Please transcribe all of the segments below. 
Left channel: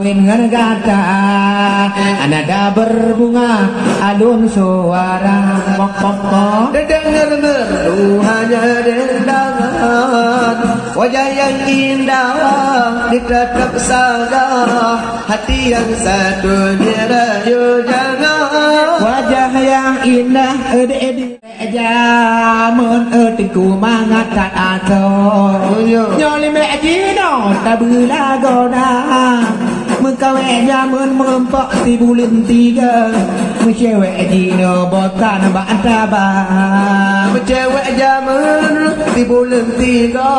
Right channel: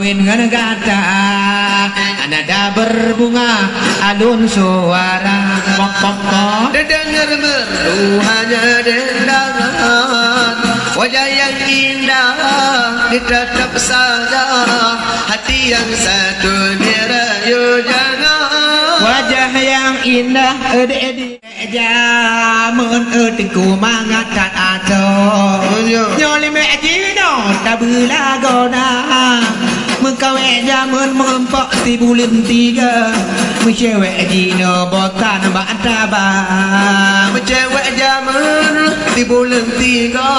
kawin ngegata anada berbunga alun suara pok dengar merdu hanya dendangan wajah yang indah ditatap saja hati yang satu dirayu jangan wajah yang indah jamun ku mangkat ato nyoli mejino tabula gona mengkawe jamun mengempok si bulan tiga mencewek jino botan bantaba mencewek jamun si bulan tiga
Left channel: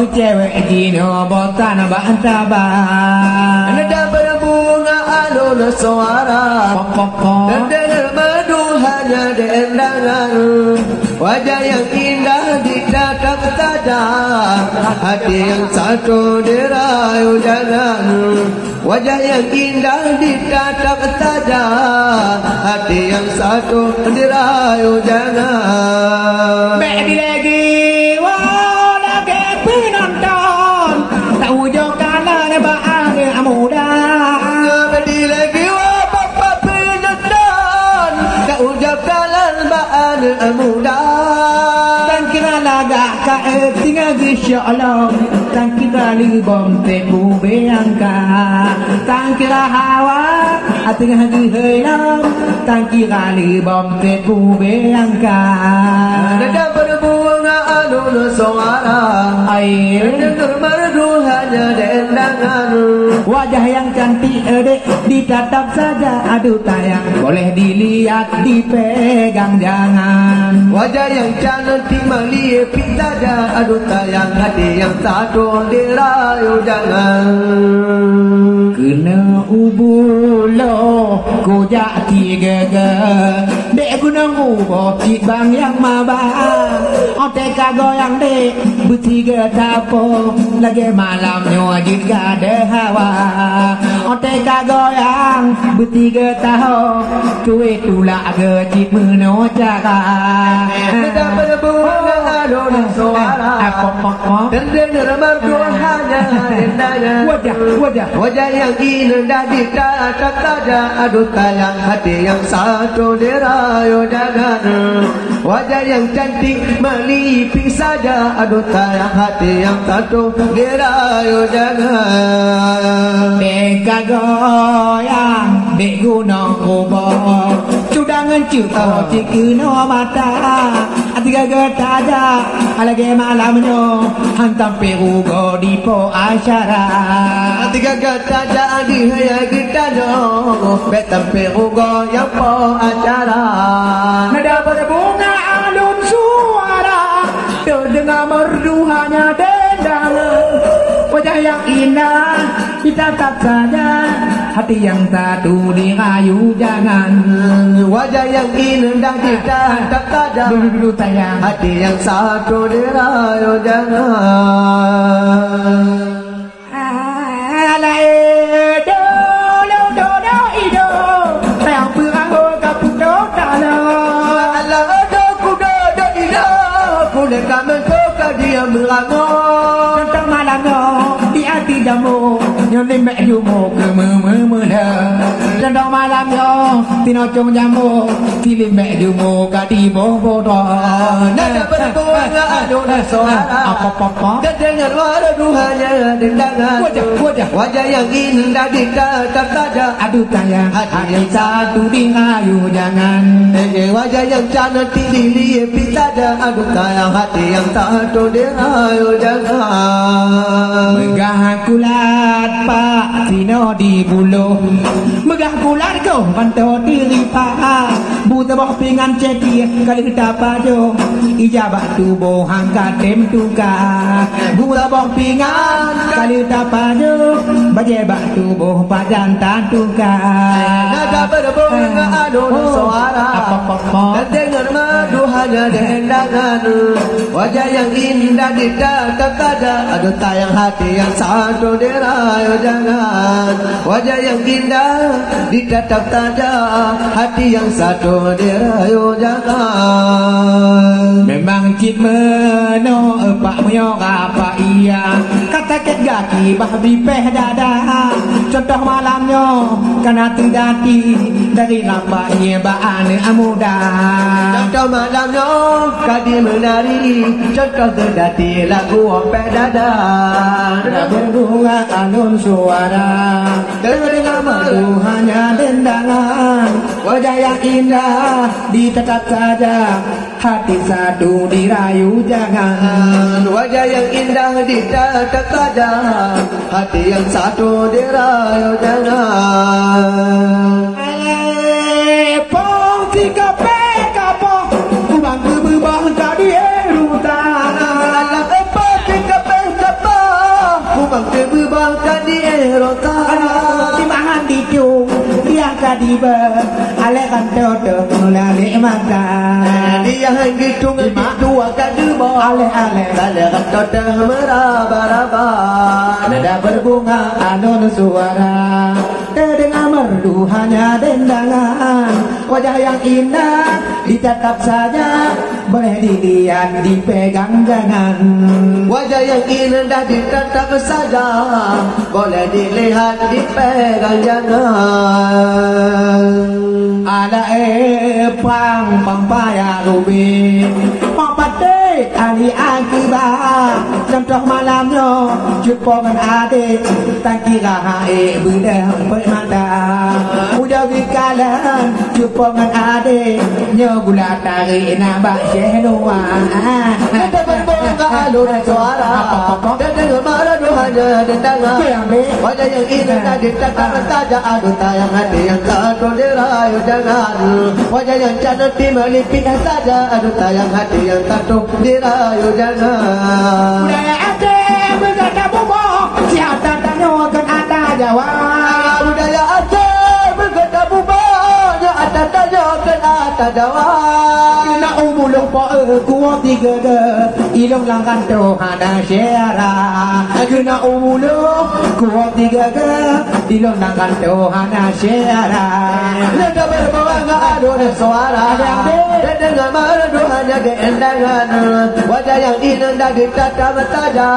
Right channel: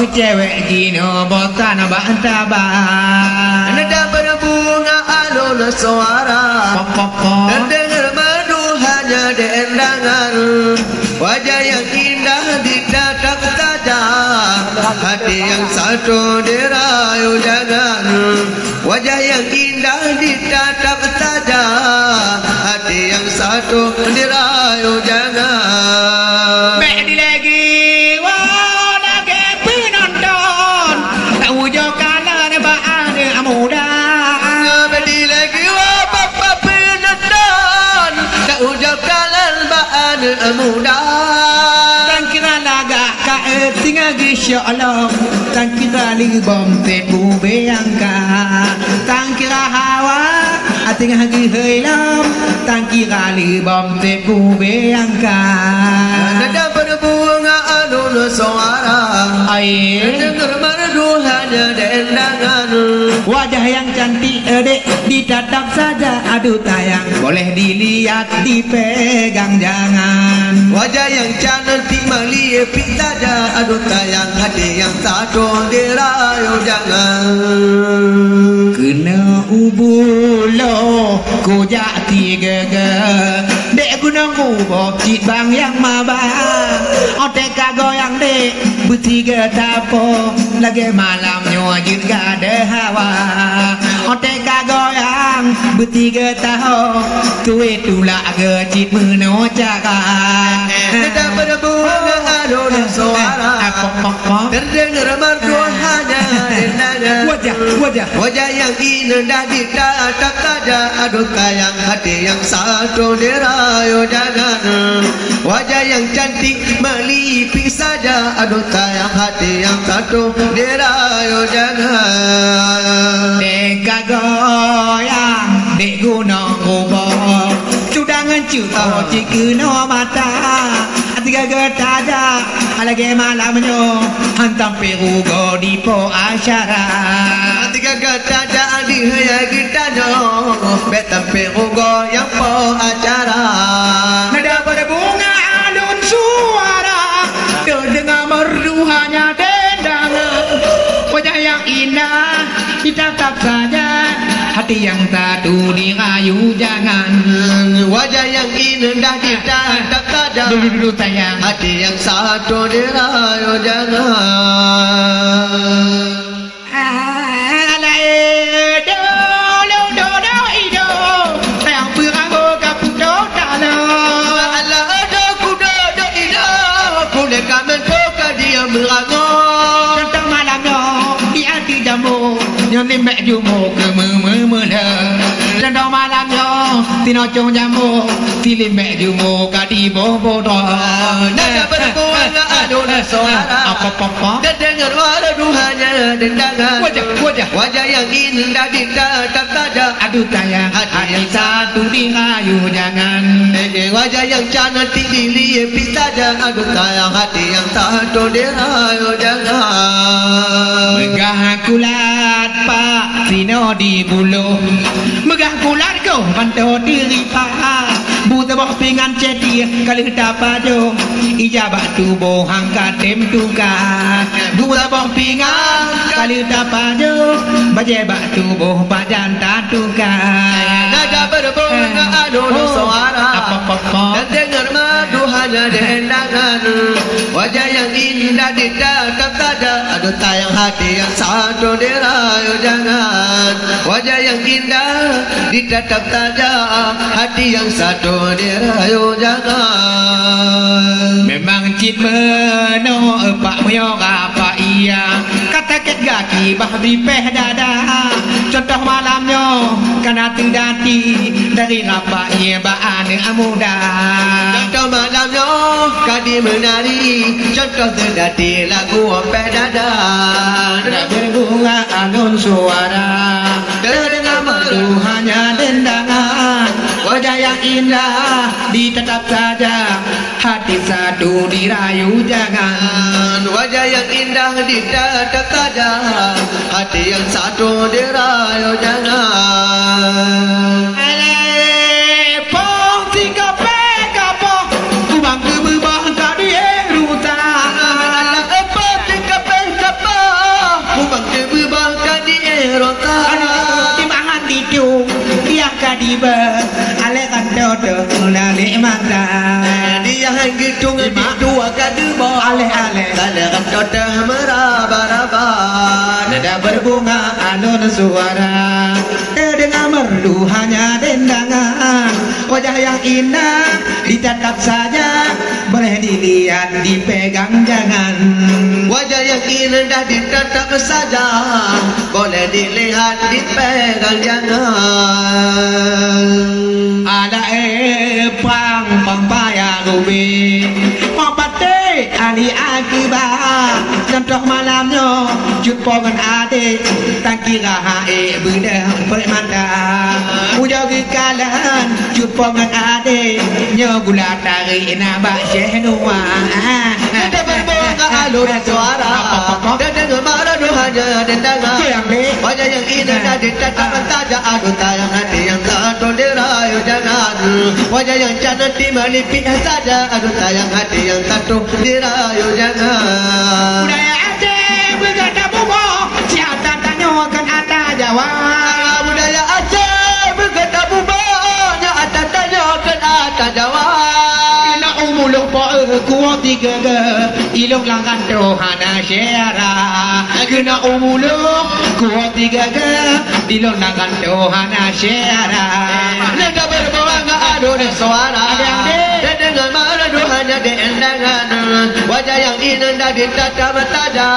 mencewek jino botan bantaba nada berbunga alun suara dan dengar merdu hanya dendangan wajah yang indah ditatap saja hati yang satu dirayu jangan wajah yang indah ditatap saja hati yang satu dirayu jangan Medi lagi wah lagi penonton tak wujud kanan baan amuda Medi lagi wah papa penonton tak wujud kanan baan amuda dan kira laga ka tinggal insyaallah dan kira libom te bubeyangka dan kira hawa tinggal giheulam dan kira libom te bubeyangka nada berbunga alun suara air dengar merdu hanya dendangan wajah yang cantik ditatap saja aduh tayang boleh dilihat dipegang jangan wajah yang cantik melihat saja aduh tayang hati yang satu dirayu jangan kena ubulo ku jati gege dek gunung ubo cik bang yang mabah otek kagoyang dek bertiga tapo lagi malam nyojit gade hawa otek kagoyang bertiga taho tuwe tulak gecit meno jaga nada berbunga alun suara terdengar merdu hanya dendangan wajah yang indah ditatap saja aduh tayang hati yang satu dirayu jangan wajah yang cantik melipi saja aduh tayang hati yang satu dirayu jangan dek kagoyang dek gunung ubah sudangan cukup cikeno mata tiga getaja lagi malamnya hantam perugo di po asyara tiga getaja di haya gitanya betam perugo yang po acara nada berbunga alun suara dengar merdu hanya dendangan wajah yang indah ditatap saja hati yang tadu dirayu jangan wajah yang indah ditatap saja dulu tayang hati yang satu dirayu jangan tentang malamnya di hati jamu yang limbek jumu ke memela tentang malamnya tino cung jamu di limbek jumu ka di bobodo nada berbunga alun suara apa dan dengar merdu hanya dendangan wajah yang indah ditatap saja aduh tayang hati satu dirayu jangan wajah yang cantik dilihat saja aduh tayang hati yang satu dirayu jangan megah kulat pak tino di bulu megah kulat kau bantu diri pak buta boh pingan ceti kali dapat jo ijabah tubuh angkat tem tuka buta boh pingan kali dapat jo bajebak tubuh pajan tuka nada berbunga alun suara dan dengar merdu hanya dendangan wajah yang indah ditatap saja aduh tayang hati yang satu dirayu jangan wajah yang indah ditatap saja hati yang satu dirayu jangan memang cit meno pak moyo apa iya kata ket gaki bah di peh dada contoh malamnya karena tidati dari apa ia baan amuda. Contoh malamnya kadi menari, contoh terdati lagu opek dada. Berbunga alun suara, terdengar merdu hanya dendangan. Wajah yang indah ditetap saja, hati satu dirayu jangan. Wajah yang indah ditetap saja, hati yang satu dirayu jangan. Pong tiga pekapo, kubang kebubah kadi eruta. Pong tiga pekapo, kubang kebubah kadi eruta. Timbangan ditung, dia kadiba, alek kantodo mulai mata. Dia hitung dua kadiba, Alek alek kantodo meraba-raba. nada berbunga alun suara, terdengar merdu hanya dendangan. Wajah yang indah ditatap saja, boleh dilihat dipegang jangan. Wajah yang indah ditatap saja, boleh dilihat dipegang jangan. Ala pang paya rubi, papate ali akibat. Contoh malamnya jumpa dengan adik, tak kira hae benda permata. Ujogi kalan jumpa dengan adik, nyogula tarik nabak syenua. Ada berbunga alun suara, terdengar merdu hanya dendangan. Wajah yang indah ditatap saja, aduh tayang hati yang satu dirayu jangan. Wajah yang cantik melipit saja, aduh tayang hati yang satu dirayu jangan. Budaya Aceh berkata bubo, siapa tanyakan ada jawab. Budaya Aceh berkata bubanya ada tanyakan ada jawab. Ina umulung po kuat tiga ke, ilung langkan Tuhana syara. Kena umulung kuat tiga ke, ilung langkan Tuhana syara. Nada berbunga alun suara, terdengar merdu hanya dendangan. Wajah yang indah ditatap saja,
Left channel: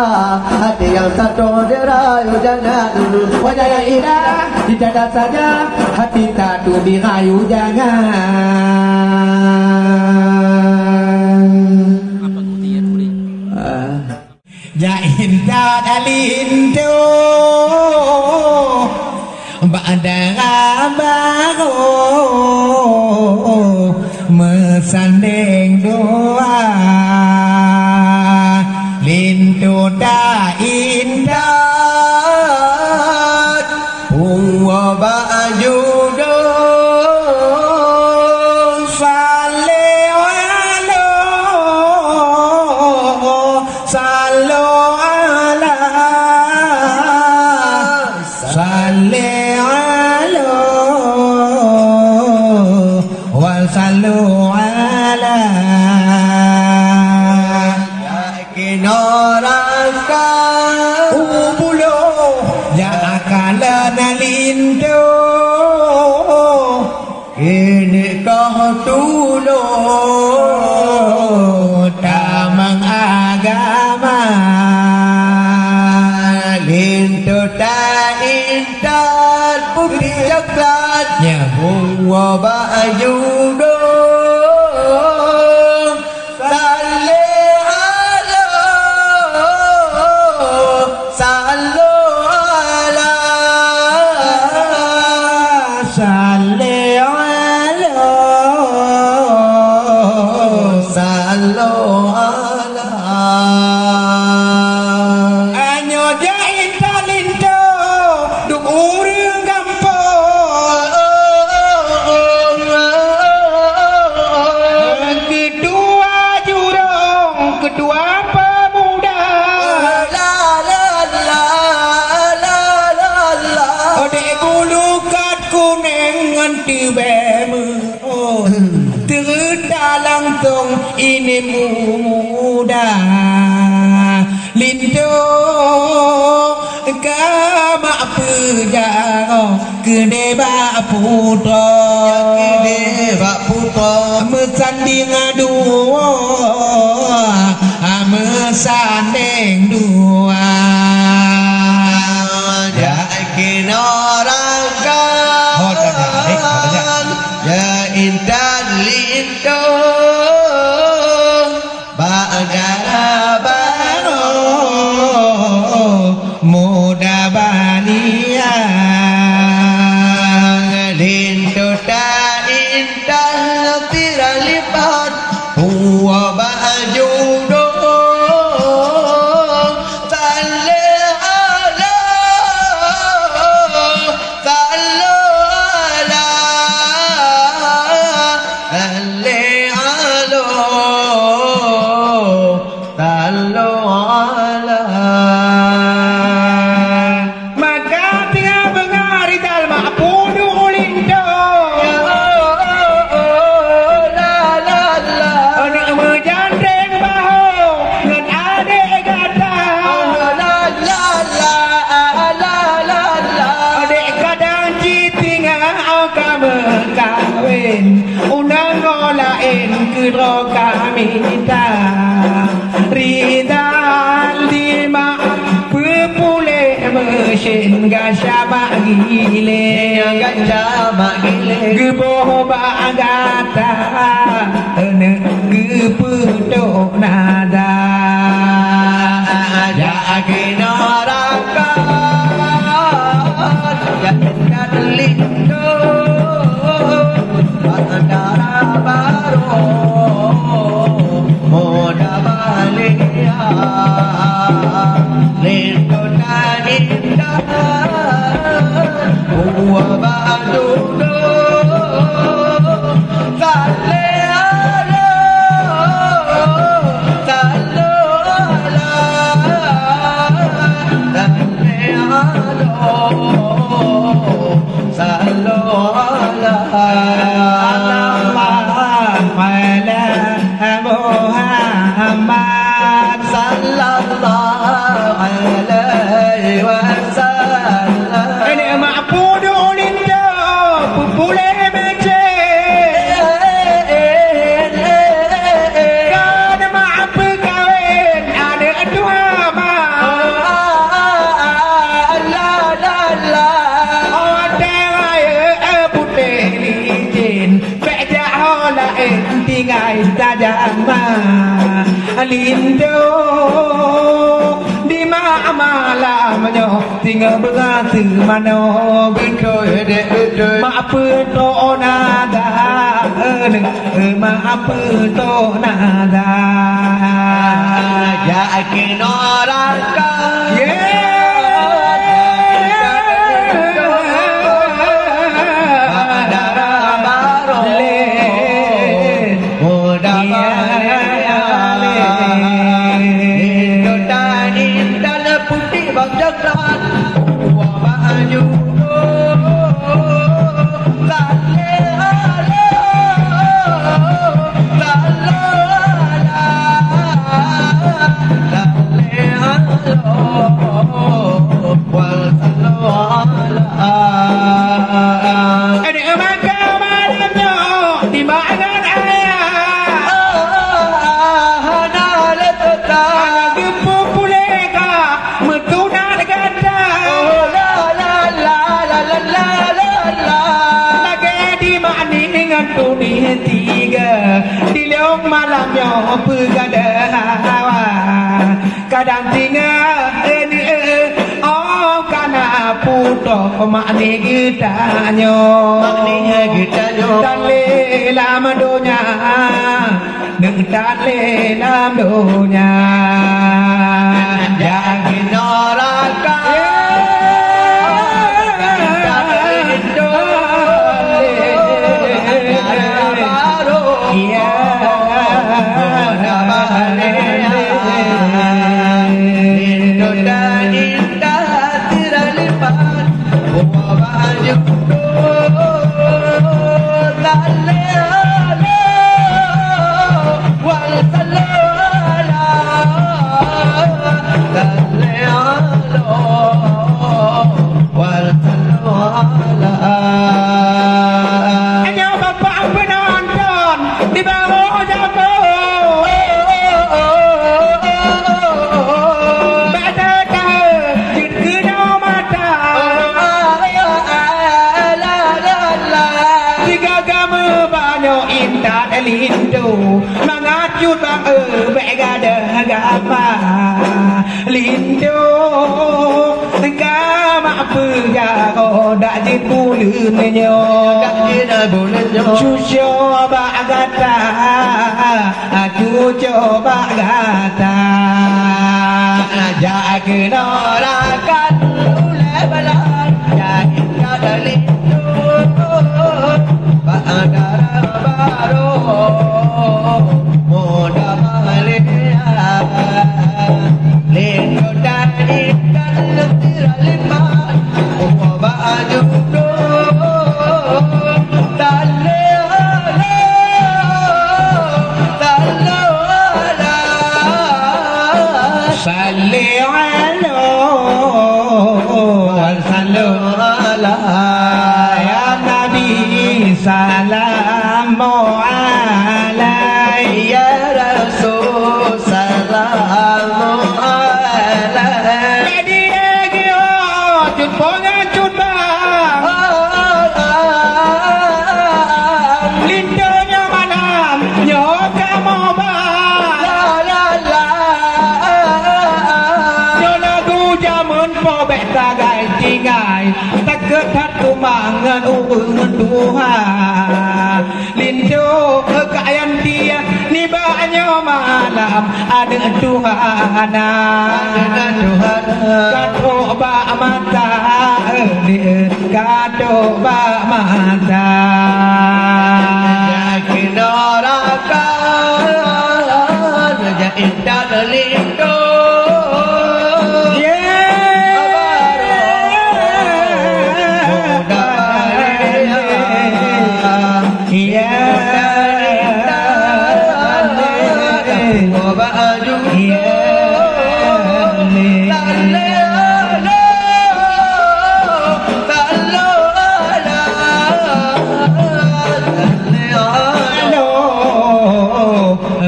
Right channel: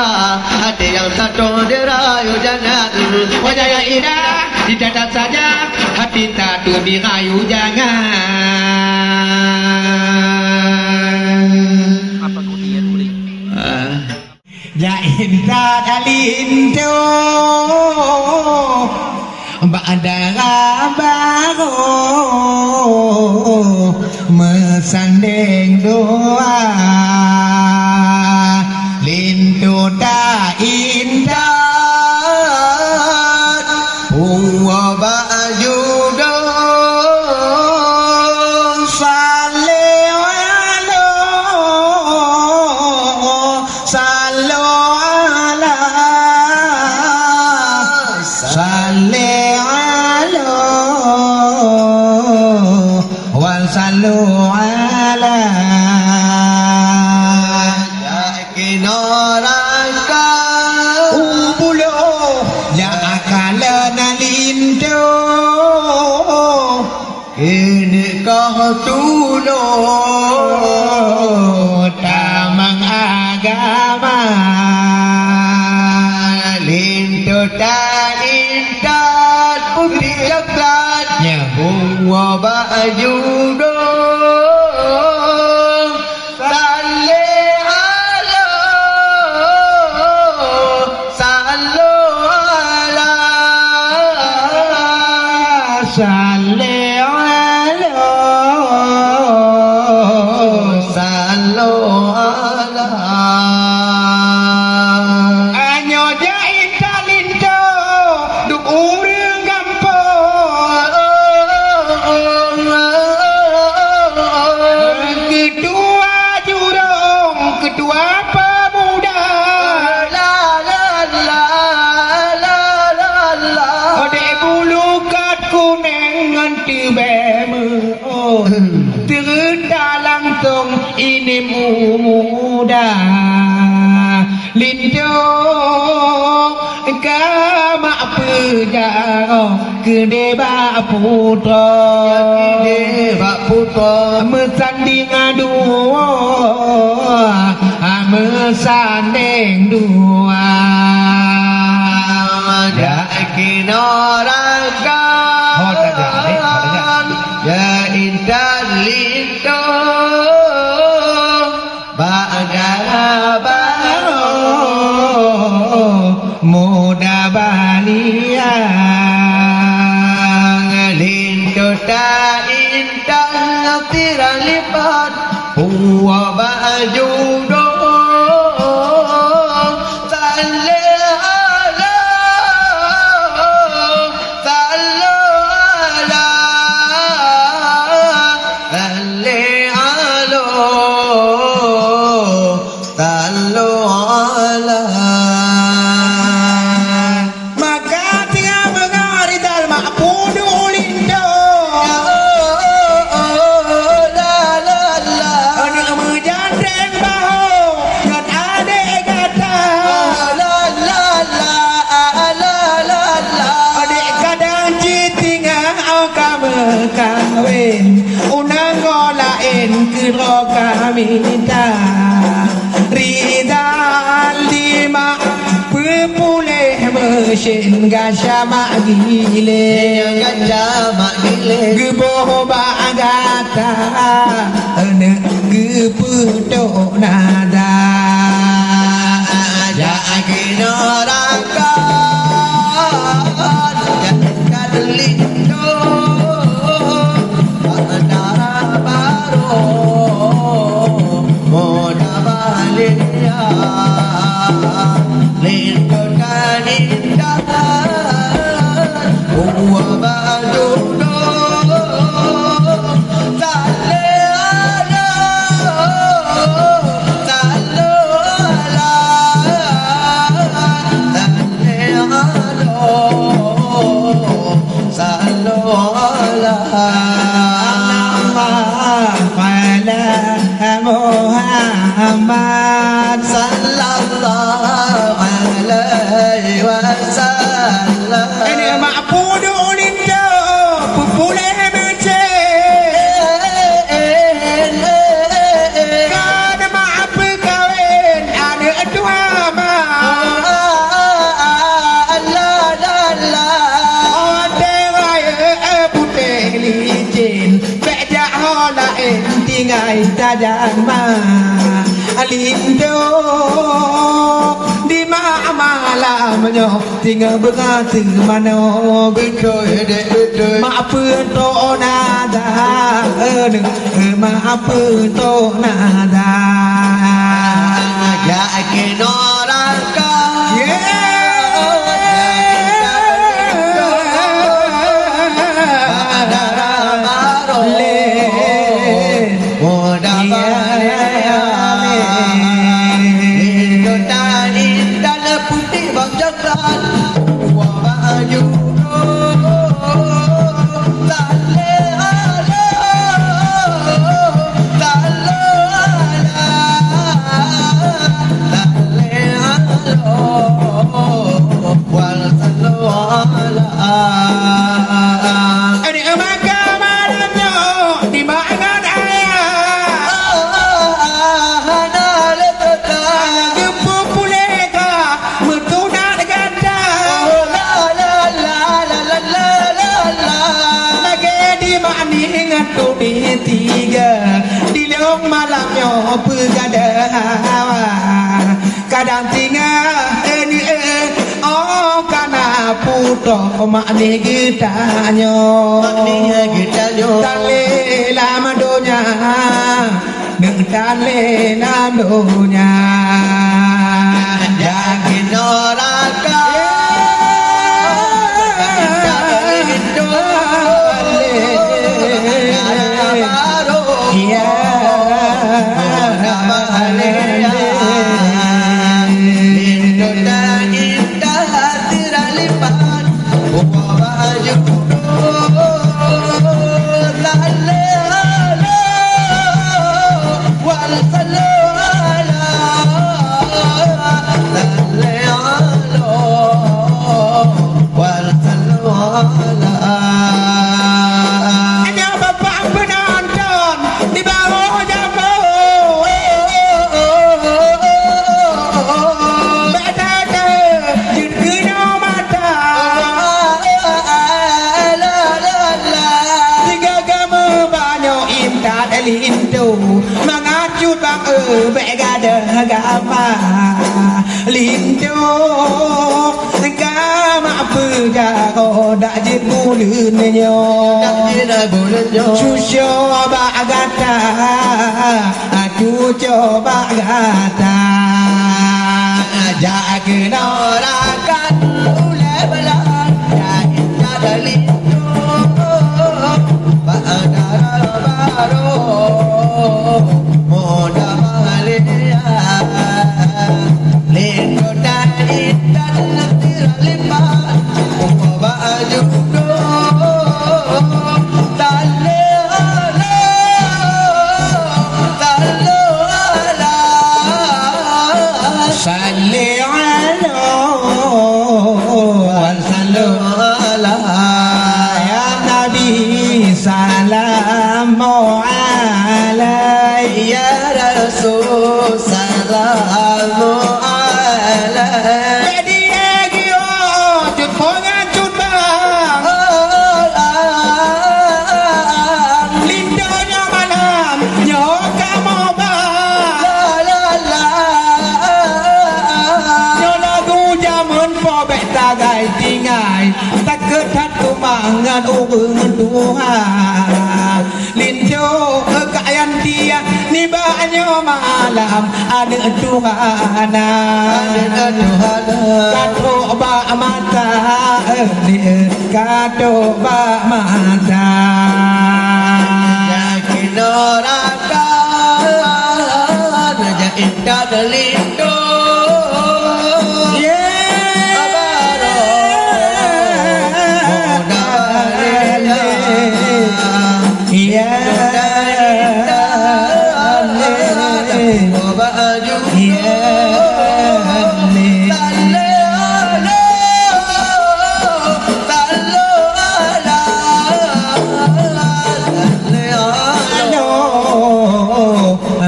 hati yang satu dirayu jangan. Wajah yang indah ditatap saja, hati satu dirayu jangan. Ya indah dalinto Ba'dara baru mesanding doa lintu da indah Wa ba'ju Sallu ala Kinoraka Ubulo Ya akala nalinto Ini kau tulung Tamang agama Lintu tak indah Putri coklatnya Bunga baju ini muda lindo kama pejaro kene ba putra mesanding dua mesanding dua ya kino muda balian Lintu ta indah tiralipat Huwa baju do unang golain kiro kami minta ridal lima pepulih mesin gasama gile geboh bagata ene geputo nada ya aginaraka jangan kadelindo Antara baru Moda balia Lintu dan indah Uwa baju do Tale ala Tale ala Tale ala Tale Muhammad sallallahu alaihi wasallam ini ma'budu linda pupule mece kan ma'ab kawin ada dua ma Allah Allah raya putih licin beda holain tinggal tajam ma Lindo di mana malamnya tinggal berganti mano betul betul maaf to nada maaf to nada ya kinoraka malamnya pegadawa kadang tinggal ini oh karena puto makni gitanyo tale lam donya neng tale lam donya jangan noraka Lindo mengacut bang begada agama Lindo garo dak je bulan nyo cucu bagata cucu bagata jaga norakan ulai balan jaga dalito bagara baro moda malia lendo dani dan tiraliman baju do tale salli ala wal sallu ala ya nabi salamu alaihi ya rasul salamu alaihi dia gio jut pongan jut bang lindonya malam nyoka mau bang la la lagu jamun po beta gai tingai tak ketat tu bangan urungan duha lindo kayan dia ni banyo malam ada Tuhana kato ba mata kato ba mata yakin orakan ya indah dalindo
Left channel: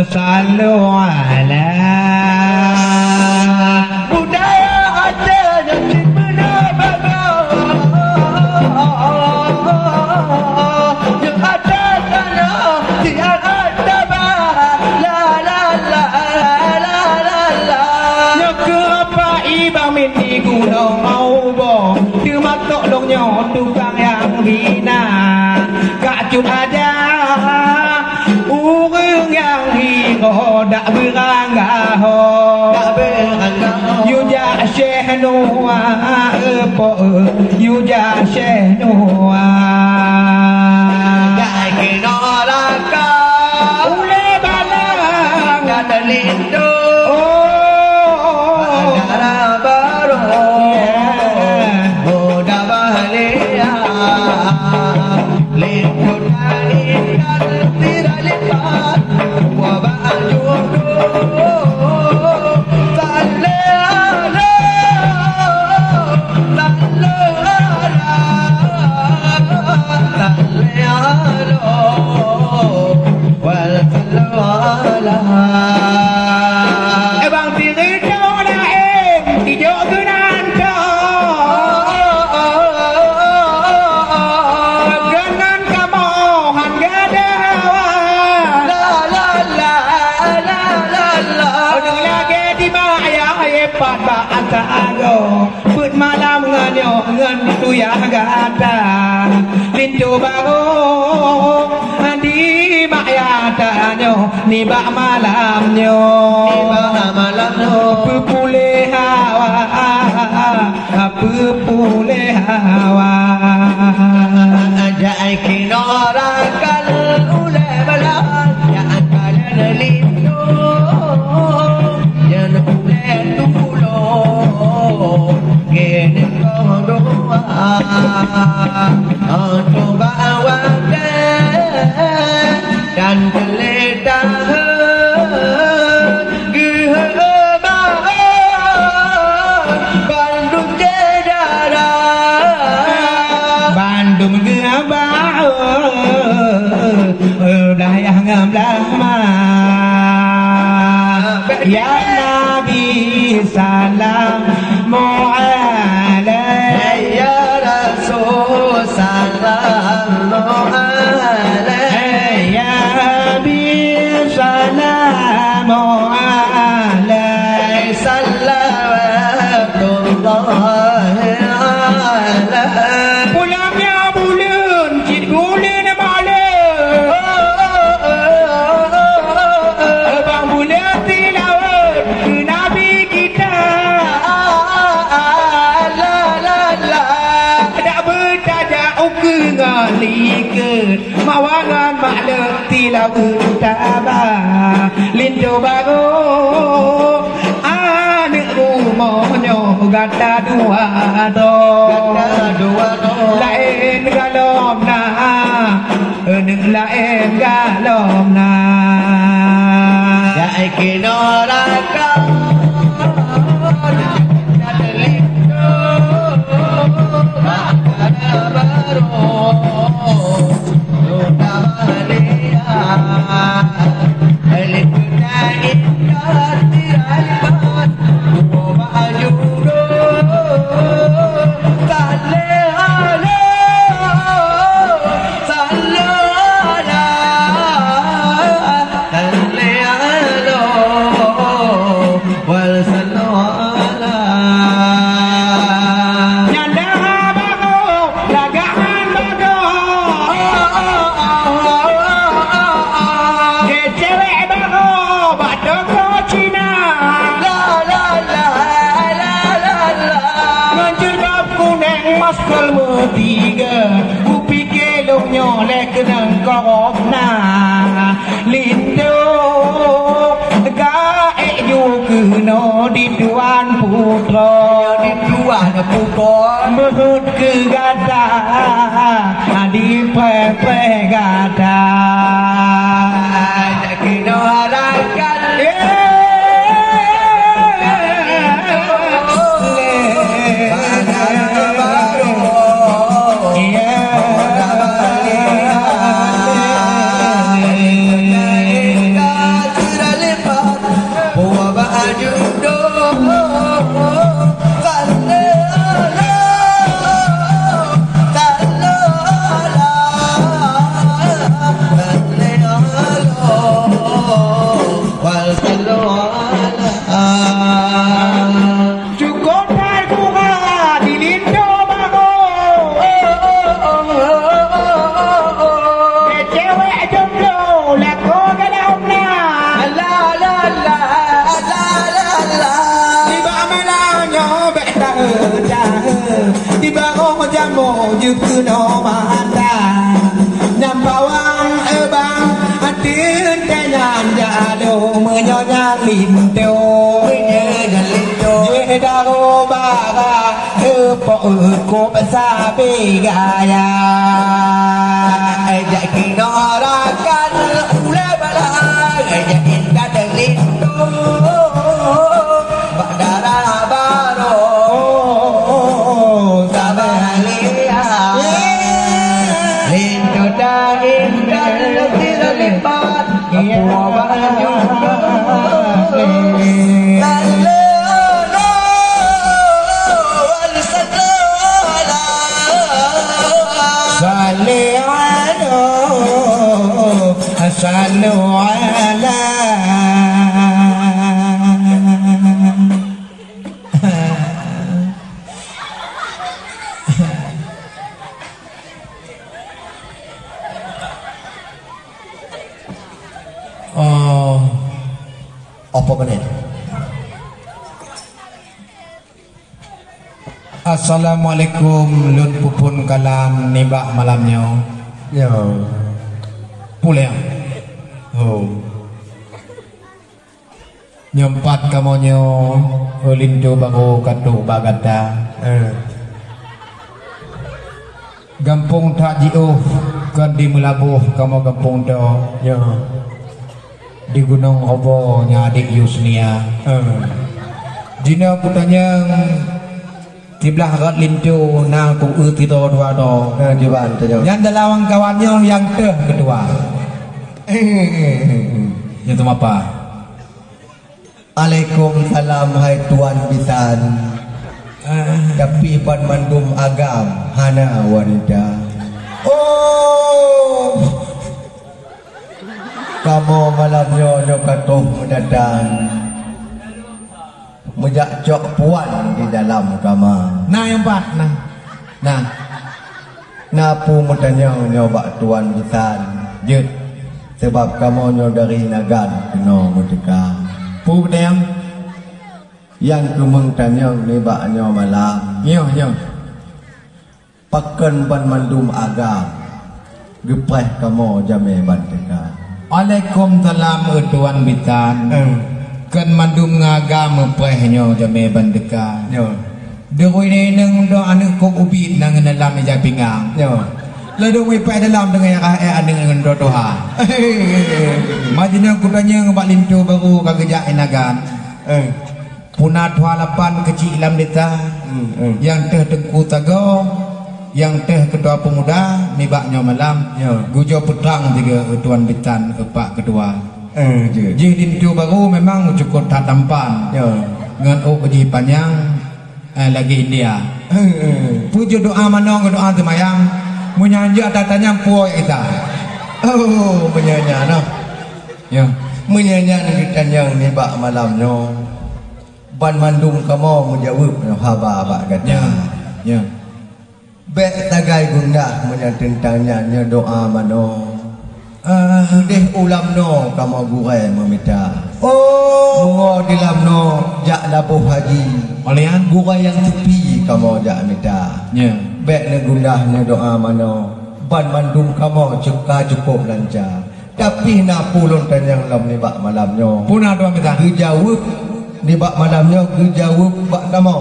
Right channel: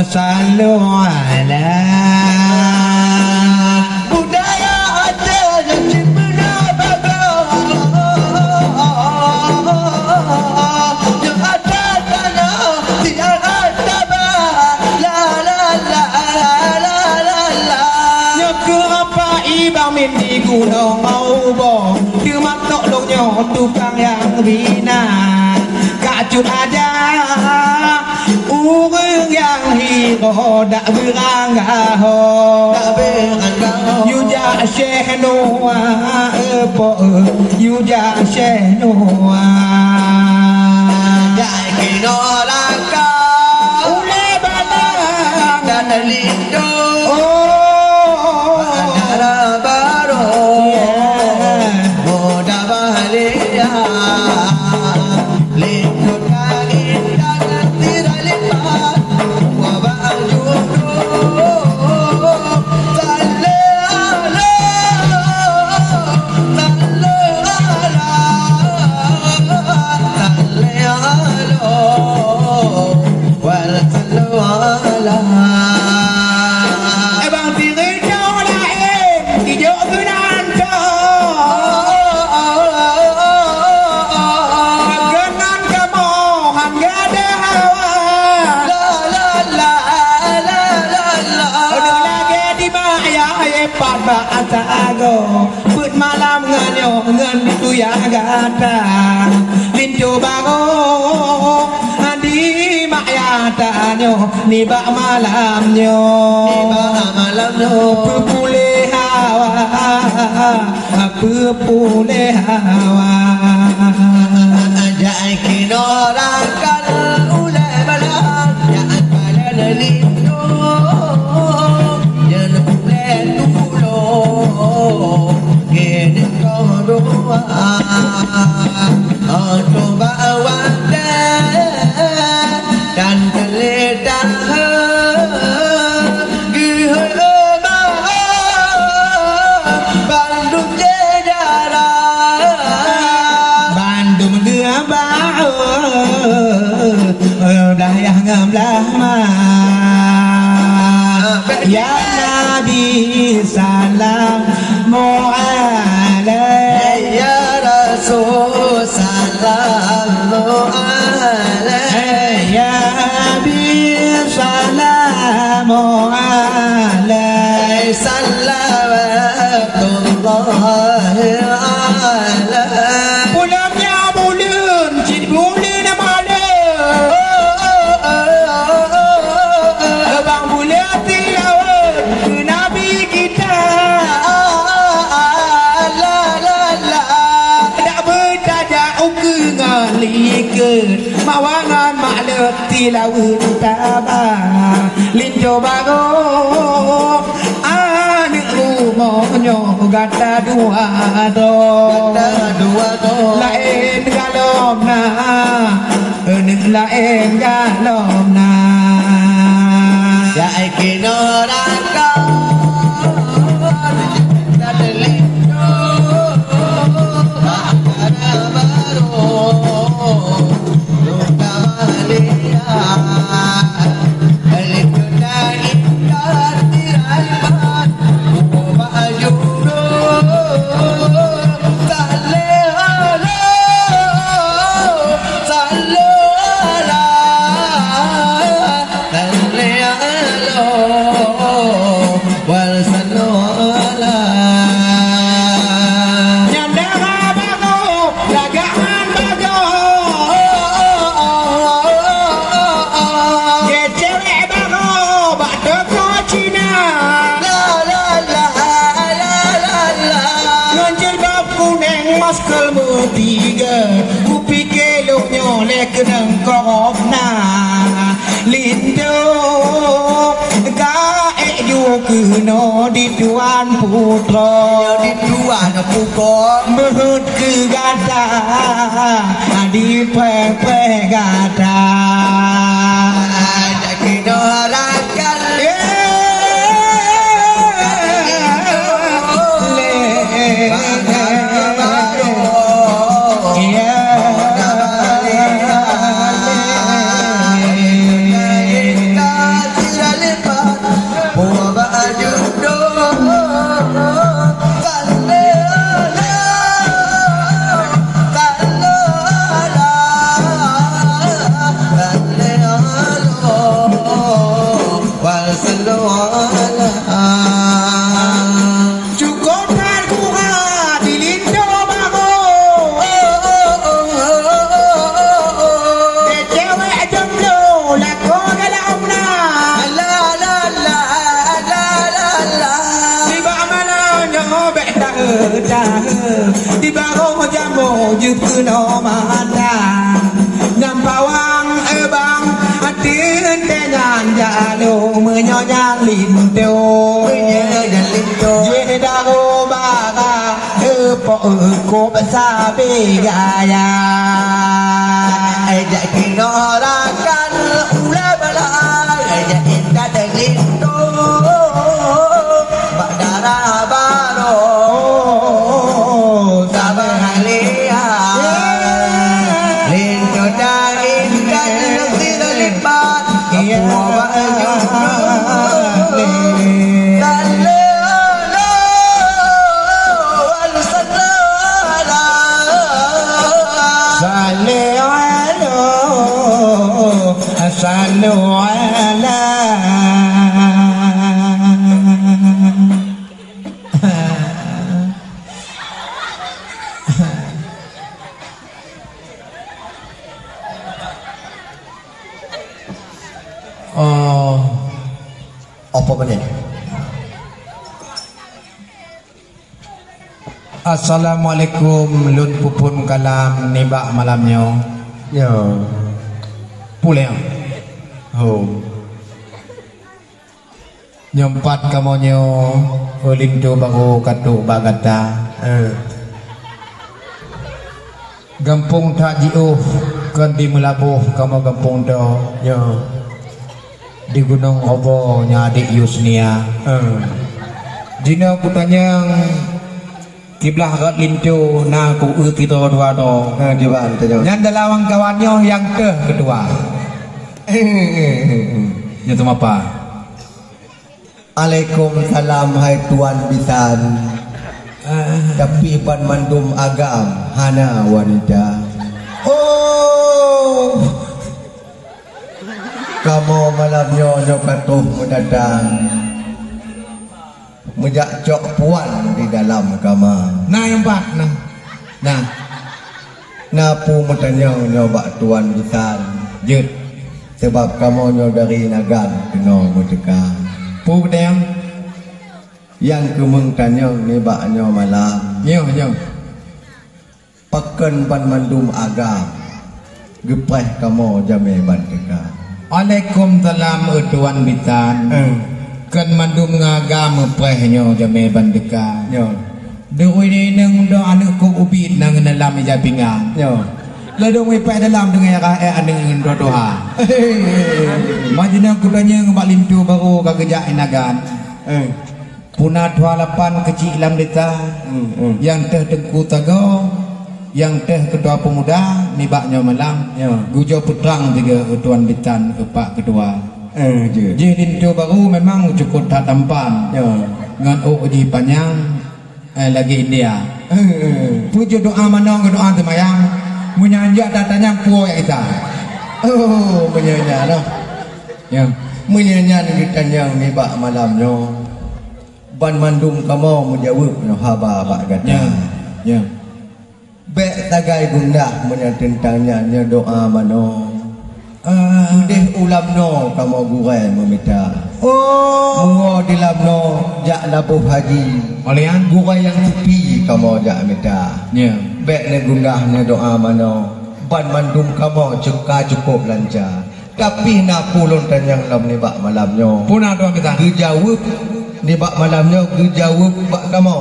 Sallu ala budaya ada yang benar yang ada tanya tidak ada la la la la la la nyok apa ibang mesti gunung mau bo tu matok longnya tukang yang bina kacun aja urang yang hiro dak beranggaho you ja syekh noa po you ja syekh noa jai noraka ule balang dalindo agara baro moda bahalia lindo Put malam nganyo ngan tu ya gata lintu bago di mayata nyo ni ba malam nyo pupule hawa jai kinorakan ulai balan ya kala lintu jan ulai tulo gini kau doa untuk bawa dan geledah gihema mawangan makleti laut tabah linjo bago anak rumohnya gata dua do lain galom na lain galom na ya ikinoraka no di tuan putra di tuan putra menurut ke gada di pepe gada ada kino harakan no manda nyampawang ebang atin tenyan jalo menyonya lindo je daro bara epo ko sabe gaya ajak kinorakan ulah bala ajak kita lindo badara baro صلوا على apa benar? Assalamualaikum lun pupun kalam nibak malamnya. Ya. Pulang. Oh. Nyempat kamonyo lindo bago katu bagata. Gampung tak jiuh kan di melabuh kamu gampung do. Ya. Di Gunung Obo nyadik Yusnia. Dina kutanya tiblah rat lintu na ku utito dua do. Gimana tu? Yang dalawang kawannya yang kedua. Itu apa? Waalaikumsalam hai tuan bisan. Tapi pan mandum agam hana wanita. Oh, kamu malamnya nyokatuh mendatang mejak cok puan di dalam kamar. Nah yang pak, nah, napu metanya nyobak tuan bisan. jut, Sebab kamu nyo dari nagan kena medekang. pu dem, Yang kemeng tanya nebak nyo malam. nyo, Paken pan mandum agam. Gepah kamu jame bandeka. Waalaikumsalam tuan bitan. Kan mandum ngagam prehnya jame bandeka. Yo. Deui ni nang do anu kum ubit nang dalam ija pingang. Yo. Lalu we pa dalam dengan dengan doa. Majina kudanya ngabak lintu baru kagejak inagan. Punat 28 kecil lam deta. Yang teh tengku tago, yang teh ketua pemuda nibaknya malam. Gujo putrang tiga tuan bitan epak kedua. Ji lintu baru memang cukup tak tampan. Ngan uji panjang lagi India. Pujo doa manong doa temayang. Menyanyi tatanya puo ya kita. Oh, menyanyi noh. Ya. Menyanyi ditanya ni bak malamnya. Ban mandum kamu menjawab noh haba bak kata. Ya. Bek tagai gundah menyantentanya nya doa mano. Sudih ulam no kamu gurai meminta. Oh, Mungo dilam no jak labuh haji. Olian Gurai yang tepi kamu jak minta. ya. Bek ne gundah ne doa mano. Ban mandum kamu cukup lancar. Tapi nak pulun tanyang lam ni bak malamnya. Puna tuan kita. Gejawab ni bak malamnya gejawab bak kamu.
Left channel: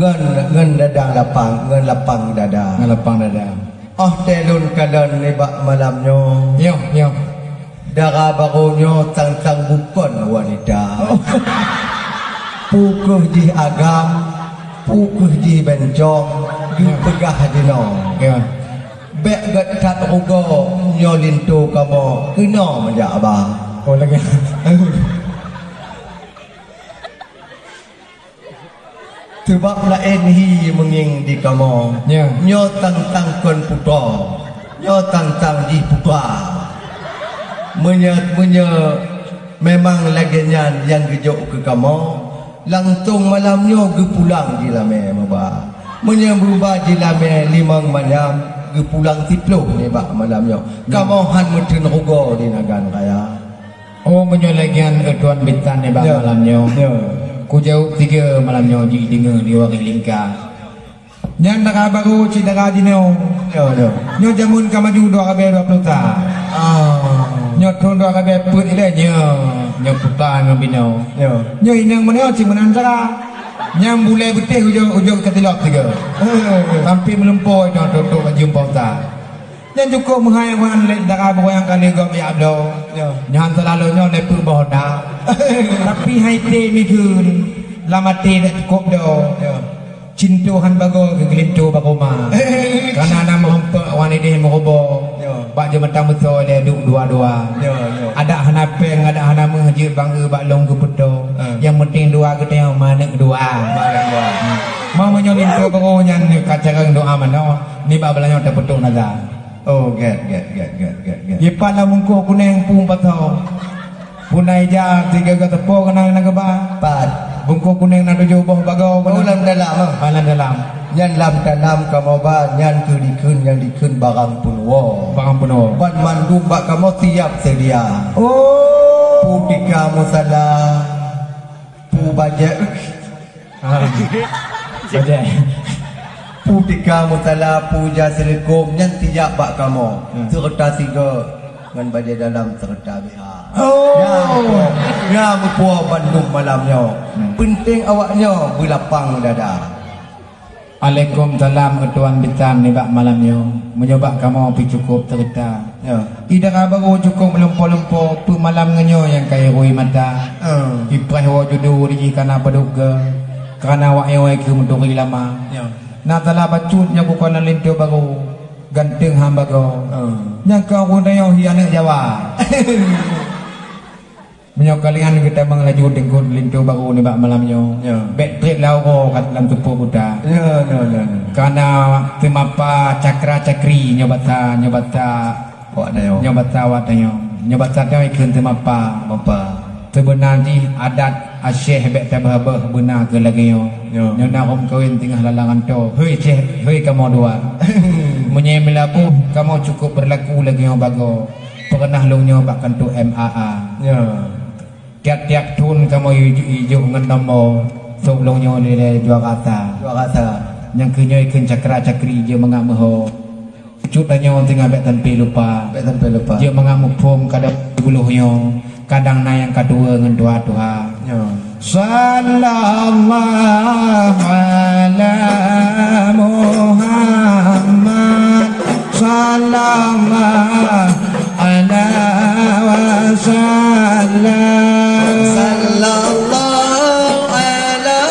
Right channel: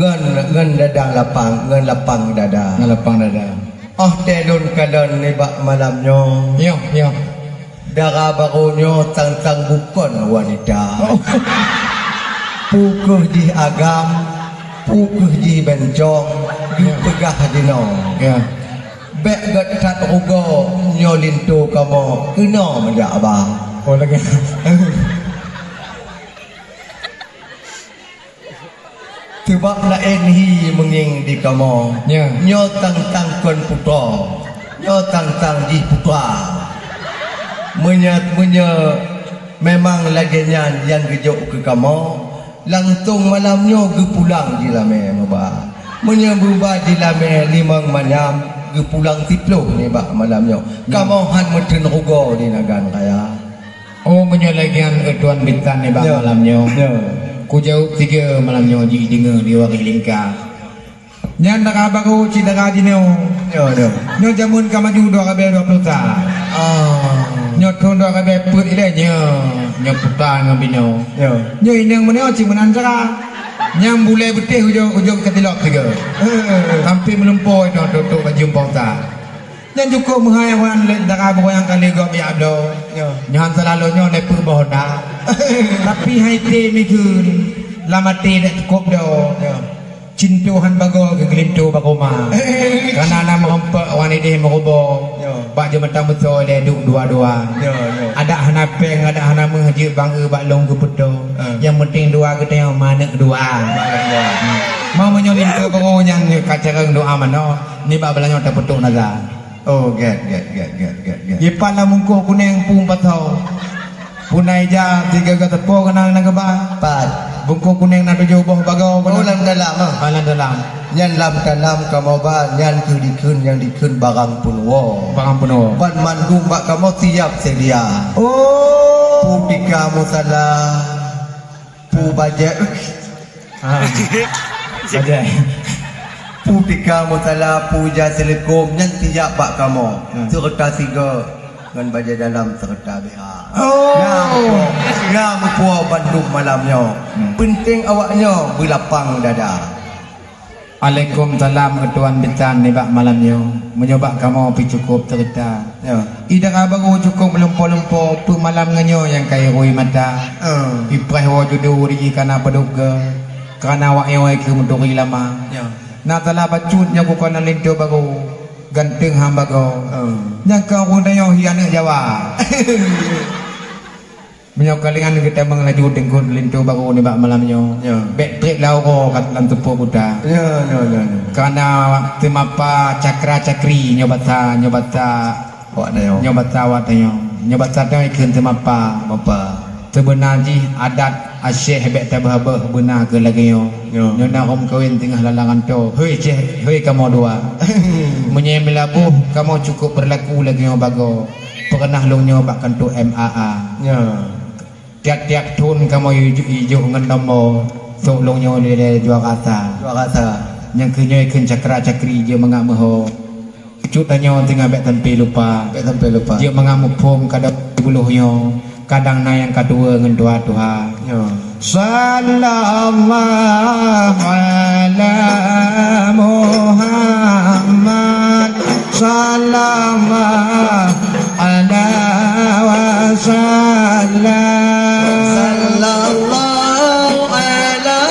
Ngan dadang lapang dada. Ngalapang dada. Telun kalan ni bak malamnya. Yo. Darah barunya tang bukan wanita. Pukuh di agam, pukuh di bencong, di pegah di no. Ya. Bek gat ugo nyolinto kamu kena menjak abang. Oh lagi. Sebab lain hi menging di kamu. Ya. Nyo tang kon putra. Nyo tang di putra. Menya memang laginya yang gejuk ke kamu. Langsung malamnya ge pulang di lame maba. Menya berubah di lame limang malam ge pulang 10 ni bak malamnya. Kamu han meten rugo di nagan kaya. Oh menyalagian tuan bintan ni bak Ya. malamnya. Ya. Ku jauh 3 malamnya ji dengar di wang lingka. Nyan tak baru cita kaji nyo. Ya. Nyo jamun ka maju 2020 ta. Nyo ton 2000 put ile nyo putar ngam bino. Ya. Nyo inang meneo cing menan cara. Nyam bule betih ujung ketilok tiga. Sampai melumpur itu untuk jumpa ta. Dan cukup menghayawan darah yang kali gom ya abdo. Nyan selalu nyo lepu boda. Tapi hai pe mikun lamate dak cukup do. Cintuhan bago kegelintu bakoma. Karena nama hempak wanita merobo. Bak jematan betul dia duk dua-dua. Ada hana peng, ada hana mengaji bangga bak long ke pedo. Yang penting dua kita yang mana kedua. Mau menyolin ke pengonyan kacarang doa mana. Ni bak belanya terpetuk naga. Oh, get. Yepan lah mungku kuning pung patau. Punai ja 3 tepo kenal naga ba. Pat. Bungku kuning nak tujuh boh bagau. Oh, lam dalam ah. Alam dalam. Nyan lam dalam kamu ba nyan ke dikun yang dikun barang punwo. Barang penuh. Ban mandung bak kamu tiap sedia. Oh. Pu pika musala. Pu bajet. Bajet. Pu pika musala pu jasilikum nyan tiap bak kamu. Serta 3 ngan bajet dalam serta biha. Oh. Ya mupuah Bandung malamnya. Penting awaknya berlapang dada. Waalaikumsalam tuan bintan ni bak malamnya. Menyoba kamu pi cukup cerita. Ya. Ida baru cukup melempo-lempo pu malam nganyo yang kai roi mata. Iprah wa judu ri kana paduga. Karena awak yang ke menduri lama. Ya. Nak telah bacutnya ku kana lintu baru. Ganteng hamba go. Yang kau kundayo hiana Jawa. Menyokalingan kita mengelaju dengan lintu baru ni bak malamnya. Ya. Bek trip lau ko kat dalam tupu buta. Ya. Karena temapa cakra-cakri nyobata Awak na yo. nyobata watanya. Nyobata dah ikun temapa. Bapa. Sebenarnya adat asyik bek tabah-bah benar ke lagi yo. Ya. Nona om kawin tengah lalangan tu. Hei kamu dua. Menyemelabuh kamu cukup berlaku lagi yo bago. Pernah long nyobakan tu MAA. Ya. Tiap-tiap tun kamu hijau dengan nombor. Sok long nyo le dua kata. Dua kata. Yang kenya ikun cakra-cakri je mengak meho. Cut tanya orang tinggal bek tempi lupa. Bek tempe lupa. Dia mengamuk pom kadang buluhnya. Kadang nayang kedua dengan doa-doa. Yo. Sallallahu ala Muhammad. Sallallahu ala wa sallam. Sallallahu ala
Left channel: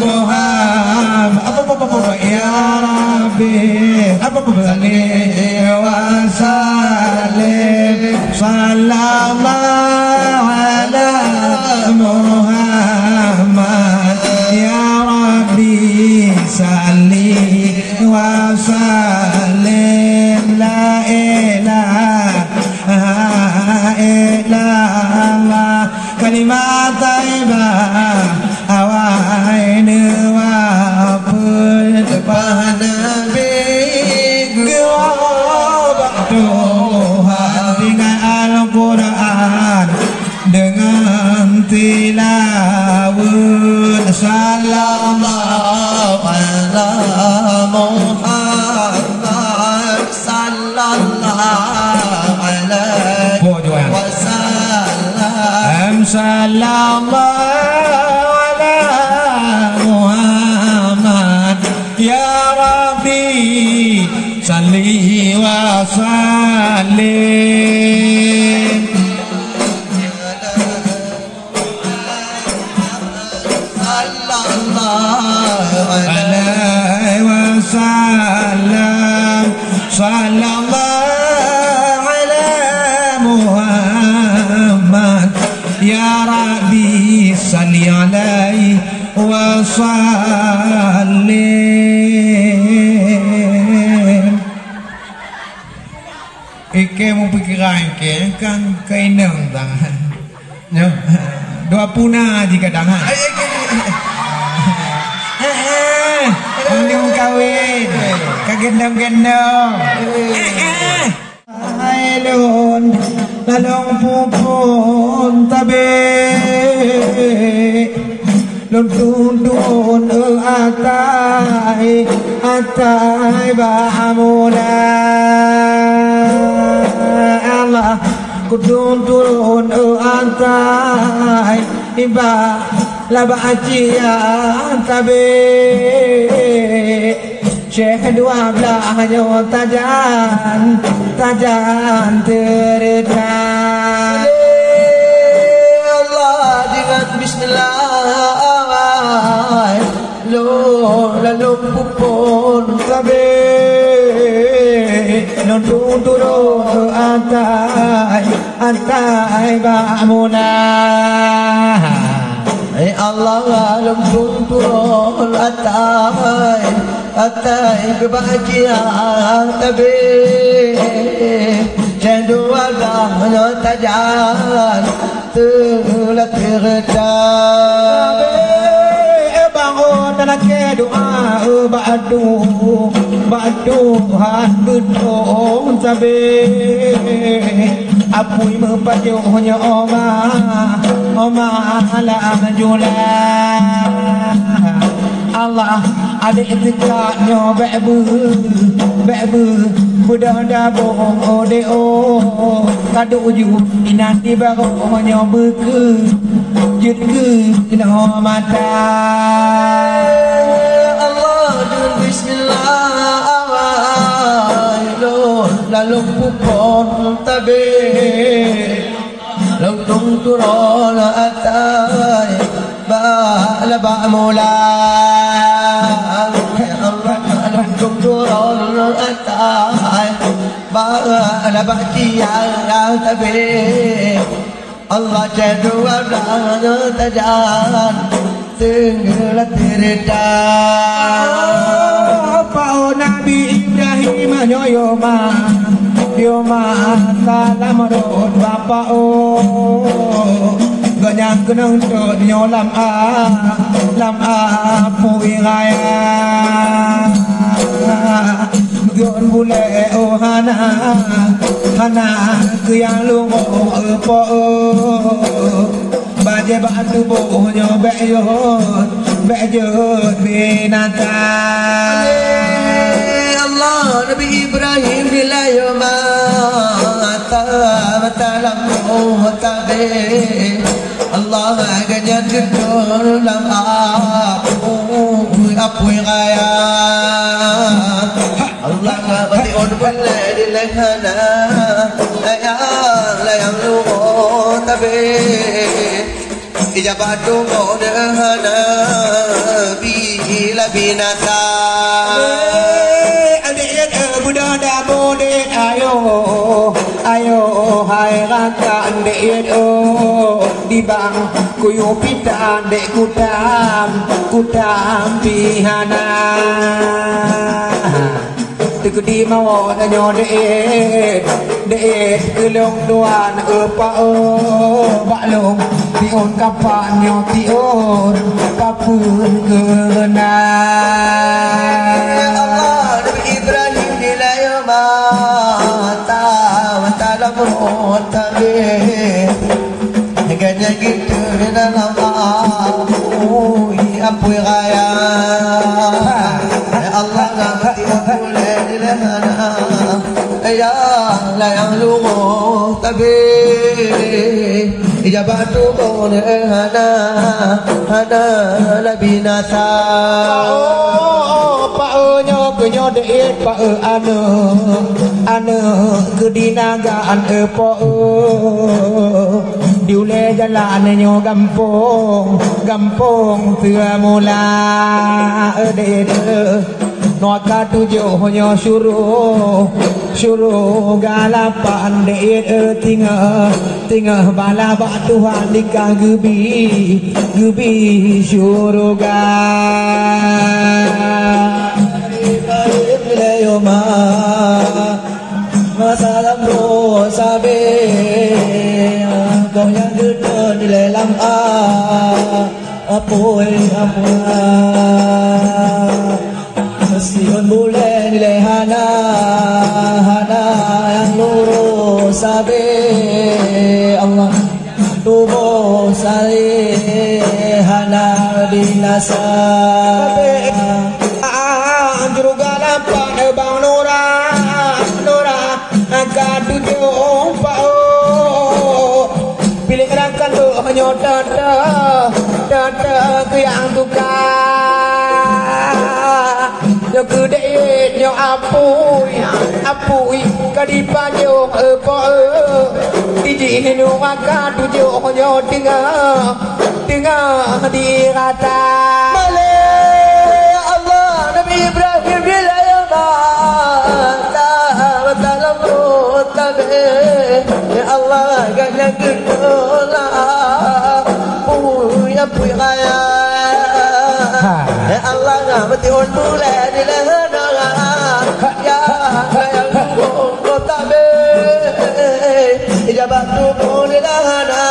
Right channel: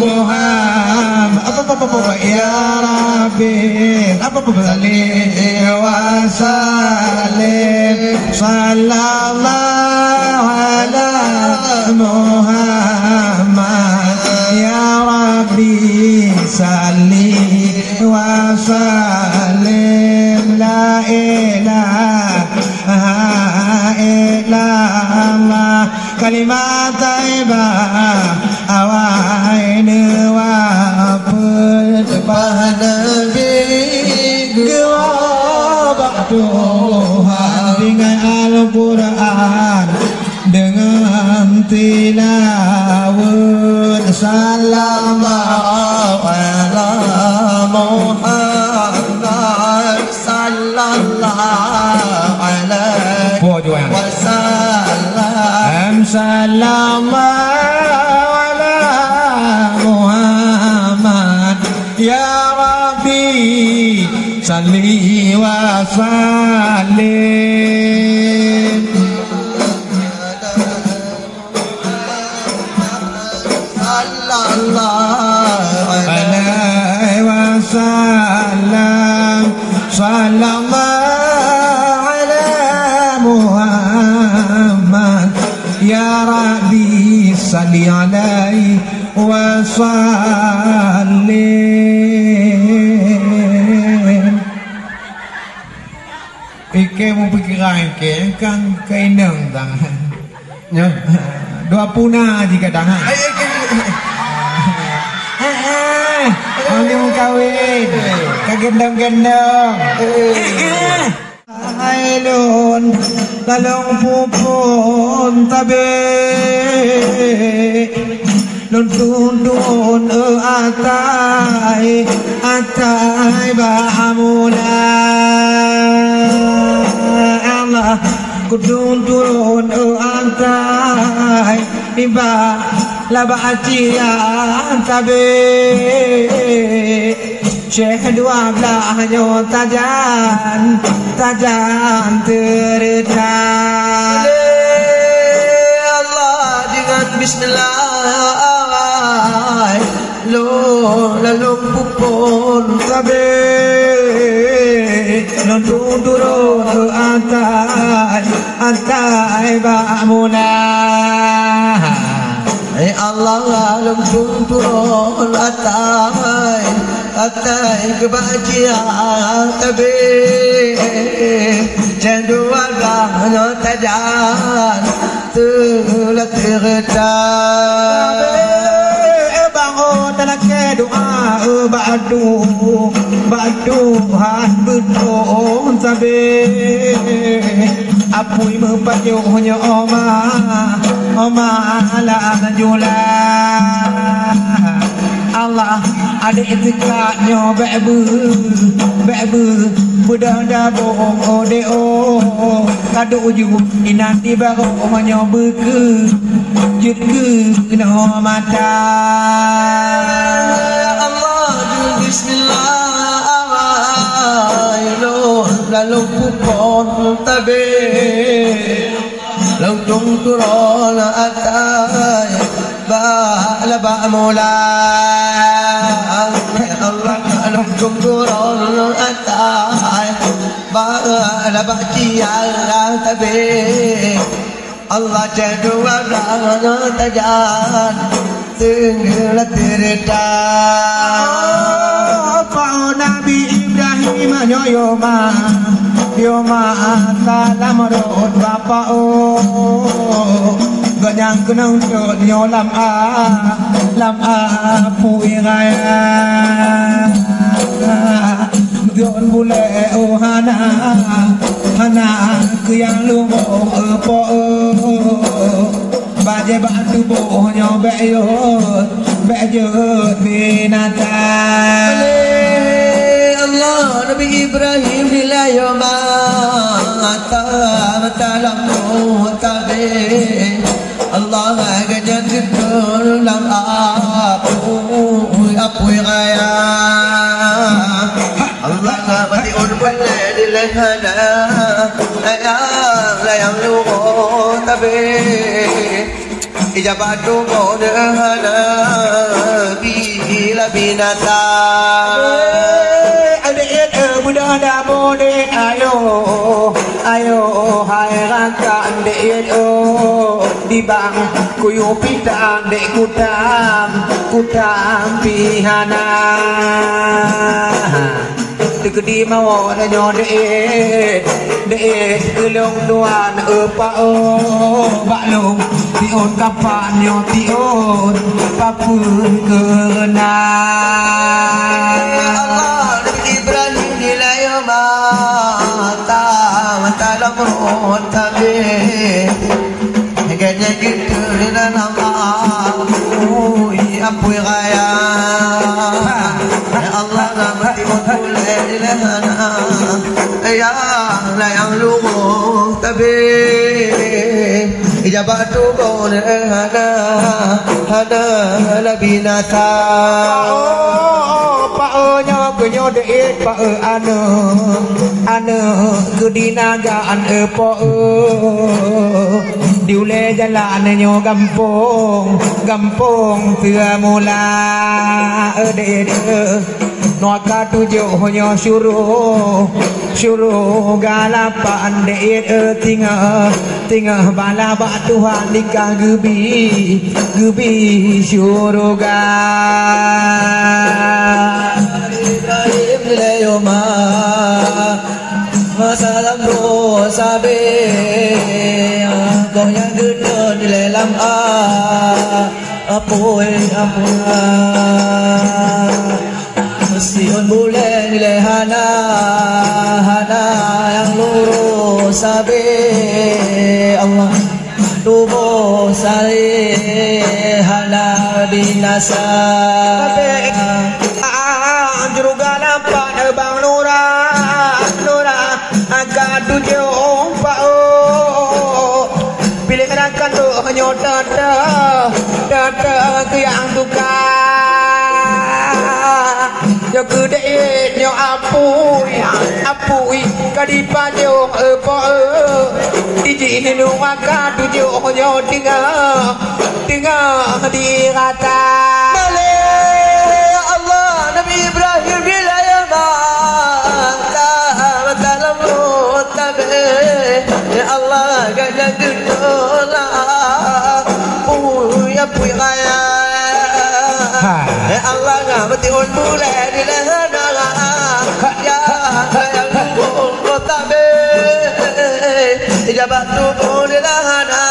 Muhammad. Apa ya Rabbi. Apa salli wa sallim. Sallallahu ala Muhammad. Ya Rabbi salli wa sallim. La ilaha illallah. Kalimat taibah awain wa Subhan Nabi Tuhan dengan Al-Quran dengan tilawat. Sallallahu ala Muhammad. Sallallahu alaihi wasallam. Sallallahu ala Muhammad. Ya Rabbi salli wa sallim. Sallallahu alaihi wasallam. Sallallahu ala Muhammad. Ya Rabbi salli alaihi wa sallim. Ike mau pikiran ke kan kainang tangan. Ya. Dua punah jika tangan. Orang kawin kagendong-gendong. Ailun lalong pupun tabi lun tundun atai bahamuna Allah kudun turun atai iba laba ajian tabi Syekh dua belahnya tajan terdekat. Allah dengan Bismillah lalu pupun tabe nonton turun atai ba'muna. Allah lalu turun atai kebahagiaan tabi jadwal dah tajan telah terdekat. Bangun dalam doa ba'duhan bedong tabi apui mempajuhnya oma ala julah Allah ada itikadnya be'bu budanda bohong odeo kado uju inanti baru hanya beke jutke kena mata Allah Bismillah lalu pupon tabe langsung turun atai ba'mula. Allah langsung turun atai ba'jian tabe Allah jadwal tajan tenggelam terdekat. Pau Nabi Ibrahim yoma salam rod bapa ganyang kenang jod lam puiraya yon bule hana kuyang lungo po baje batu bohnya beyot binatang. Allah Nabi Ibrahim bila mata dalam tabe Allah agaknya dalam apa raya Allah nabati urban di lehana yang lu tabe ijabatu modehana bila binasa budak dah bodek ayo hai raka ndek di bang kuyu pita ndek kutam pihana tegedi mau nyo dek gelong duan pa baklong tion kapan nyo tion kapun kena Ibrahim nilai mata lemot tabe agaknya gitu dalam apa raya Allah nabati mulai dilahana ya yang lu tabe ijabatu hana labinata nyo deit pa ane kedinagaan po diule jalan nyo gampong tua mula deit no ka tujuh nyo suruh galapan deit tingah bala bak Tuhan nikah gebi syurga Yoma masalam dosa be kau yang gedor di dalam apoy Sion boleh di lehana yang lurus sabe Allah tubuh salihana binasa juga lampak bang Nura agak tujuh pilih gerakan tu hanya dada ke yang tukar yo gede yo apui kadipanyo iji ini agak tujuh hanya tinggal di rata Nabi Ibrahim bila dalam tabe ya Allah gana gedola ya raya ya Allah ngabati undule di lehana ya yang tabe jabatu di lehana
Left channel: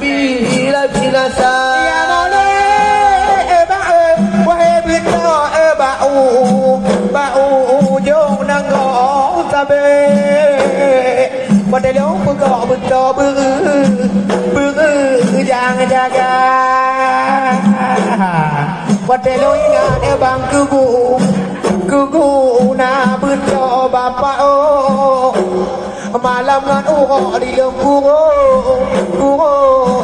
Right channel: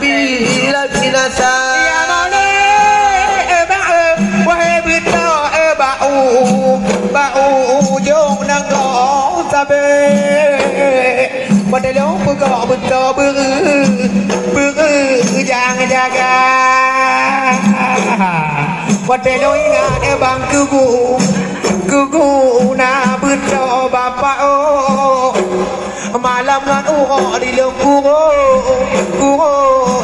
bila binasa ya mole bau jong nang ngõ tabe pada long pegok beto jang jaga pada long ingat bang kugu na beto bapak malam ngan di long kugu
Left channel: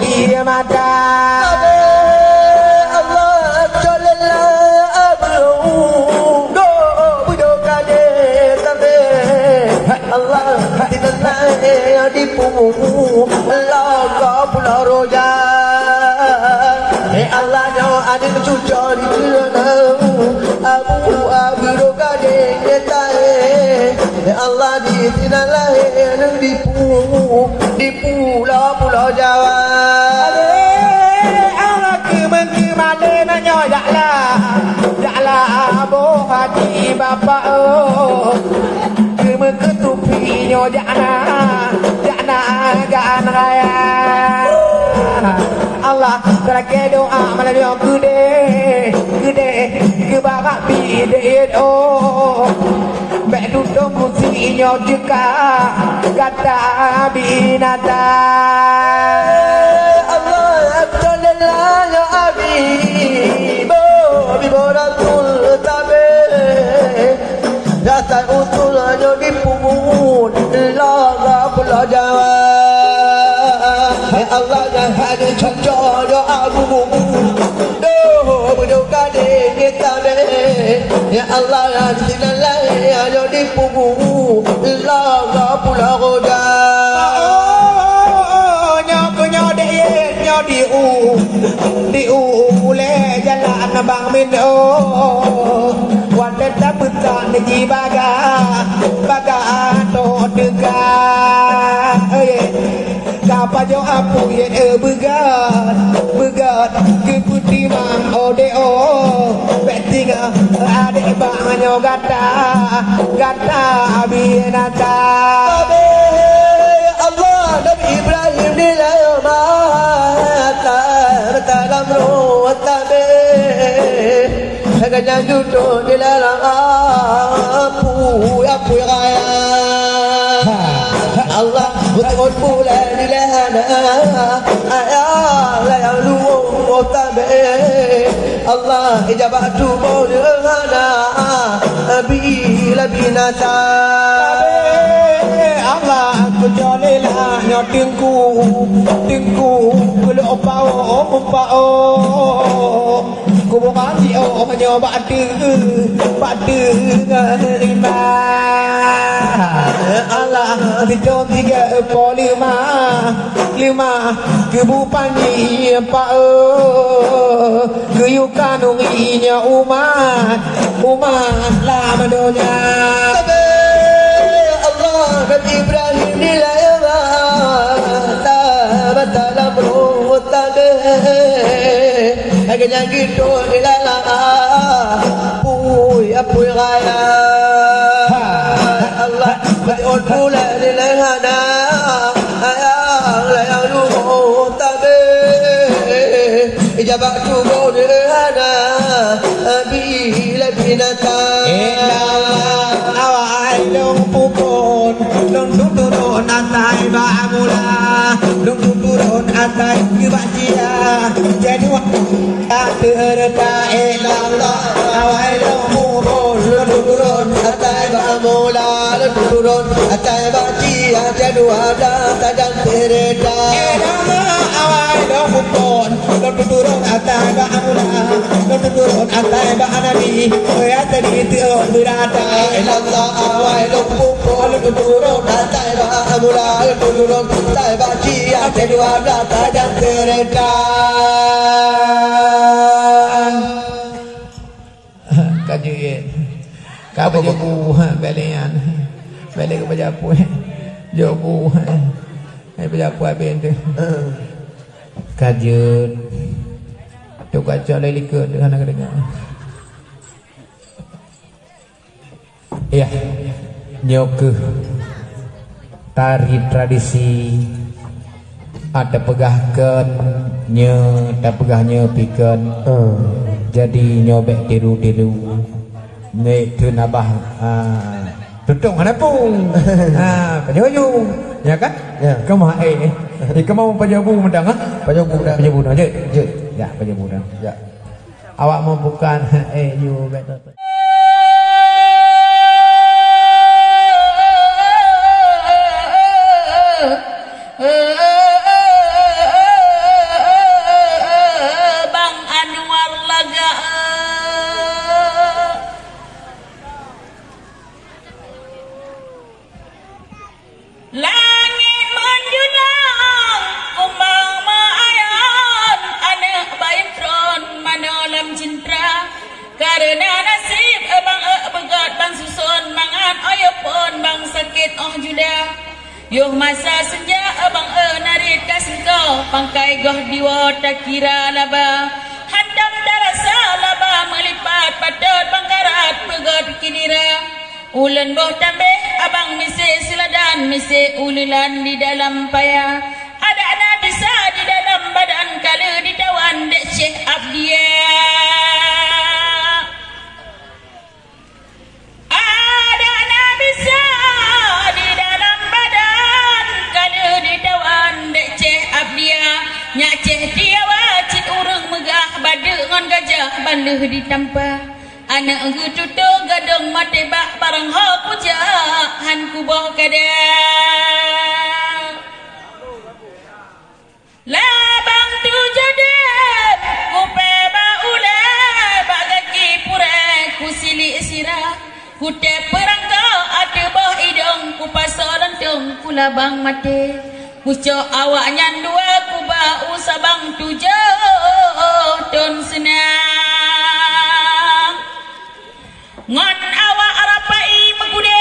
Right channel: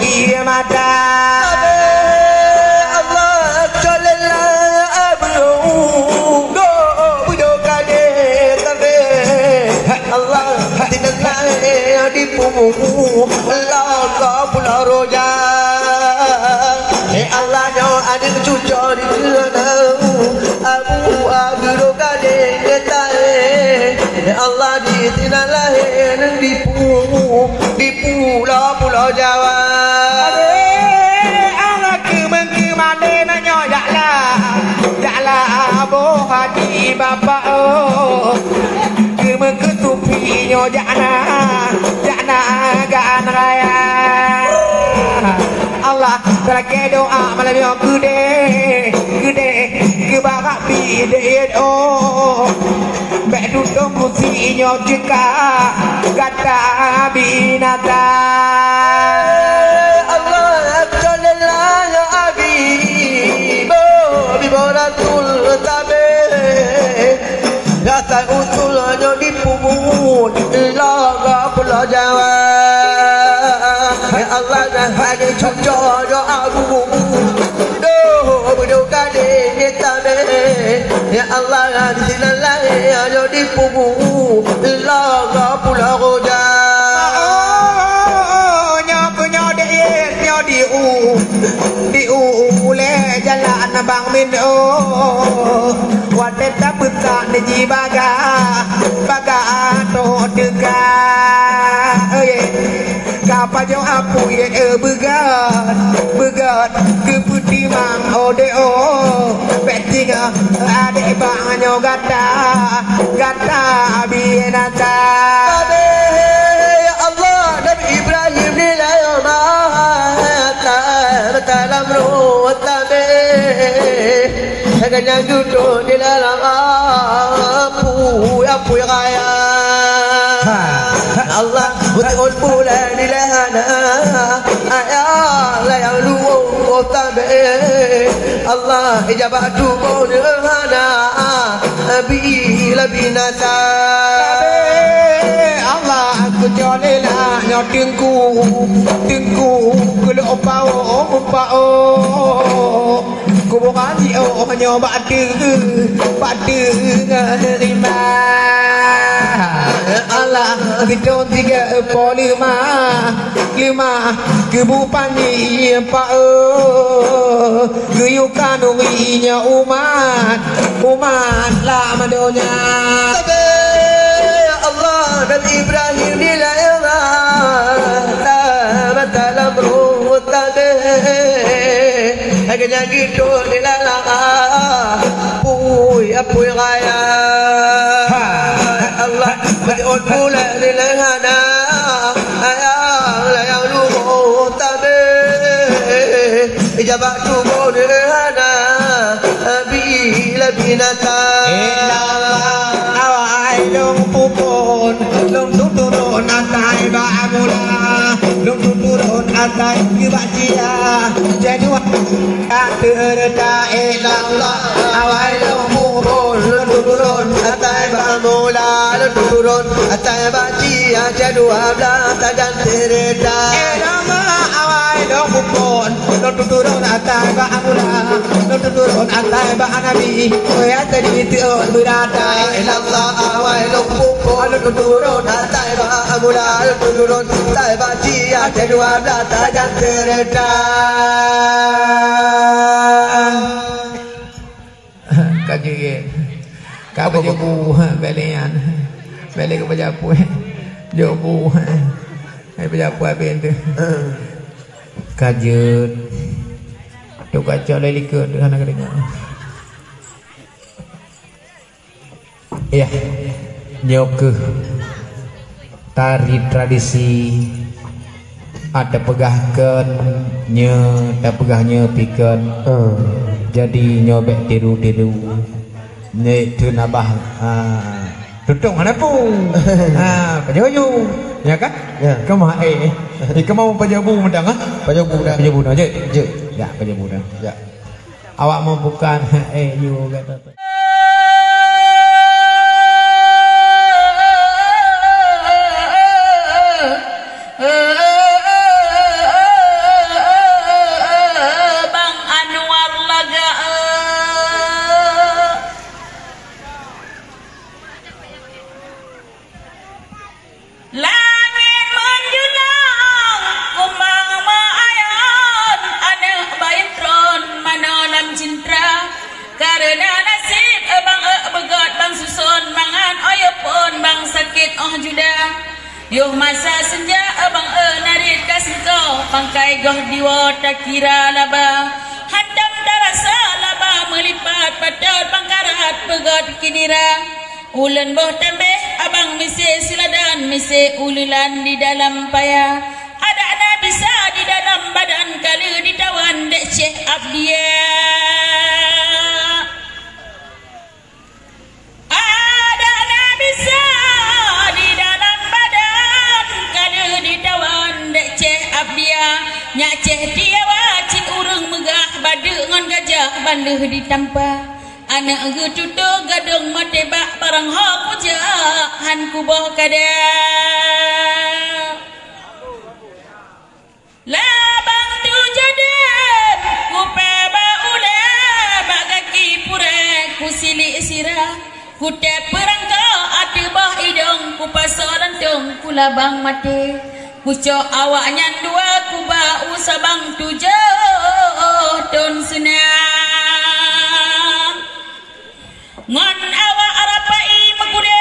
iya mata Allah tidak naik di punggung Allah pulau roja Allah nyawa ada cucu di Abu roga de Allah di tidak lahir di pulau Jawa Allah kemana nanya jaklah boh hati bapak ketupi nyo jana gaan raya Allah terake doa malam yang gede ke barak bide bek duduk musi nyo jeka kata binata Allah akjalillah ya abi bo bibaratul tabe rasa Jawa ya Allah dah hadi cucu doaku doh berdoa di tabe ya Allah di dalam ya di pugu la pulau goda di le jalan bang min wadet tapta ni baga to dega kapa jo apu ye begat ke putih mang ode betinga ade bang nyo gata binata Allah Nabi Ibrahim nilayama dalam ruwatabe Saganya duduk di dalam apu kaya Allah betul bulan di lahana ayah layang luwung tabe Allah ijabah tubuh di lahana bila binasa Allah aku jolela nyotingku kulo pao ku bukan nyoba batu ngerima Allah bidon 3.5 kebupani pao kuyukan urinya umat lama donya Nabi Ibrahim nilayama dalam ruwatabe agaknya gitu nilayama apuy raya Allah betul bulan nilayana ayang layang ruwatabe ijabah tubuh nilayana bila binatang awai dong pukul lung turun atai ba'amula lung turun atai kebajia jadi tak terda ilallah awai dong pukul lung turun atai ba'amula lung turun atai bajia jadi tak terda awai dong pukul lung turun atai ba'amula lung turun atai ba'anabi ya tadi tiun berada ilallah awai dong pukul lung turun atai ba'amula lung turun atai bajia jadi tak terda kajian kau bu belian beli ke bajapu jobu bajapu abin tu kajian tu kacau lagi ke dengan dengar ya nyoke tari tradisi ada pegahkan tak pegahnya pikan jadi nyobek tiru nek tu nabah tutung ada pun pajoju ya kan kemah kemau pajabu mendang pajabu dah je ya pajabu dah ya awak mau bukan you kata Yuh masa senja abang narik kasih kau pangkai goh diwa tak kira laba handam darasa laba melipat padat bangkarat pegot kinira ulen boh tambeh abang misi siladan misi ululan di dalam paya ada anak bisa di dalam badan kali ditawan dek Syekh Abdia ada anak bisa nyak ceh dia wajib urang megah bade ngon gajah banleuh ditampa anak getuto gadong mate bak parang ho puja han kuboh kadang Labang tu jodoh kupe baule bagaki pure kusili sirah kute perangka ati bah idong kupasolantung kulabang mate pucuk awaknya dua kuba usabang tujuh ton senang ngon awak arapai mekude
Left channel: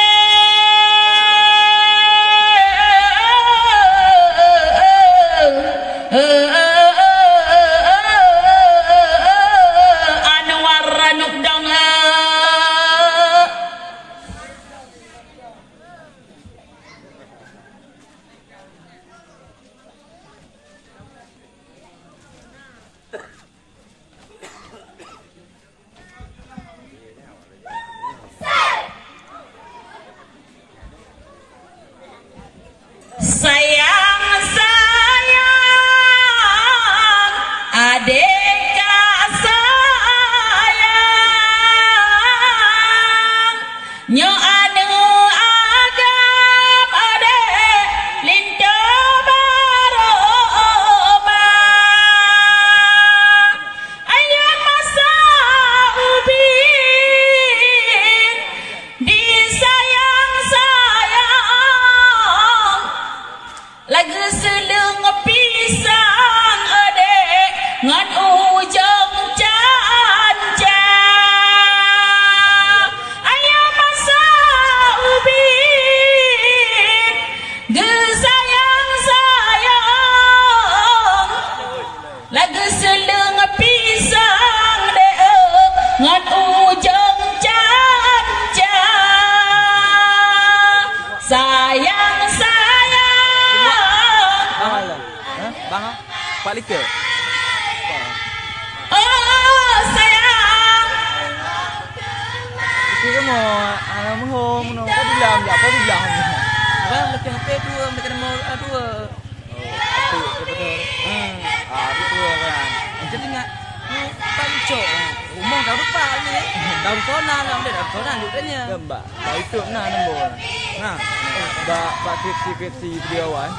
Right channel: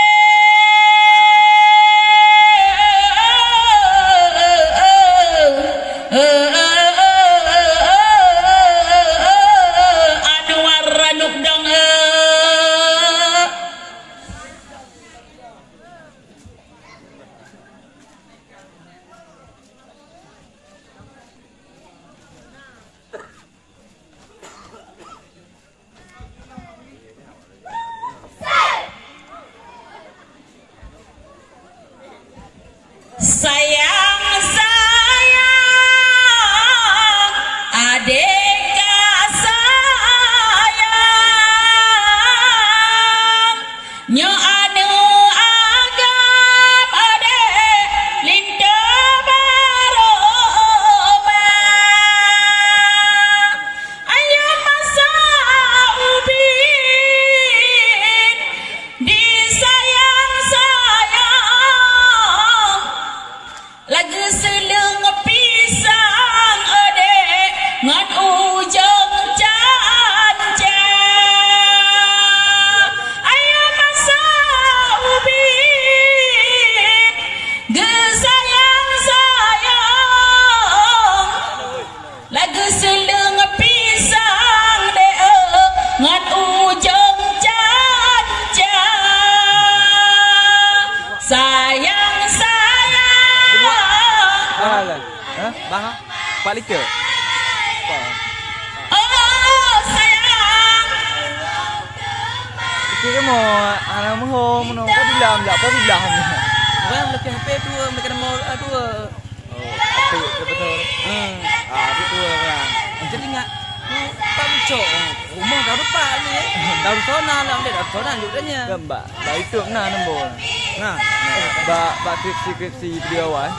Liter. Oh sayang. Itu kan mau anak mau menunggu bilang tak apa bilang. Kan lebih HP tu mereka mau tu. Oh, betul. Itu kan. Jadi ingat tak cok. Rumah dah rupa ni. Dah sona lah, dah sona juganya. Mbak, dah itu nah nombor. Nah, Mbak skripsi video awal.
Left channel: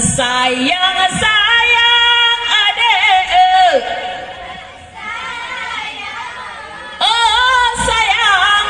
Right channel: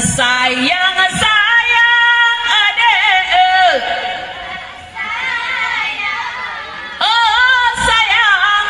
Sayang adek oh sayang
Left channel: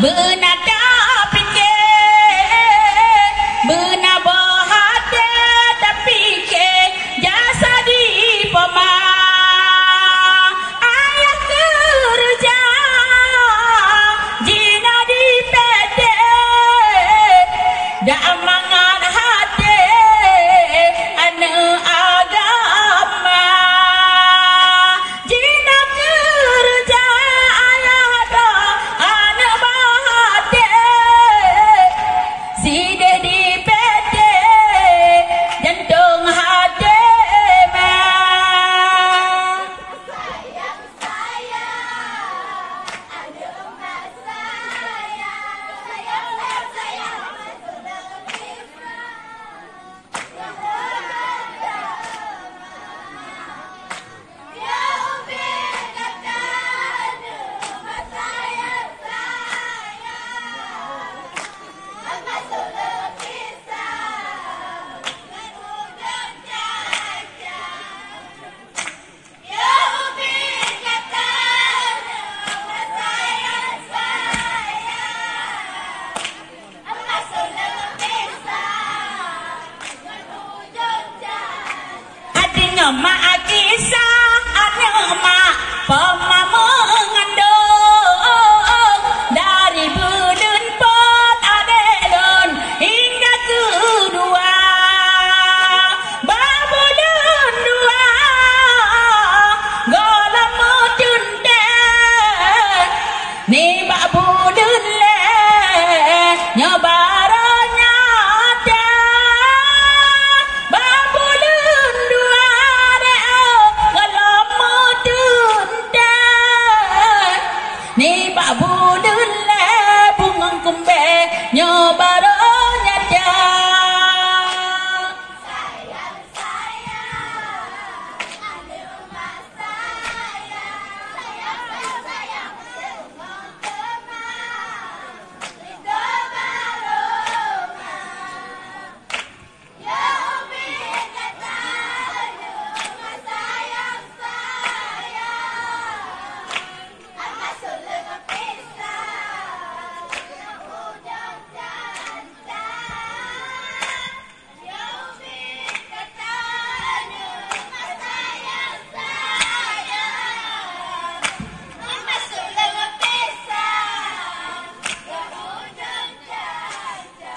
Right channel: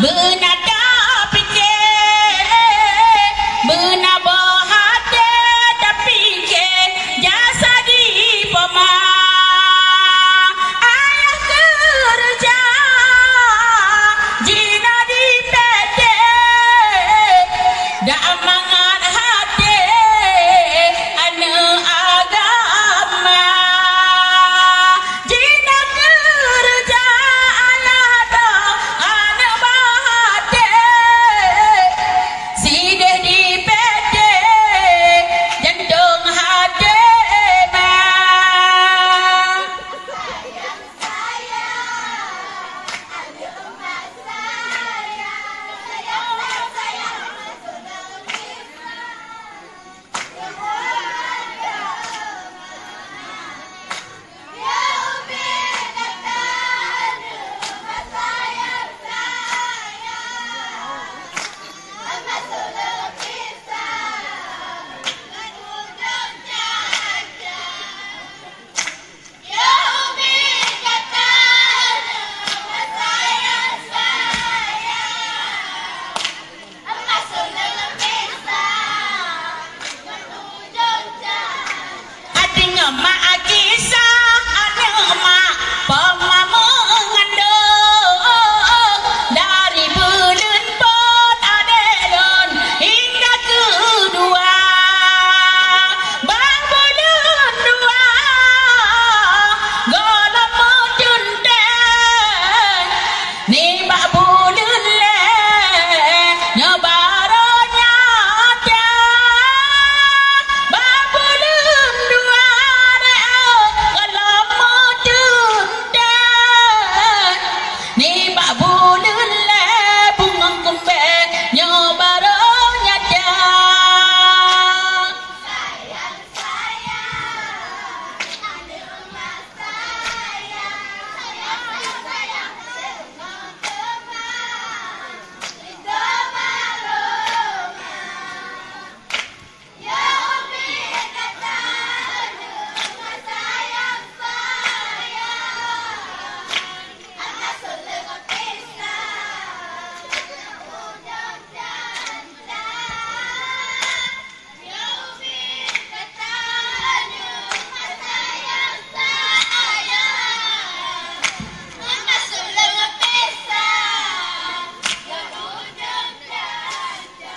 benada pikir benaba hati tapi ke jasa di poma ayah kerja jina di PT dak mangan hati ane agama jina kerja alada ane bahate side di PT jantung hati mak kisah ada mak pemamu mengandung dari bulan pot adelon hingga kedua babulan dua golam mutunten ni babulan le nyobaronya babulan dua ni babu dule bungang kumpe nyobaronya dia sayang ada rumah sayang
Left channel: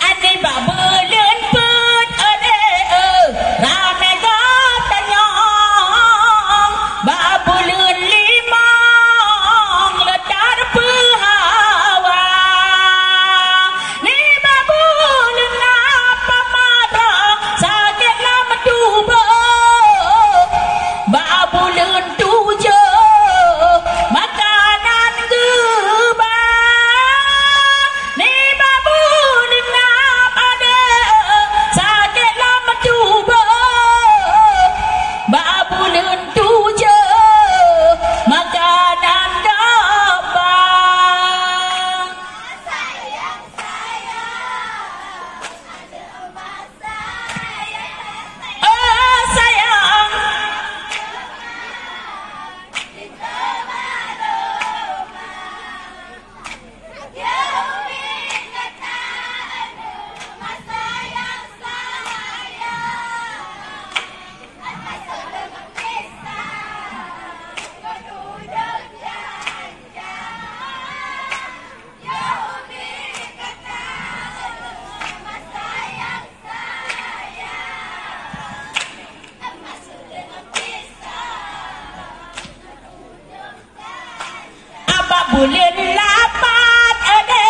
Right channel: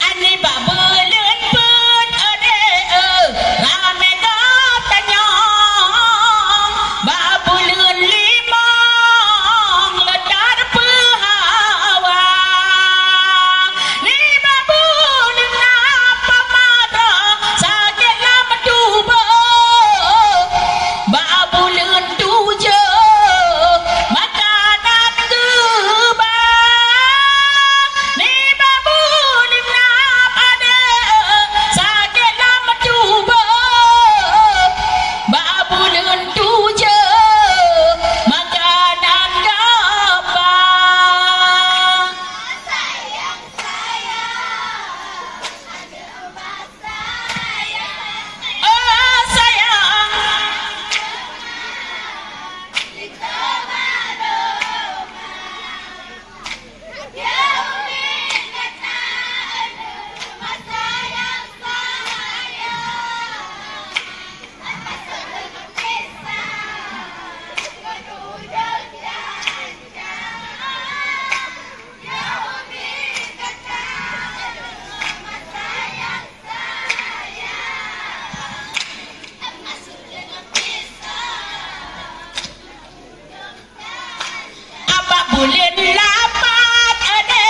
ani babulan put ade rame katanya babulan limang ledar pehawa ni babulan apa mada sakit lama tuba babulan tujuh makanan geba ni babulan ada sakit lama tuba babulan tujuh makanan gaba sayang ada rumah sayang oh sayang di kamar ya umi kata ada rumah sayang apa sedang pisah waduh jangan ya umi kata ada rumah sayang apa sedang pisah apa bulan lapat ade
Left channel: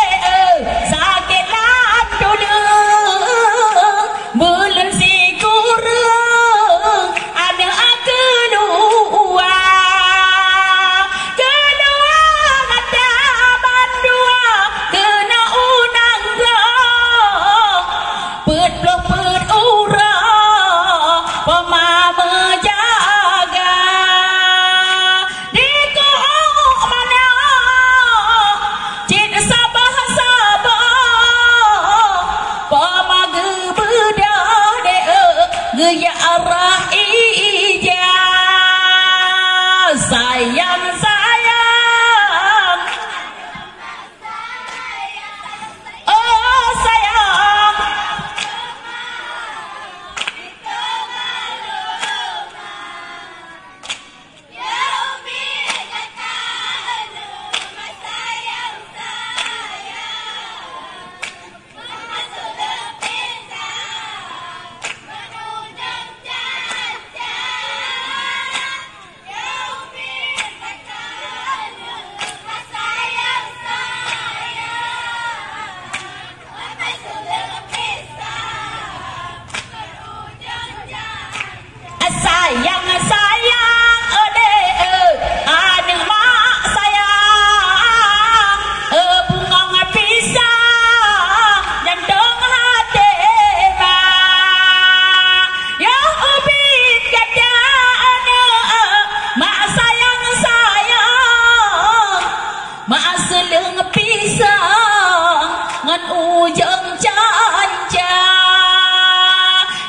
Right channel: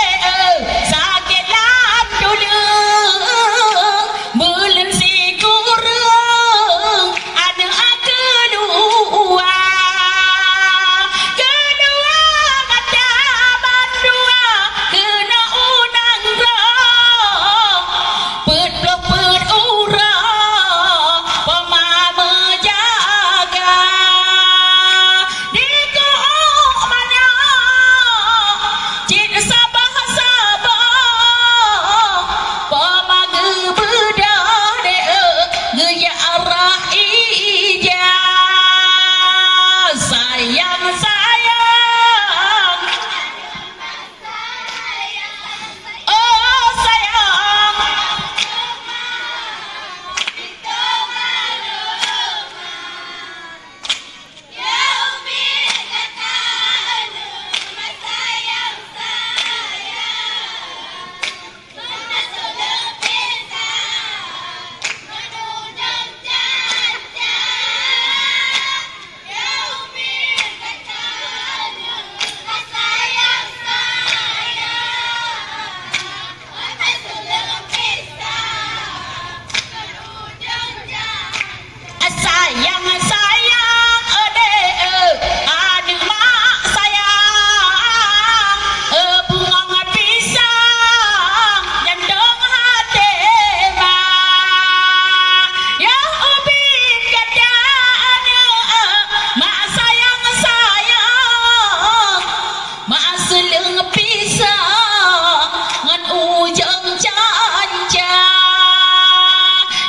sakit lam dulu bulan si kurang ada kedua ada bandua kena unang pet ura pemama jaga di ko mana cik sabah pemaga bedah de gaya arah ija sayang sayang adek adik mak sayang bunga pisang jandong hati ya ubit gadanya mak sayang mak seleng pisang ngan ujung canja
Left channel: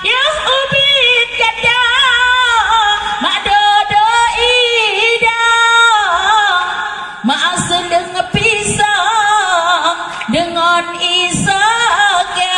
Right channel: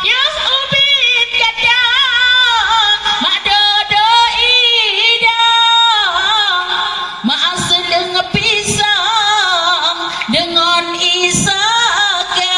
ya ubit gadang mak dodo ida mak seleng pisang dengan isaga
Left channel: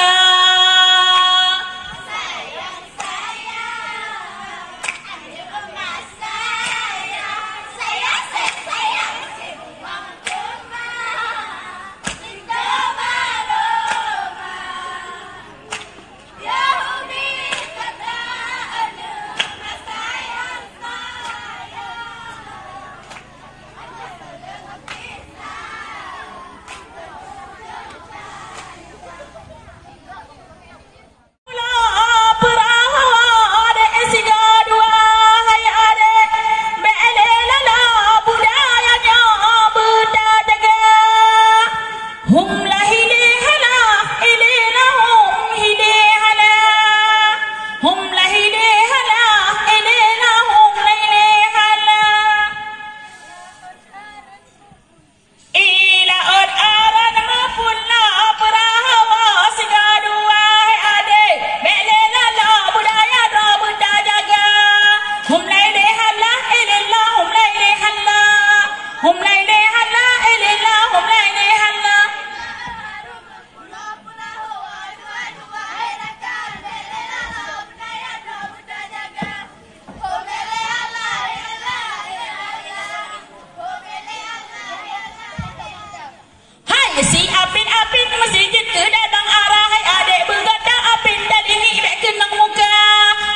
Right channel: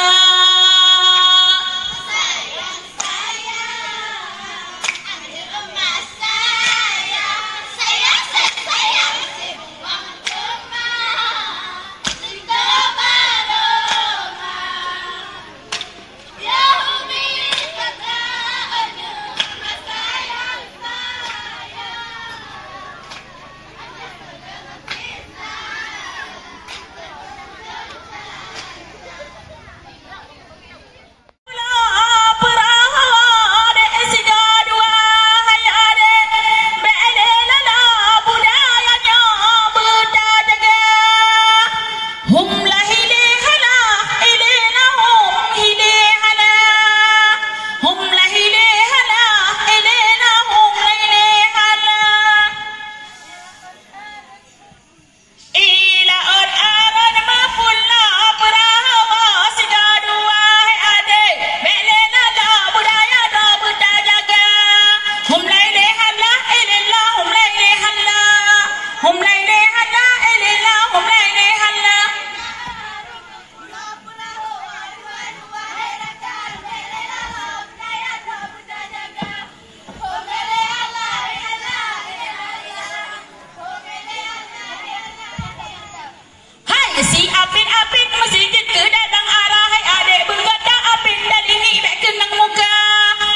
si apin masjid ke dadang arah hai adik bergada apin dalini ibek kenang muka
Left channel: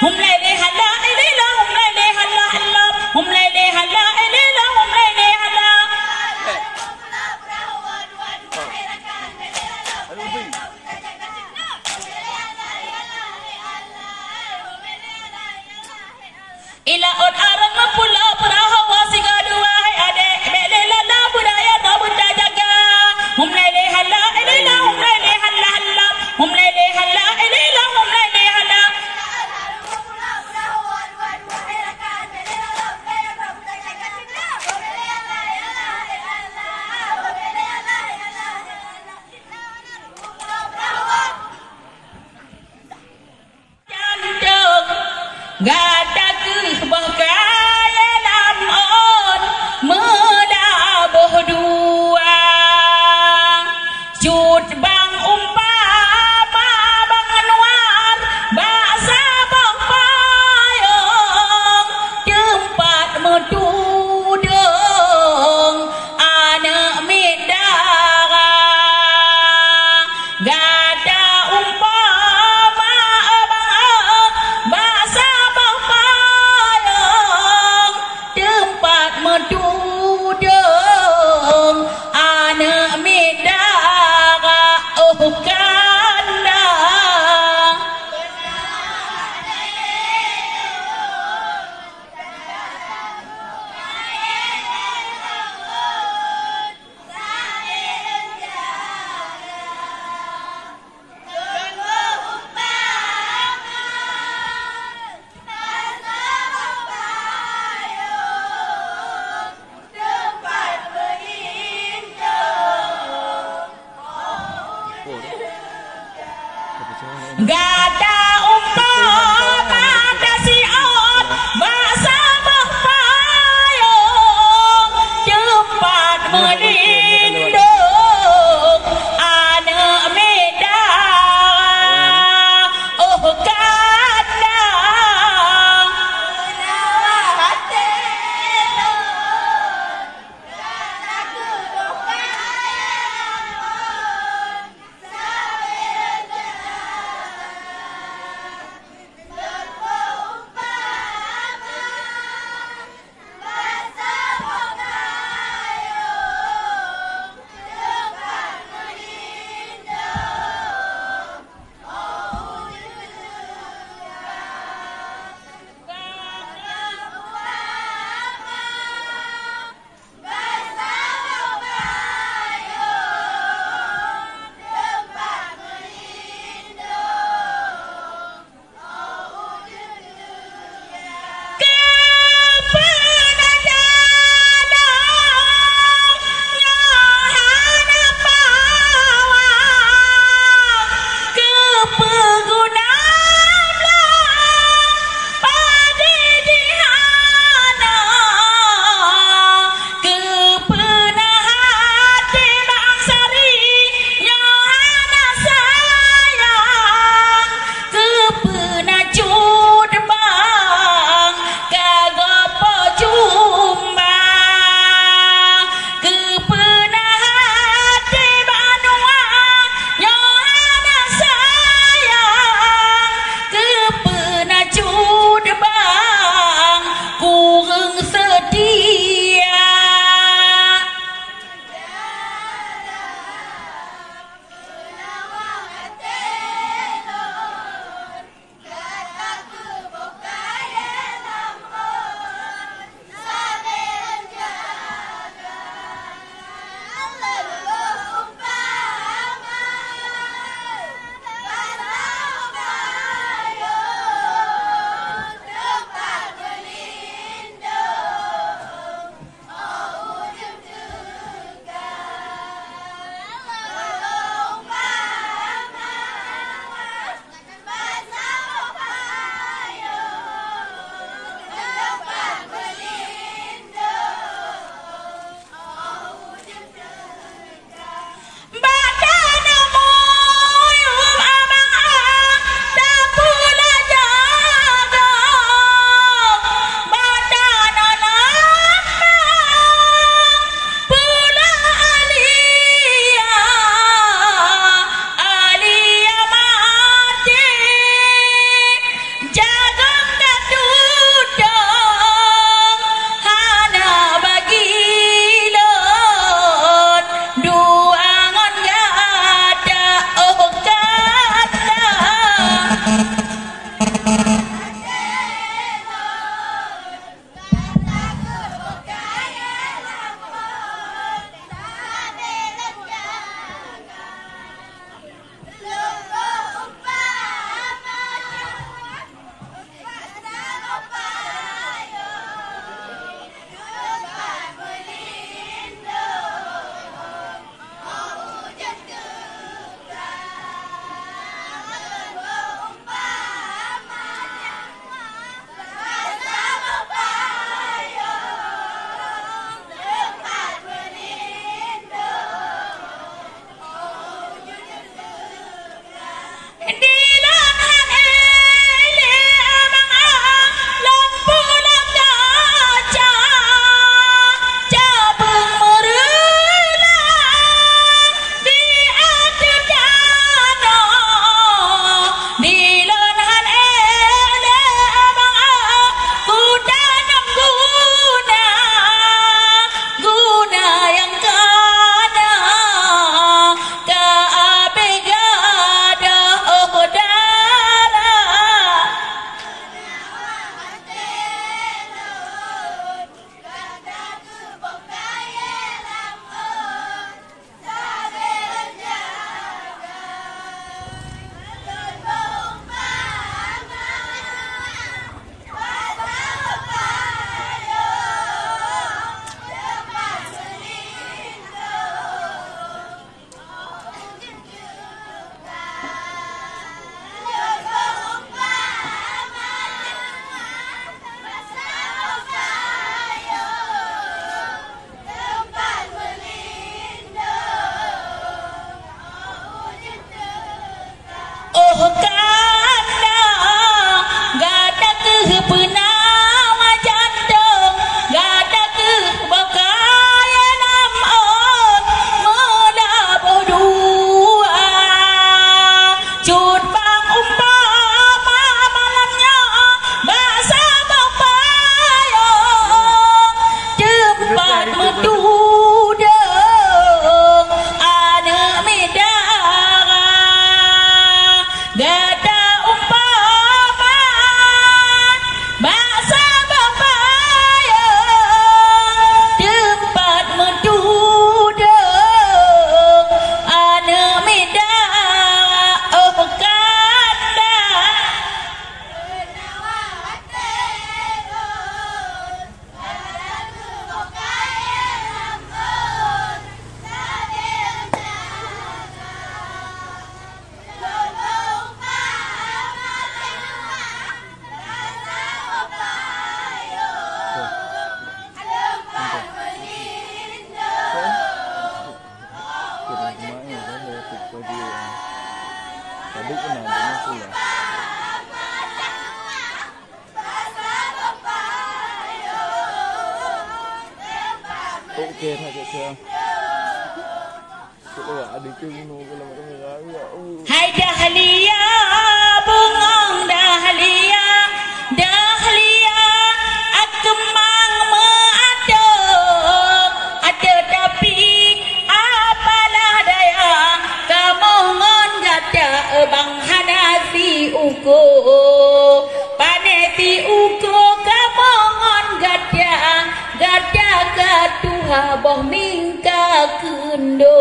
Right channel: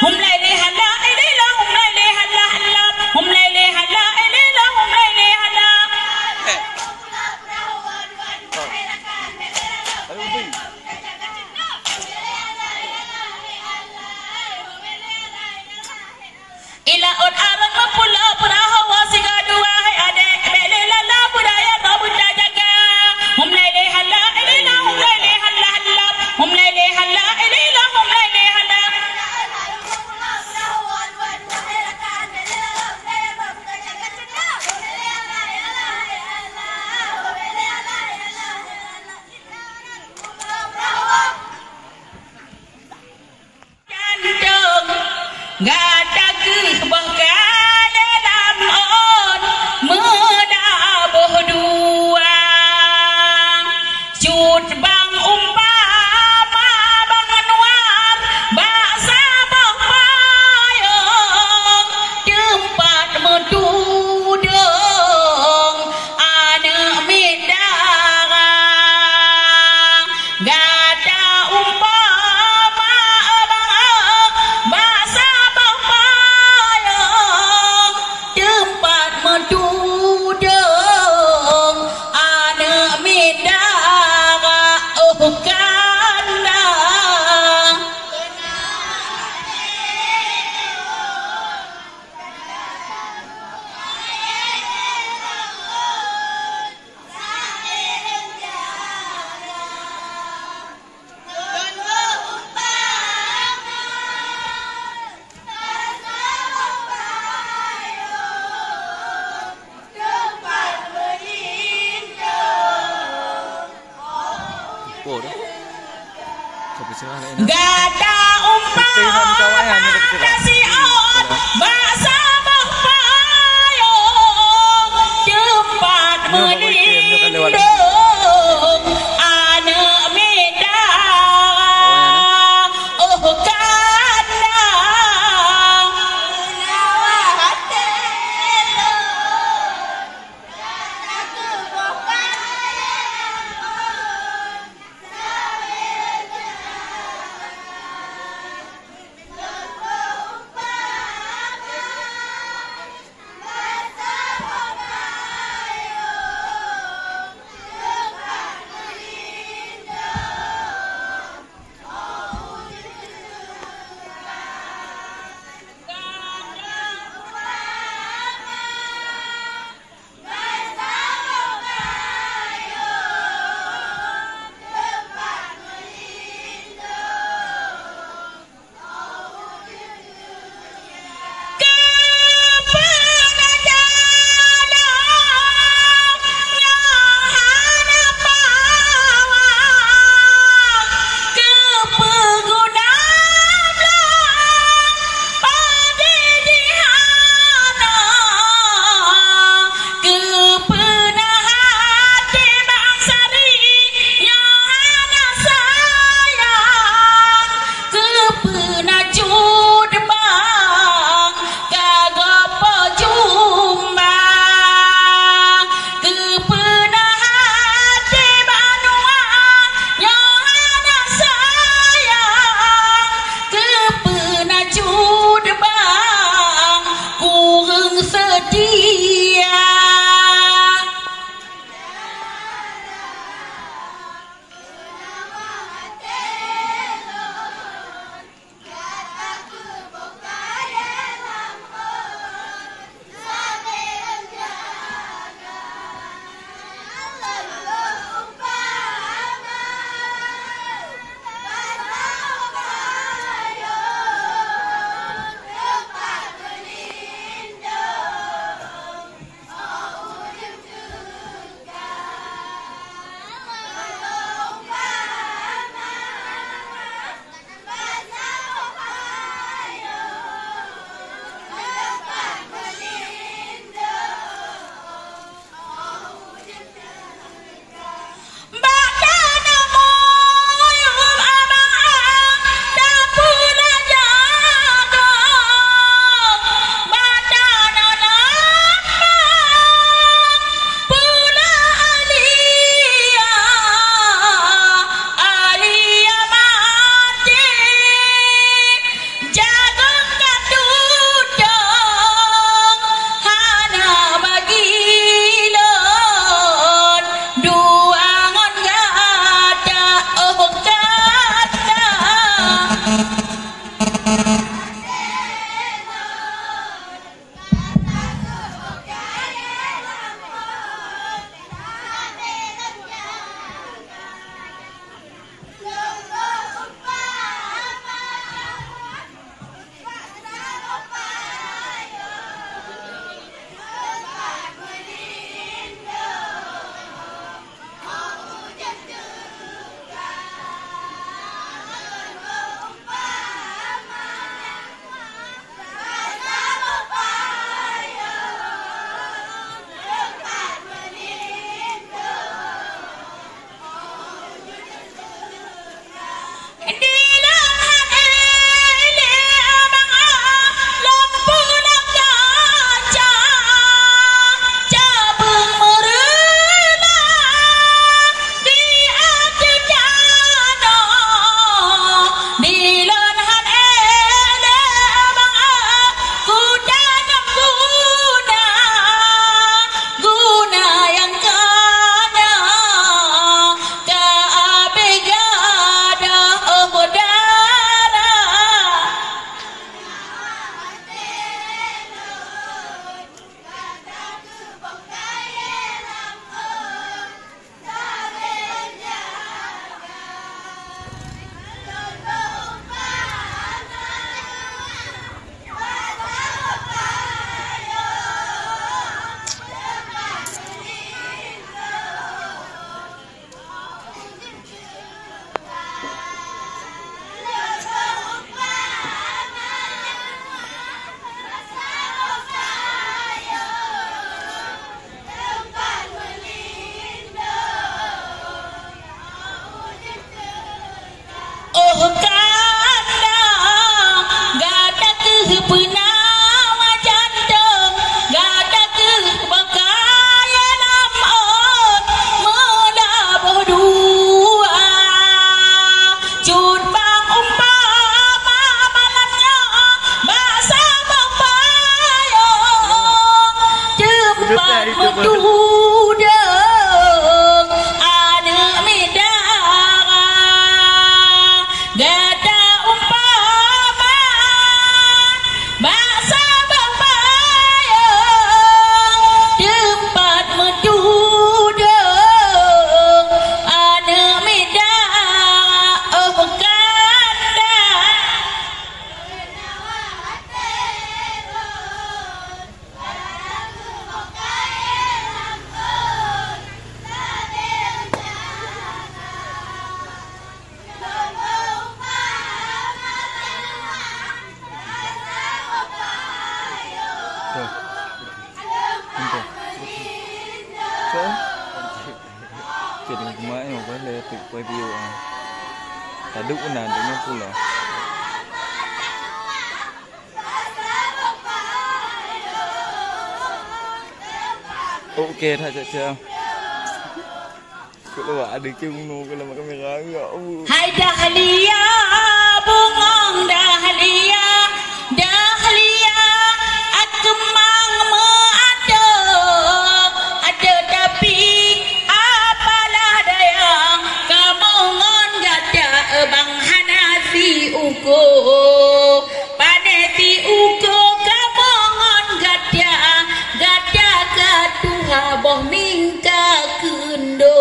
hum laili hala ilila hum laili hala hala hum laili hala ilila hum laili hala ila on arang pula perahawa singa dua hai adik belela la budaya ta bunda jaga hum laili hala ilila hum laili hala hala hum laili hala ilila hum laili hala jandung gada bahkaya lamon medabuh dua cut bang umpama bang anwar bahasa bang payung tempat medudung anak midara gada umpama bang bahasa bang Baksa bambayang tempat duduk anak medak kanda Taduk na din pula. Okay, tak cakap. Kalau ada kemu kalau makan merah ya. Hai dahlia bungong dahlia dahlia aku mang ada tapi apalah daya kamu ngon gada bang Hanafi uko paneti uko kamu ngon gada katuha boh mingka kendo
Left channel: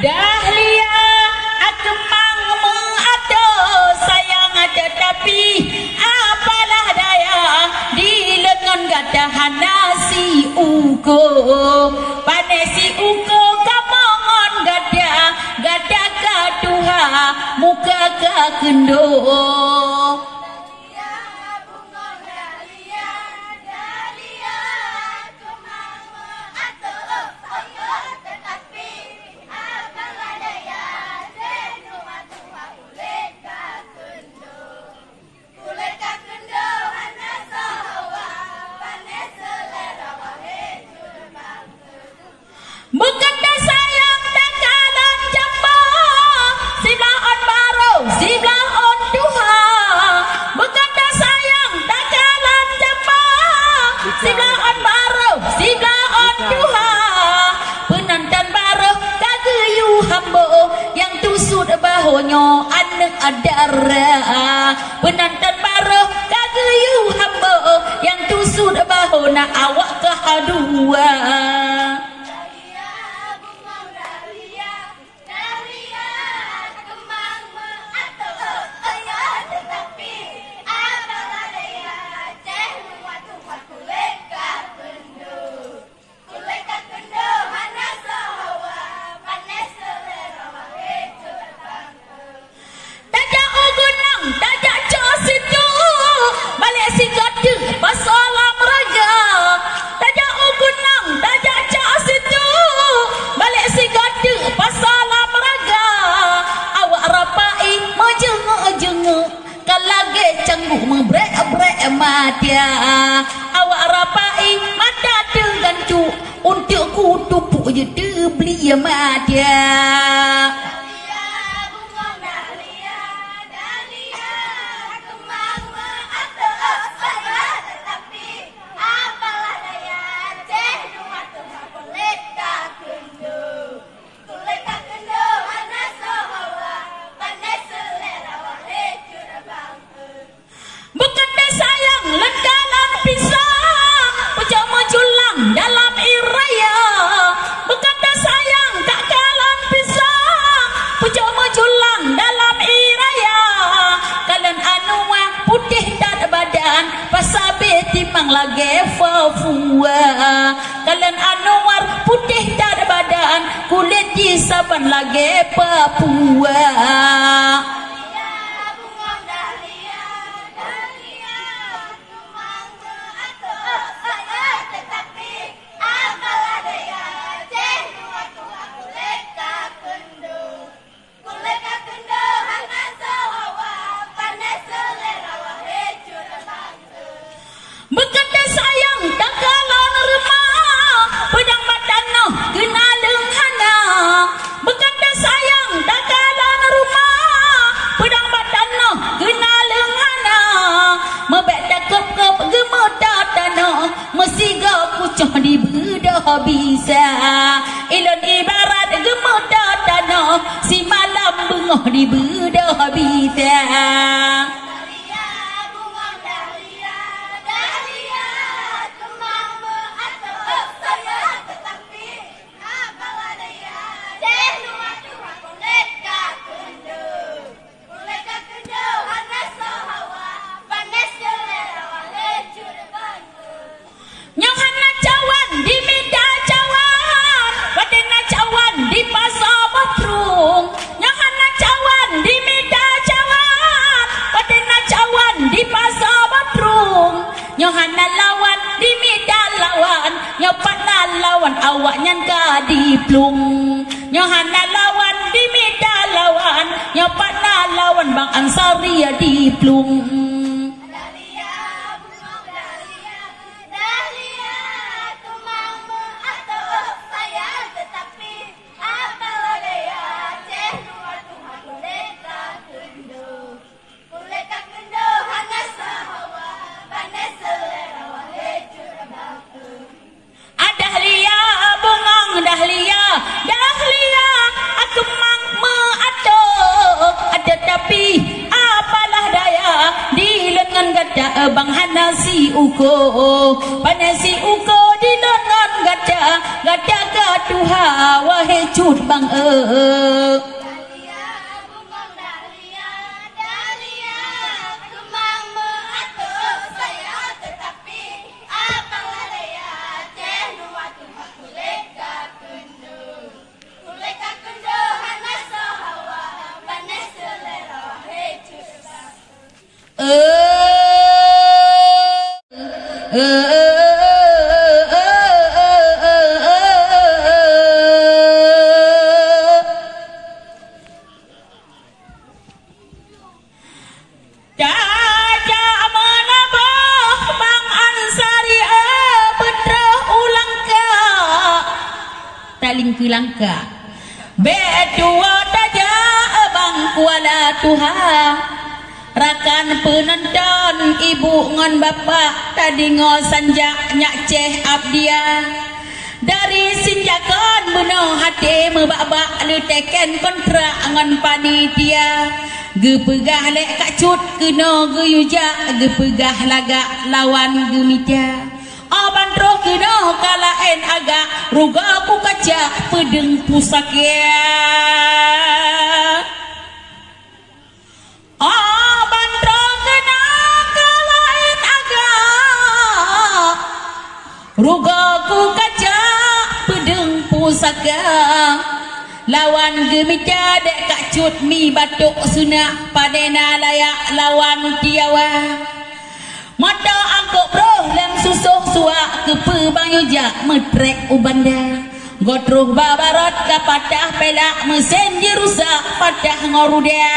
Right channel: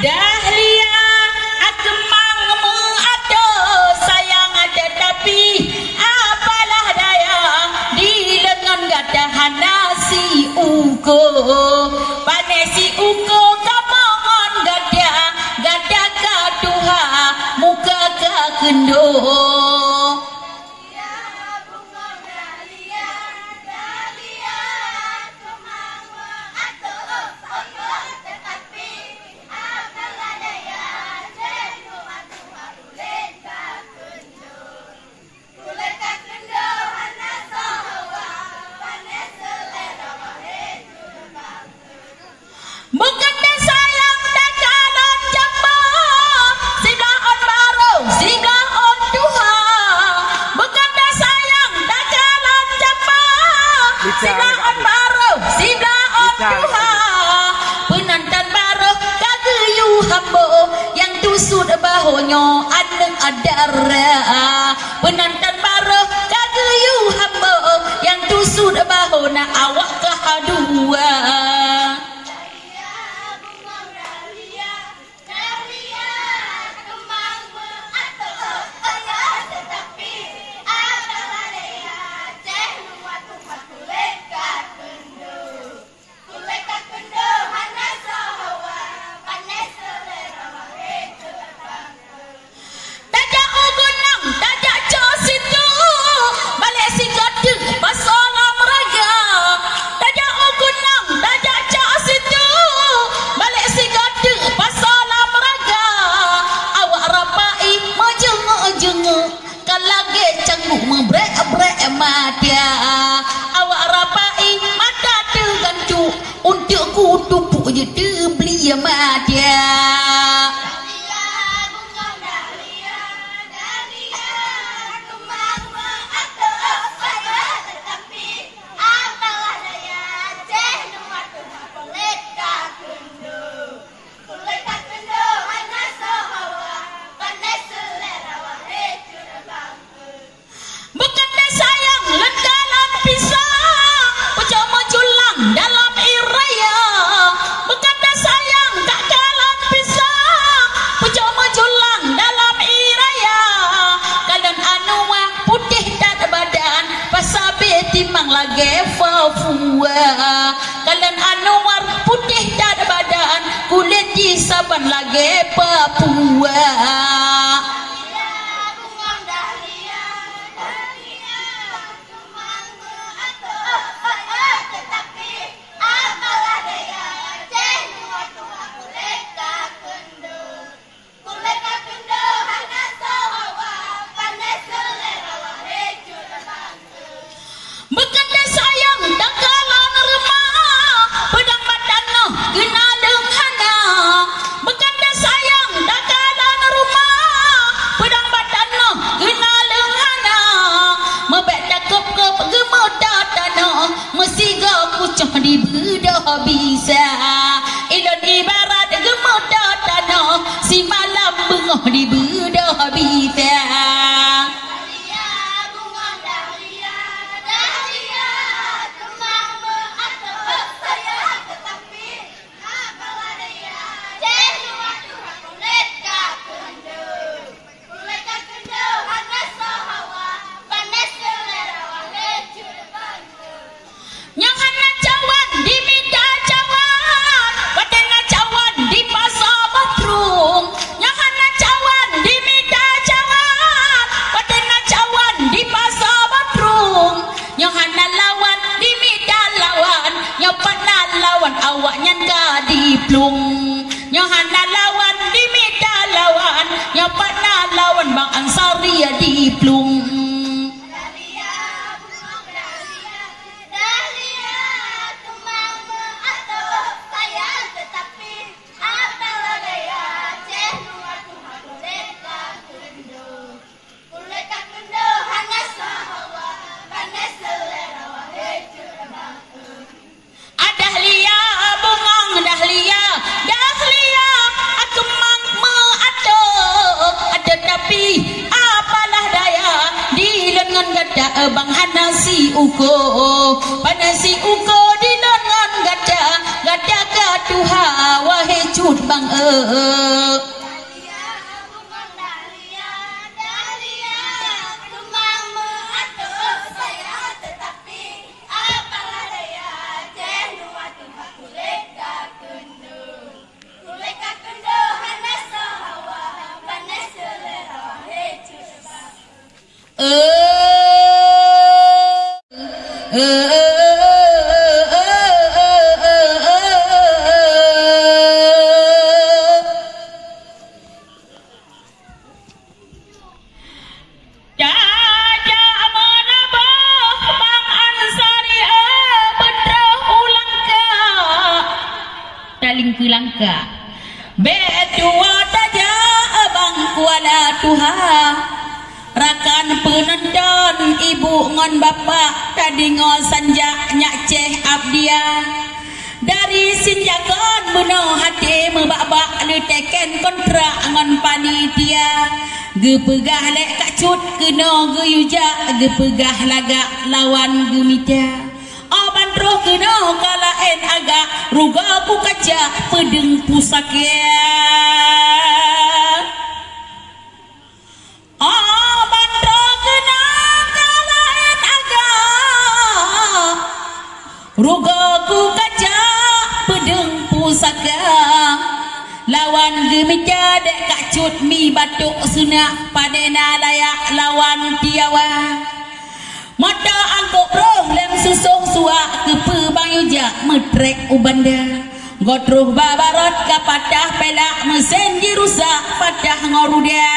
dahlia akemang mengato sayang ada tapi apalah daya di lengan gadahan nasi uko panesi uko kamongon gada kaduha muka kendo Beganda sayang tak kalah jambang Siblah on baru, siblah on duha Beganda sayang tak kalah jambang Siblah on baru, siblah on duha Penantan baru kagayu hambo Yang tusud bahonyo anak adara Penantan baru kagayu hambo Yang tusud bahona awak kahadua Madia awak rapai mata tergancu untuk ku tupuk je beli madia dalam iraya berkata sayang tak kalah pisang pucuk mejulang dalam iraya kalian anua putih tak badan pasabe timang lagi fafua kalian anuar putih tak badan kulit di saban lagi Papua Berkata Nyohana lawan dimita lawan nyopatna lawan awaknya kadiplung Nyohana lawan dimita lawan nyopatna lawan Bang Ansari diplung Dahlia aku mang meato ada tapi apalah daya di lengan gada bang hanasi uko panasi uko di lengan gada gaduha wahai cut bang Langka bedua taja abang kuala Tuhan rakan penonton ibu ngon bapak tadi ngosanja nyak ceh abdia dari sinjakan beno hati mebak-bak leteken kontrak ngon panitia gepegah lek kacut kena geyuja gepegah lagak lawan gemita Aban roh kena kalaen agak ruga ku kaca pedeng pusakya Aban roh kena kalaen agak ruga ku kaca pedeng pusakya lawan gemita dek kacut mi batuk sunak padena layak lawan tiawa mata angkok bro lem susuh suak kepe bang yuja metrek ubanda godruh babarot kapatah pelak mesin jirusak patah ngorudia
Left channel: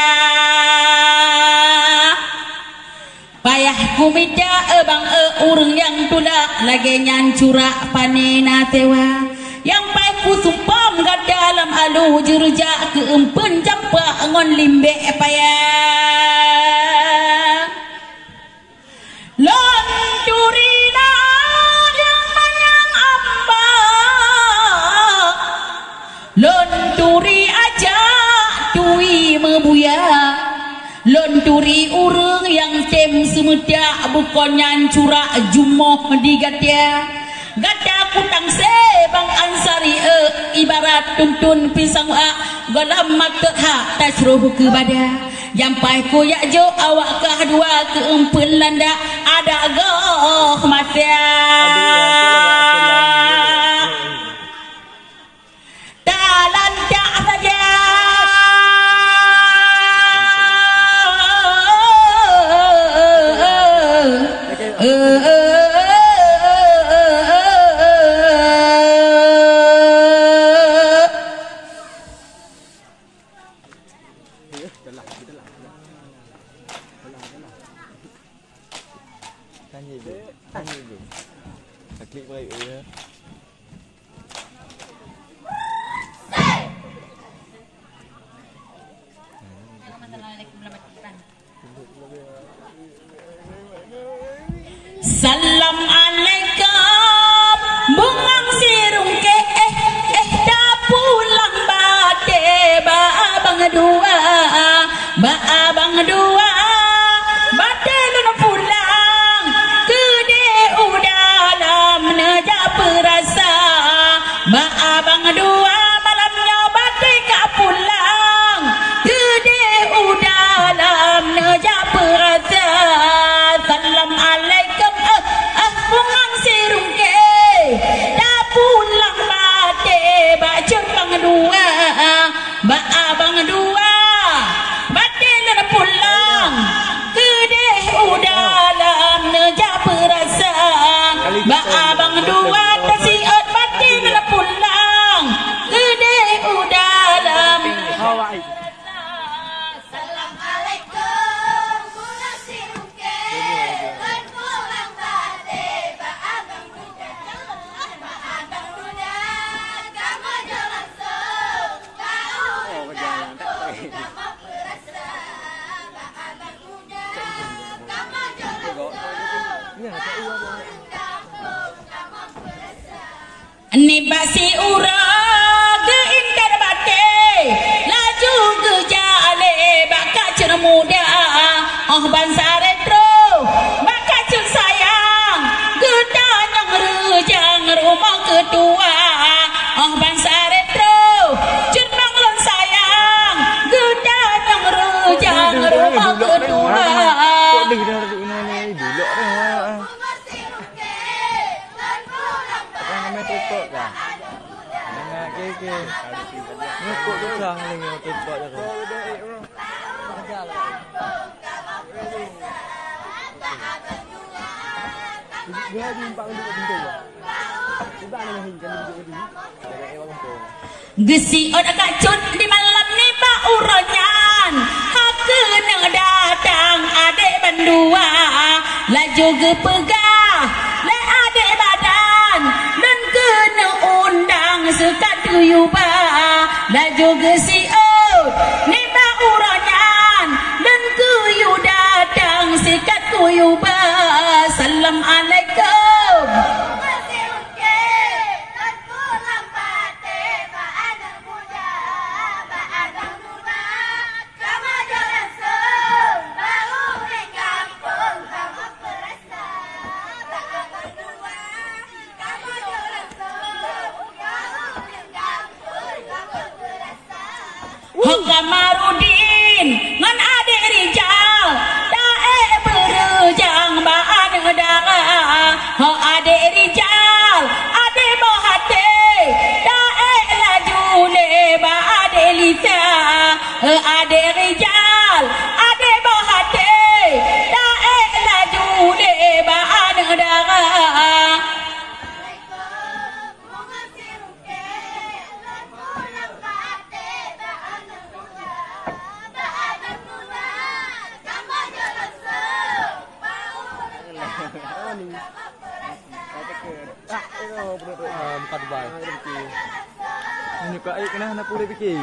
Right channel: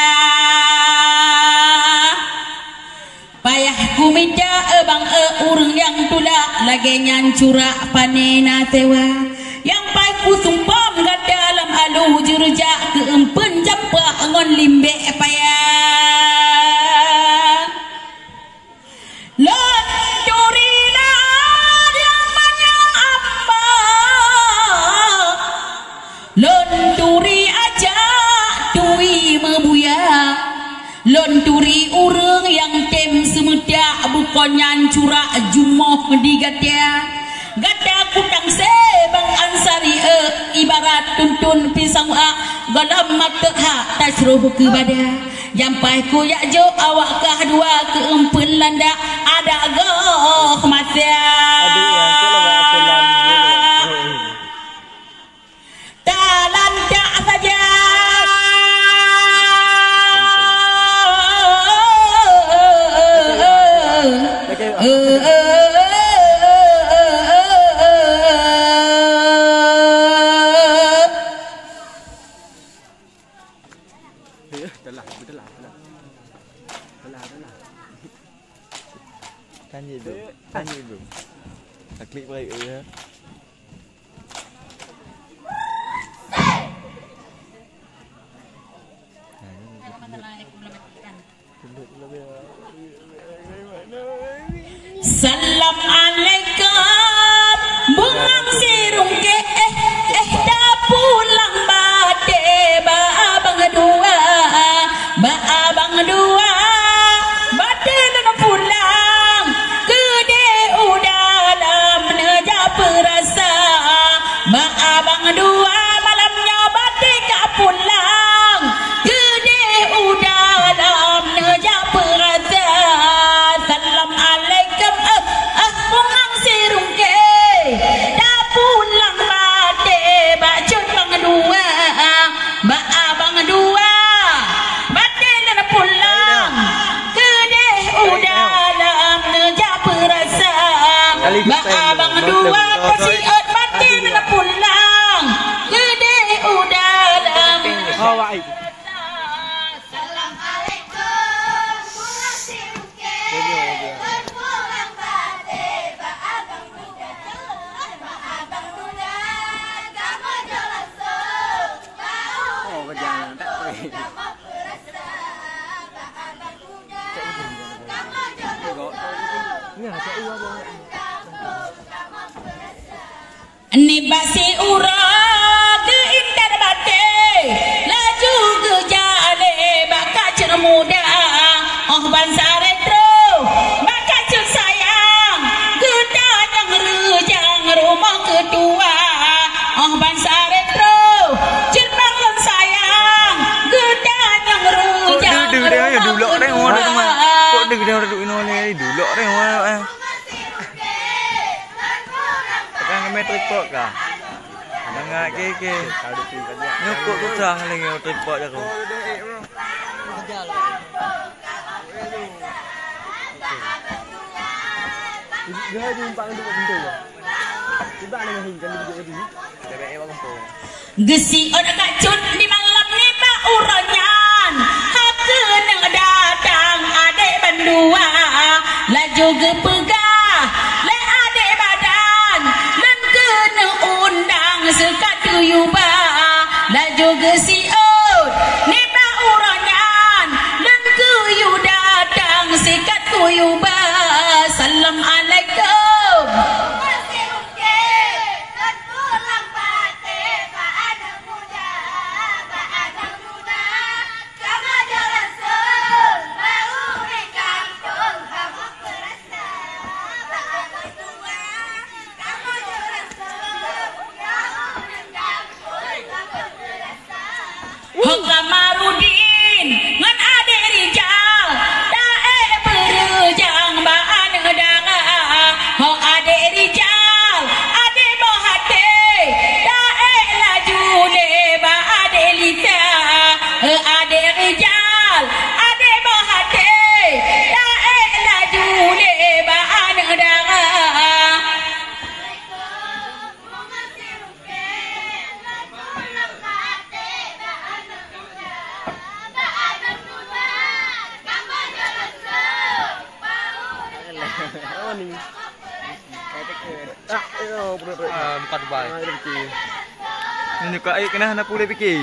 payah kumita bang urang yang tulak lagi nyancurak panena tewa yang pai ku sumpam gak dalam alu jurujak keempen campak ngon limbe payah Lonturilah yang manyang amba Lonturi aja tui mebuya Lonturi urang yang tem semedak bukan nyancurak jumoh digatia Gada kutang sebang ansari ibarat tuntun pisang galam mata hak tasruh ke badan Jampai ku yak jo awak kah dua keempun landa ada goh masya talan tak saja Tanya dulu. Klik baik ya. Salam alaikum bungang sirung ke dah pulang bate ba abang dua bate dan pulang kede udah dalam neja perasa ba abang dua malamnya bate ka pulang kede udah dalam neja perasa salam alaikum Ba abang dua tersiot batin pulang gede udah dalam. Ni basi urang ke indah bate laju ke jale bakal cer muda oh bangsa retro bakal cer sayang kita yang rejang rumah kedua oh bangsa retro cer bangun sayang kita yang rejang rumah kedua. Kok dia duduk ini dulu orang tripod kah? Mangak keke. Nyokok tu sah lagi tripod aku. Dia jumpa dengan pintu. Cuba nak hingkan dia duduk di. Bebek bagus tu. Gesi orang kacut di malam ni pak uronyan. Hak nang datang adik berdua. Laju ke pegah. Le adik badan. Dan kena undang sekat tuyuba. Laju gesi ni pak uronyan. Dan kuyu datang sekat tuyuba. Assalamualaikum. Kamarudin ngan ade Rijal dae berujang baan dara ho ade Rijal ade bohate dae laju le ba ade Lisa ade Rijal ade bohate dae laju le baan dara. Empat bay. Ini kau kena hendak pulih fikir.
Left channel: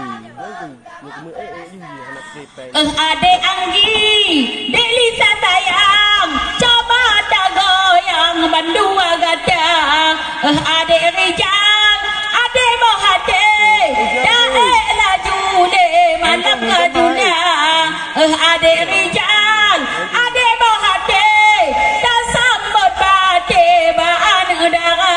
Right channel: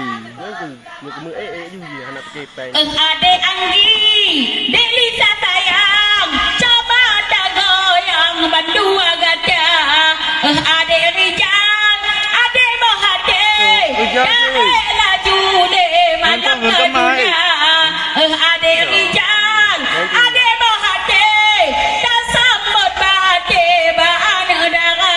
Ade Anggi, Delisa sayang, coba tak goyang bandua gajah. Ade Rijal, ade Mohade, dae laju de malam dunia. Ade Rijal, ade Mohade, tak sambut bate baan dara.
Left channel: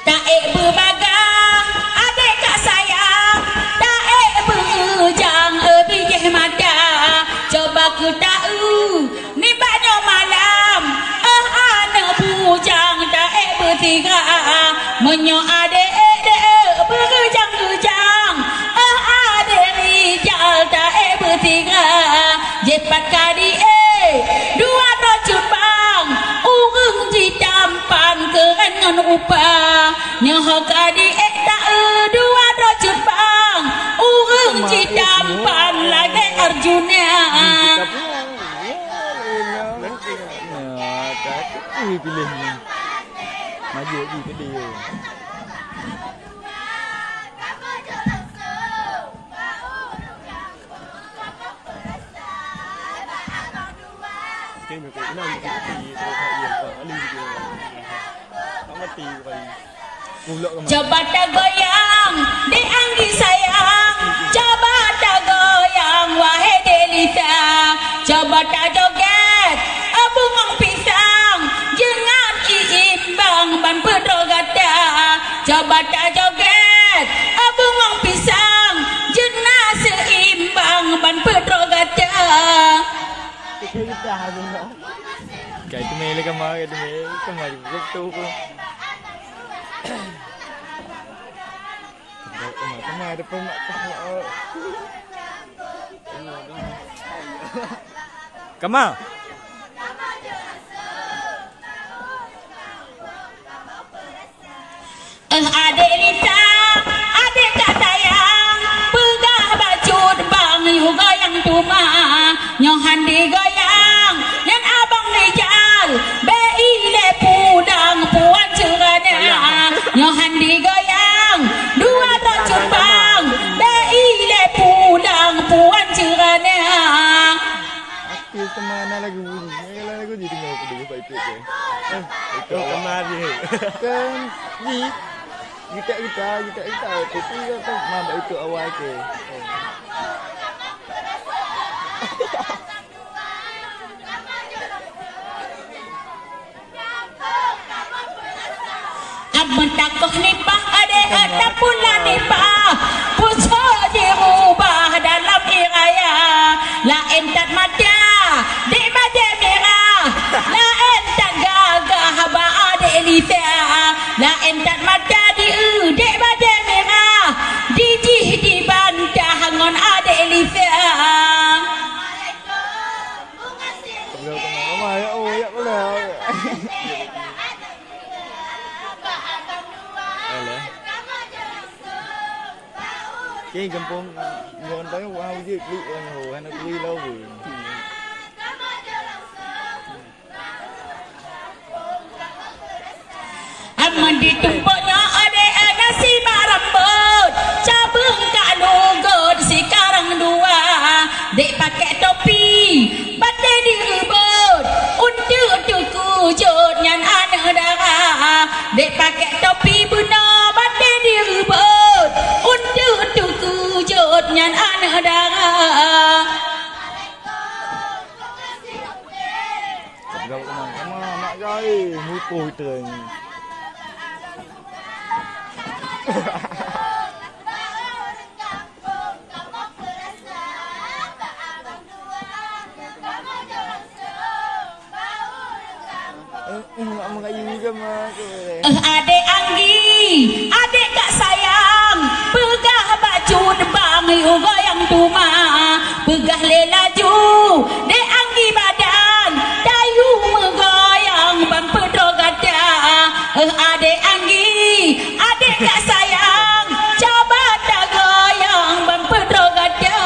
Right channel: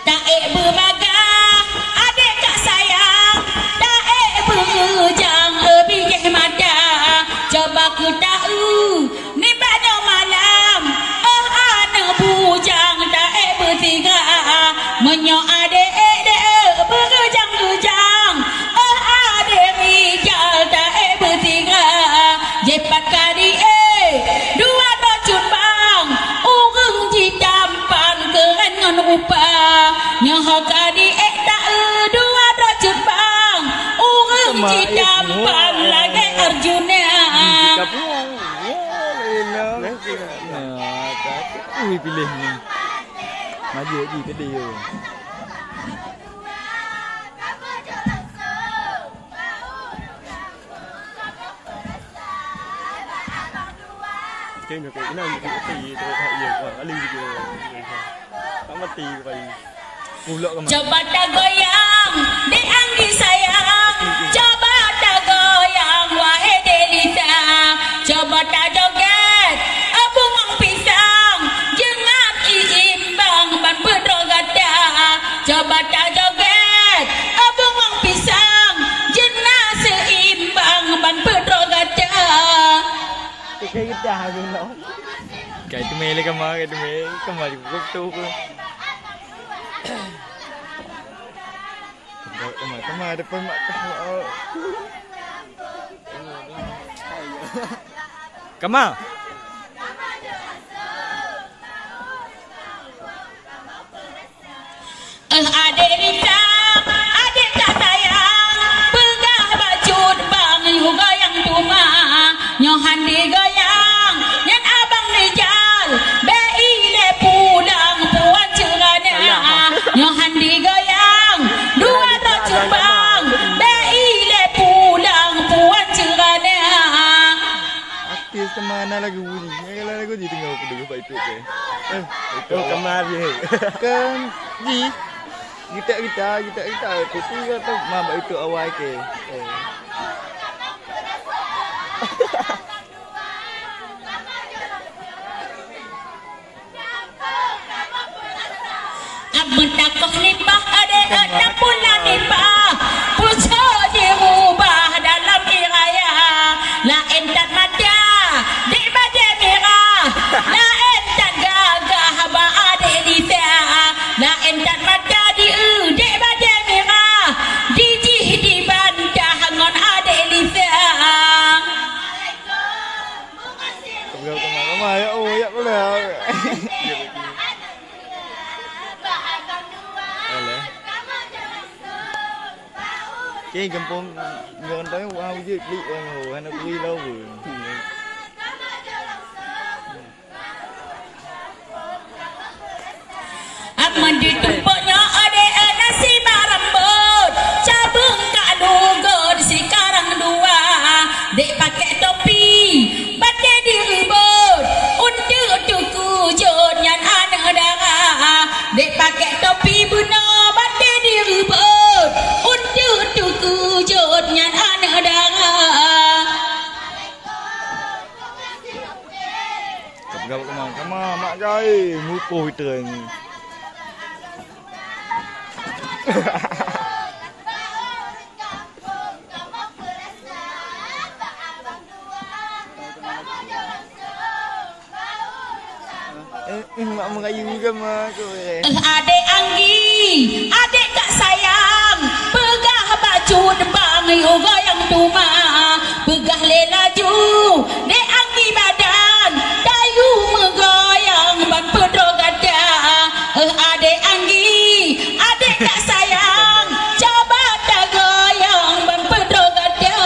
Dae berbagah, adik kak sayang, dae berujang bijak mata. Coba ku tahu, ni banyak malam, anak bujang dae bertiga. Menyo adik berujang-ujang, adik Rijal dae bertiga. Jepat kadi dua racun bang, urung ditampan keren ngan upah. Nyahak adik tak dua racun bang, urung ditampan lagi Arjuna. Ui pilih ni. Maju lagi ke dia. Kena kau nak mati terus dia alim dia. Tak mati kali. Pulak ke mana? Coba tak goyang di Anggi sayang, coba tak goyang wahai Delisa. Coba tak joget bungang pisang, jengat iimbang ban pedrogata. Coba tak joget bungang pisang, jenat seimbang Kayak itu mele kemar juga tu pun. Kemar depan mak tahu. Kemar. Adik Rita, adik kak sayang, pegah baju bang juga yang tuma, nyohan digoyang, nyan abang rijal, bei le pulang puan cerana, nyohan digoyang, dua tak cumbang, bei le pulang puan cerana. Artis kemana lagu ni? Kalau lagu di tengah aku dengar baik ke? Itu kemar dia. Kan di kita tapi kata mama itu awal ke. Abang takoh nipah adik tak pula nipah, puso dirubah dalam iraya, lain tak mata di badan merah, lain tak gagah ba adik Lisa, lain tak mata di badan merah, dijih dibantah ngon adik Lisa. Kau kemana ya? Oh ya boleh. Alah. Cái kampung người tới wow với đi hồ hay nó đi lâu rồi. Aman ditumpuknya ada nasi rambut, cabung kalugot sekarang dua, dek pakai topi, batai direbut, untuk kujut nyan anak darah, dek pakai topi benar batai direbut, untuk kujut nyan anak darah. Gặp kamu mak jai, mupoh tering. Mak mengayu juga mak. Adik Anggi, adik kak sayang, pegah baju debang juga yang tuma, pegah lelaju, dek Anggi badan, dayu megoyang ban pedogada. Adik Anggi, adik kak sayang, coba dah goyang ban pedogada.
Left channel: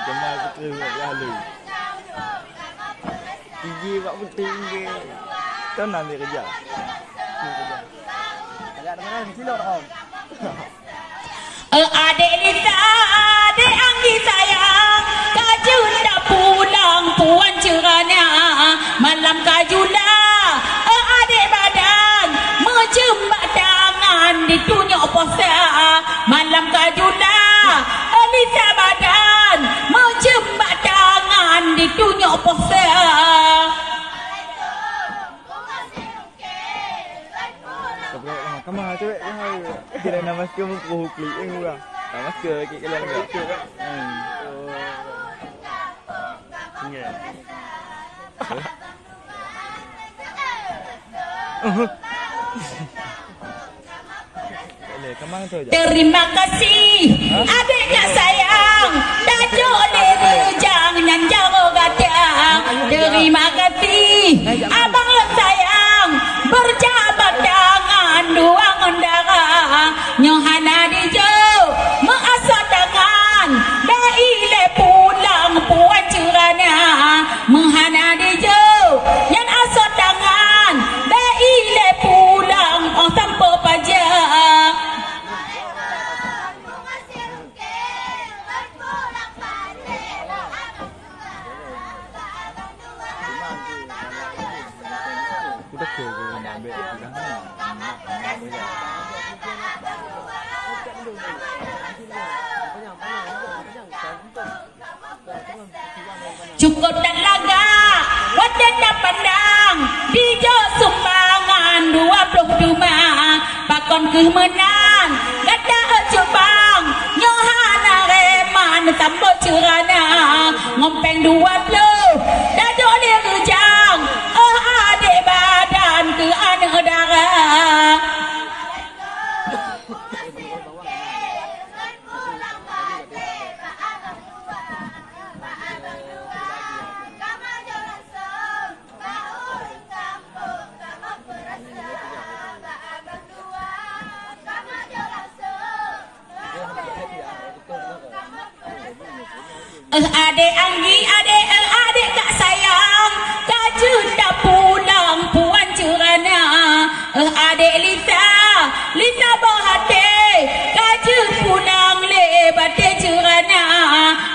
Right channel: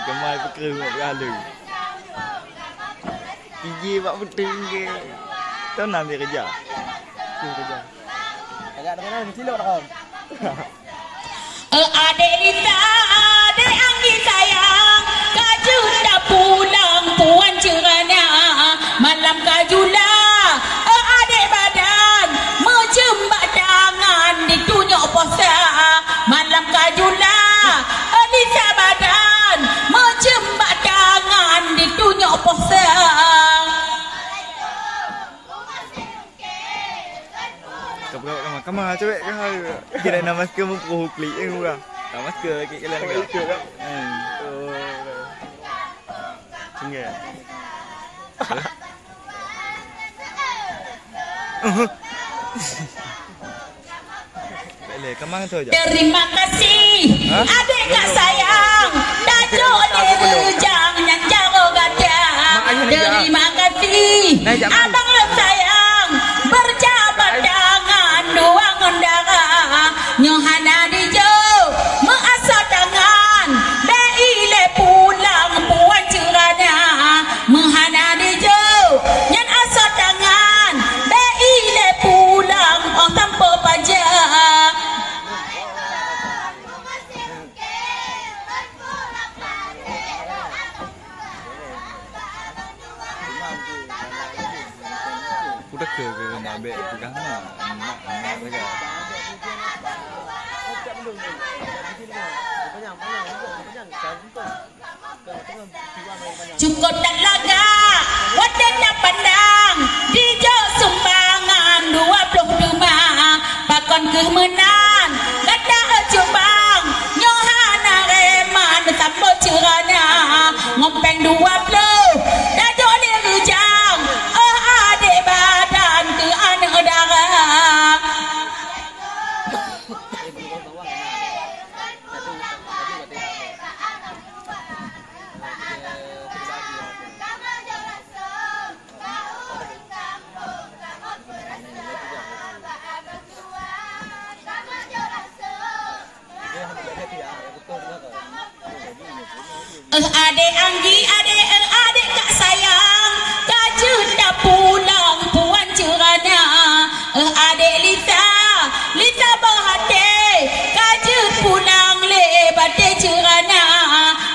Kemar betul nak lalu. Gigi buat penting ke. Kau nak ambil kerja? Agak dengan ni silap tak? Adik Lita, adik Anggi sayang, kajun dah pulang puan cerana, malam kajulah, adik badan, menjembak tangan ditunjuk posa, malam kajulah, Lita badan, menjembak tangan ditunjuk posa. Kamar cewek kan kira nama masker mupoh klik yang murah. Nama masker kek kalian enggak? Sini. Boleh, kamar tu aja. Terima kasih, adik kak sayang, dajuk derejang dan jaro gadang. Terima kasih, abang lek sayang, berjabat tangan dua ngondara, nyohana dijau, mengasah tangan, bei le pulang puan cerana, menghana dijau, nyan asah tangan, bei le pulang oh tanpa pajak. Udah ke nak ambil pegang nak pegang. Cukup tak laga, wadah tak pandang, di jo sumbangan 22 menang gada jebang nyohana reman tambah cerana ngompeng 20 dah joleh rejang adik badan ke anak darah adik Anggi, adik kak sayang, kaju dah pulang puan cerana. Adik Lita berhati, kaju pulang lebat cerana.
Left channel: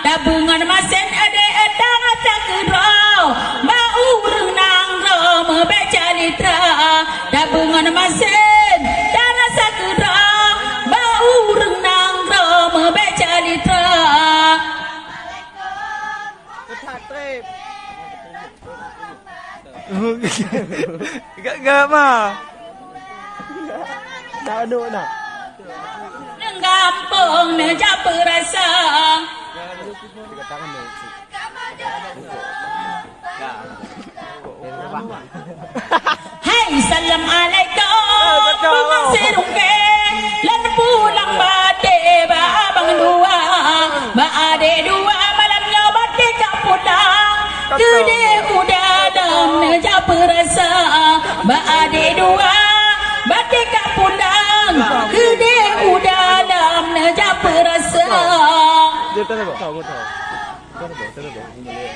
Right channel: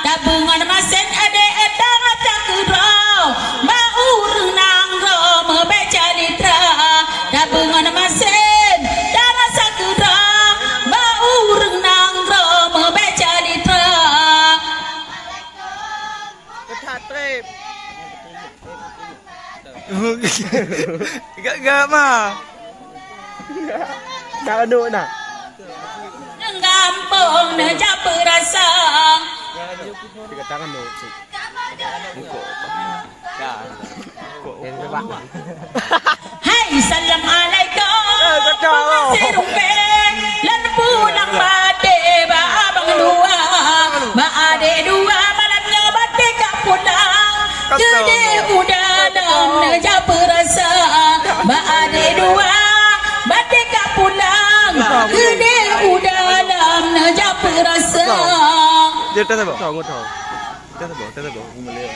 Tabungan masen adik darah tak kerau, bau renang rom baca litra. Tabungan masen darah tak kerau, bau renang rom baca litra. Gak mah. Dah aduk nak. Gampang neja perasa. Hai assalamualaikum. Pengasih rumpe. Lan pulang bade ba abang dua. Ba adik dua malamnya bade kak pulang. Gede udah dalam neja perasa. Ba adik dua bade kak pulang. Gede udah dalam neja perasa. Dia tak tahu. Tahu. Tak tahu. Mulai.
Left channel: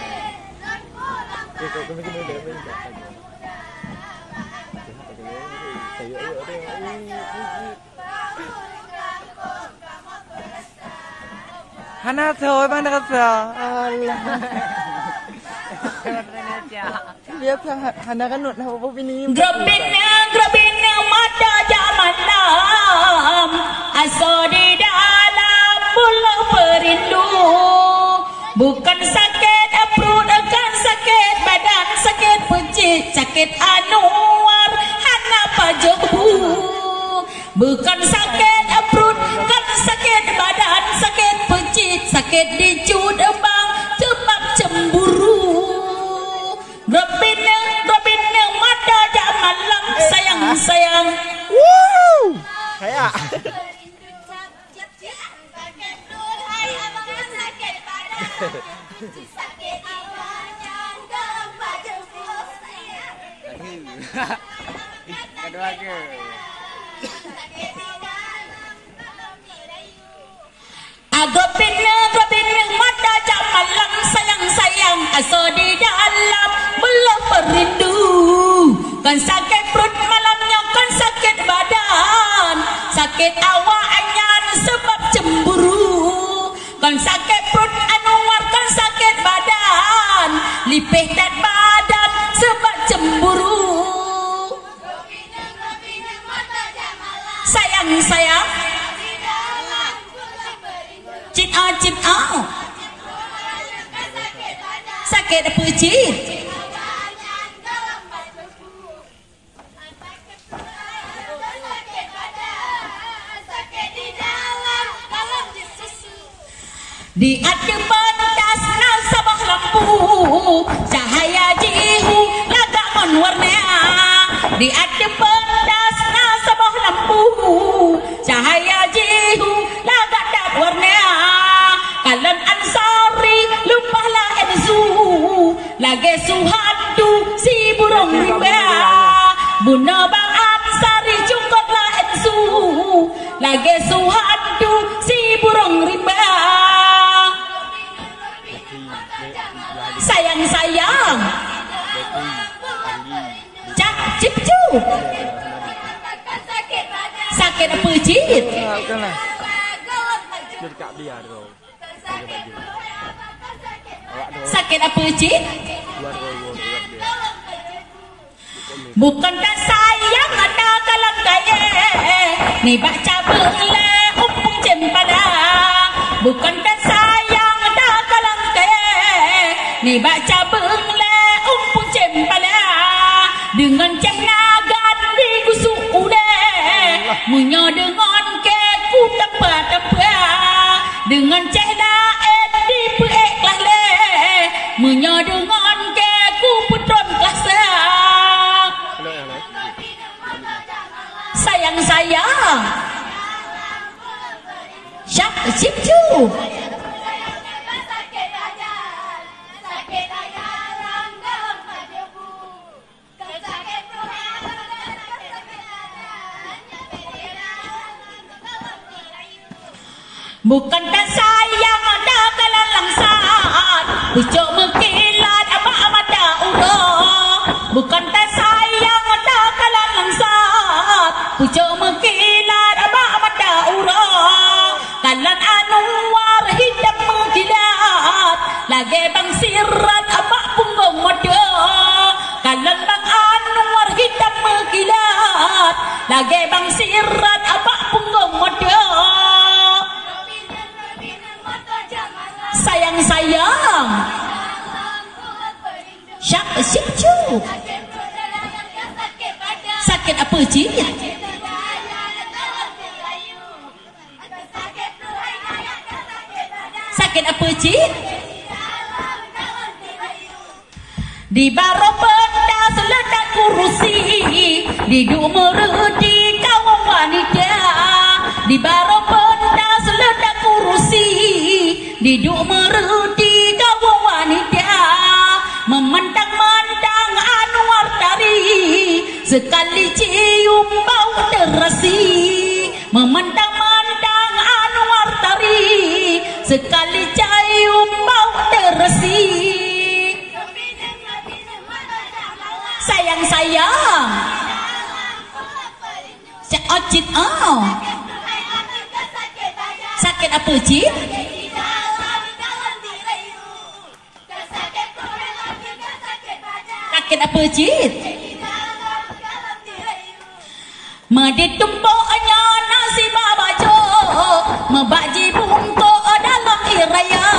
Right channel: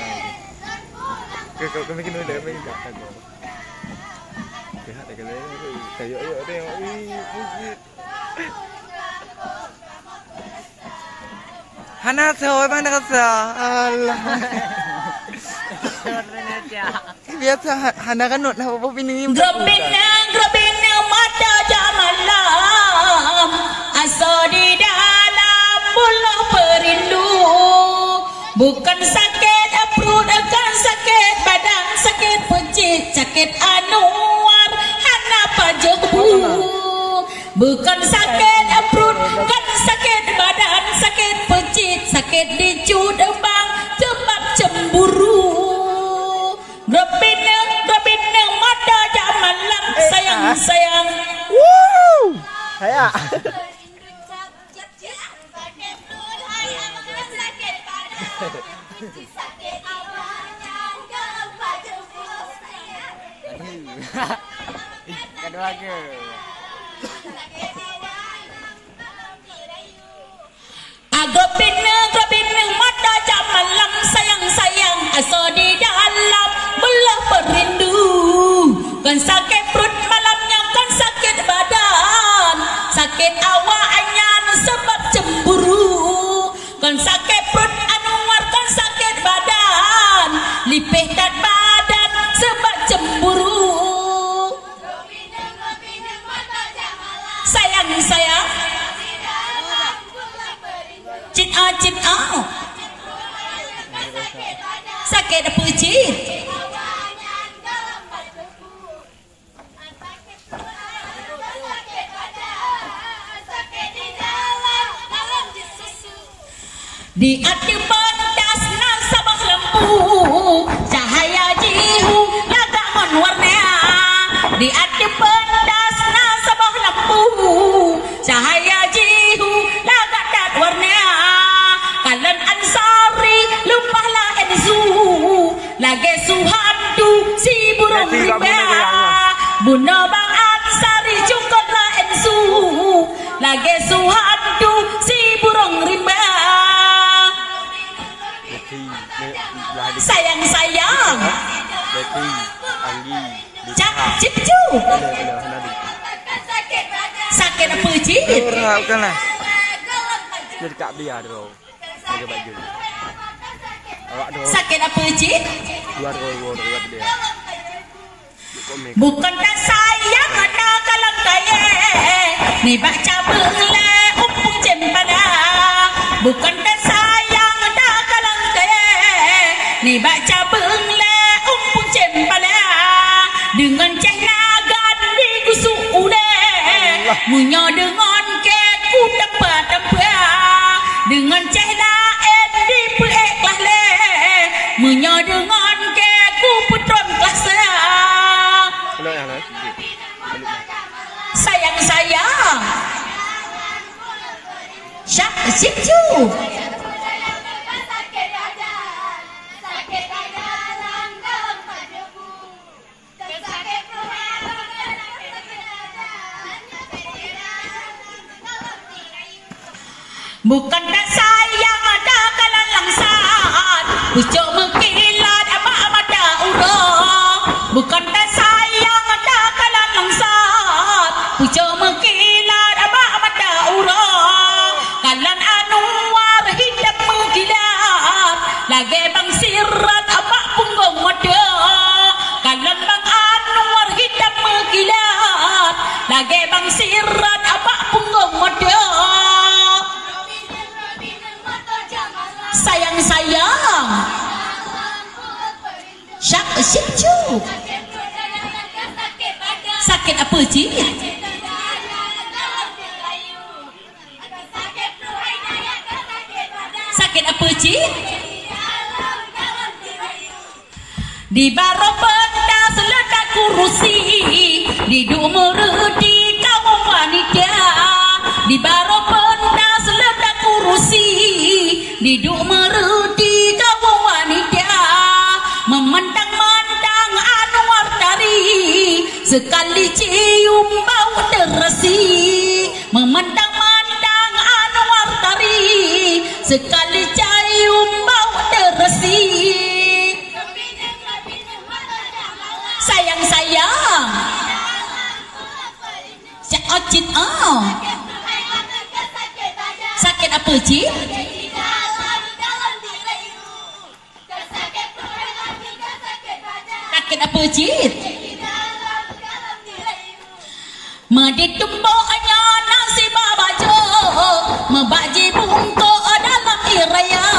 Kau bikin dulu deh, bikin. Hana thôi bang nak sa. Allah. Biasa Hana kan nak apa ini. Grobina mata jam malam. Asa di dalam bulu perindu. Bukan sakit perut, akan sakit badan, sakit pecit, sakit anuar, hana pajebu. Bukan sakit perut, kan sakit badan, sakit pecit, sakit dicut bang, sebab cemburu. Robina mata jam malam, sayang. Woo! Saya. Sakit awalnya gempa jebul saya. Kedua ke. Agopina mata jam malam sayang asa di dalam belah perindu. Kan sakit perut malamnya kan sakit badan, sakit awaknya sebab cemburu. Kan sakit perut anuar kan sakit badan, lipih dan badan sebab cemburu. Sayang cita sakit pecit. Di hati pentas nasabah lampu, cahaya jihu lagak menwarna. Di hati pentas nasabah lampu, cahaya jihu lagak dat warna. Kalian ansari lumpahlah enzu, lagi suhadu si burung riba. Buna bang ansari cukotlah enzu, lagi suhadu si burung riba. Sayang cak cipcu sakit apa cip Bukanlah. Jadi tak biar tu. Pakai baju. Awak tu. sakit apa cip Buat dia. bukan tak sayang ada kalang kaya ni baca bela umpung cempada. Bukan tak sayang ada kalang kaya ni baca bela umpung cempada. Dengan cek naga di gusuk udah munya Bukan tak sayang ada kalan langsat, pucuk mengkilat abak mata urang. Bukan tak sayang ada kalan langsat, pucuk mengkilat abak mata urang. Kalan Anwar hidup mengkilat, lagi bang sirat abak punggung moda. Kalan bang Anwar hidup mengkilat, lagi bang sirat abak punggung moda. Sayang-sayang syak syikcu. Sakit apa cik? Sakit apa cik? Di baro benda seledak kurusi, di dumurudi kaum wanita. Di baro benda seledak kurusi, di dumurudi kaum wanita. Memandang-mandang Anwar tari, sekali cium bau terasi. Memandang-mandang Anwar tari, sekali cium bau terasi. Sayang-sayang Cik Ocit sakit apa cik? Sakit apa cik? Meditumbuknya nasi babajo, mebaji bungkuk dalam iraya.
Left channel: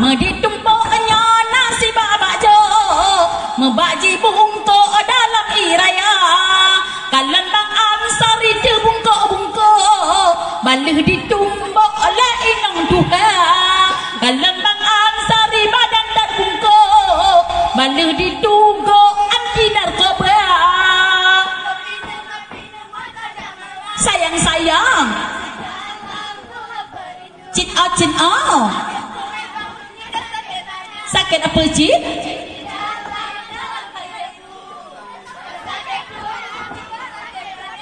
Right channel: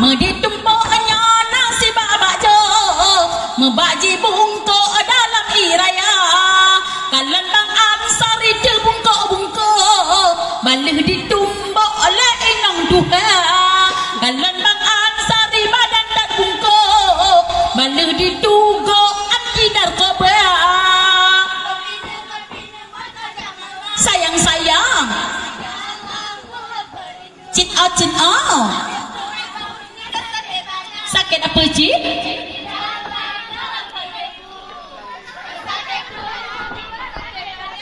Meditumbuknya nasi babajo, mebaji bungkuk dalam iraya. Kalan bang Ansari dia bungkuk-bungkuk, balih ditumbuk oleh inang Tuhan. Kalan bang Ansari badan dan bungkuk, balih dituguk anti narkoba. Sayang-sayang cit sakit apa cik?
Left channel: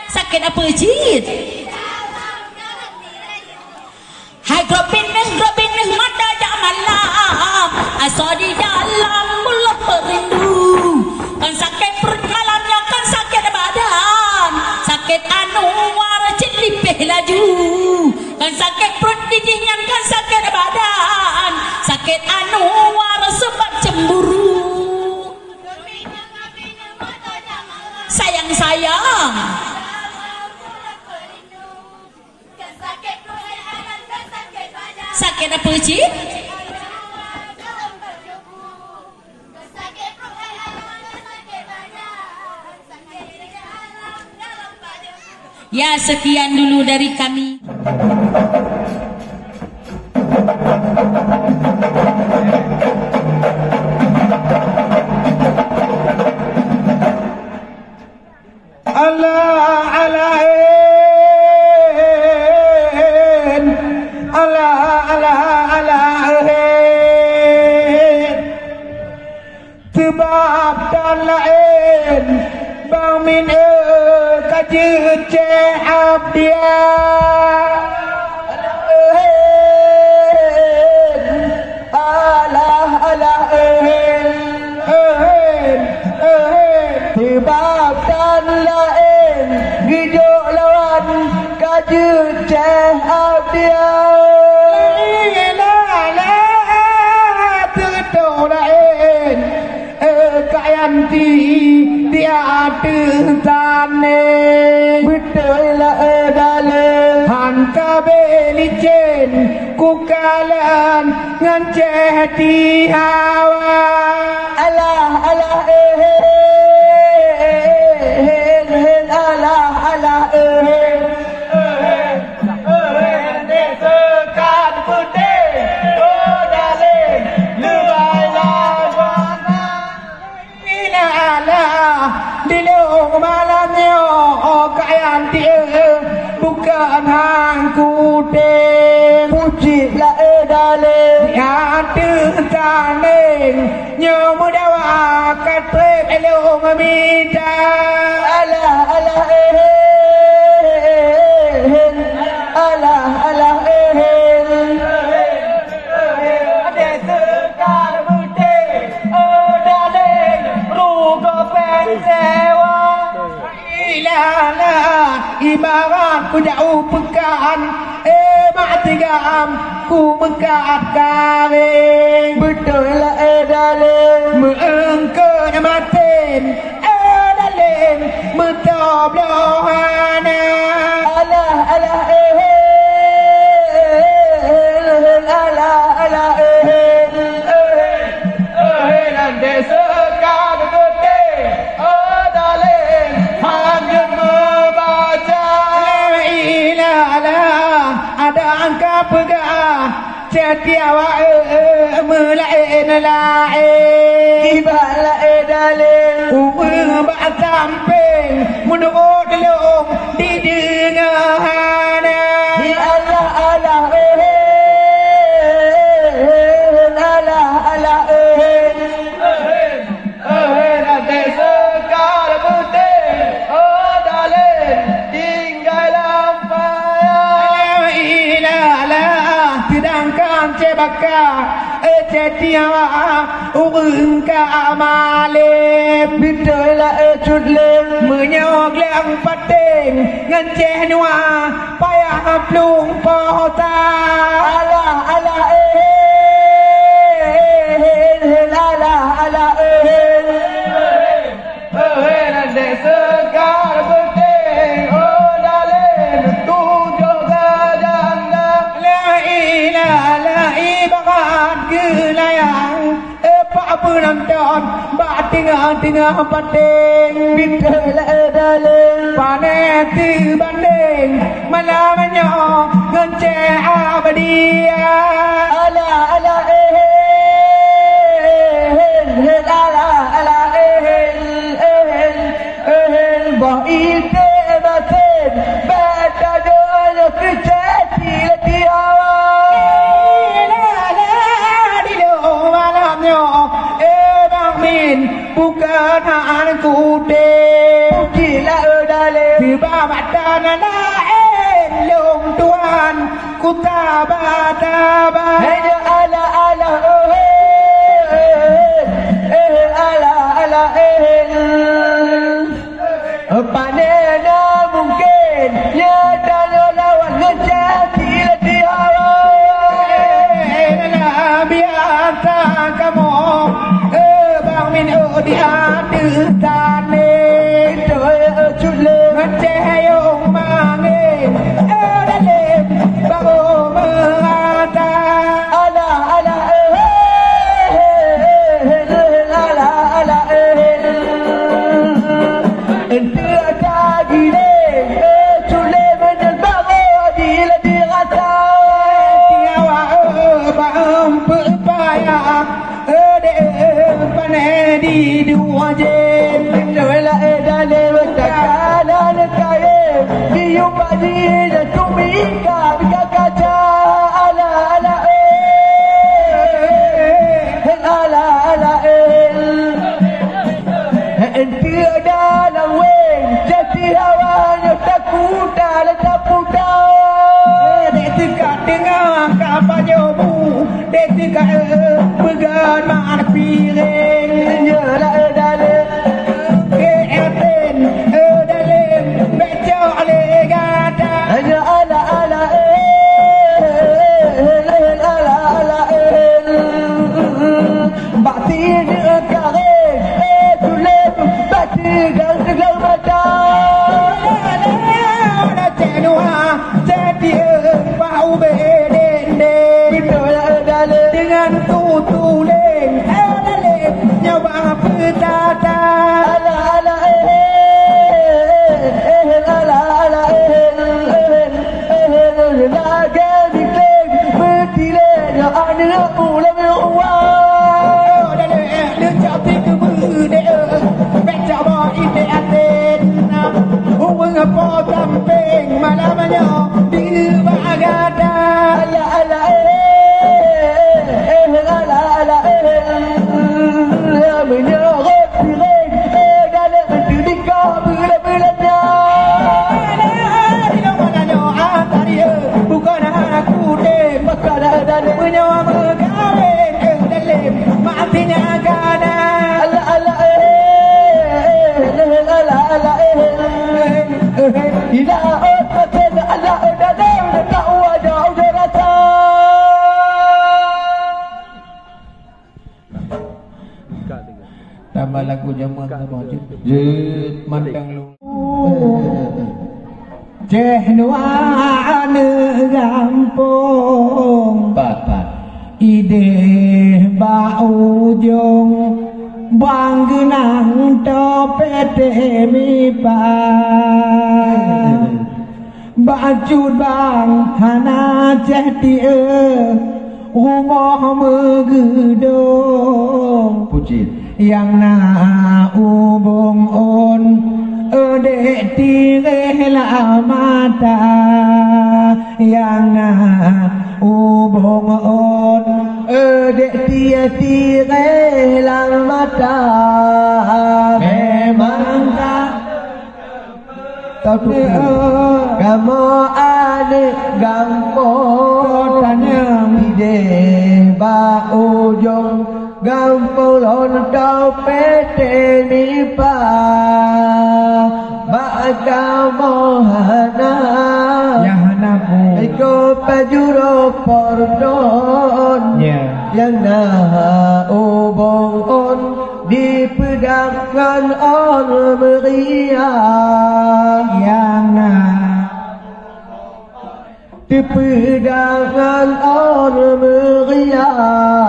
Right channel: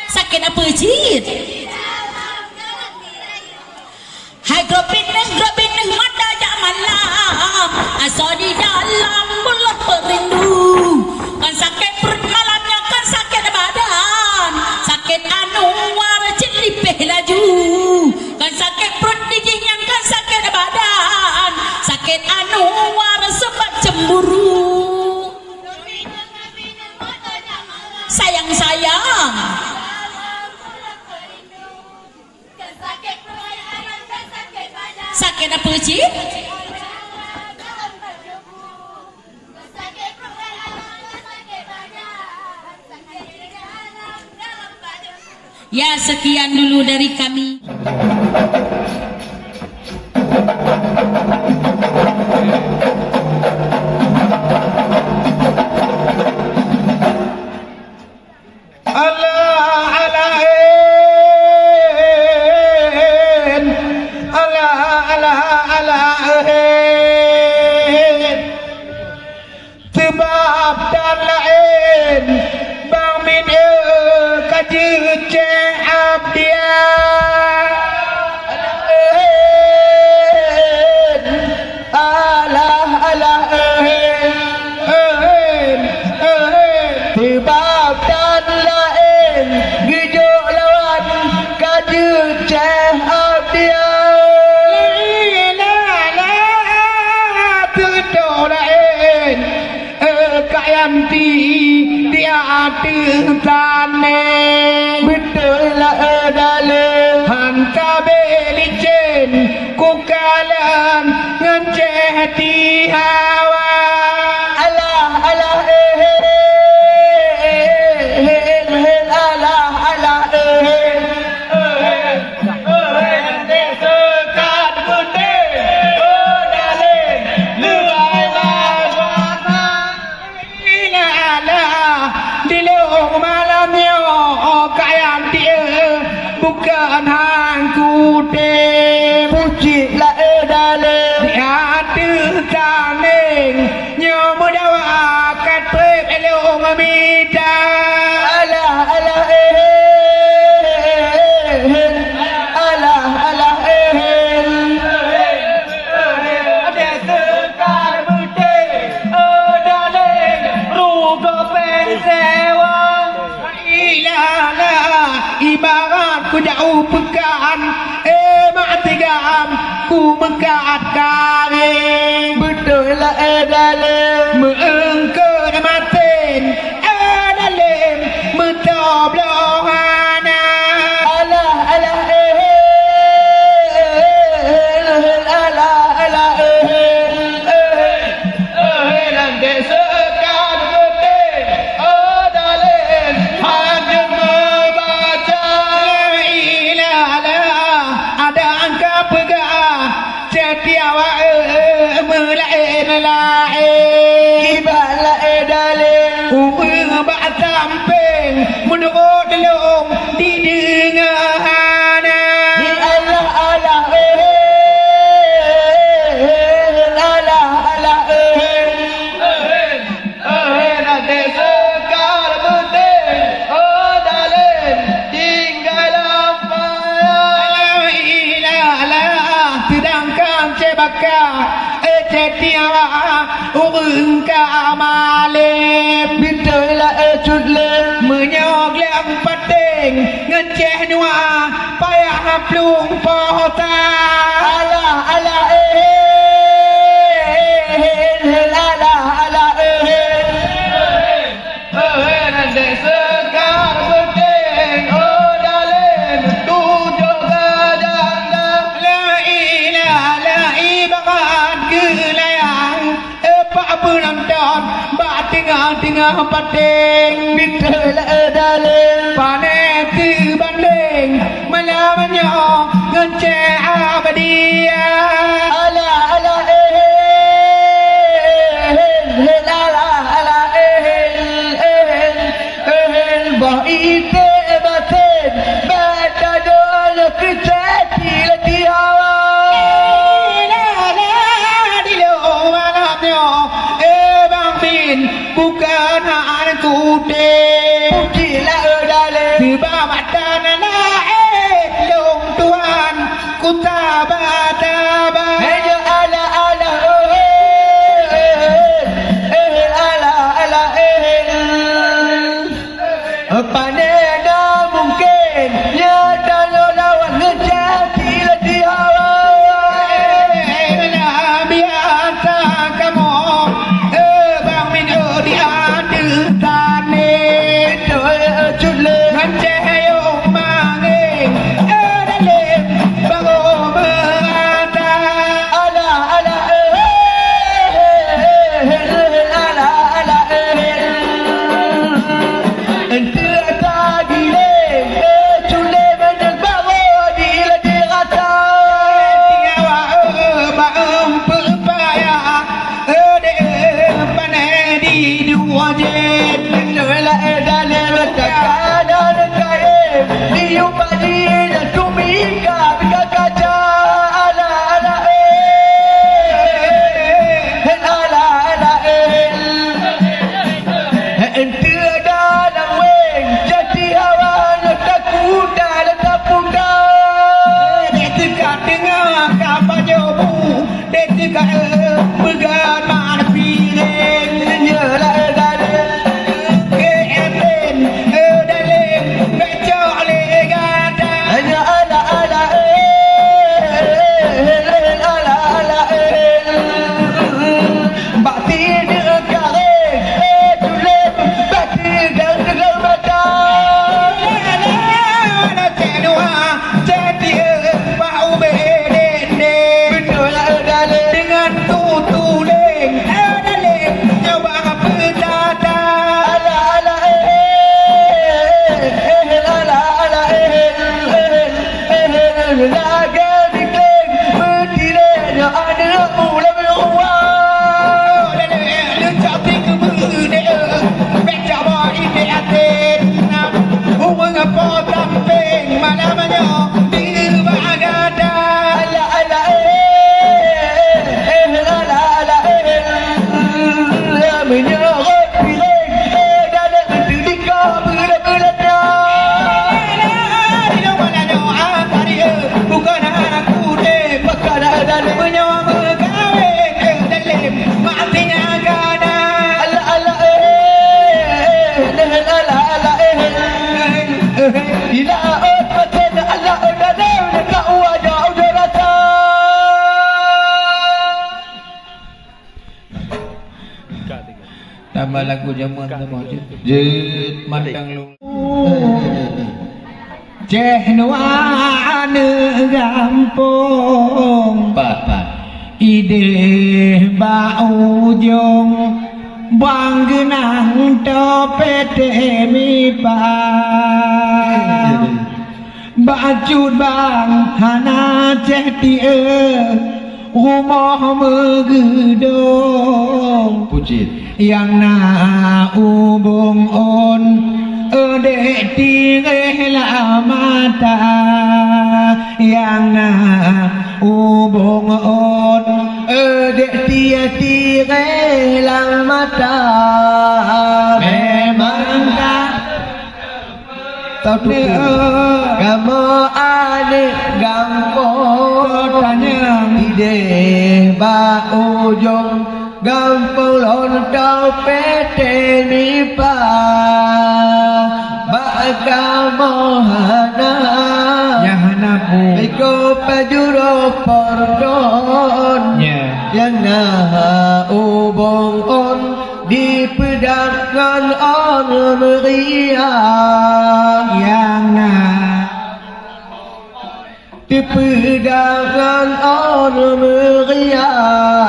Sakit apa cik? Hai grobin mata dak malam, asa di dalam bulat perindu. Kan sakit perut malamnya, kan sakit badan, sakit Anwar cik lipih laju. Kan sakit perut didingan, kan sakit badan, sakit Anwar sebab cemburu. Sayang-sayang sakit apa cik? Ya, sekian dulu dari kami. Sebab dan lain bang min kaji ceh abdia sebab dan lain hidup lawan kaji ceh abdia kayanti dia tane betul lah dalam hanka belicin kukalan nganceh di hawa alah alah bukan hangku deh puji lah dalam hati taning nyomu dawa katrep elong mida alah alah alah alah mengkat karing betul lah dalam Mengke namatin dalam Mentoblohana alah alah alah Nanti sekar putih dalam hanya membaca La ilaha ada angka pegang Setiawa melain lain ibalah dalam Bak samping menurut delung di dengahana alah alah alah Nanti sekar putih dalam tinggal lampai Ilalah sedangkan cebaka Setiawa urungka amalim betul lah cudlem Menyok yang penting Ngenceh nua Payah plung pohota alah alah alah Nanti sekar penting dalam tujuh gajanda La ilaha ibarat kelayang Pak penonton Bak tengah-tengah penting betul lah dalam Panen banding malamnya ngeceh abadiya alah alah alah bah itu batin bata doa kecati letiawa bukan hanya kude gila dalam tiba mata lain long tuan ku tabah-tabah hanya alah alah alah panena mungkin ya tanya lawan ngejati letiawa biasa kamu bang min di hati tani ngeceh yung mangin dalam bago mengata alah alah ente tadi le cule menel bago di rata tiawa bang pepaya panen di dua jen Nela dalam tekanan kaya diumpani dan tumika bika kaca ala ala ala ala ente dalam weng jadi awalnya takut dalam tapuda dekat dengan kapal jobu dekat pegan mana piring nyala dalam keepen dalam becok legata hanya ala ala ala ala batin kare tulen batin dan tegal mata ada tenua jadi bau bedende betul dalam dengan tutuleng dalam nyawa petata ala ala ala ala laga dikeng bertilenya anak mula berua ala ala menyerot piring dalam tindika bila-bilanya bukan anak kude maka dalam menyawa berkawin dalam matinya gada ala ala ala ala ila ot paten ala dalam tak wajah rata Jet mandang lu. Cehnuan gampung Pat. ide baujung bang genang topete mipa bajut bang hana cehti rumah megedong Puji. yang na ubung on dek tireh mata yang na ubung on dek tireh mata memang tak tapi kamu adik gampang tanya ide ba ujung gampang lontau pete nipa kamu hana yang hanapu iko pajuro pordon yang na ubong on dipedangkan on meriah yang na dipedangkan on meriah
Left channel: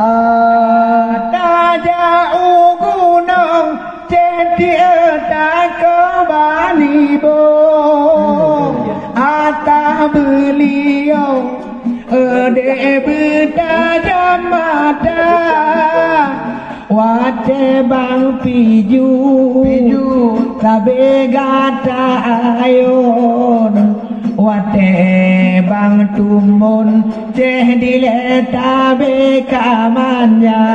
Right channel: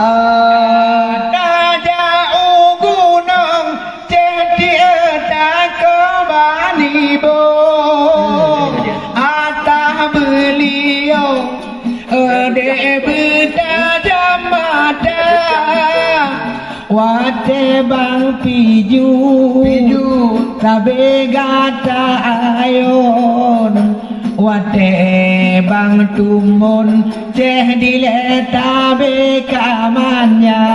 wate bang piju kabe gata ayon wate bang tumun ceh dile tabe kamanya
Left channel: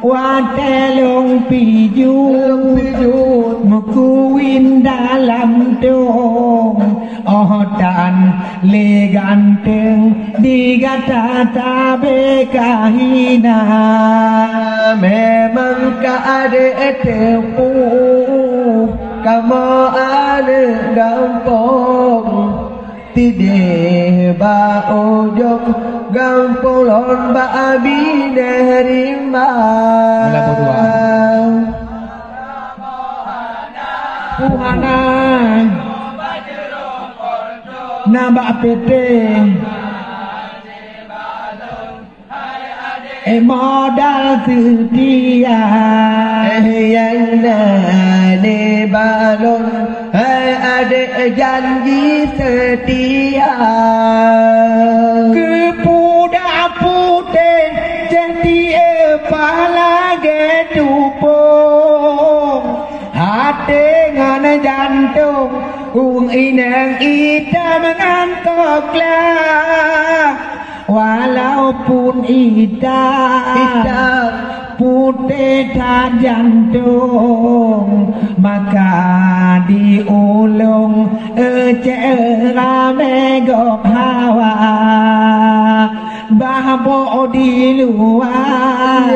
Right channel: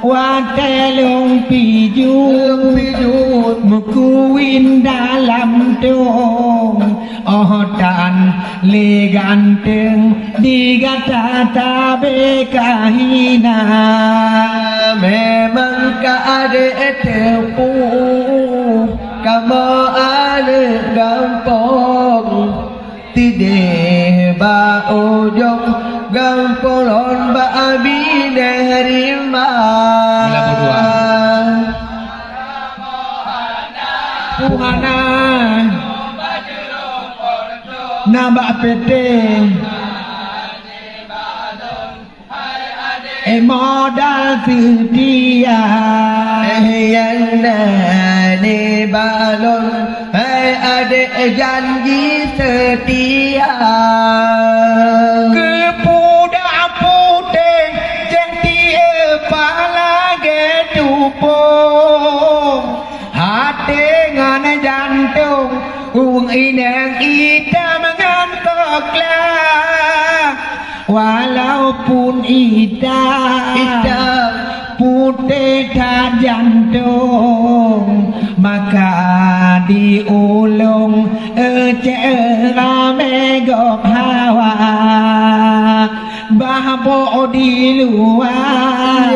wate long piju mukuin dalam dong otan le ganteng digata tabe kahina memang keadaan tempu kamu ada gampang tidak ba ujung gampang lon ba abi nerima Mula berdua. Puhana nambah pete modal setia yang nane balon ada janji setia kepudak putih jadi pala getupung hati ngan jantung inang hitam ngantoklah walaupun hitam putih tak jantung maka diulung rame gok hawa bahbo di luar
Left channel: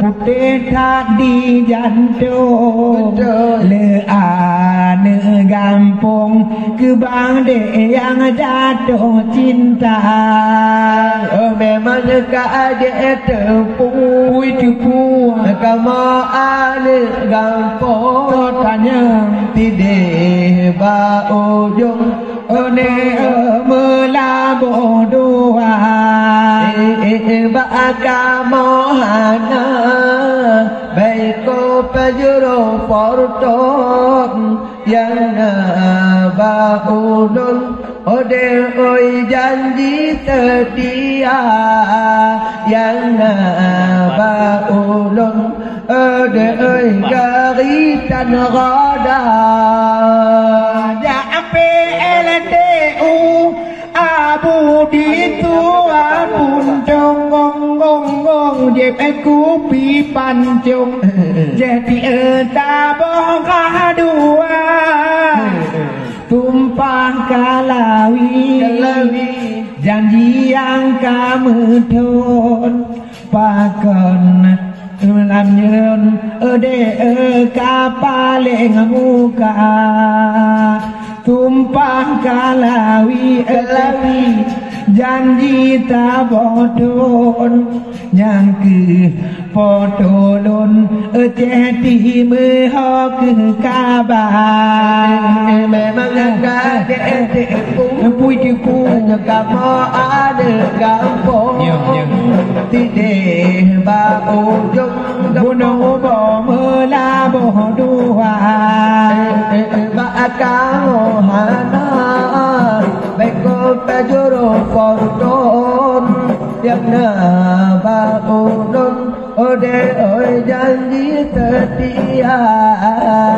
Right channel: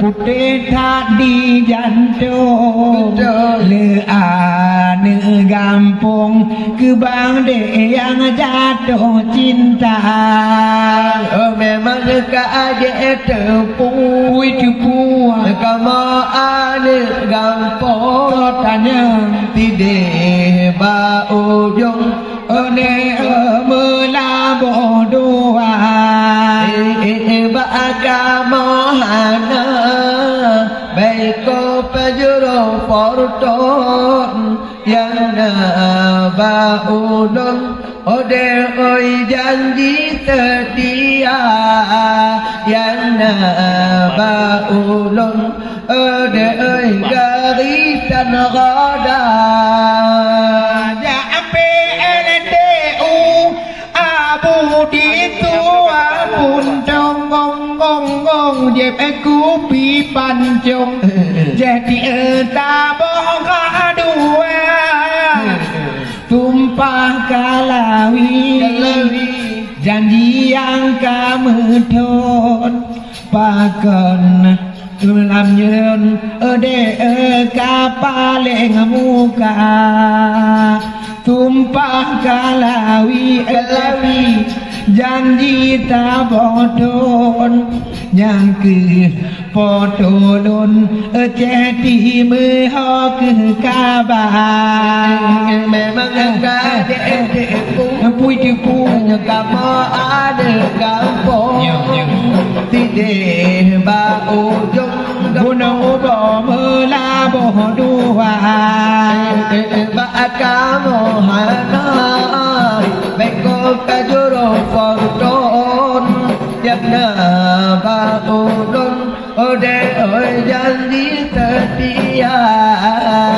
putih tak di jantung leane gampung kebang de yang jatuh cinta memang keadaan tepung kamu ada gampang tanya tidak ba ujung ne melabo doa ba kamu hana baik ko pajuro porton yang na ba ujung ode oi janji setia yang na ba ulun ode oi garisan roda ya PLTU abu di tua pun dong gong gong gong jep aku pi pancung jadi tabong kadua tumpah kalawi janji yang kamu don pakon lam nyeun ode kapaling muka tumpah kalawi janji tabodon yang ke potolon jadi mehok kabar memang pui tipu kamu ada kampung tidak bau jung gunung bo mela bo dua kamu hanai beko kajuro forton yang bau don ode oi janji setia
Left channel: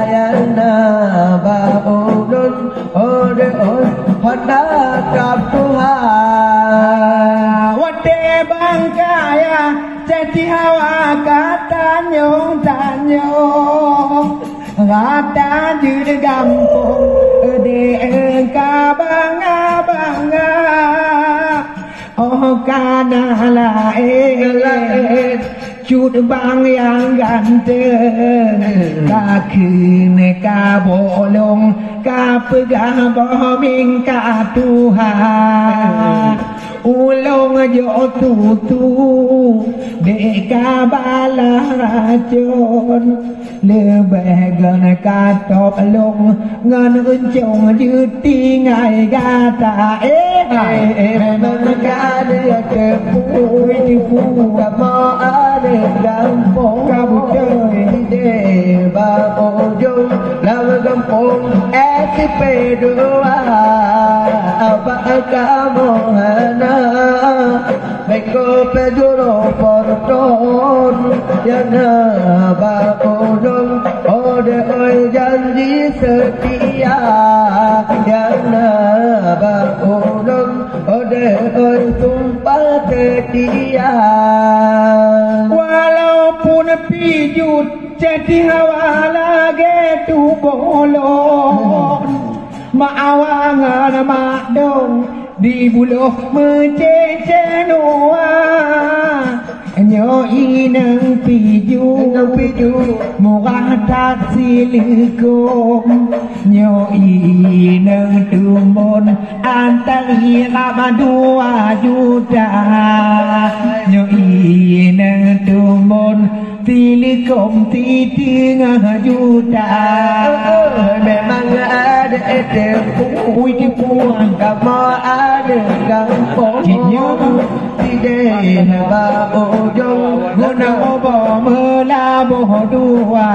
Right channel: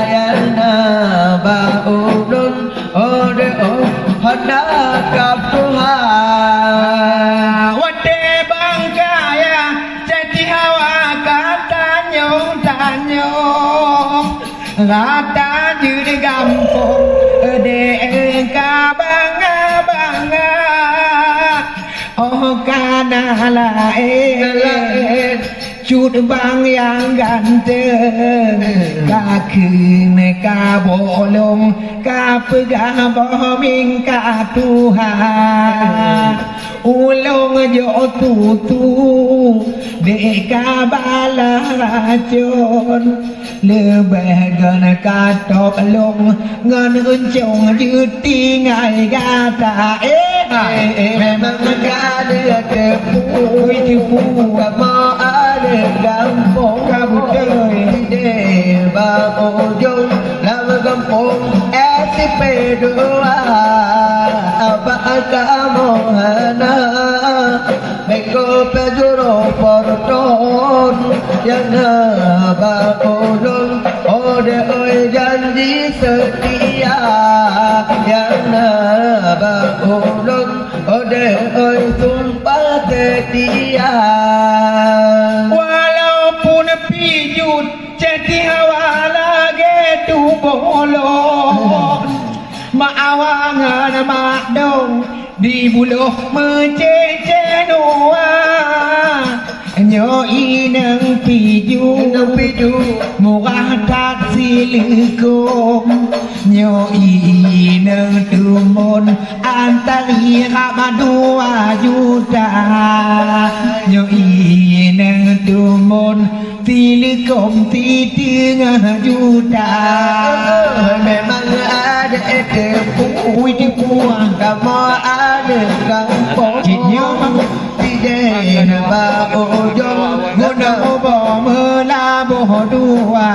yang bau don ode oi hendak Tuhan wade bangkaya jadi hawa kata nyong tanyong kata judi gampung de bangga bangga oh kana lain cut bang yang ganteng kaki neka bolong kapegah bohming ka Tuhan ulong jo tutu deka bala racun lebih gan katop long ngan uncung juti ngai gata memang ada tepu mau ada gampong kabutoi deba ojong lama gampong SP2 apa kamu hana beko pejuro porton yang ba ojong ode oi janji setia yang ba ojong ode oi sumpah setia walaupun pijut jadi hawa lagi tu bolon maawangan mak dong di buluh mecece noa nyoi nang piju murah tak silikon nyoi nang tumun antari rama 2 juta nyoi nang tumun silikon 3 juta memang ada tepu kamu ada gampong tidak bau jong gunung bo mela bo dua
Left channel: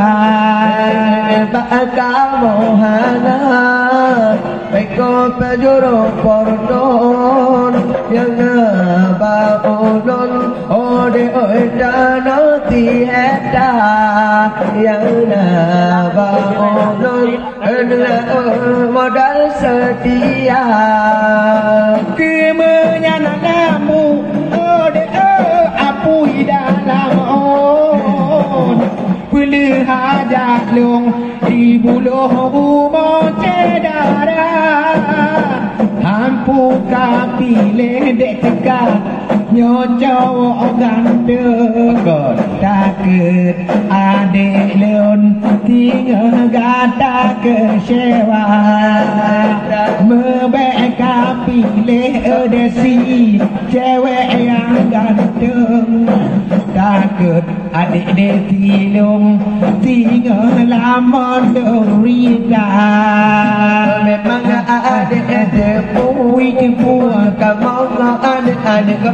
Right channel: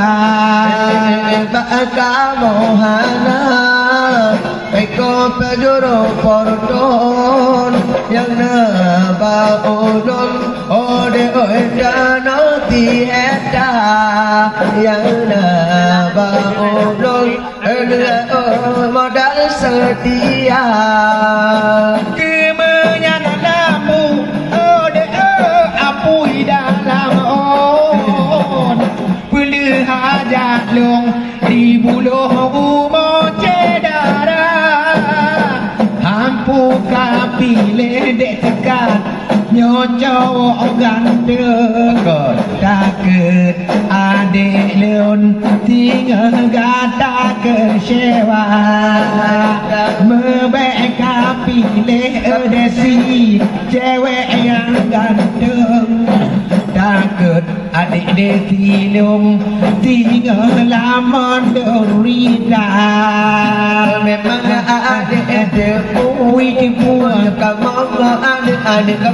kamu hana beko pejuro porton yang bau don ode oi dano tiada yang bau don modal setia kemenyan namu ode apui dalam on pilih hajat long di buluh umo cedara hampu kapile dek tekat nyocok ganteng takut adek leon tinggal gata kecewa membeka pilih desi cewek yang ganteng takut adik desi leon tinggal lama derita memang adik depu kamu ada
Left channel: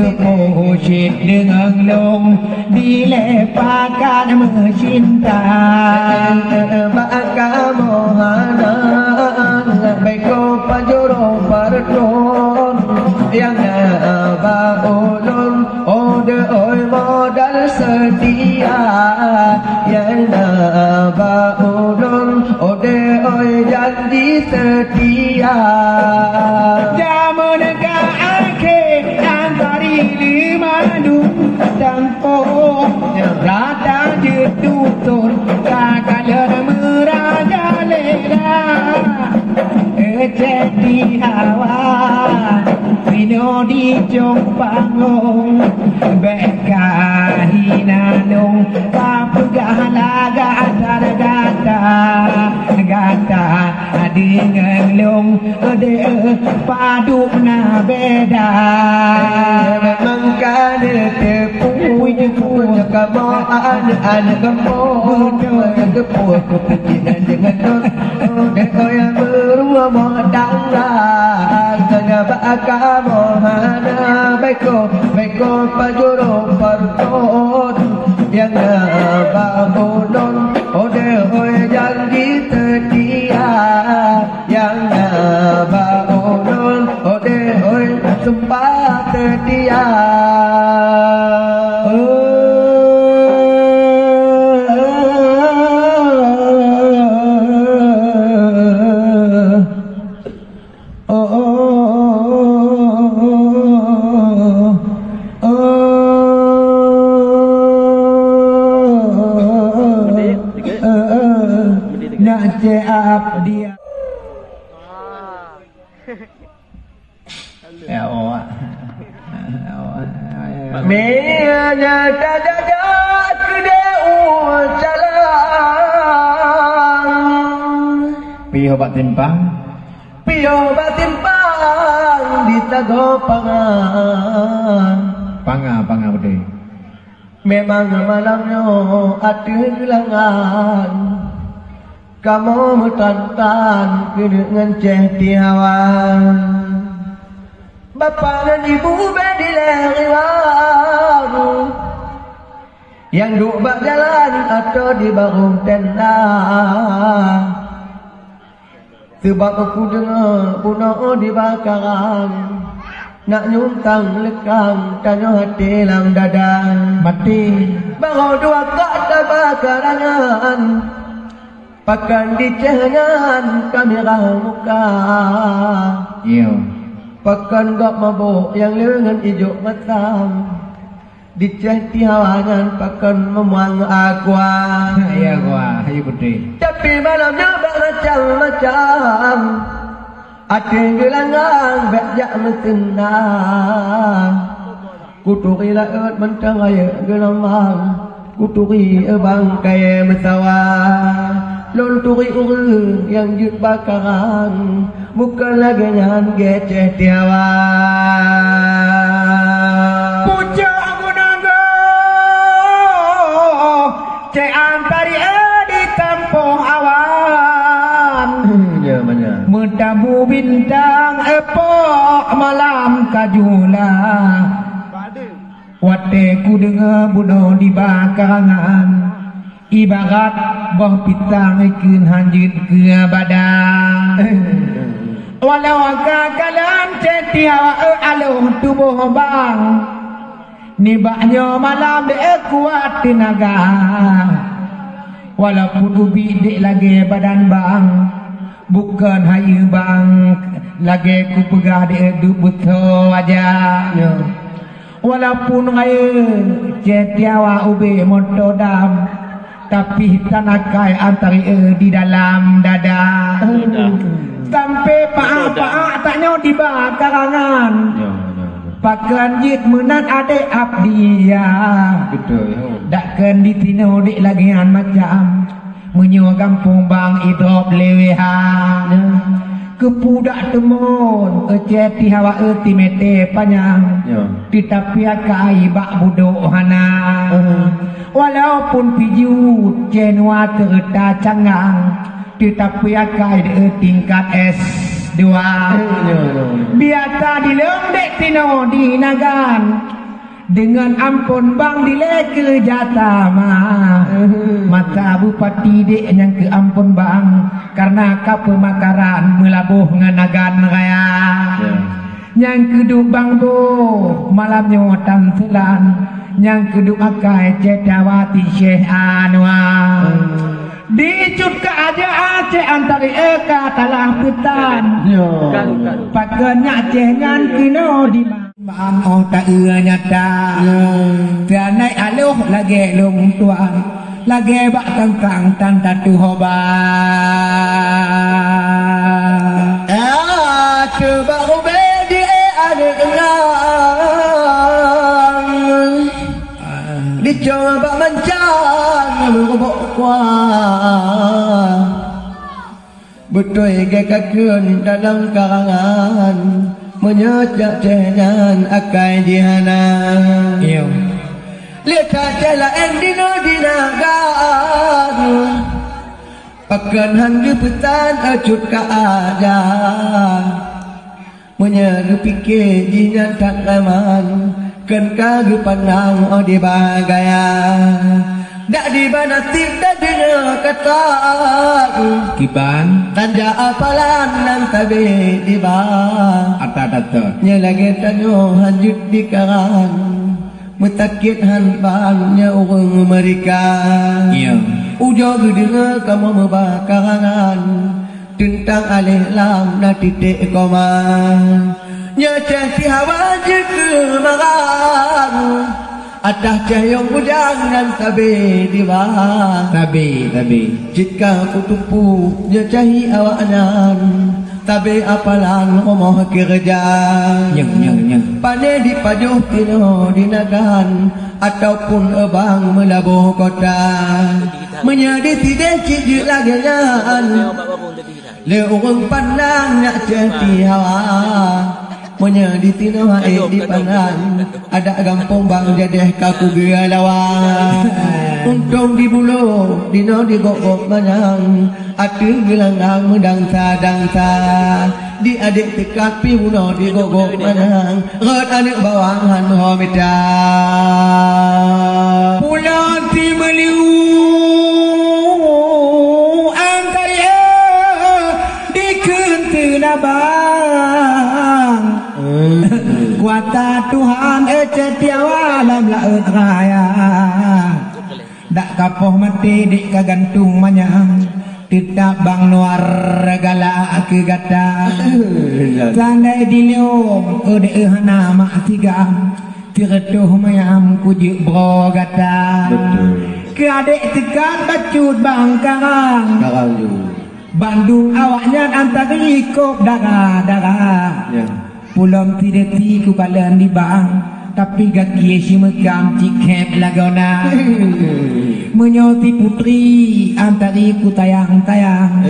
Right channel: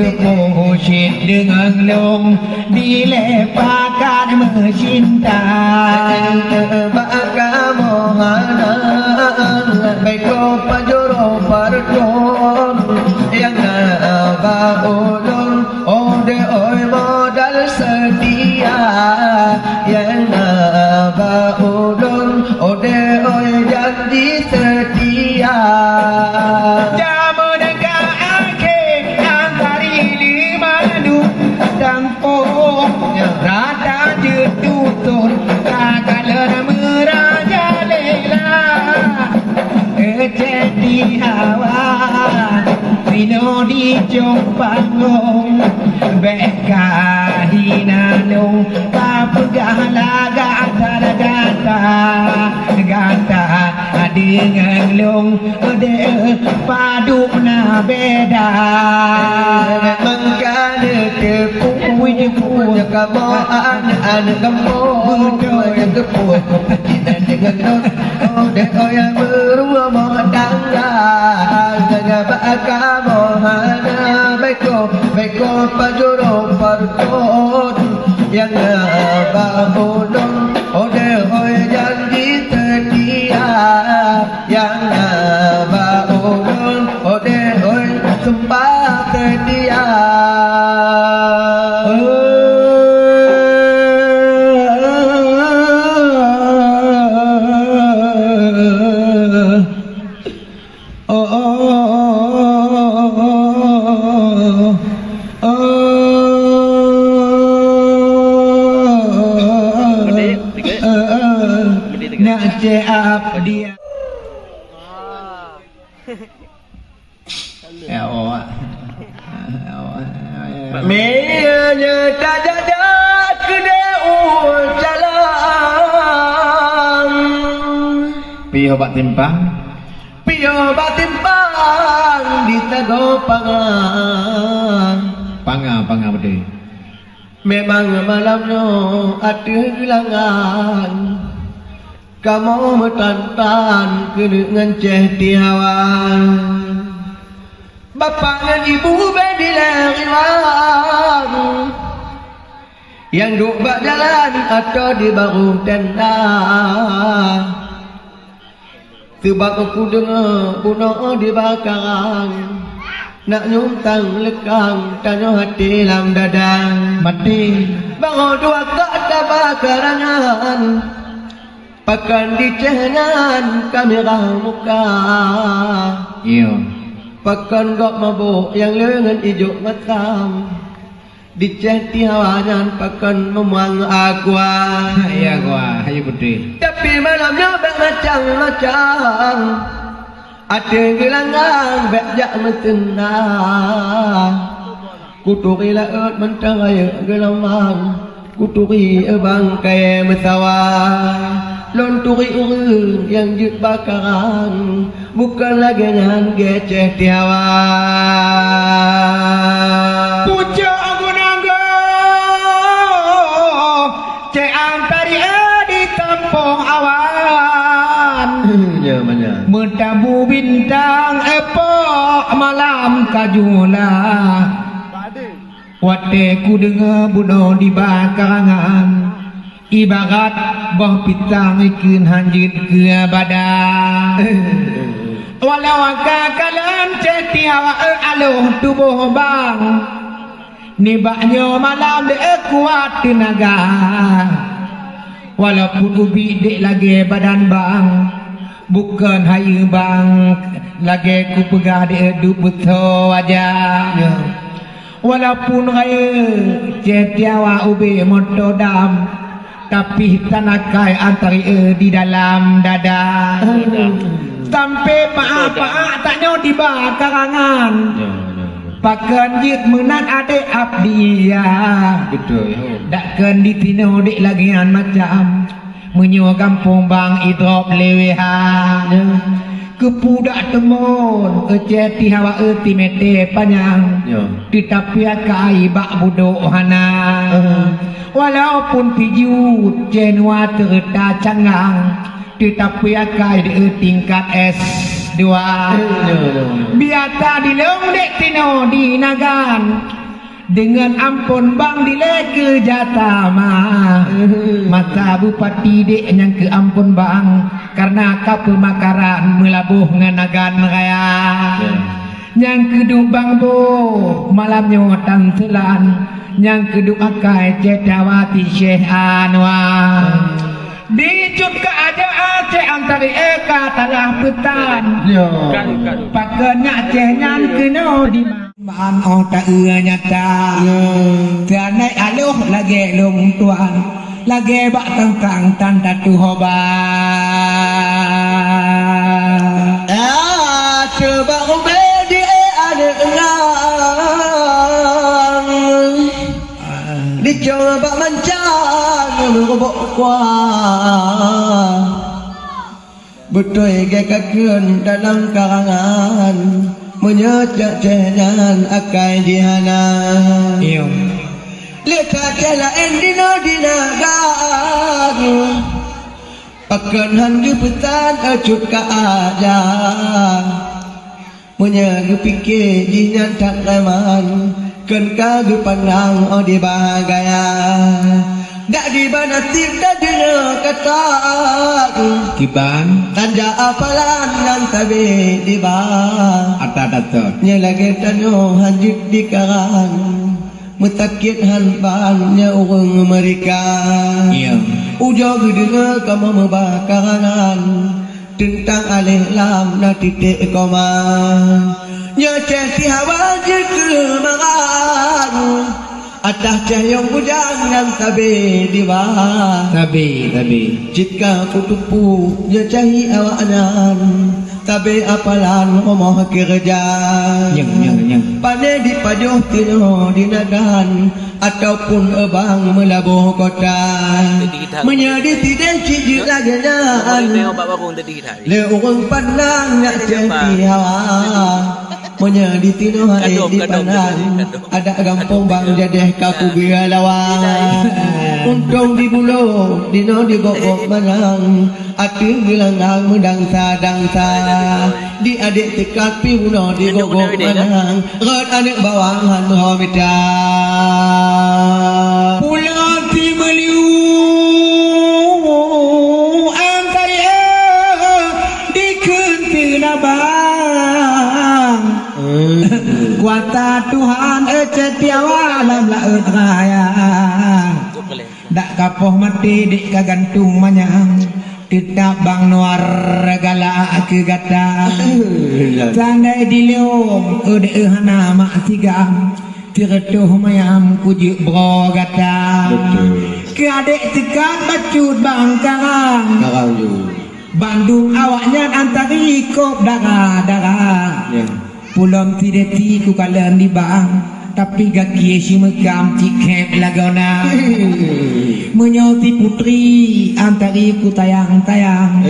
Kepo shit dengan long dilepaskan mencinta maka mohana beko pajoro pardon yang baulun ode oi modal setia yang baulun ode oi janji setia zaman dan po rada jedutun kakalan meraja lela jadi hawa Vino di Jompangung beka hinanung kapegala gata dengan long de padu na beda memang punya kamu anak kamu yang kepuh kepikiran dengan deko yang beruang tangga ngabak kamu hana beko pajuro parkot yang ngabahulun ode janji setia yang ngabahulun ode sumpah setia. Apa dia? Ya Allah. Menya tajadat kede jalan. Piho bat timpang di tago pangan. Panga bede. Memang malamnya ada gelangan. Kamu metantan dengan cehtiawan Bapak dan ibu berdileriwan Yang duk bak jalan atau di baru tenda Sebab aku dengar bunuh dibakaran Nak nyuntang lekang tanya hati dalam dada Mati Baru dua kata bakarangan Pakan di cehnyan kamera muka Iyo Pakan gak mabuk yang lengan hijau matam Di cehti hawanan pakan memuang aqua Iya gua, ayo bede. Tapi malamnya bermacam-macam Ada gelangan berjak metengah Kuturi laut mentang raya gelamang Kuturi bangkai mesawah Lonturi urang yang jut bakaran Bukan lagi dengan geceh tiawa Puja aku naga Cek antari di tampung awan Ya mana Mentabu bintang epok malam kajula Wate ku dengar bunuh di bakarangan Ibarat boh pitang ikun hanjut ke badan Walau kakalan cetiawa aloh tubuh bang Nibaknya malam dek kuat tenaga Walaupun ubi dek lagi badan bang Bukan hayu bang Lagi ku pegah dek duk betul wajah Walaupun hayu cetiawa ubi motodam tapi tanakai antari di dalam dada sampai paak taknya di bakarangan pakan jit menang adek abdi ya Betul ya dakkan ditino dek lagian macam menyo kampung bang idrop lewehan kepudak temun eceti hawa eti mete panjang tetapi akai bak budok hana walaupun pijut jenua terta cangang tetapi akai de tingkat S2 biasa dilem dek tino di nagan dengan ampun bang dile ke jatama mata bupati dek yang ke ampun bang karena kapemakaran melabuh nganagan raya yang kedua bang bo malamnya tan selan yang kedua akai cetawati Syekh Anwar dicut ke aja aceh antara eka talah petan pakenya cehnya kena di maan oh tak nyata dan naik aluh lagi long tuan lagi bak tangkang tanda tu hoba coba ubedi ada dicoba mencang lubuk kuah betul gekakeun dalam karangan menyejak cehnyan akai jihana Leka kela endino dinagan Pakan hangga petan acut ka aja Menyaga pikir jingan tak aman Kan kagu pandang o di bahagaya Dak di mana tidak dina kata Kiban Tanda apalan nang tabi di bah Atadatot Nyelagi tanyo hanjut di karang Metakit hanpannya orang mereka Iya Ujog dengar kamu membakaran Tentang alih lam na titik koman Nyacah hawa je kemaran Atas cahayong ujang dan tabi di bawah Tabi Jika kutupu nyacahi awanan Tabi apalan omong kerja Yang Pane di pajuh tino dinagan Ataupun ebang melabuh kota Menjadi tidak cik laganyan Le orang pandang nak jadi hawa Menjadi tino hai di pandang Ada gampang bang jadeh kaku gaya lawan Untung di bulu dino di gogok manang Atu gelangang mendangsa-dangsa Di adik tekat piuno di gogok manang Rat anak bawangan homita Pulau Timeliu Angkaya Dikentena bang Kuasa Tuhan ecetiawa dalam laut raya Dak kapoh mati dik kagantung manyang Tetap bang nuar galak ke gata Sandai di leong ode hana mak tiga Tiretuh mayam kujuk bro gata Ke adik tekan bacut bang karang Bandung awaknya antari kop darah Pulau tidak ku kalian di bang Tapi gaki si mekam cikep lagona Menyoti putri antari ku tayang-tayang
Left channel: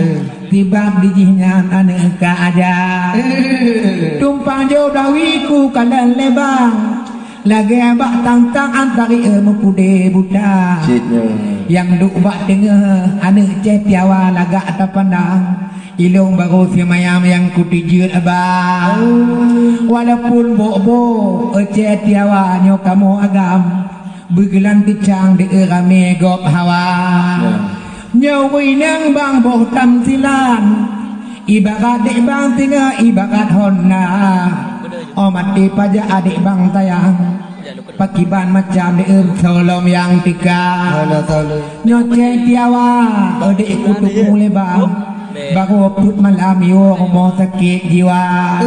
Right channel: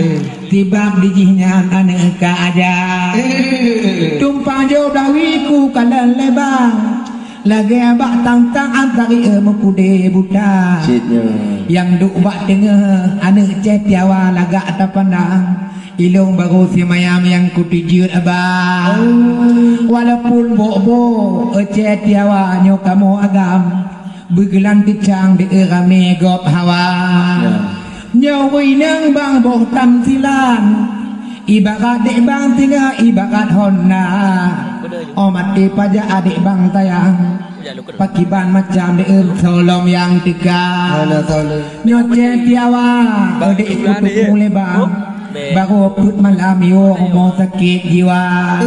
Tibab di jingan aneka aja Tumpang jauh dawi ku kalian lebang Lagi abak tangtang antari mepude buta Yang duk bak tengah anak cetiawa lagak tapandang Ilong baru si mayam yang kutijut abang Walaupun bo-bo cetiawa nyo kamu agam Bergelan kecang di rame gop hawa Nyawi nang bang boh tam silan Ibarat dek bang tinggal ibarat honna Mati pajak adik bang tayang Pakiban macam di tolong yang tiga Nyoce tiawa Adik kutuk mulai bang Baru put malam yo mau sakit jiwa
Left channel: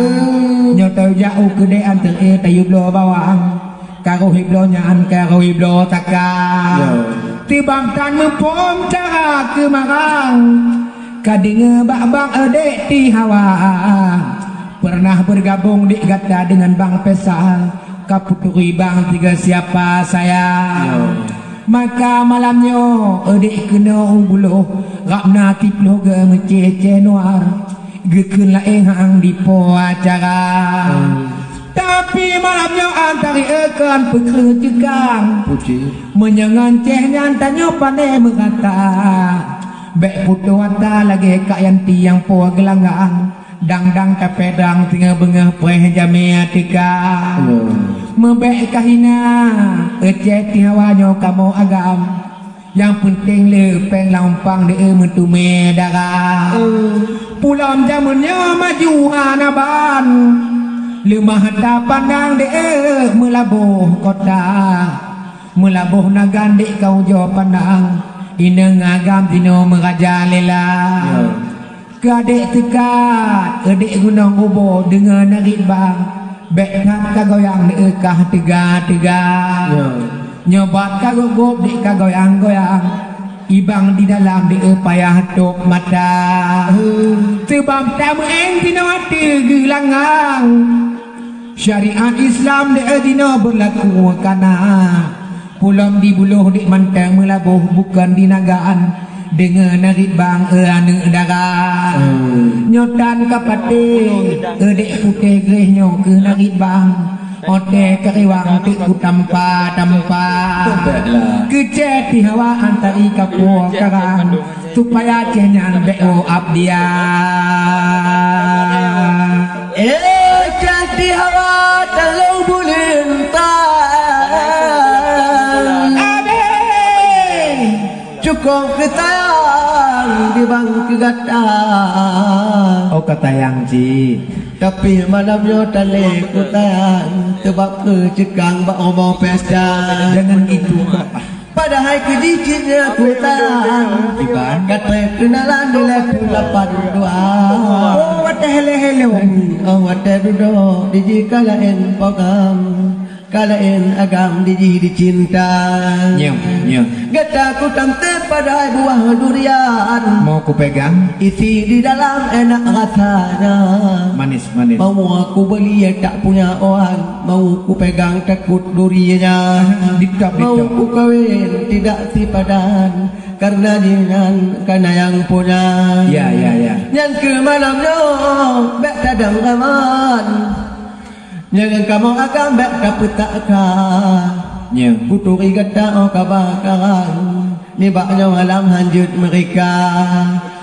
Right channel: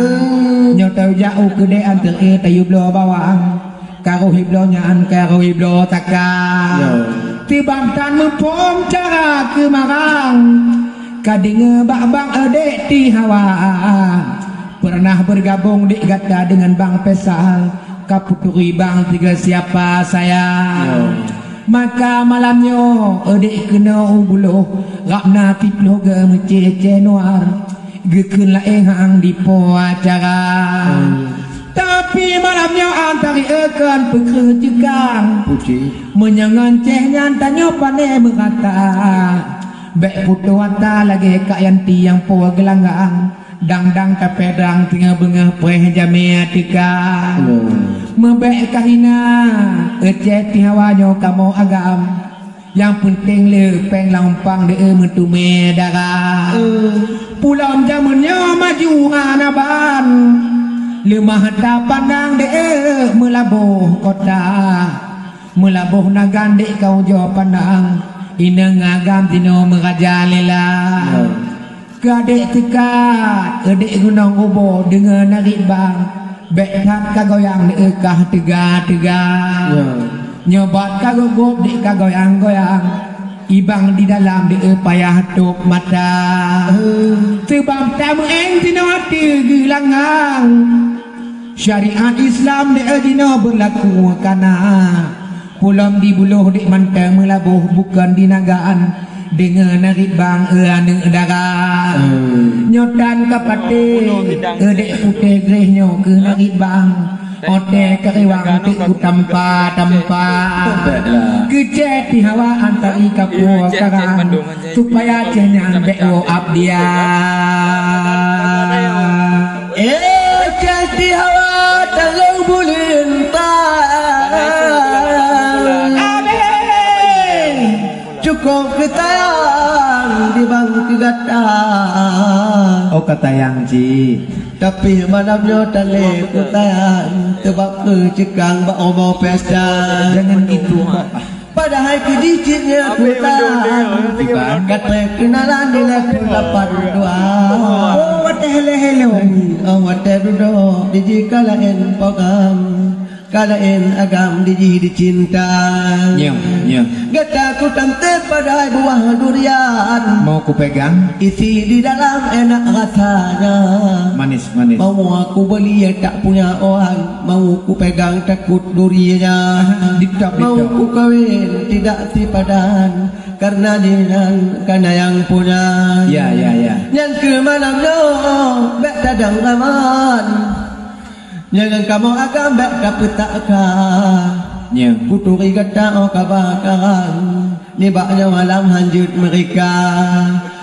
Nyotau jauh kede antar tayu blo bawang Karo hiblo nyaan karo hiblo takkan Tibang tan mempom cara kemarang Kadinge bak-bang adik di hawa Pernah bergabung di gata dengan Bang Pesal Kaputuri Bang tiga siapa saya Maka malamnya adik kena ubuluh Rapna tiplo ke mecece nuar Gekun laeng di po acara Tapi malamnya antari ekan pekerjekang Menyangan cehnya tanya pandai mengata Bek putu wata lagi kak yanti yang po gelanggang Dang-dang tapedang tinggal bengah peh jamia tika Membek kahina Ecet tihawanyo kamu agam Yang penting lepeng lampang de mentume darah Pulang zamannya maju hanaban Lemah tak pandang de melabuh kota Melabuh nagan de kau jo pandang Ina ngagam tino merajalela Kadek tekat adik gunung ubo dengan narik bang Bek tak kagoyang dekah tegak-tegak Nyobat kagogop dek kagoyang-goyang Ibang di dalam dek payah tuk mata Sebab tamu eng tina mati gelangang Syariat Islam dek dina berlaku kana Pulang di buluh dek mantang melabuh bukan di nagaan Dengan narik bang anak darah Nyotan kapate Edek putih grehnya ke narik bang Ote keriwang tu ku tampa Kejet di hawa antari kapua sekarang supaya cenyan beo abdia. Kejet di hawa dalam bulintang. Cukup ketayang di bangku gatang. Oh ketayang ji. Tapi malamnya tali kutayang tebak ke cegang bak obo pesta. Jangan gitu kok. Padahal kedicinya kutayang kata kenalan di level 82. Oh what the hell. Oh what the dudo diji kalain pagam kalain agam diji dicinta. Gata ku tamtet pada buah durian. Mau ku pegang isi di dalam enak rasanya. Manis. Mau aku beli tak punya orang. Mau ku pegang takut duriannya. Mau ku kawin tidak sipadan karena dengan karena yang punya. Ya. Yang ke malamnya bek tadang aman. Jangan kamu akan bek dapat takkan. Puturi gata o kabakaran nibaknya malam hanjut mereka.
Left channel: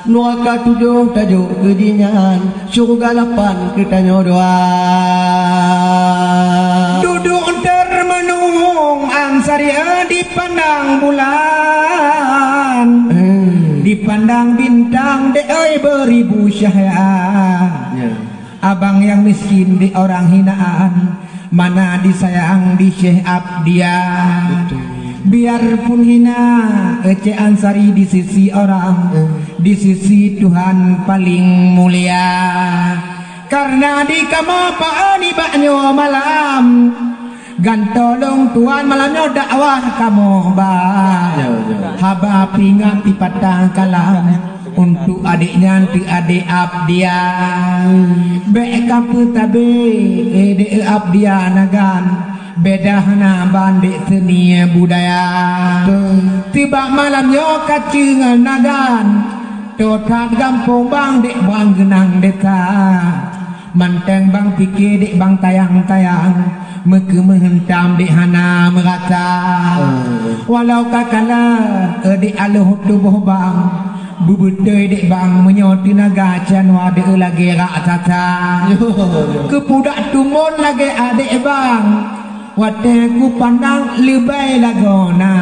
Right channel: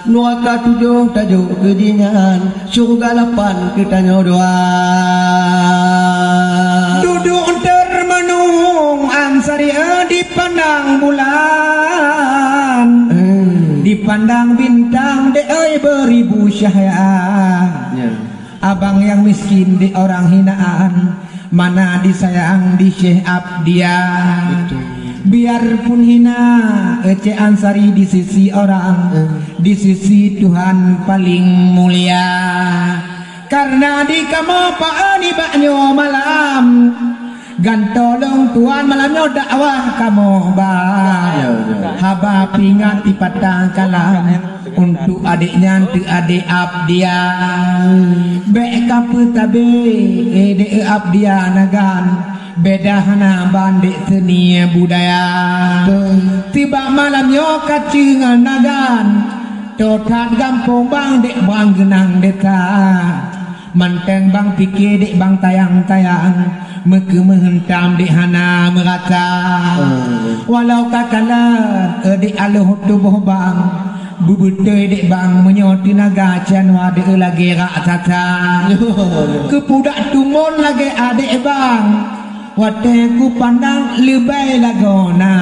Nuaka 7 tajuk kedingan surga 8 kita nyodoa. Duduk termenung ansaria dipandang bulan, dipandang bintang de beribu cahaya. Abang yang miskin di orang hinaan, mana disayang di Syekh Abdia. Biarpun hina Ece Ansari di sisi orang, di sisi Tuhan paling mulia. Karena di kamapaan ibaknya malam, gantolong Tuhan malamnya dakwah kamu haba pingat di patang kalam untuk adiknya untuk adik Abdia. Beka petabe ede Abdia nagan beda hana bandek seni budaya. Tiba malamnya kacingan nagan totat gampong bang dek bang genang deka. Manteng bang pikir dek bang tayang-tayang meke menghentam dek hana merata. Walau kakala dek aluh tubuh bang bubutoy dek bang menyoti naga canwa dek lagi rak tata. Kepudak tumon lagi adek bang wate ku pandang lebay lagona.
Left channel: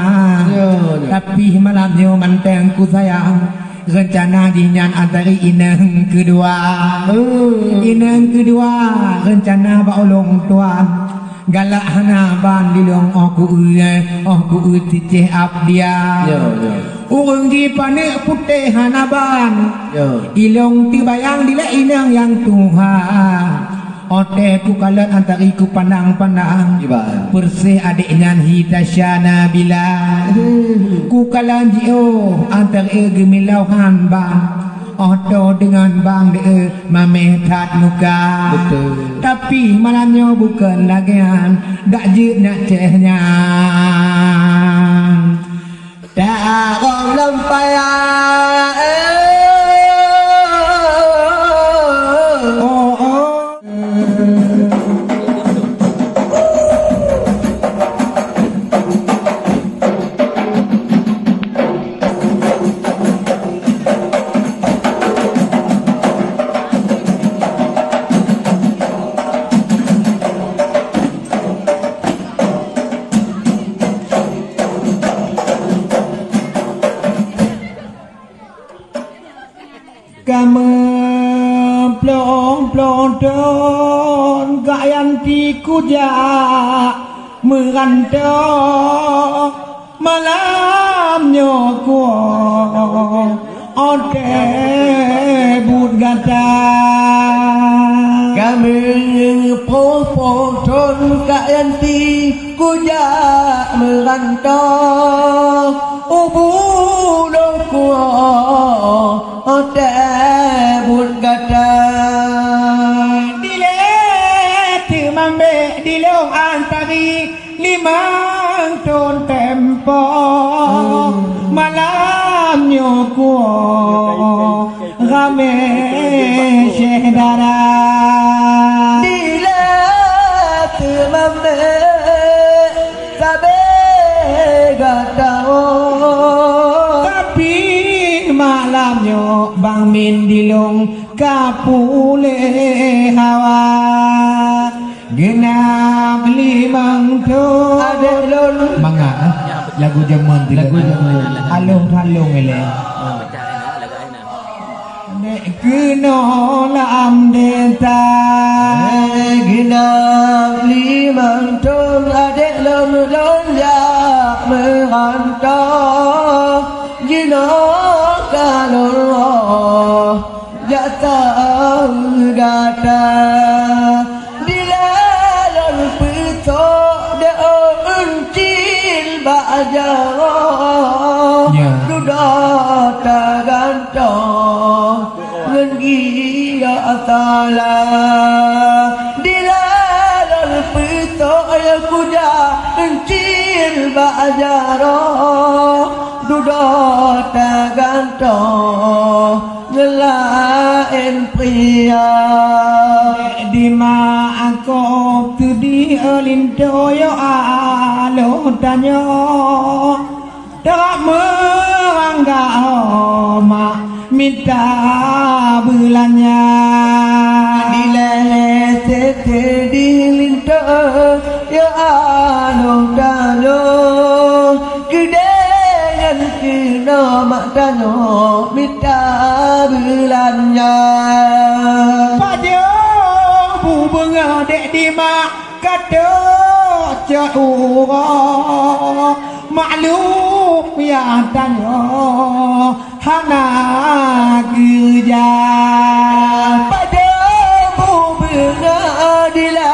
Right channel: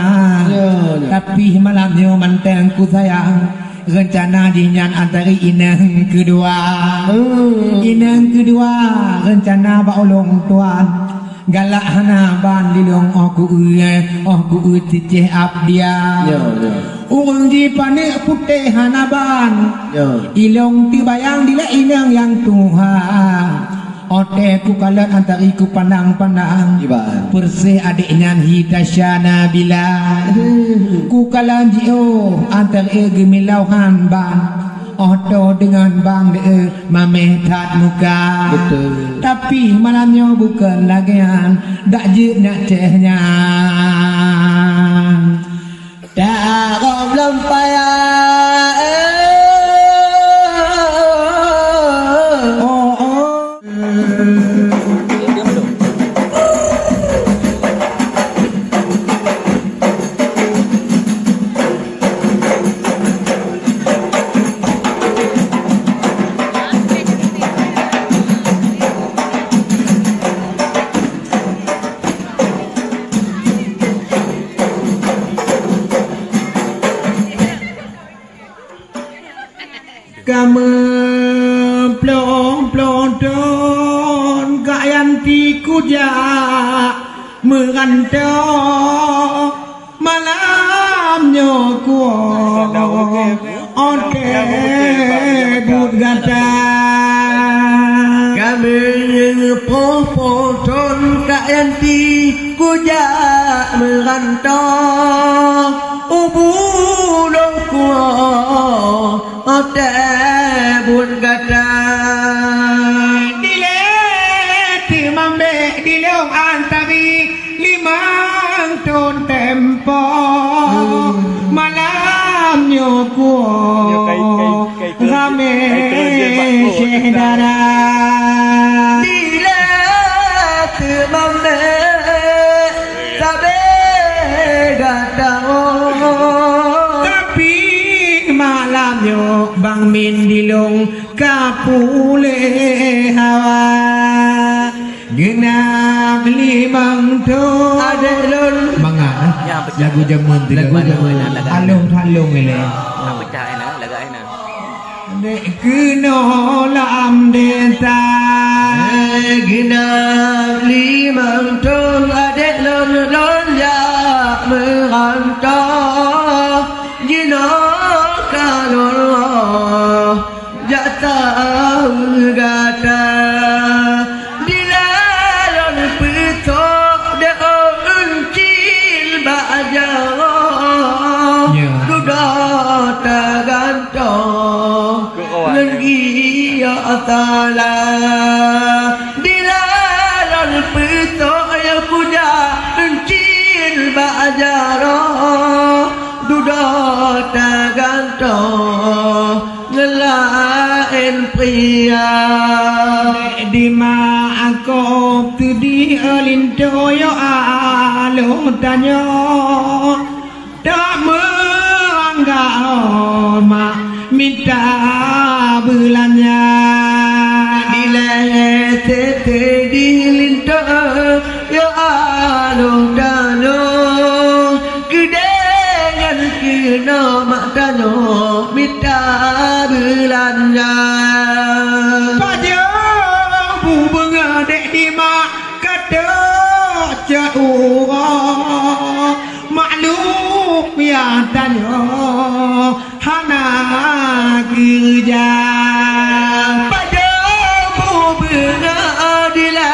Tapi malamnya manteng ku sayang rencana dinyan antara inang kedua. Inang kedua rencana baulong tuan galak hana ban dilong aku cicih Abdia. Urang di panik putih hana ban ilong tibayang dila inang yang Tuhan. Ote ku kalat antari ku pandang-pandang persih adiknya hitasyana bila ku kalan jio antari gemilauhan bang oto dengan bang de mametat muka. Tapi malamnya bukan lagian dak je nak cehnya tak lempaya. Plon kayan ti kuja merantau malamnya ku oke bud gata. Kami plon kayan ti kuja merantau ubulong ku oke bud gata. Dilong antari limang ton tempo malamnya ku rame sedara. Dila temam malamnya Bang Min dilung kapule hawa genap limang tu adelun manga lagu jamun alung ele dek kena lam desa genap limang tu adelun lon ya merantau jino kalon jata gata dilalon pito de uncil bajaro duda tagantong lagi ya taala dilalon pito ya kuja uncil bajaro duda tagantong ngelain pria di ma aku tu di alindo yo alo tanyo tak menganggap ma minta bulannya bila tete di lindo yo alo tanyo kedengan kena mak tanyo minta bulannya pada bunga dek di mak kata jauh maklum ya tanya hana kerja pada bunga dila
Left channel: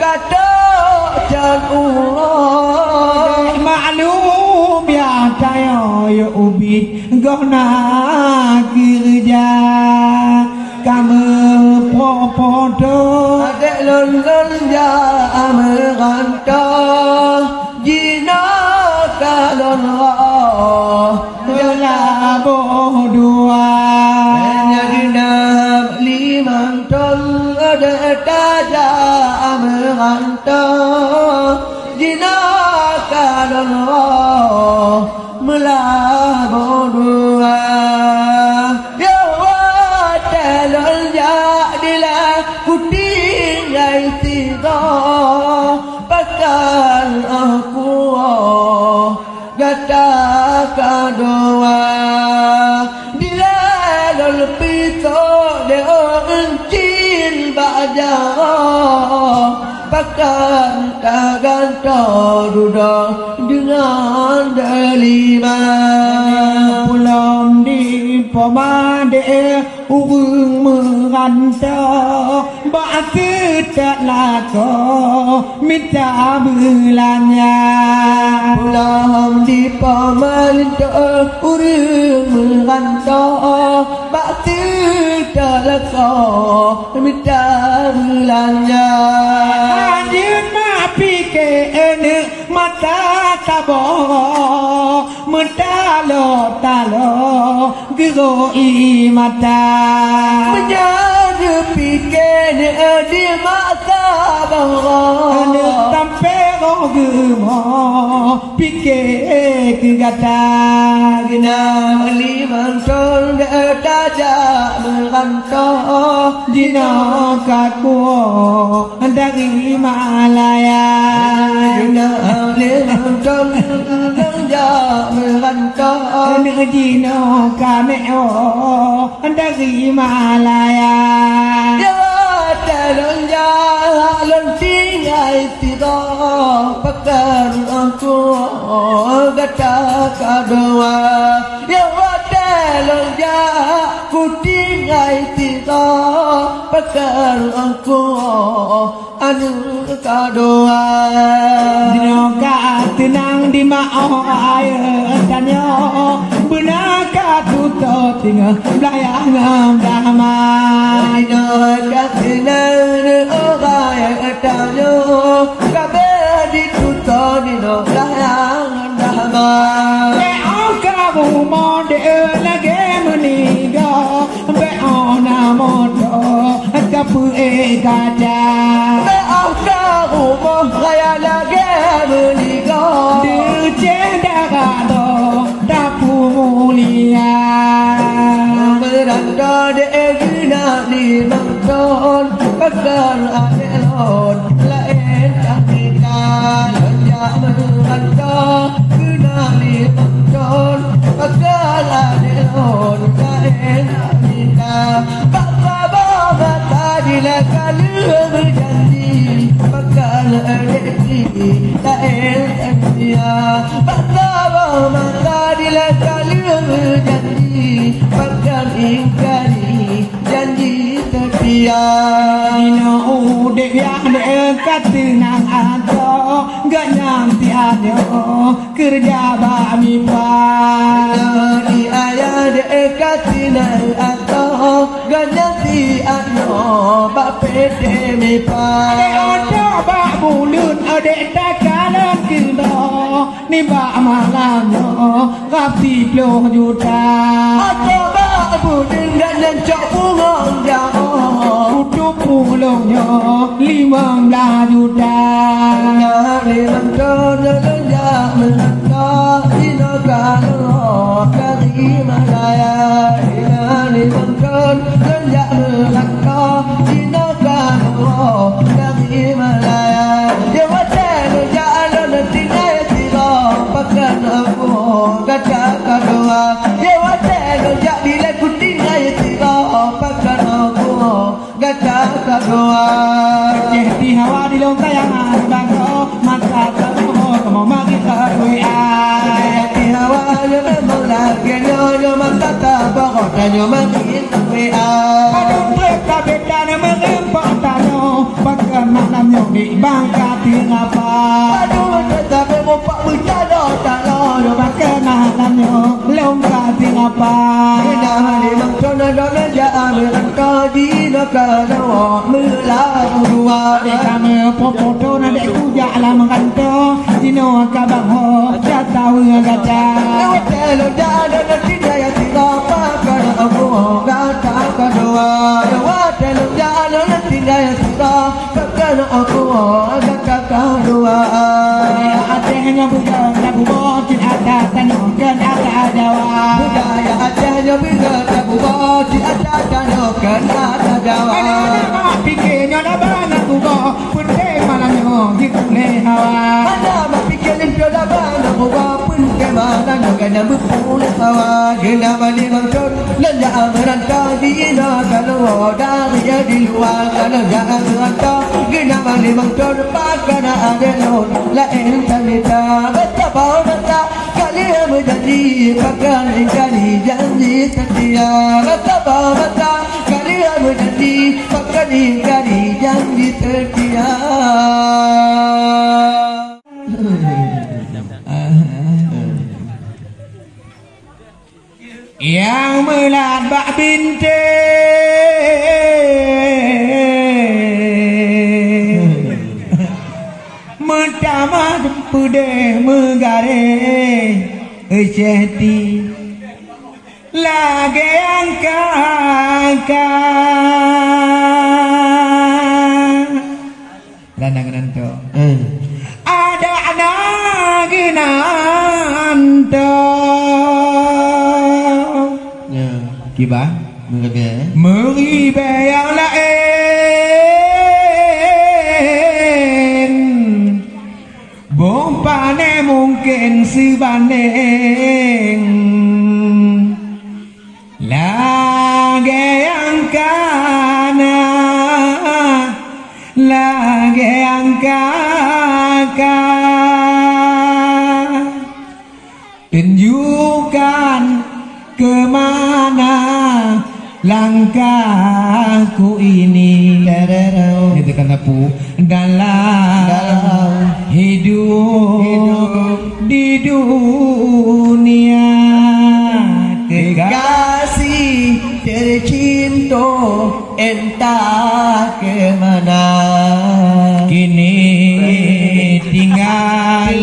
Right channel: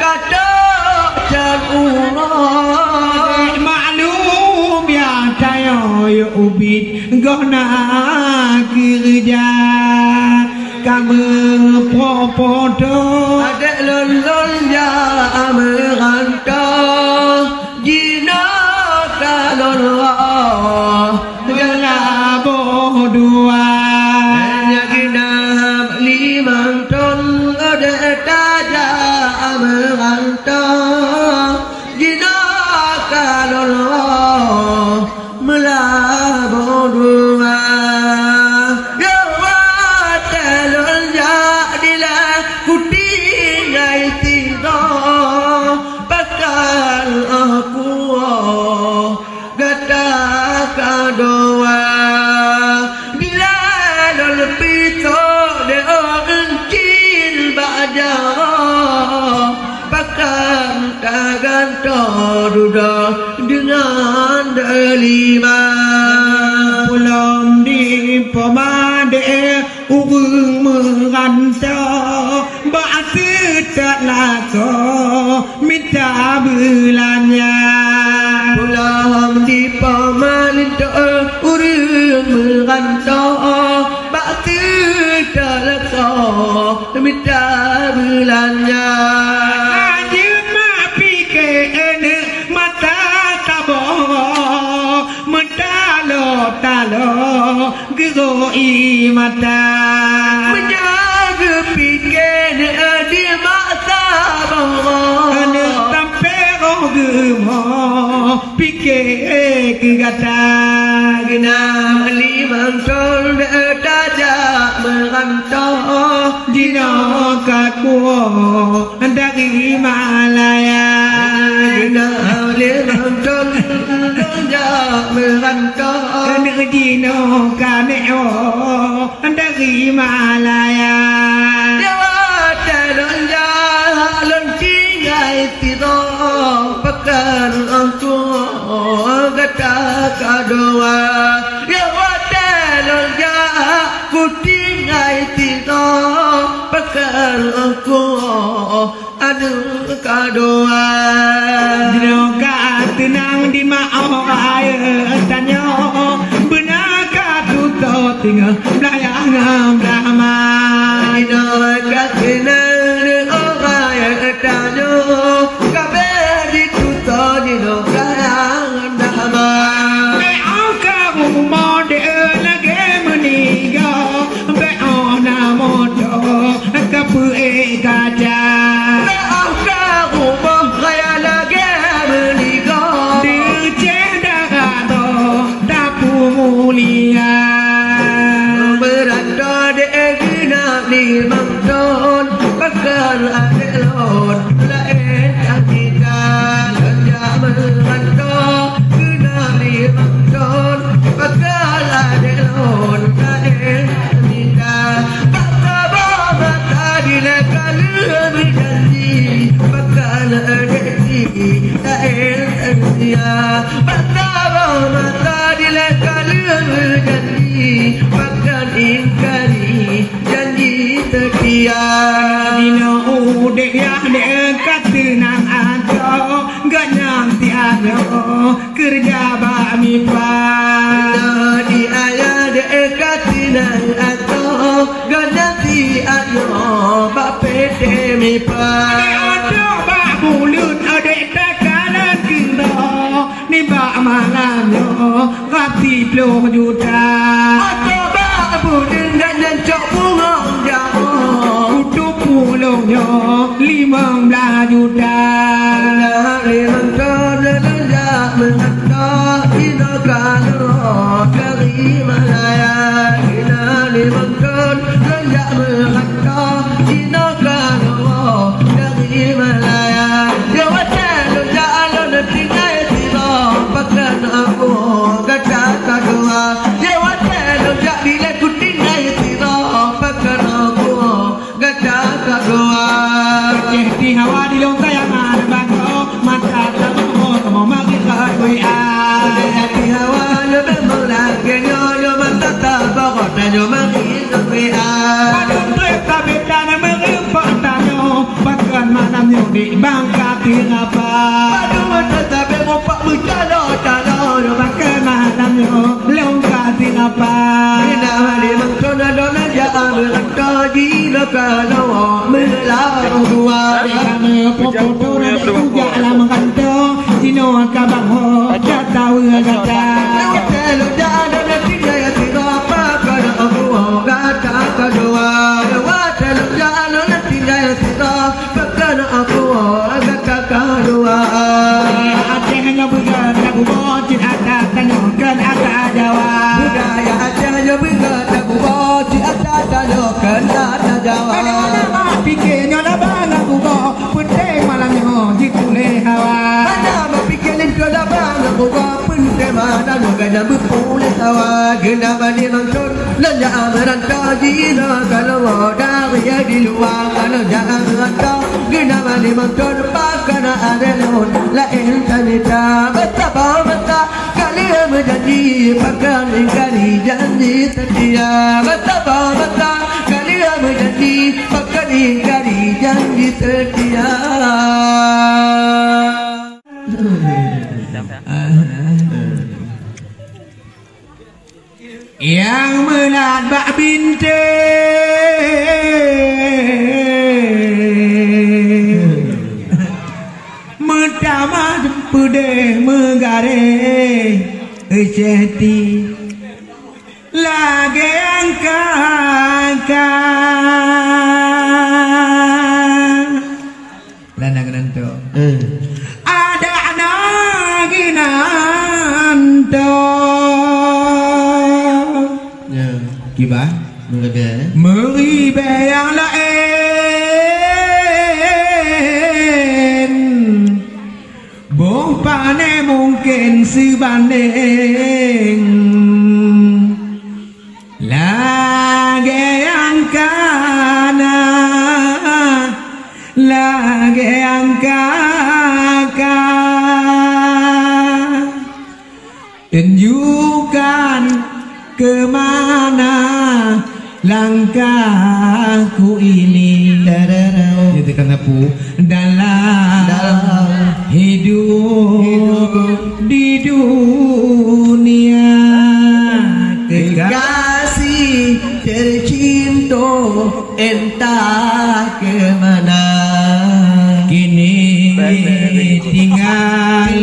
kata jauh maklum ya tanya yo ubit gona kerja kamu popodo adek lon ya merantau jina kalon gala bodua genap limang ton adek taja merantau jina kalon melabodua doa bila lol pito de uncil bajaro pakan taganto duda dengan delima pulang di pomade ubung merantau batu tak lako minta bulannya pulang di pamalinto urung merantau batu tak lako minta bulannya anjing mak pikir mata tabok mentalo geroi mata menjaga pikir di mata bawah tampero gemo pikir kegata genap limang ton taja merantau dino kakuo dari Malaya genap limang ton taja merantau dino kaneo dari Malaya talon jalan tinggal tiro pekan aku gata kadoa ya talon jalan ku tinggal tiro pekan aku anu kadoa dino ka tenang di mau air tanyo benar ka tuto tinggal belayang damai dino ka tenang orang tanyo kabe di tuto dino karang damai be ka rumah de lagi meninggal be ona moto kapu kaca be ka rumah kaya lagi meninggal de cendera do dapu mulia Dino udik yang dekat tenang aja, gak nyampe aja kerja bami pan. Di ayah dekat tenang aja, gak nyampe aja bak pete mi pan. Ada bak bulut ada takalan kira, ni bak malamnya rapi 10 juta. Ada bak bulut dan nyancok bunga jauh. Utup pulangnya 15 juta. Dari mentah dan mentah di negara dari Malaya. Dari mentah dan mentah di negara dari Malaya. Dia wajar jalan tinggal tiba pakai aku kata kedua. Dia wajar bila ku tinggal tiba pakai aku kata kedua. Di hawa di lontar yang ada bangko mata tamu kamu magi WA. Di hawa memang lagi nyonya mata tamu nyonya magi WA. Aduh kereta beta nama rempak tanya bahkan malamnya di bangka tingapa. Aduh kereta beta pak bercanda tanya bahkan malamnya lompat tingapa. Kita di mangkona dona jaa mereka di negara melarang dua. Kami foto nanti puja alam kanto Dino kabang ho jatau ngagata. Telo jada nanti gaya tiga pakar aku gata kedua. Telo jada nanti gaya tiga pakar aku gata kedua. Aceh hanya bukan lagu bocil ada tanyokan ada Jawa. Budaya Aceh hanya bukan lagu bocil ada tanyokan ada Jawa. Pikirnya dah bang aku go putih malahnya jikule hawa. Mana pikirin kau dah bang aku go putih malahnya kena berpulih hawa. Kena balik mangkon lanja merantau di kalau dari di luar kalau jangan merantau. Kena balik mangkon pakana ada non lain tanita betapa mata kalian berjanji pakan kali janji setia betapa mata kalian berjanji pakan kali janji setia. Yang melat bak binte Metama pude megare Eceti Lage angka Landang nanto Ada lagi nanto Kiba Meribe yang lain Bumpane mungkin sebanding Lagi yang kana Lagi yang kakak Tunjukkan kemana langkahku ini. Itu kan aku dalam hidup di dunia. Kekasih tercinta entah kemana. Kini tinggal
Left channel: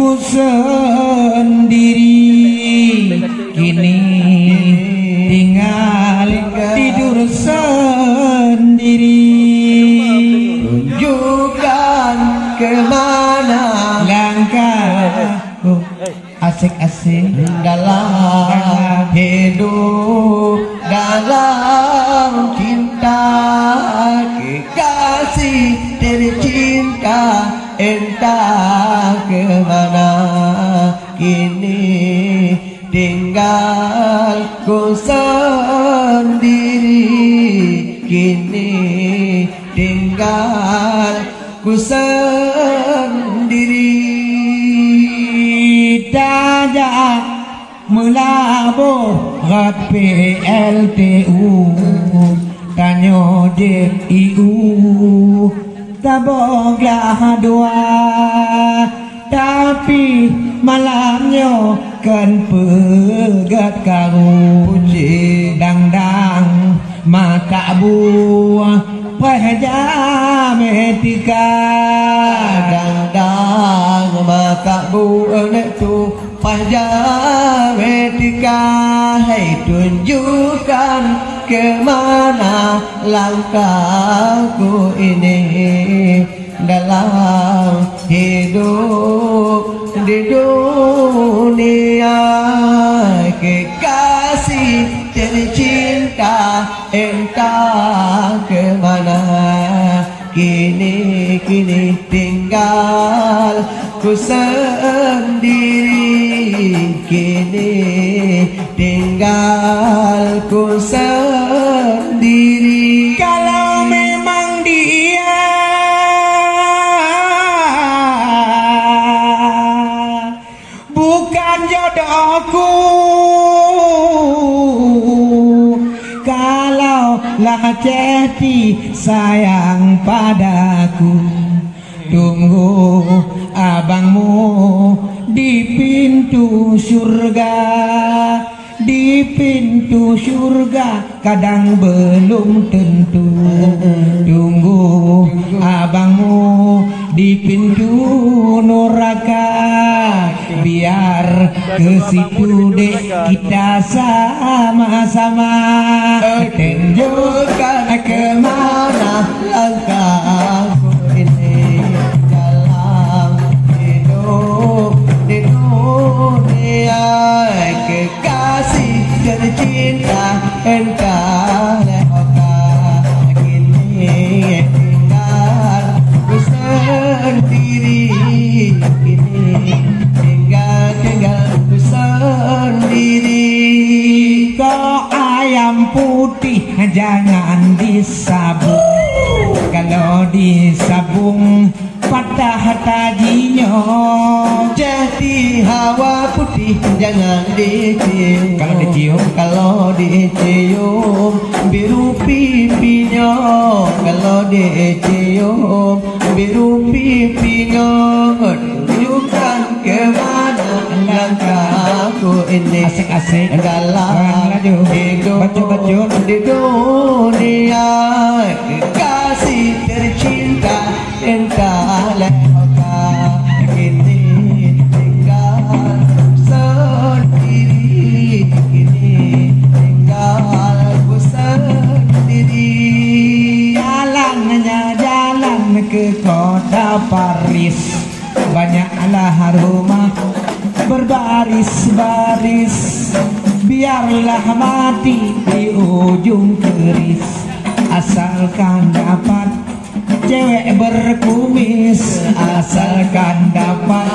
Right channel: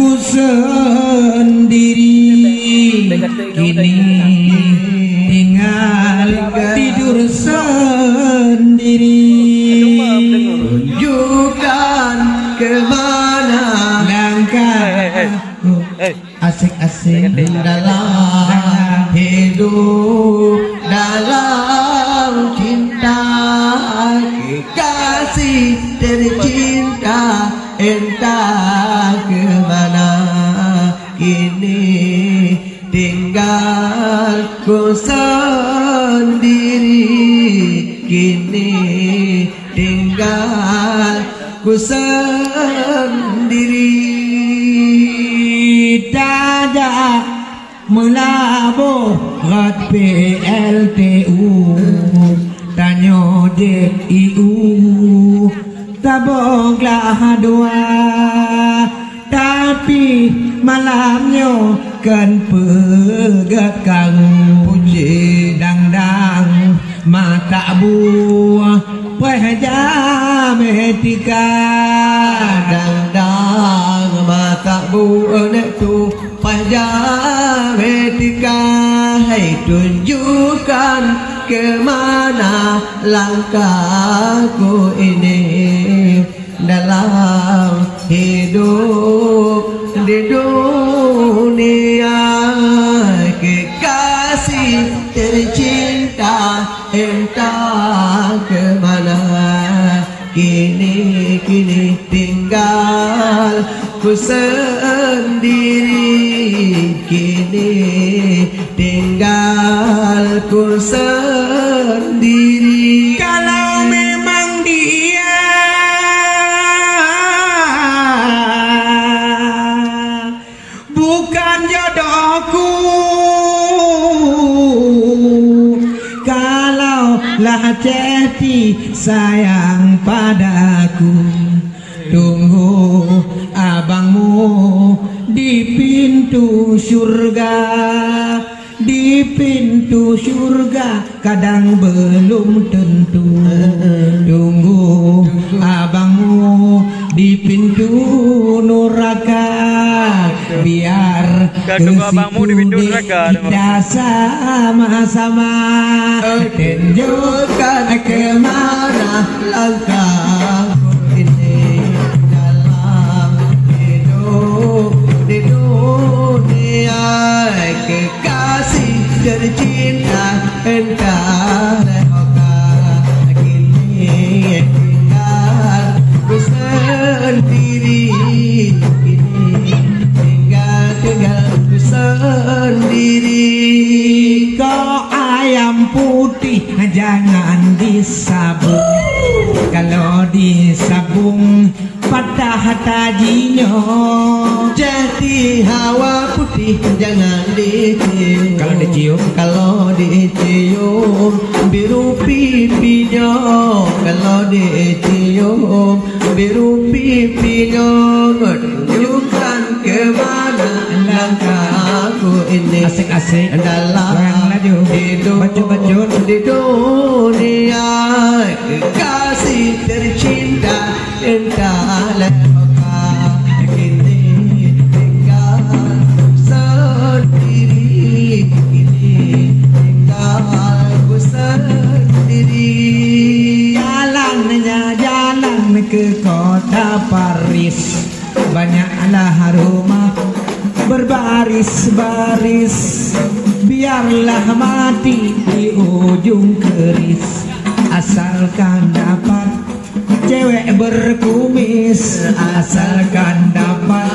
ku sendiri. Kini tinggal tidur sendiri. Tunjukkan kemana langkahku asik-asik dalam hidup dalam cinta. Kekasih tercinta entah kemana. Kini tinggal ku sendiri. Kini tinggal ku sendiri. Tajak melabur rat PLTU. Tanyo ojek iu taboklah dua, tapi malamnya kan pegat kau puji dang-dang mata buah wajah metika dang-dang mata buah tu wajah metika. Hai tunjukkan kemana langkahku ini dalam hidup di dunia. Kekasih tercinta entah kemana kini tinggal ku sendiri, kini tinggal ku sendiri. Kalau memang dia bukan jodohku, kalaulah Ceti sayang padaku, tunggu abangmu di pintu surga. Di pintu surga kadang belum tentu, tunggu abangmu di pintu neraka. Biar ke situ deh kita sama-sama tunjukkan kemana langkahku ini dalam hidup di dunia. Kekasih tercinta entah lehokah kini tinggal ku sendiri, kini tinggal ku sendiri. Kau ayam putih jangan disabung, kalau disabung patah tajinya. Jadi hawa putih jangan dicium, kalau dicium biru pipinya, kalau dicium biru pipinya. Tunjukkan kemana langkahku ini asik-asik dalam hidup di dunia. Kekasih tercinta entah lehokah kini tinggal sendiri, kini tinggal ku sendiri. Jalan ke kota Paris, banyaklah rumah berbaris-baris. Biarlah mati di ujung keris, asalkan dapat cewek berkumis, asalkan dapat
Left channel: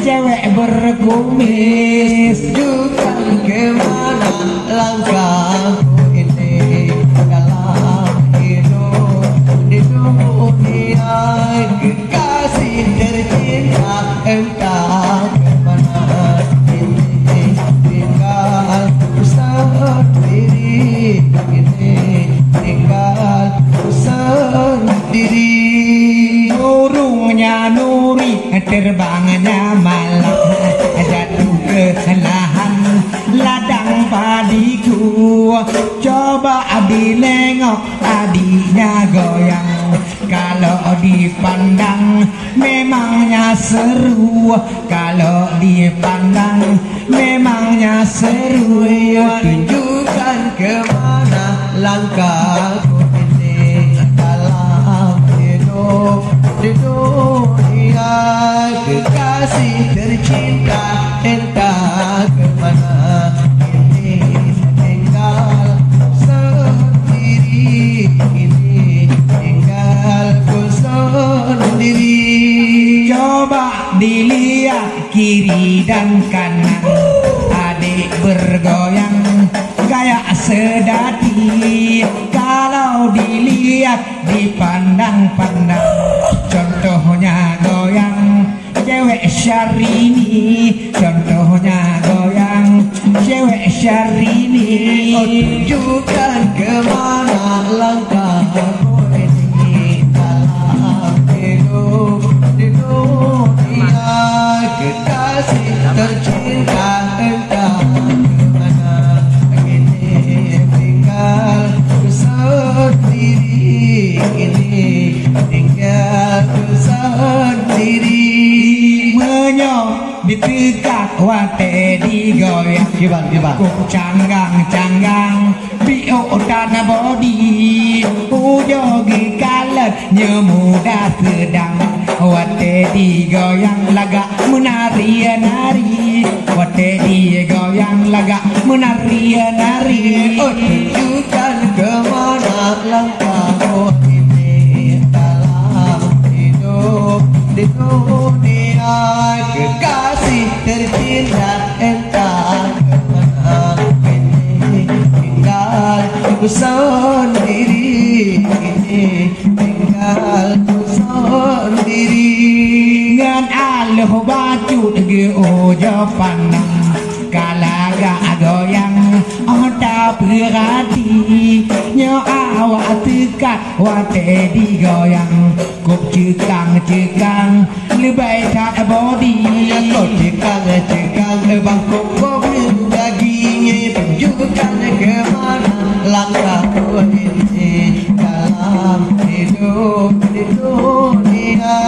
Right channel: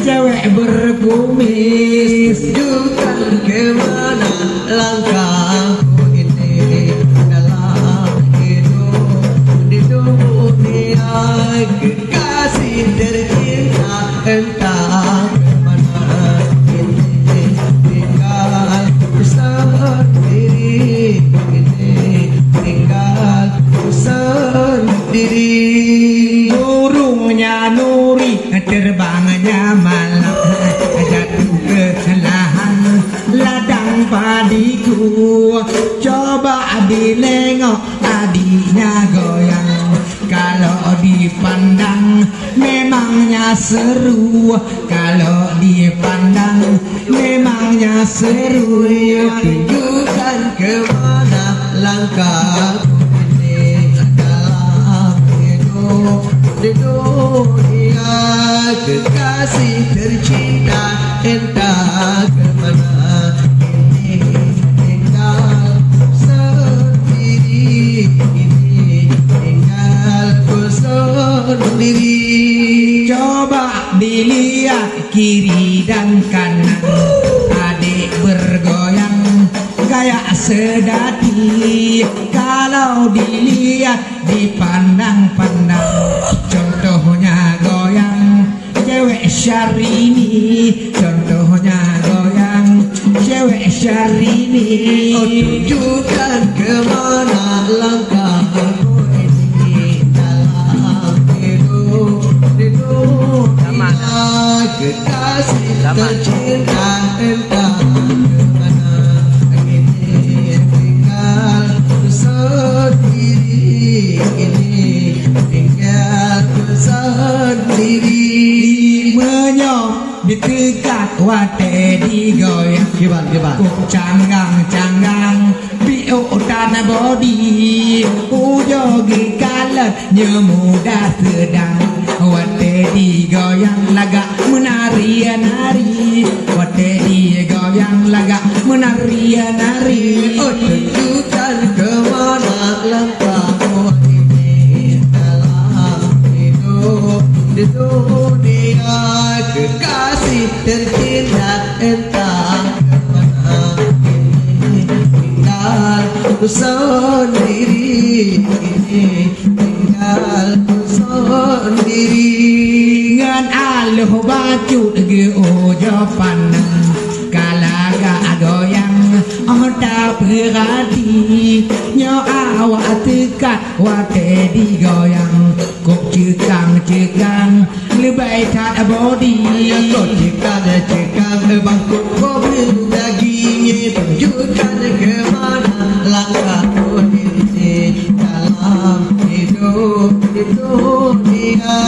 cewek berkumis. Tunjukkan kemana langkahku ini dalam hidup di dunia. Kekasih tercinta entah kemana kini tinggal sendiri, kini tinggal sendiri. Burungnya Nuri terbangnya malam, jatuh ke lahan ladang padiku. Coba dinengok adiknya goyang, kalau dipandang memangnya seru, kalau dipandang memangnya seru. Tunjukkan kemana langkahku ini dalam hidup di dunia. Kekasih tercinta entah kemana kini tinggal sendiri, kini tinggal ku sendiri. Coba dilihat kiri dan kanan, adik bergoyang gaya sedati. Kalau dilihat dipandang-pandang, contohnya goyang cewek Syahrini, contohnya goyang cewek Syahrini. Tunjukkan kemana langkah kekasih tercinta entah kemana kini tinggal sendiri, kini tinggal sendiri. Menyok ditekat wate digoyang Gimana? canggang bio tanah bodi ujogi kalat nyemuda sedang wate digoyang laga menari-nari wate digoyang laga menari-nari. Oh, tunjukkan kemana langkahmu ini dalam hidup di dunia. Kekasih tercinta entah kemana kini tinggal ku sendiri, kini tinggal ku sendiri. Ngan aluh baju dege ojo pandang kalaga goyang oda berhati nyo awak tekat wate digoyang kok cekang lebay kat body Kau cekang bangkok kau dagingnya. Tunjukkan kemana langkahmu ini dalam hidup di dunia.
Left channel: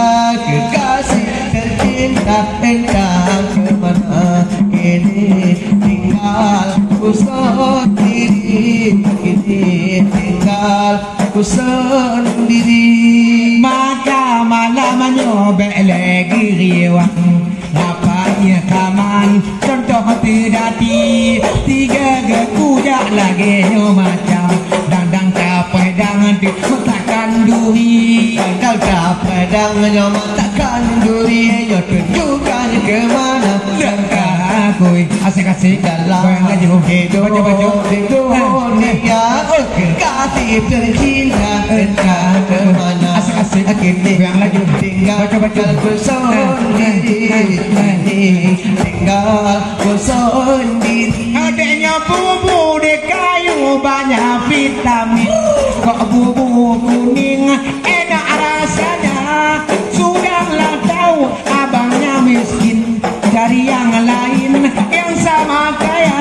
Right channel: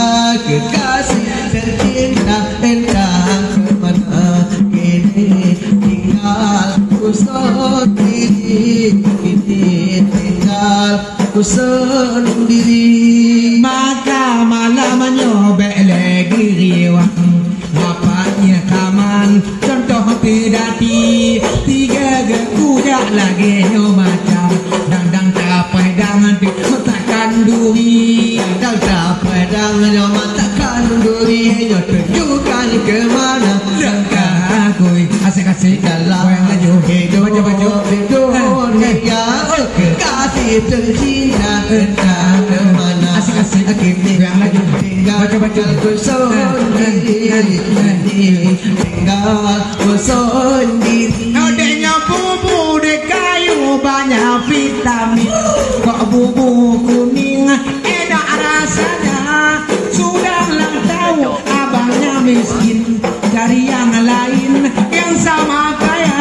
Kekasih tercinta entah kemana kini tinggal ku sendiri, kini tinggal ku sendiri. maka malam nyobek lagi riwang ngapanya kaman contoh tidati tiga gekujak lagi nyo macam dang capai dangan di matakan duri Kau tak pedang nyo matakan duri. Nyo tunjukkan kemana langkah aku asik-asik dalam goyang laju baju dunia. Oh, kekasih tercinta entah kemana asik-asik kini goyang laju tinggal ku sendiri, tinggal ku sendiri. adanya bubur de kayu banyak vitamin kok bubur kuning enak rasanya sudahlah tahu abangnya miskin dari yang lain yang sama kaya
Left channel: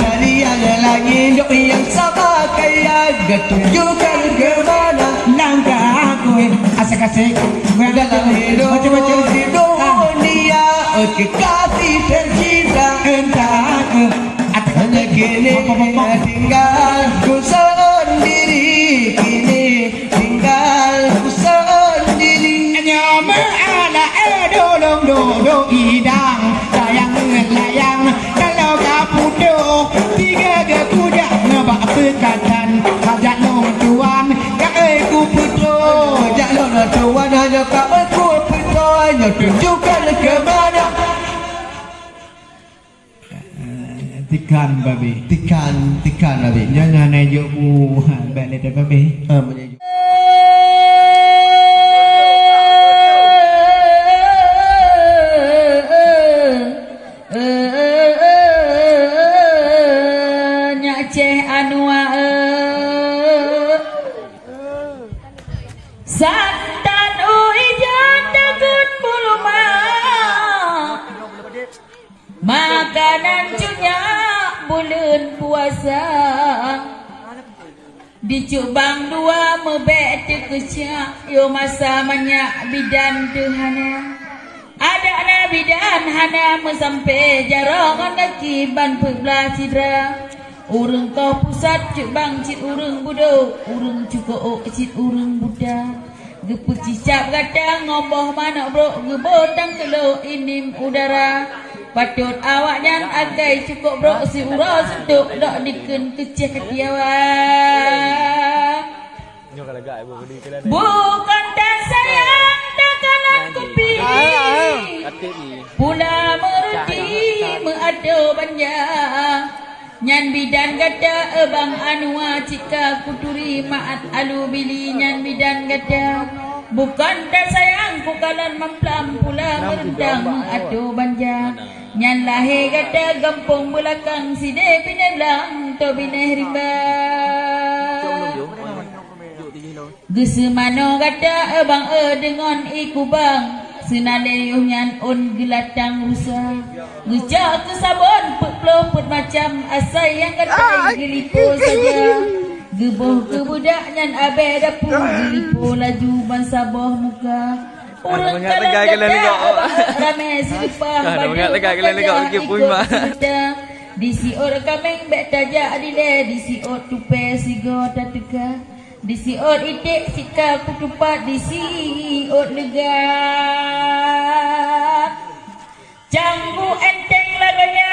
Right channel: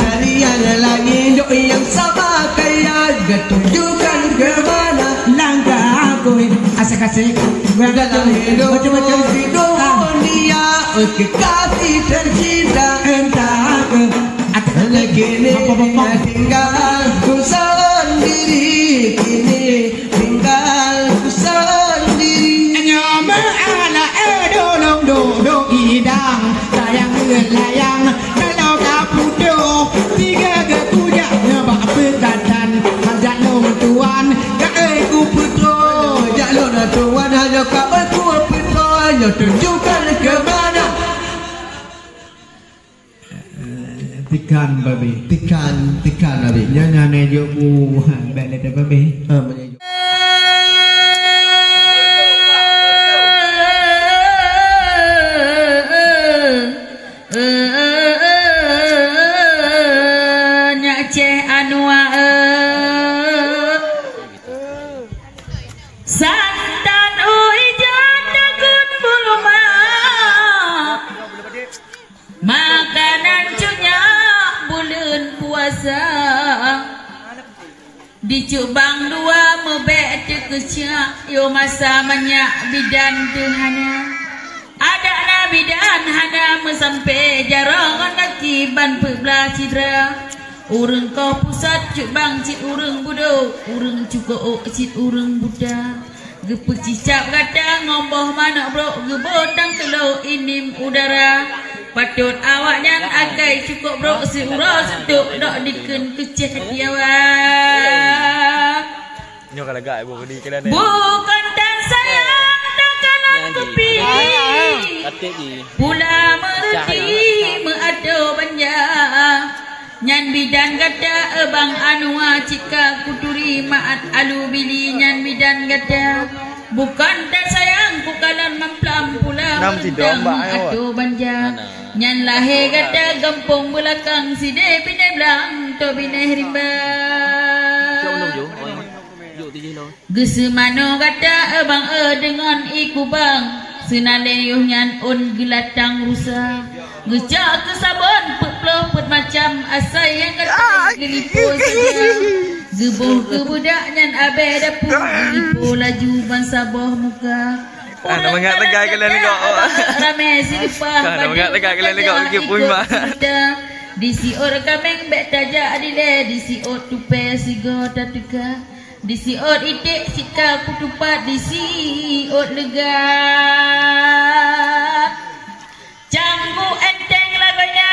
Dari yang lain yang sama kaya. Tunjukkan kemana langkah aku asik-asik dalam hidup di dunia. Oh, kekasih tercinta entah ke hanya kini tinggal ku sendiri, kini tinggal ku sendiri. nyama ala dolong dodong idang sayang layang kalau kapudo tiga gekujak nabak pekatan kajak long tuan kae ku putro Jalur tuan hanya kau ku hanya tunjukkan kemana. tikan babi Tikan Nabi. jangan nejo bu balik deh babi Nyak ceh anua santan uijan dekun bulu makanan cunya bulan puasa dicubang dua mebek tekecak yo masa manyak bidan tuhana ada na bidan hana mesampai jarangan kaki ban pebelah cidra urang kau pusat cubang cit urang budo urang cuko cit urang buda gepe cicap kata ngomboh mana bro gebodang kelo inim udara patut awak dan agai cukup bro si urang seduk dok diken keceh diawa Nyo kalagak ibu beli kena bukan dan sayang dakalan kopi pula mereti meado banja nyan bidan gada ebang anua cika kuturi maat alu bili nyan bidan gada bukan dan sayang ku kalan mamplam pula merendang meado banja nyan lahe gada gampung belakang side bine belang to bine rimba Gesemano gada abang dengan iku bang Senaleyuh nyan on gelatang rusa Ngejak ke sabon put macam asai yang kata gelipo saja Gebuh ke budak nyan abe dapur gelipo laju ban sabah muka Nak mengat tegak kalian ni kau. Ramai silpah Nak mengat tegak kalian ni kau ikut puima. Disi or kameng bet tajak adile disi or tupe sigo tatuka disi or itik sika kutupat disi or lega Canggu enteng laganya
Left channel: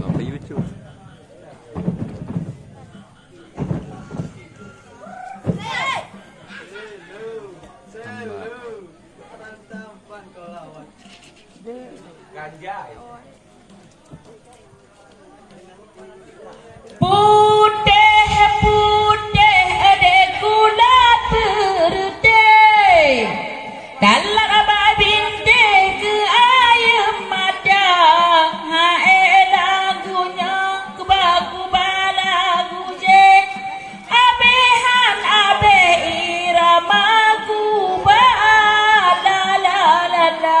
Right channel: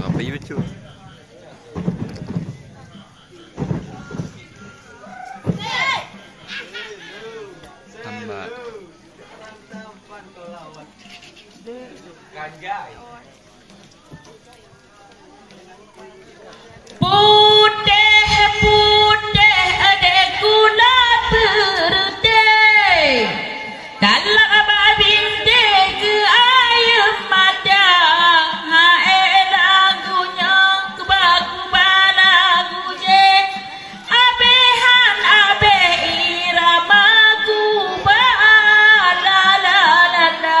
Apa YouTube? Tambah. Putih adek gula putih Kalak abah bintih ke ayam mata Hae lagunya kebak-kubak lagu je Abehan abeh irama kubak la la la la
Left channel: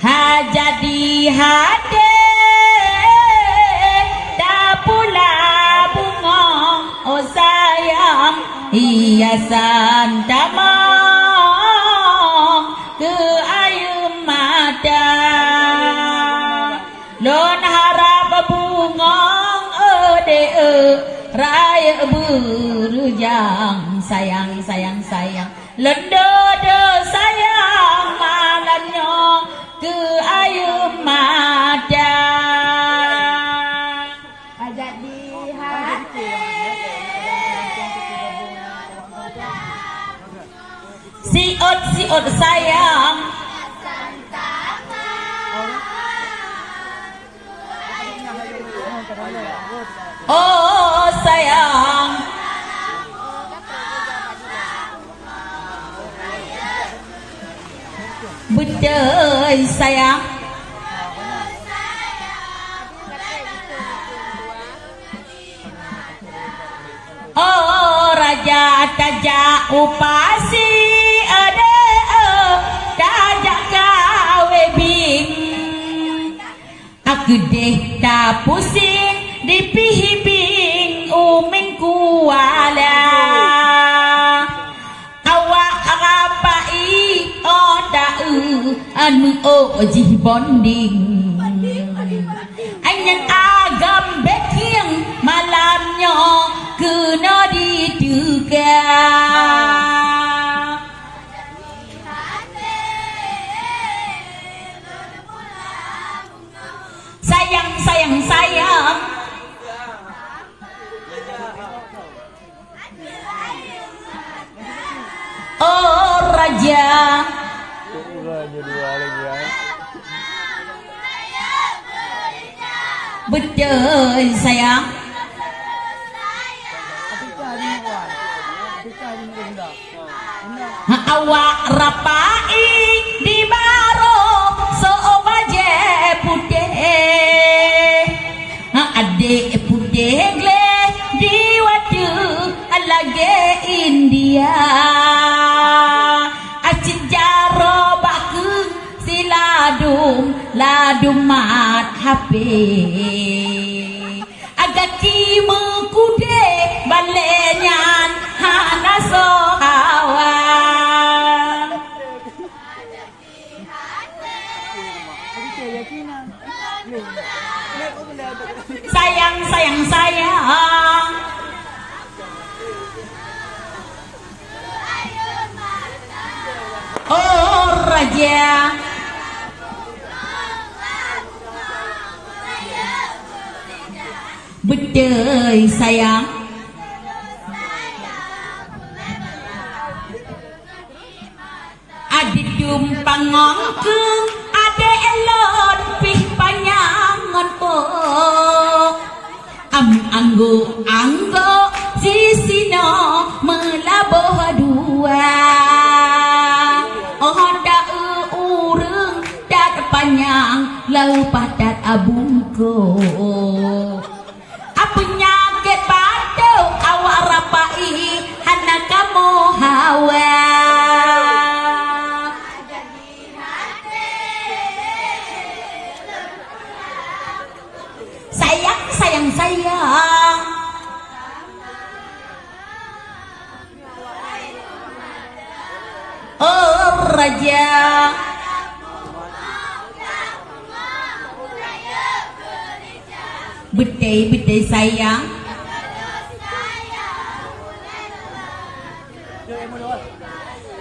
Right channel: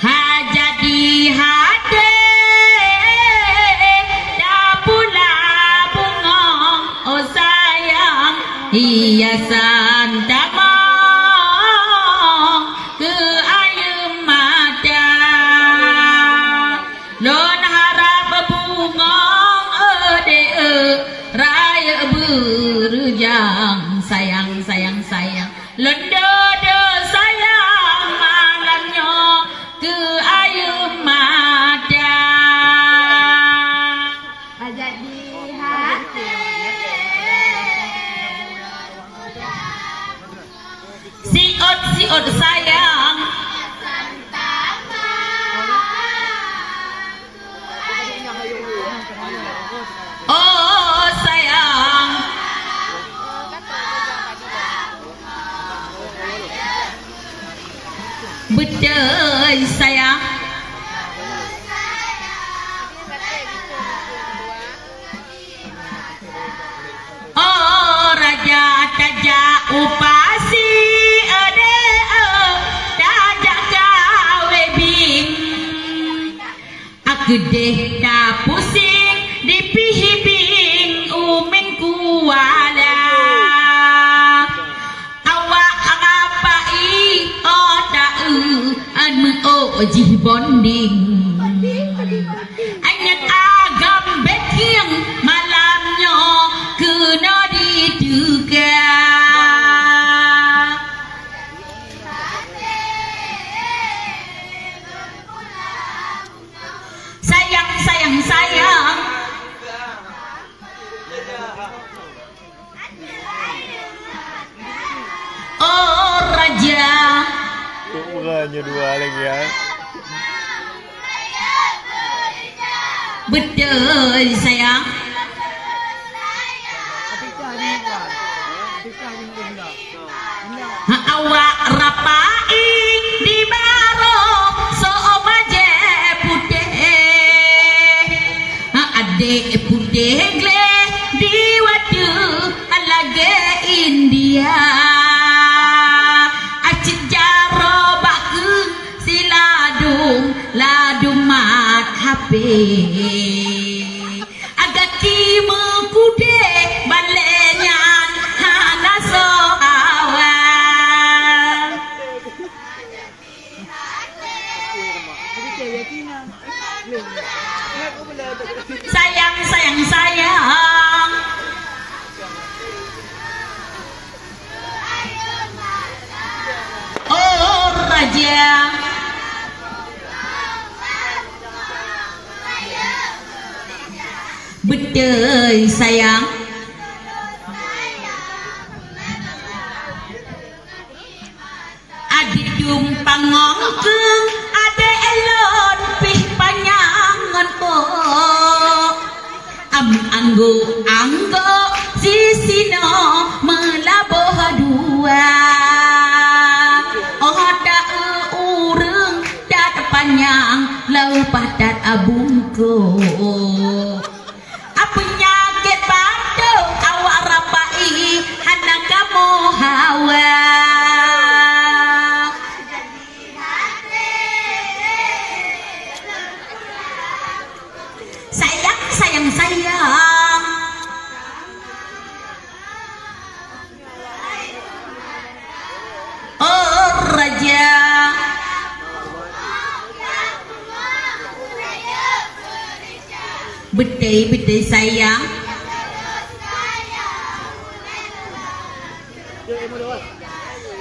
jadi hade dah pula bengong oh sayang hiasan damang ke air mata non harap bengong ade raya berjang sayang lenda de sayang malamnya ke air mata jadi hati siot sayang oh sayang betul sayang oh raja taja upasi ada taja kawe bing aku deh tak pusing dipihibing uming kuala anu ojih bonding anyan agam beking malamnya kena diduga sayang oh raja Bukannya dua lagi ya. Betul sayang. Awak rapai di baro so maje putih. Adik putih gle di wadu lagi India. Ladum mat HP agak kima kude balenyan hana sohawa sayang oh raja betul sayang adik tumpang ngongkeng ade elon pih panyangan po anggo sisino melaboh dua oh da ureng dat panjang lau padat abungko penyakit batuk awak rapai hana kamu hawa sayang oh raja betul sayang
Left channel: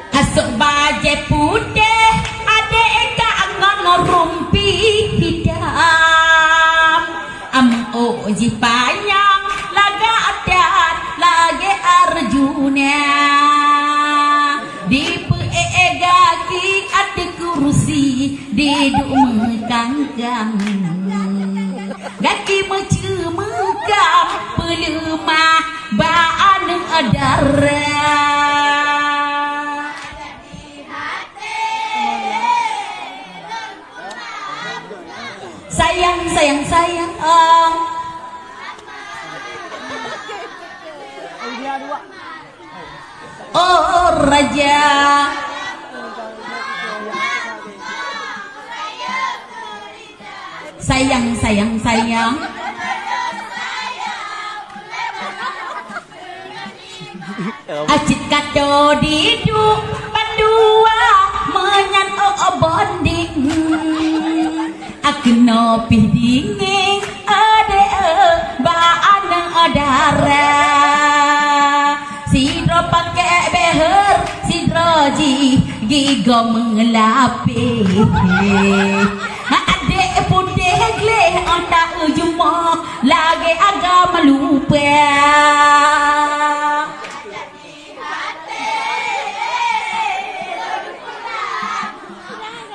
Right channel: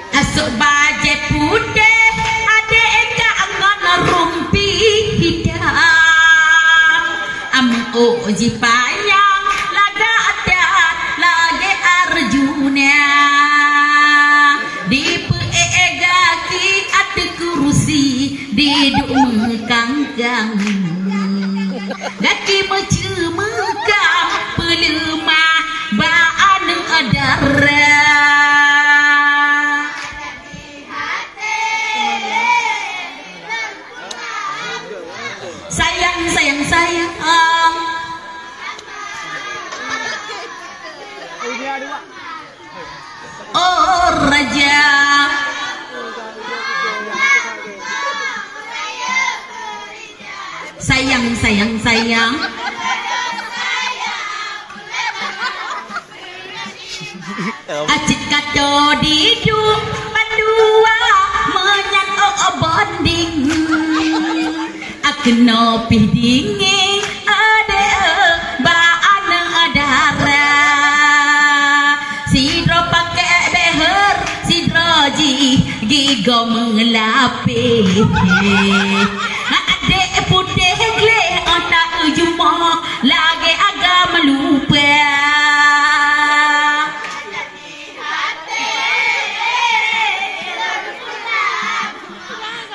asok baje putih ade eka angan rumpi hitam oji panjang laga adat lagi arjuna di peegaki ate kursi diduk mengkangkang Gaki macam pelemah baan darah sayang oh raja sayang sayang sayang. Acit kato diduk pandua menyan bonding. Aku nopi dingin ade baan adara. Sidro pakai beher sidro gigo mengelapih. Ade putih gleh otak ujuma lagi agama lupa.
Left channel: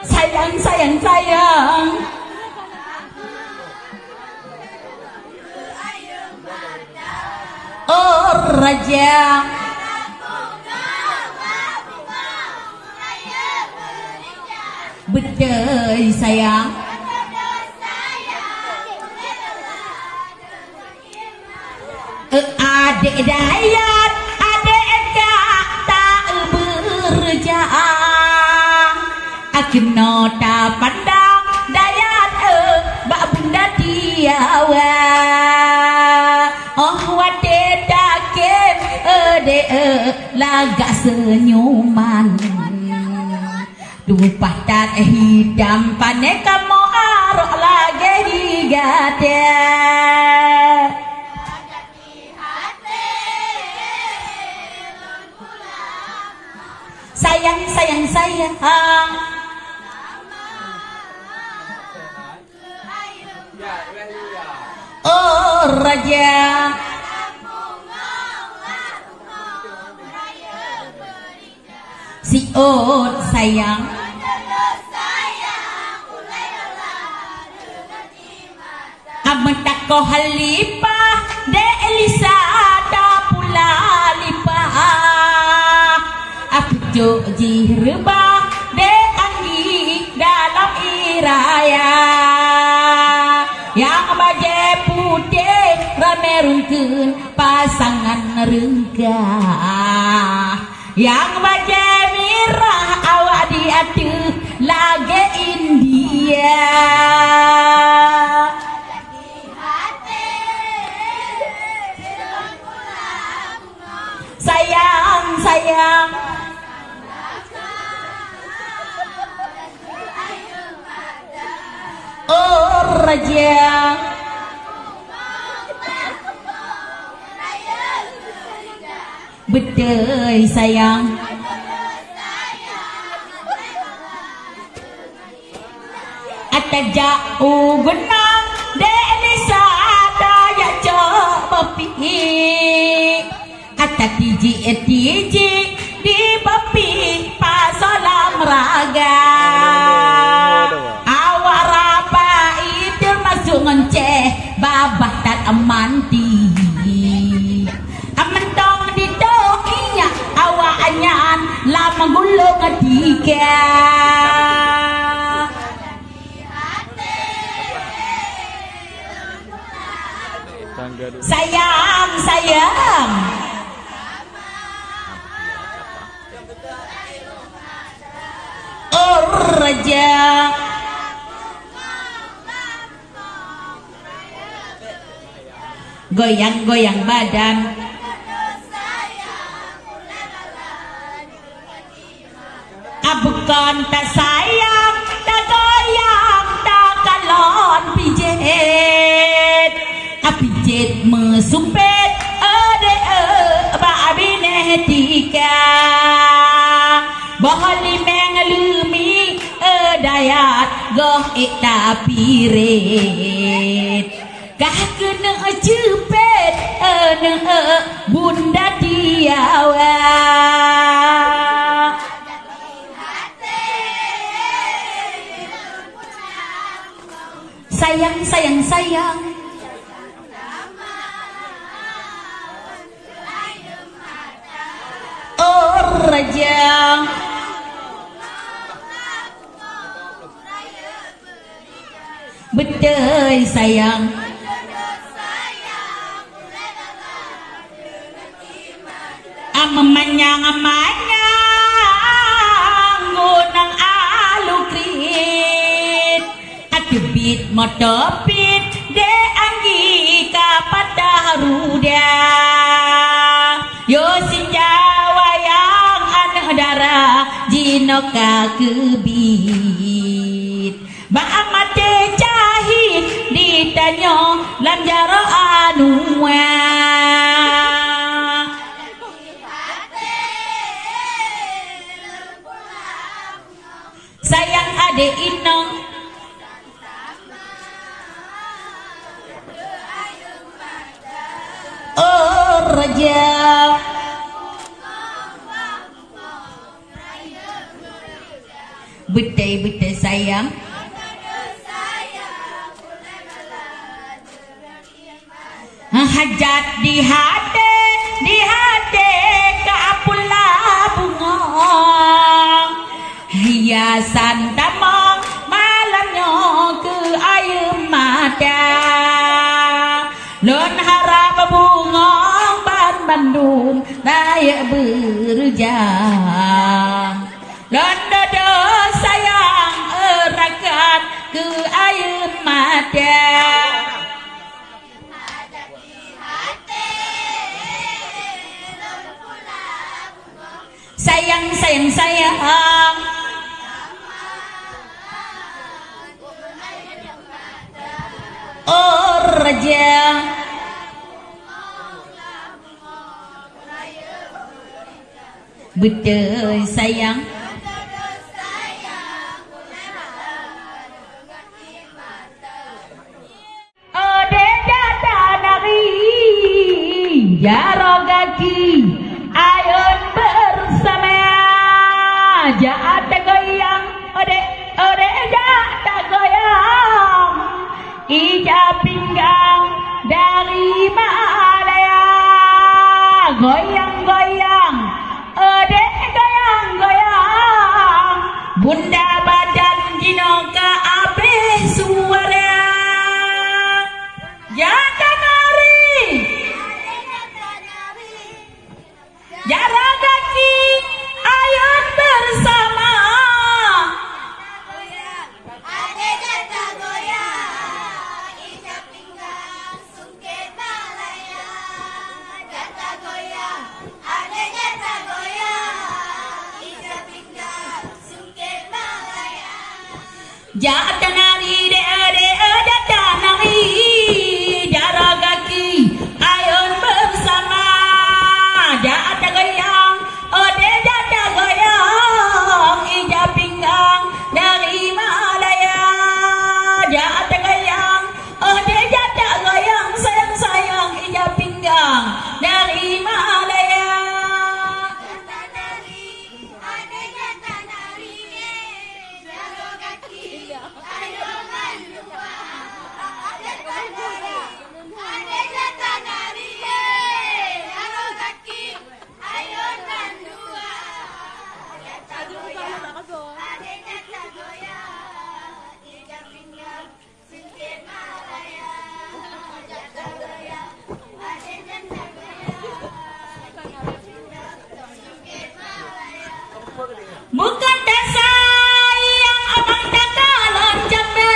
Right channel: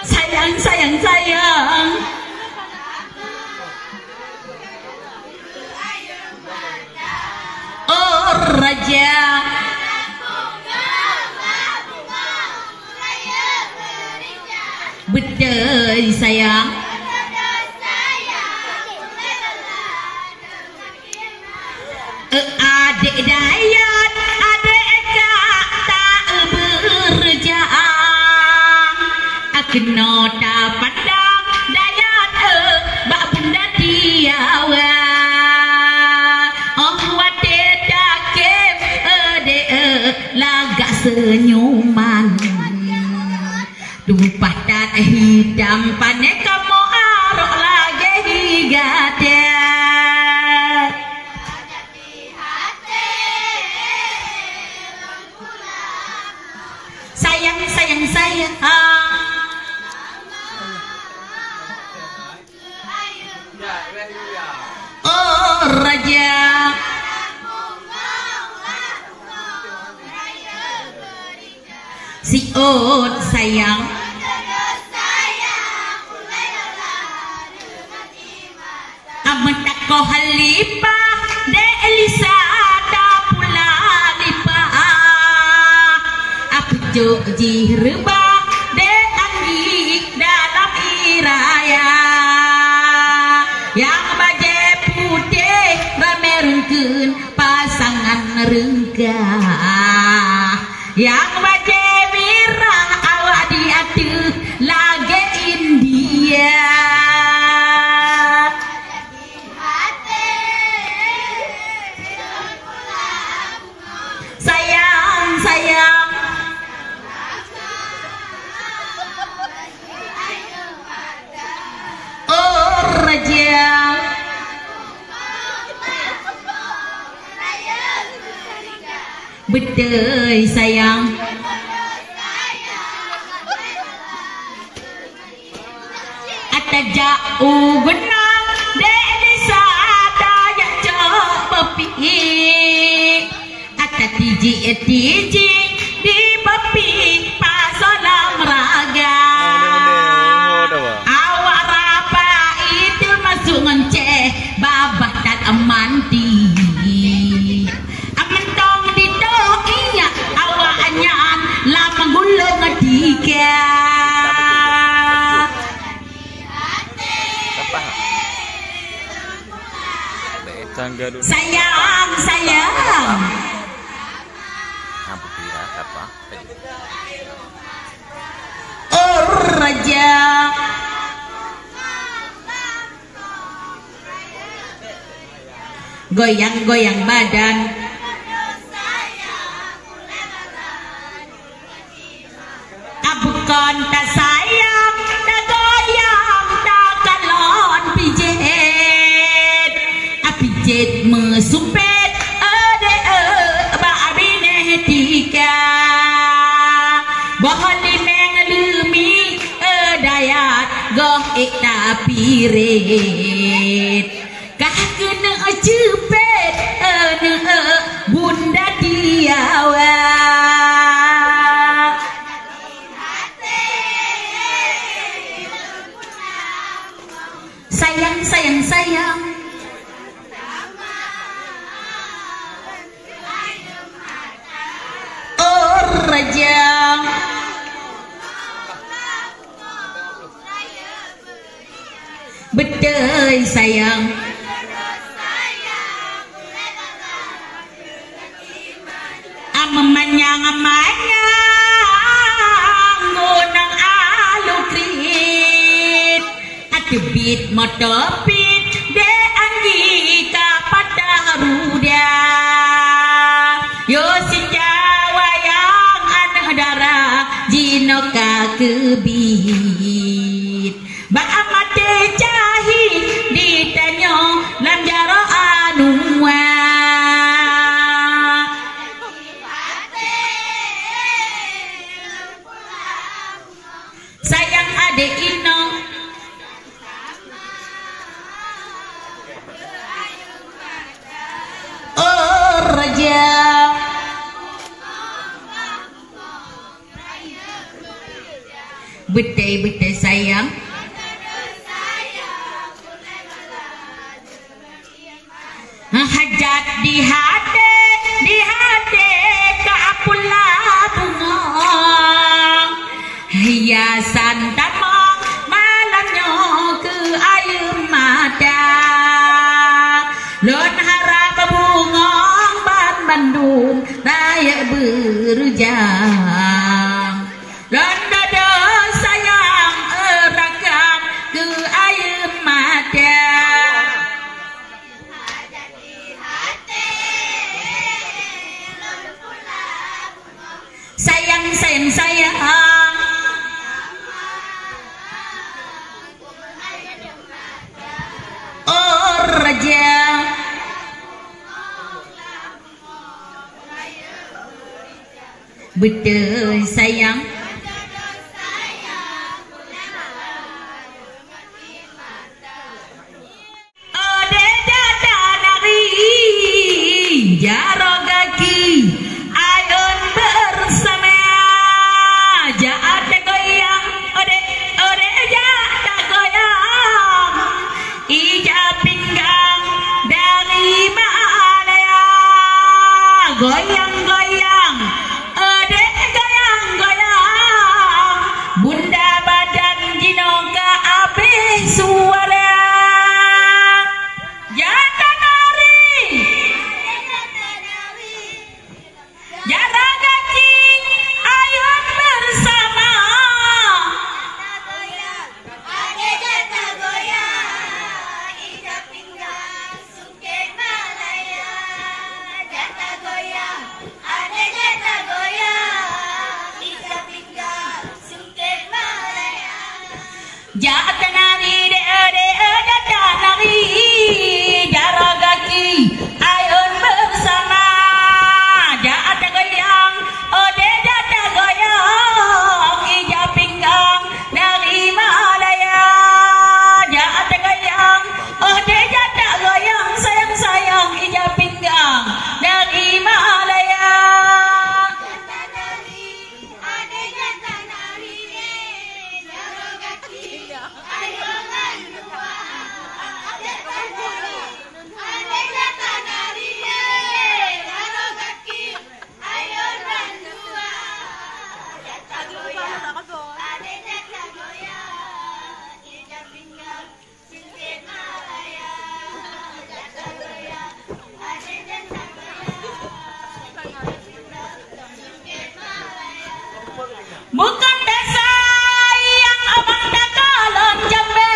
Sayang sayang sayang. Oh raja betul sayang. Adik dayat adik tak berjaya. Aku nota pandang dayat bak bunda tiawa. Oh wate dakem ade lagak senyuman. Dupa tat hidam pane kamu arok lagi higate. Sayang sayang sayang. Oh raja si Ot sayang. Ametak ko halipah de Elisa da pula lipah. Aku joji rebah de anggi dalam iraya. Yang baje putih ramerungkeun pasangan renggah. Yang baje mirah awak diatuh lage India. Sayang sayang. Oh raja betul sayang. Ata jauh benang desa daya coba pi. Ata tiji di bapi pasalam raga. Awak rapa itu masuk ngeceh babah tak amanti. Lama gulung adika. Sayang sayang. Oh raja goyang-goyang badan. Bukan tak sayang, tak goyang, tak kalon pijet. Pijet mesumpet, ade babine tika. Bahali mengelumi, dayat goh ikta piret. Kah kena cepet, bunda tiawa. Sayang sayang sayang. Oh raja betul sayang. Amanyang gunang alukrit. debit motopit de anggi kapada haruda yo senjawa yang anak darah jinoka kebit ba amate cahit ditanyo lam jaro anua sayang ade ino oh raja betul-betul sayang hajat di hati kapula bunga hiasan tamang malamnya ke air mata lon harap bunga ban Bandung daya berjam lon dodo sayang erakat ke air mata sayang oh raja betul sayang oh deda dari jaro kaki ayun bersama jaat goyang ode jaat goyang ija pinggang dari Malaya goyang-goyang ode goyang-goyang bunda badan jinoka abe suara jata nari jara kaki ayun bersama ade jata goyang ija pinggang sungket Malaya jata goyang ade jata goyang ija pinggang sungket Malaya jata nari de jata nari jara kaki ayun bersama jata goyang ode jata goyang ija pinggang dari Malaya jata goyang ode jata goyang sayang ija pinggang dari Malaya jata nari ade jata nari jaro kaki ayun bandua jata goyang ade jata nari jaro kaki ayun bandua jata goyang ade jata goyang ija pinggang sungket Malaya jata goyang ade jata goyang sungket Malaya bukan sayang abang dakalon jambe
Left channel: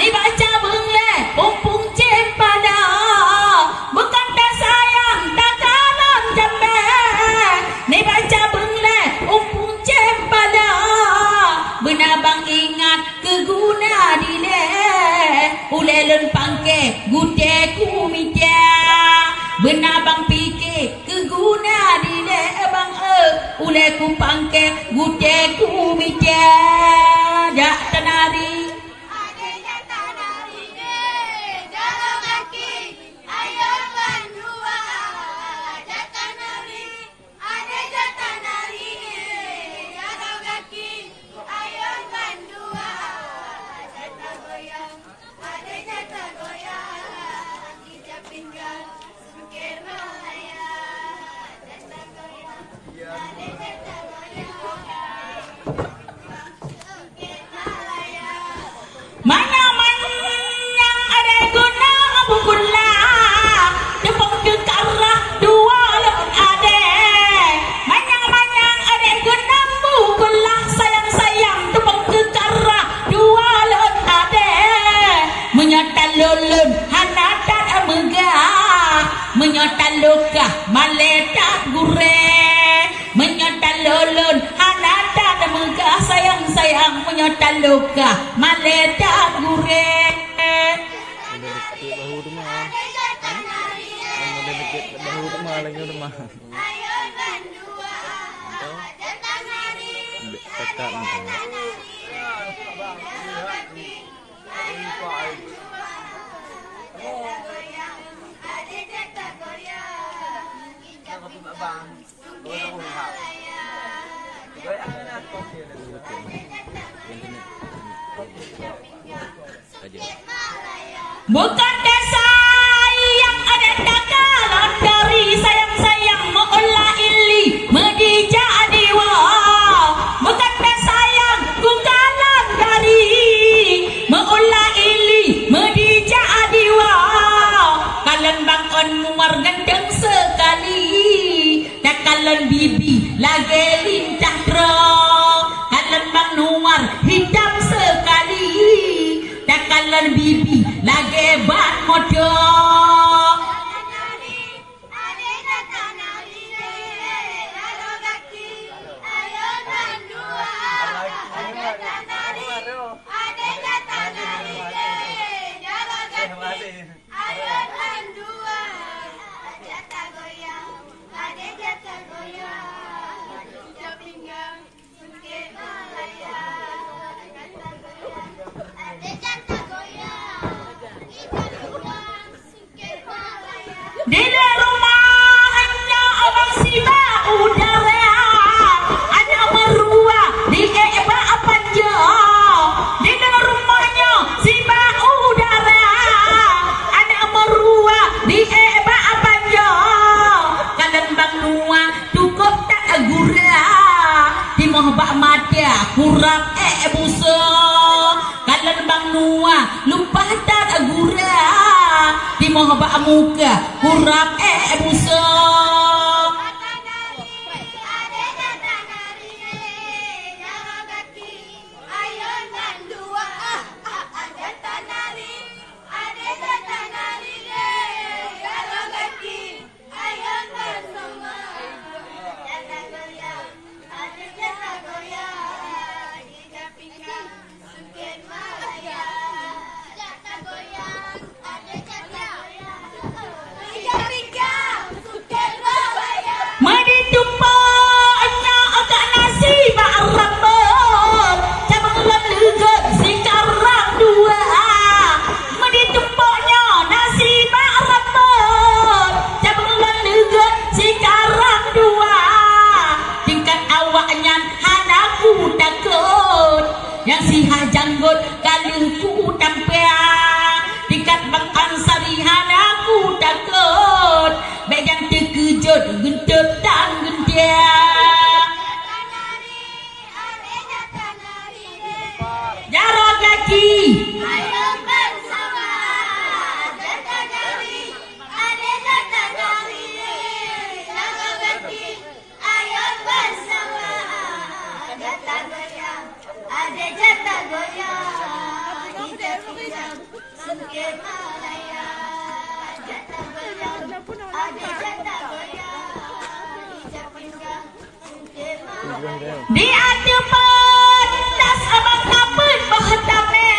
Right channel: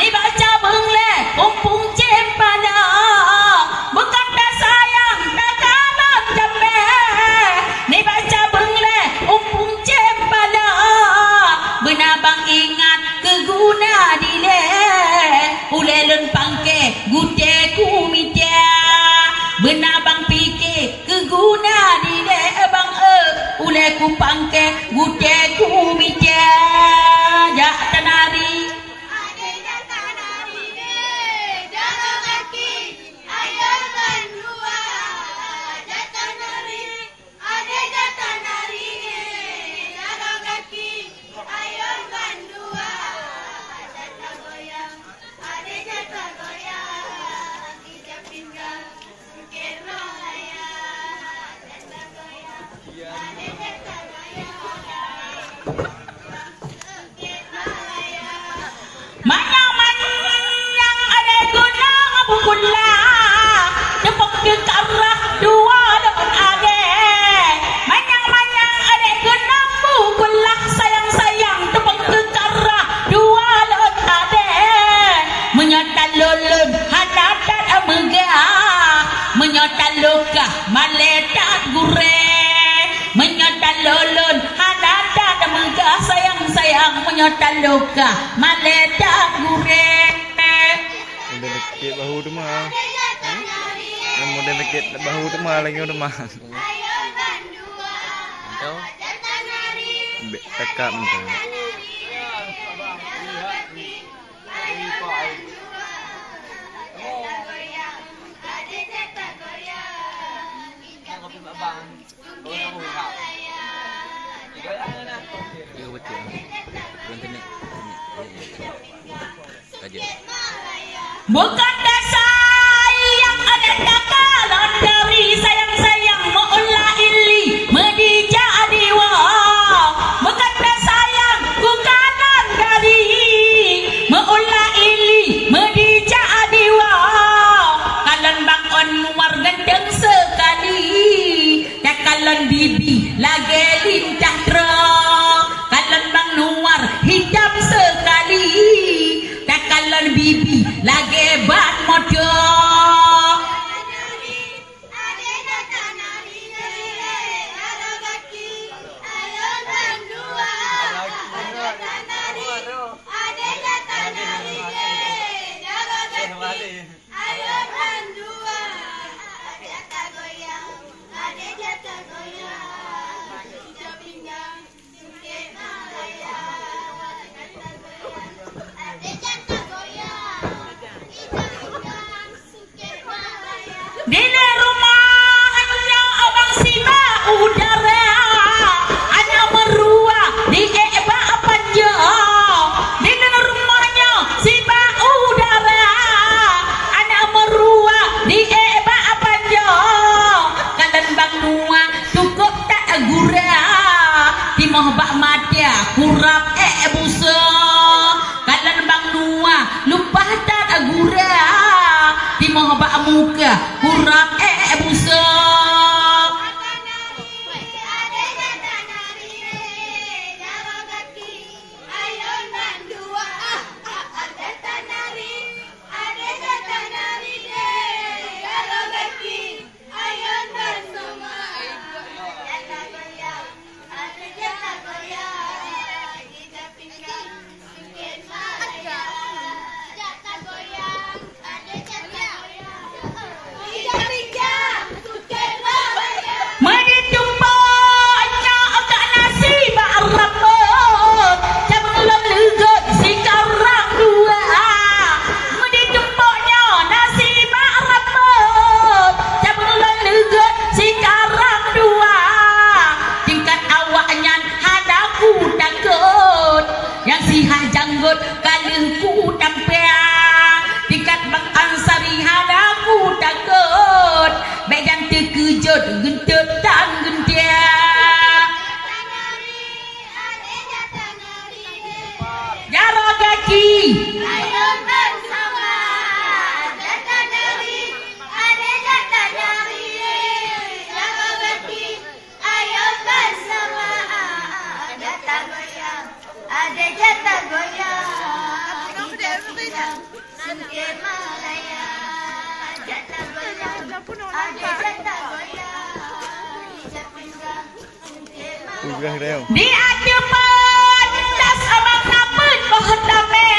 ni baca bengle umpung cempana bukan sayang dakalon jambe ni baca bengle umpung cempana benabang ingat keguna dile ulelun pangke gute kumita benabang pikir keguna dile bang ule ku pangke gute kumita jata nari ade jata nari jaro kaki ayun bandua jata nari ade jata nari jaro kaki ayun bandua jata goyang ade jata goyang ija pinggang sungket Malaya jata goyang ade jata goyang sungket Malaya manyang ada guna bukula tepuk ke karah dua lon ade manyang ada guna bukula sayang tepuk ke karah dua lon ade sayang menyota luka maledak gureh. Udah deket bahu tu mah. Udah deket bahu tu mah lagi udah mah. Tekak mentang. Bukan sayang ada takalan dari sayang-sayang maulah ili medija adiwa. Bukan sayang ku kalan dari maulah ili medija adiwa. Kalan bang on luar gendeng sekali. Kalan bibi lagi lintah terang. Kalan bang luar hitam sekali. Kalan bibi lagi bat modok. Di rumahnya abang siba udara, ada merua di eba panja. Di rumahnya siba udara, ada merua di eba panja. Kalan bang nua cukup tak gura, di mohbak mata kurap busa. Kalan bang nua lupa tak gura, di mohbak muka kurap busa. Yang sihah janggut kalengku tampea tingkat bang ansari hadaku takut bejan terkejut gentut dan gentia jarak kaki ayo bersama jatah dari ada jatah dari jarak kaki ayo bersama jatah goyang ada jatah goyang Sungkir Malaya jatah goyang ada jatah goyang Sungkir Malaya di adepan das abang kapun bahtame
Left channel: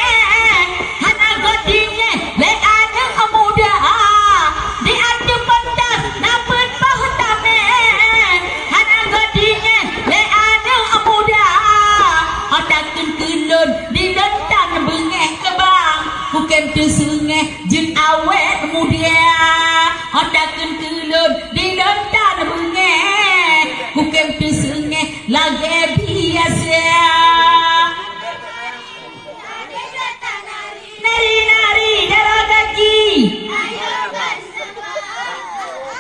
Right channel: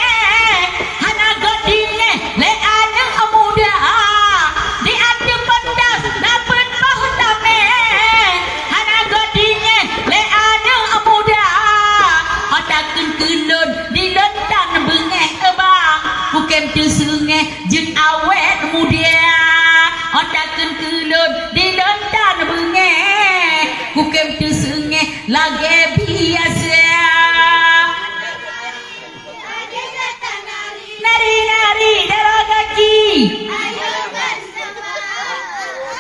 hana godine le ada muda di adepan das napun bahtame hana godine le ada muda otakun kulun di lentan bengeh bang bukan tu sungai jun awet muda otakun kulun di lentan bengeh bukan tu sungai lagi biasa nari-nari darah kaki ayo bersama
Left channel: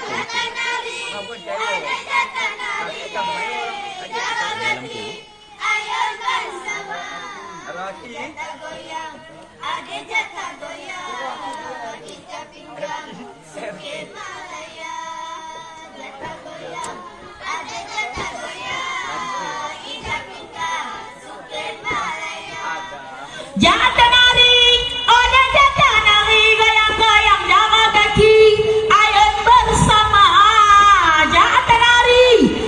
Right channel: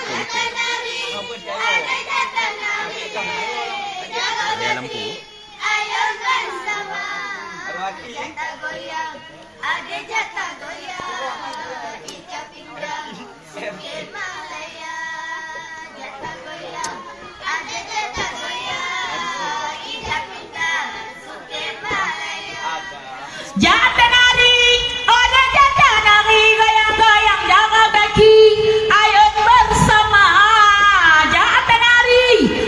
jatah nari ada jatah nari darah kaki ayo bersama jatah goyang ada jatah goyang ijab pinggang Sungkir Malaya jatah goyang ada jatah goyang ijab pinggang Sungkir Malaya jatah nari ada jatah nari goyang-goyang jaga kaki ayo bersama jatah nari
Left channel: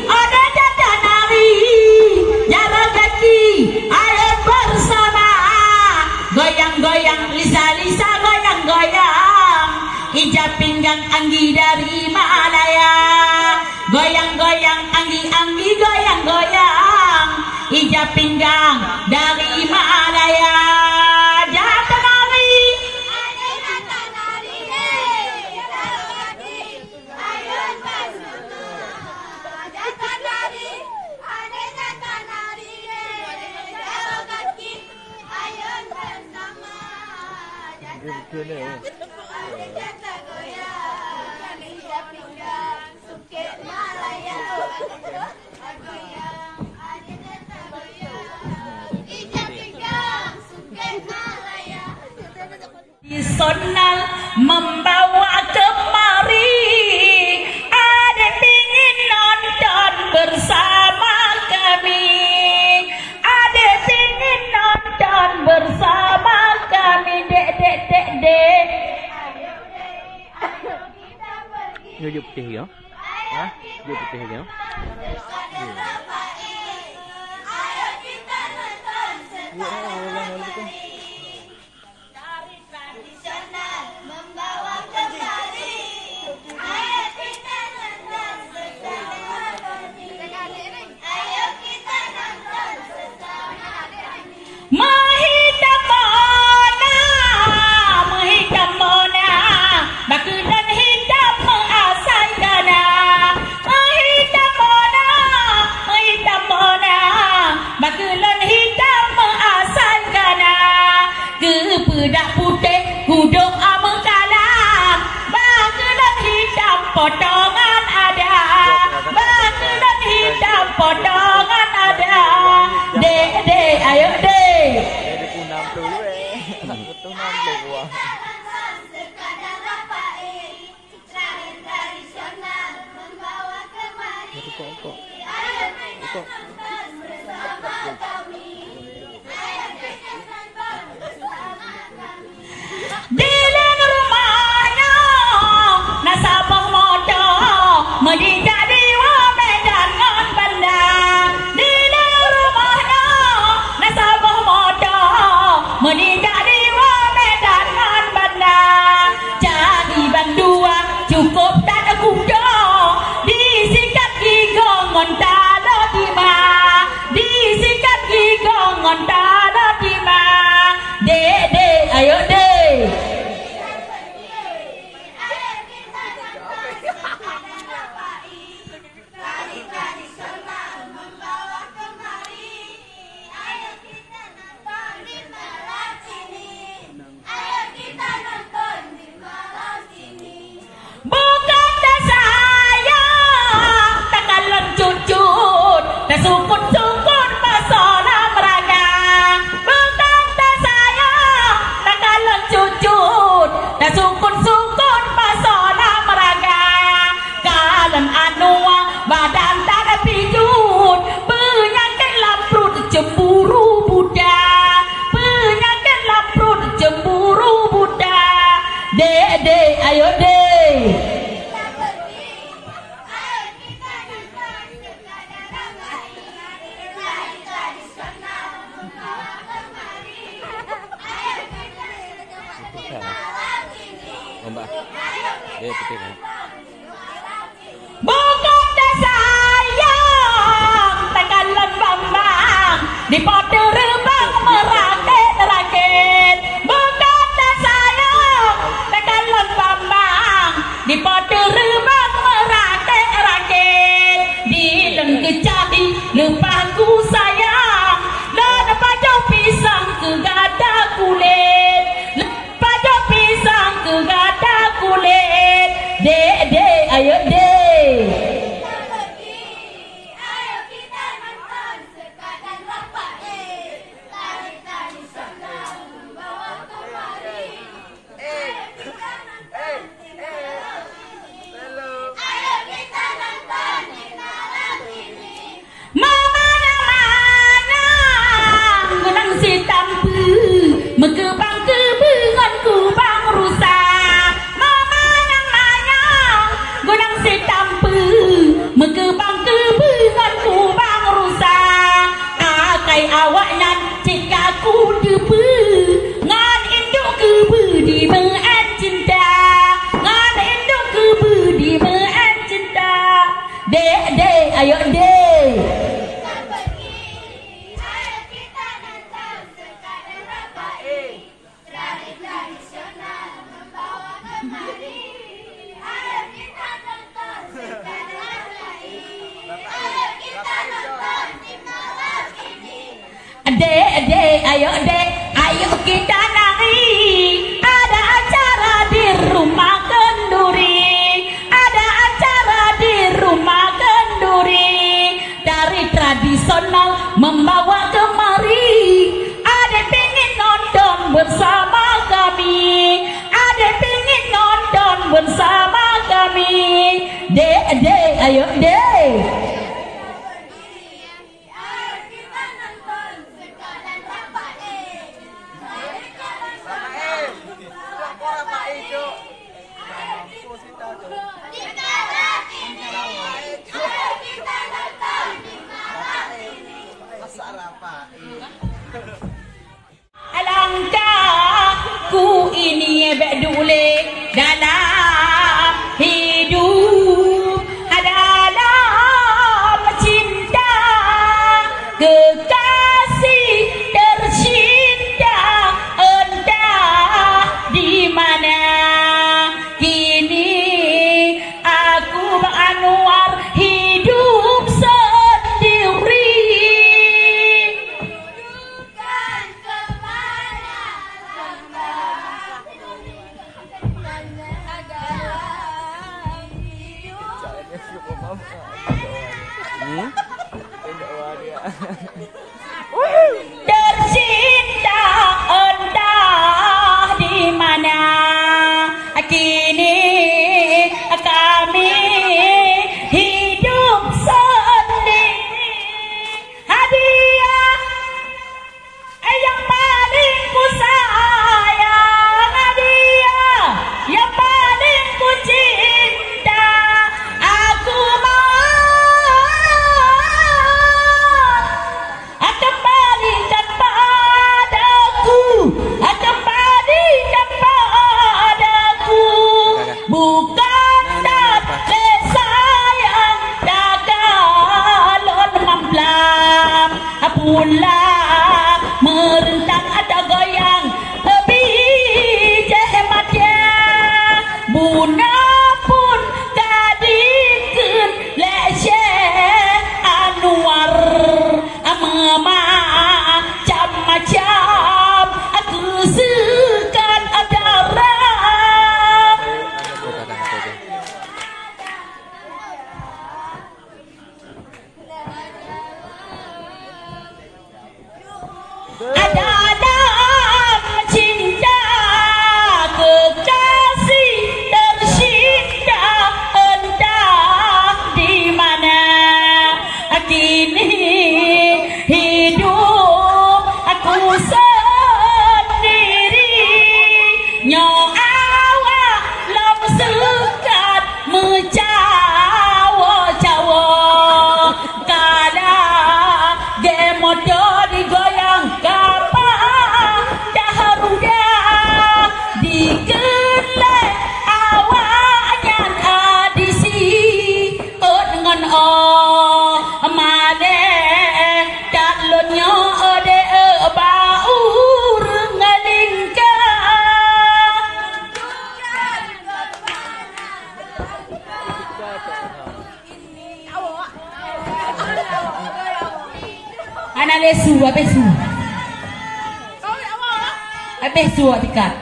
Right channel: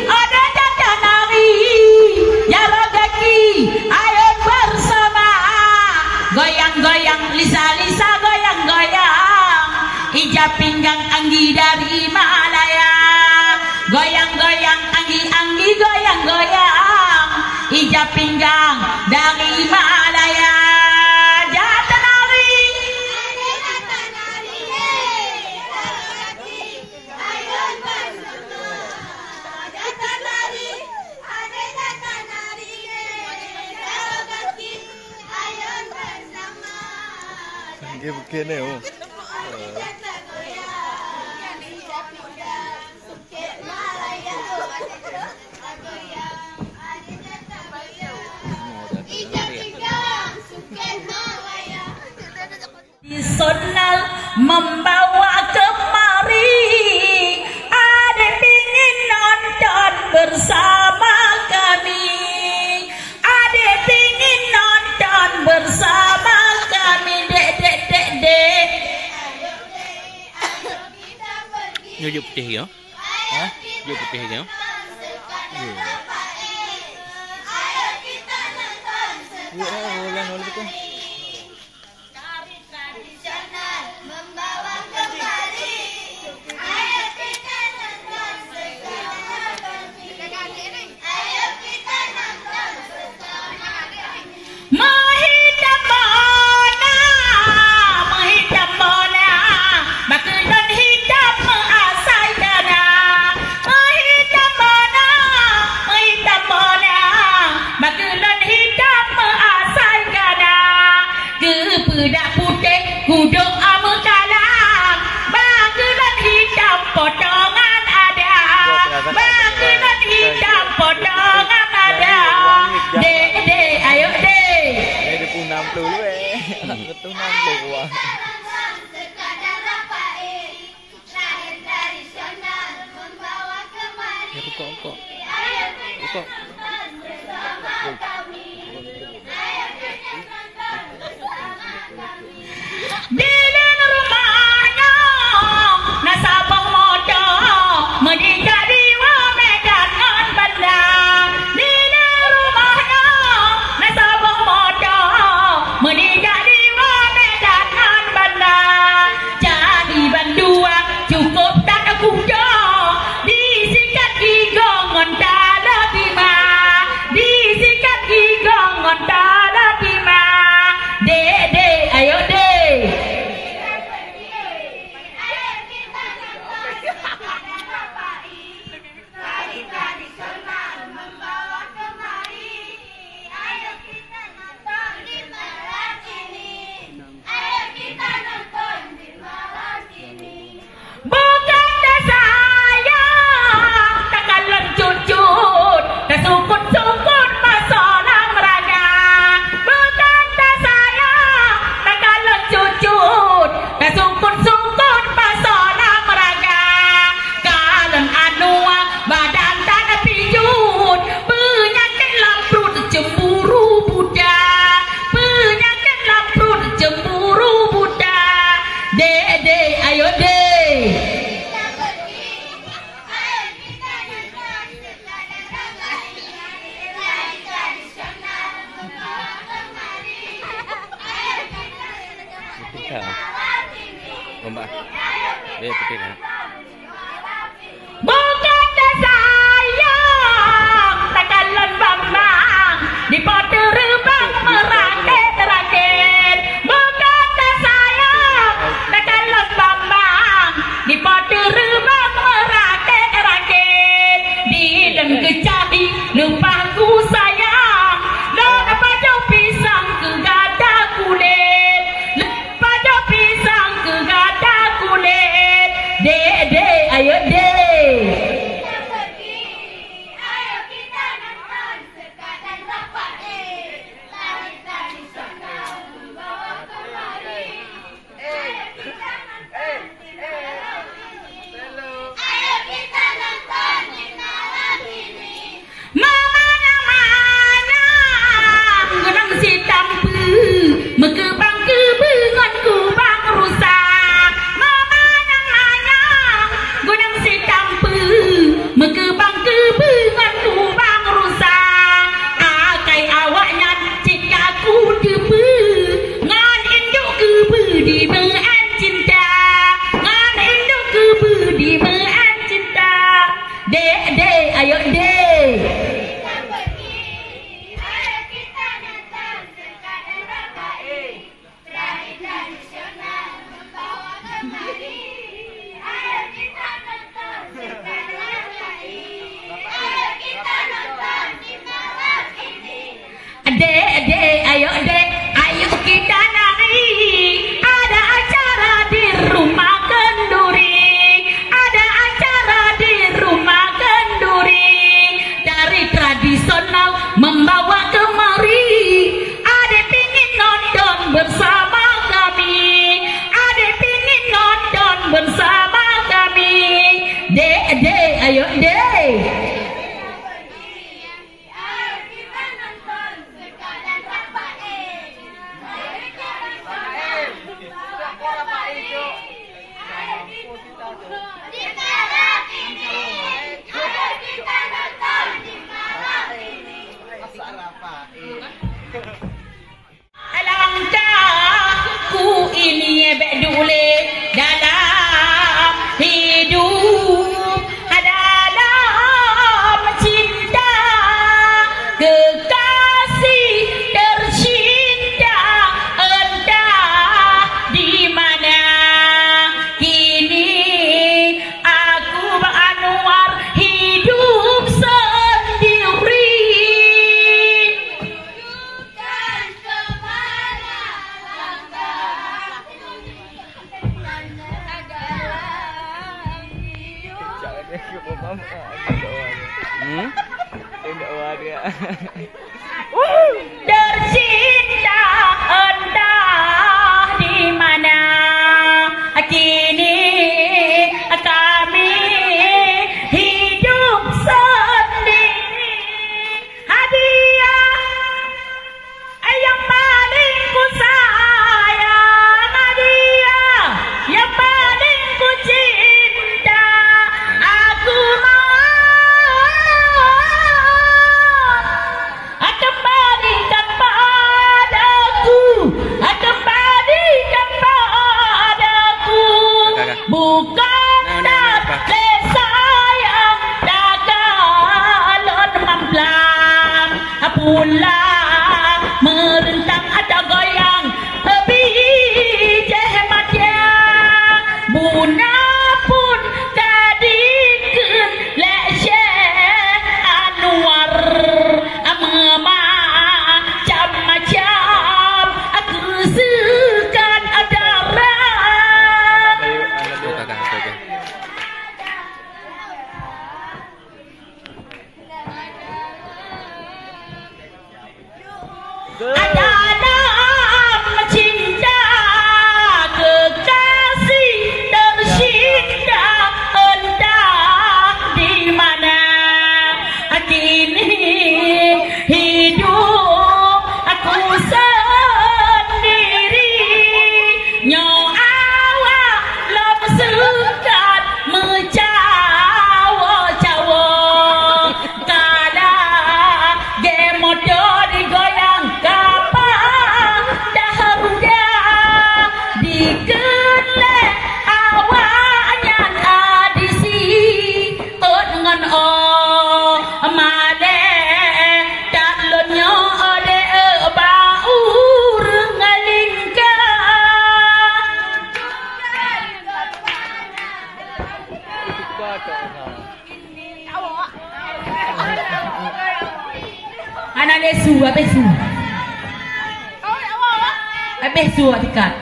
ada jatah nari jaga kaki ayo bersama goyang Lisa goyang-goyang, ijab pinggang Anggi dari Malaya. Goyang-goyang Anggi goyang-goyang, ijab pinggang dari Malaya. Begini oh. Sonal membawa kemari, ada ingin nonton bersama kami, ada ingin nonton bersama kami, dek. Nyujuk putih ya? Hah? Nyujuk putih ya? Budak putih kuduk amekalang, bangkulan hitam potongan ada, bangkulan hitam potongan ada. Dek, ayo dek. Ada pun 60 Nak betul 60 gua. Ya kok. Di dalam rumahnya nasabah motor meninggal di Medan ngan bandar. Di dalam rumahnya nasabah motor meninggal di Medan ngan bandar. Jadi bandua cukup tak kuda, disikat gigongon tak ada bima, disikat gigongon tak ada bima. Dek, ayo dek. Bukan saya tak kalon cucut, kesukut-sukut masalah meraga. Bukan saya tak kalon cucut, kesukut-sukut masalah meraga. Kalon anua badan tak ada pijut, penyakit lamprut cemburu Buddha, penyakit lamprut cemburu Buddha. Dek, ayo dek. Mbak. Dia putih kan? Bukan saya tak kalon bambang di poter rebang merakit. Bukan saya tak kalon bambang di poter rebang merakit. Di dan kecapi lupa ku sayang, dan pajau pisang ke gada kulit, pajau pisang ke gada kulit. Dek, ayo dek. Ayo kita nonton sekadar bapak ayo kita nari. Ada acara di rumah kenduri, ada acara di rumah kenduri. Dari tradisional membawa kemari. Adek pingin nonton bersama kami, adek pingin nonton bersama kami. Dek, ayo dek. Alangkahku ini bedule dalam hidup, dalam cinta, kekasih tercinta entah di mana. Kini aku Anwar hidup sendiri. Tercinta entah di mana. Kini kami hidup sendiri. Hadiah yang paling ku sayang, hadiah yang paling ku cinta. Aku kembalikan padaku, kembalikan padaku. Bukan dari sayang dagalon mamplam, pulang merentang ada goyang bijak hematnya. Buna pun kadikun lece Anwar macam-macam aku sekan darah. Dalam cinta, kekasih tercinta entah di mana. Kini hidup aku sendiri. Nyawa lom sekat mencawa-cawa. Kala gemodo digoyang kapal daharuda. Dikelek awaknya adisi dengan male dalonnya ode baur ngalingka. Ana lesu abesu tikat.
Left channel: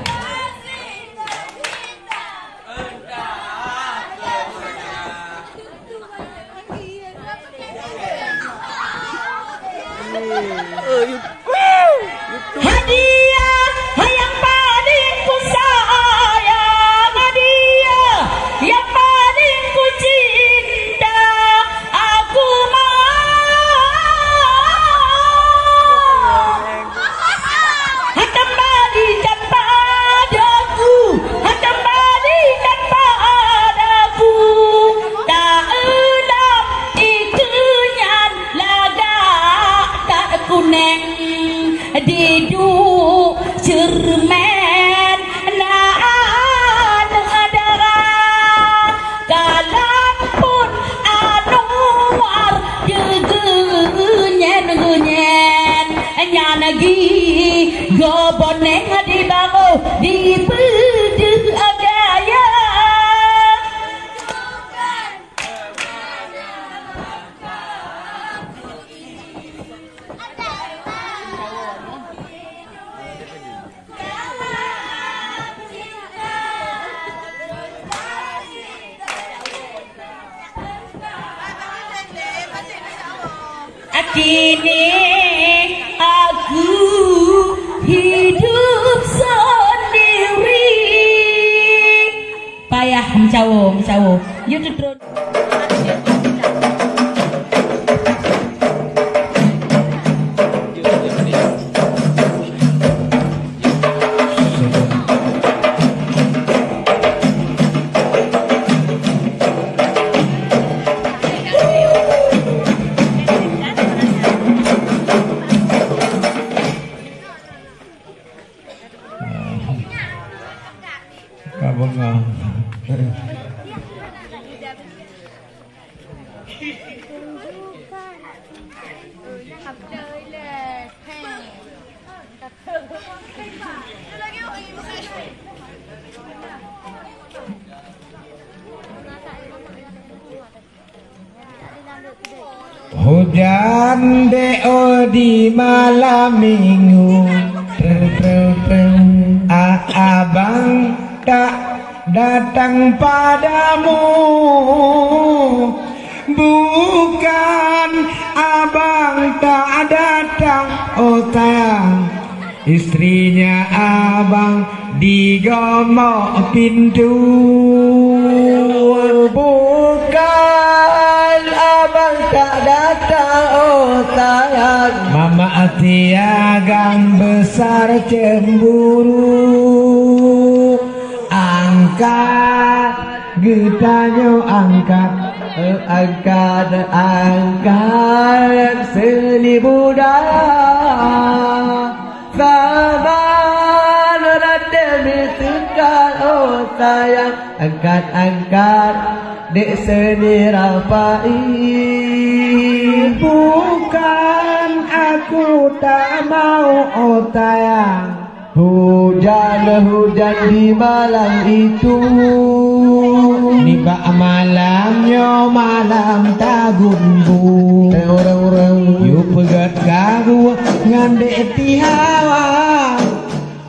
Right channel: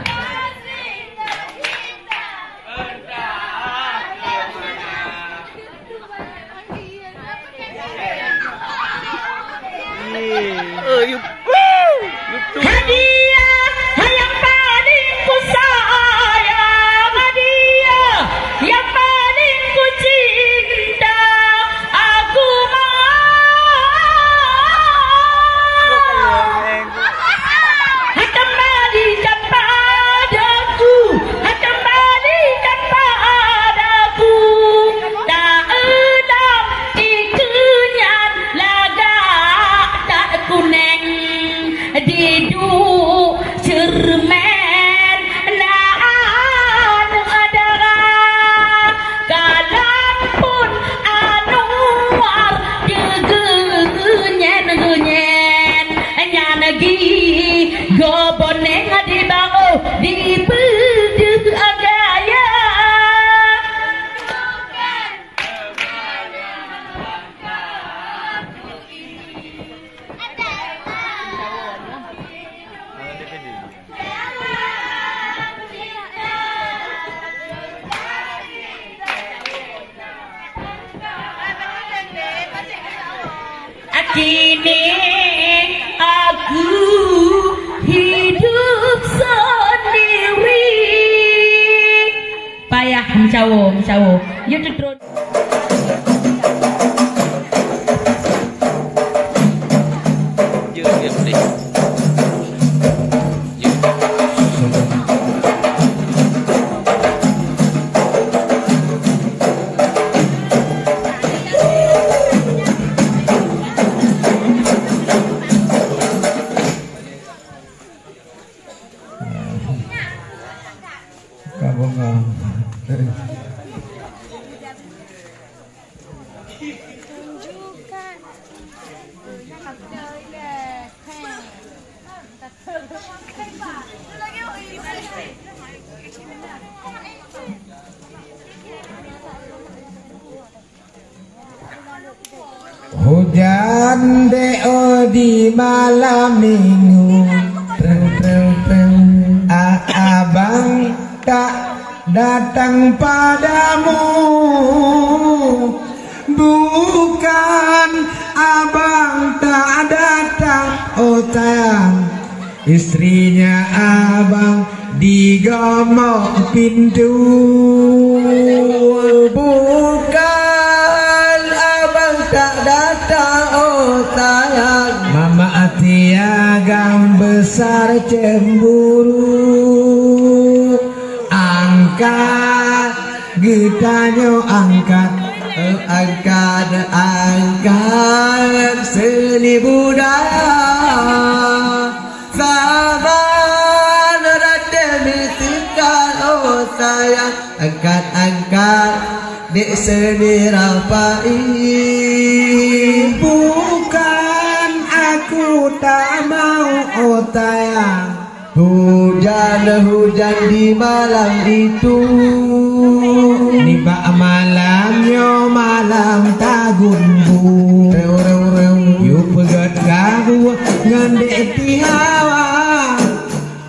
Hadiah yang paling ku sayang, hadiah yang paling ku cinta. Aku kembalikan padaku, kembalikan padaku. Tak elam ikunyan lagak tak kuneng. Diduk cermen naan darah. Kalaupun Anwar genyen nyanagi goboneng di bango di bedeh agaya. kini aku hidup sendiri. Payah mencawo. You terus. Hujan deo di malam minggu, abang tak datang padamu. Bukan abang tak datang, oh sayang, istrinya abang digomok pintu. Bukan abang tak datang, oh sayang, mama hati agam besar cemburu. Angkat getanyo, angkat seni budaya. Saban demi sekal, oh sayang, angkat dek seni rapai. Bukan aku tak mau, oh sayang, hujan di malam itu. Nibak malamnya malam tagunbu. You pegat kagu ngandek tihawa,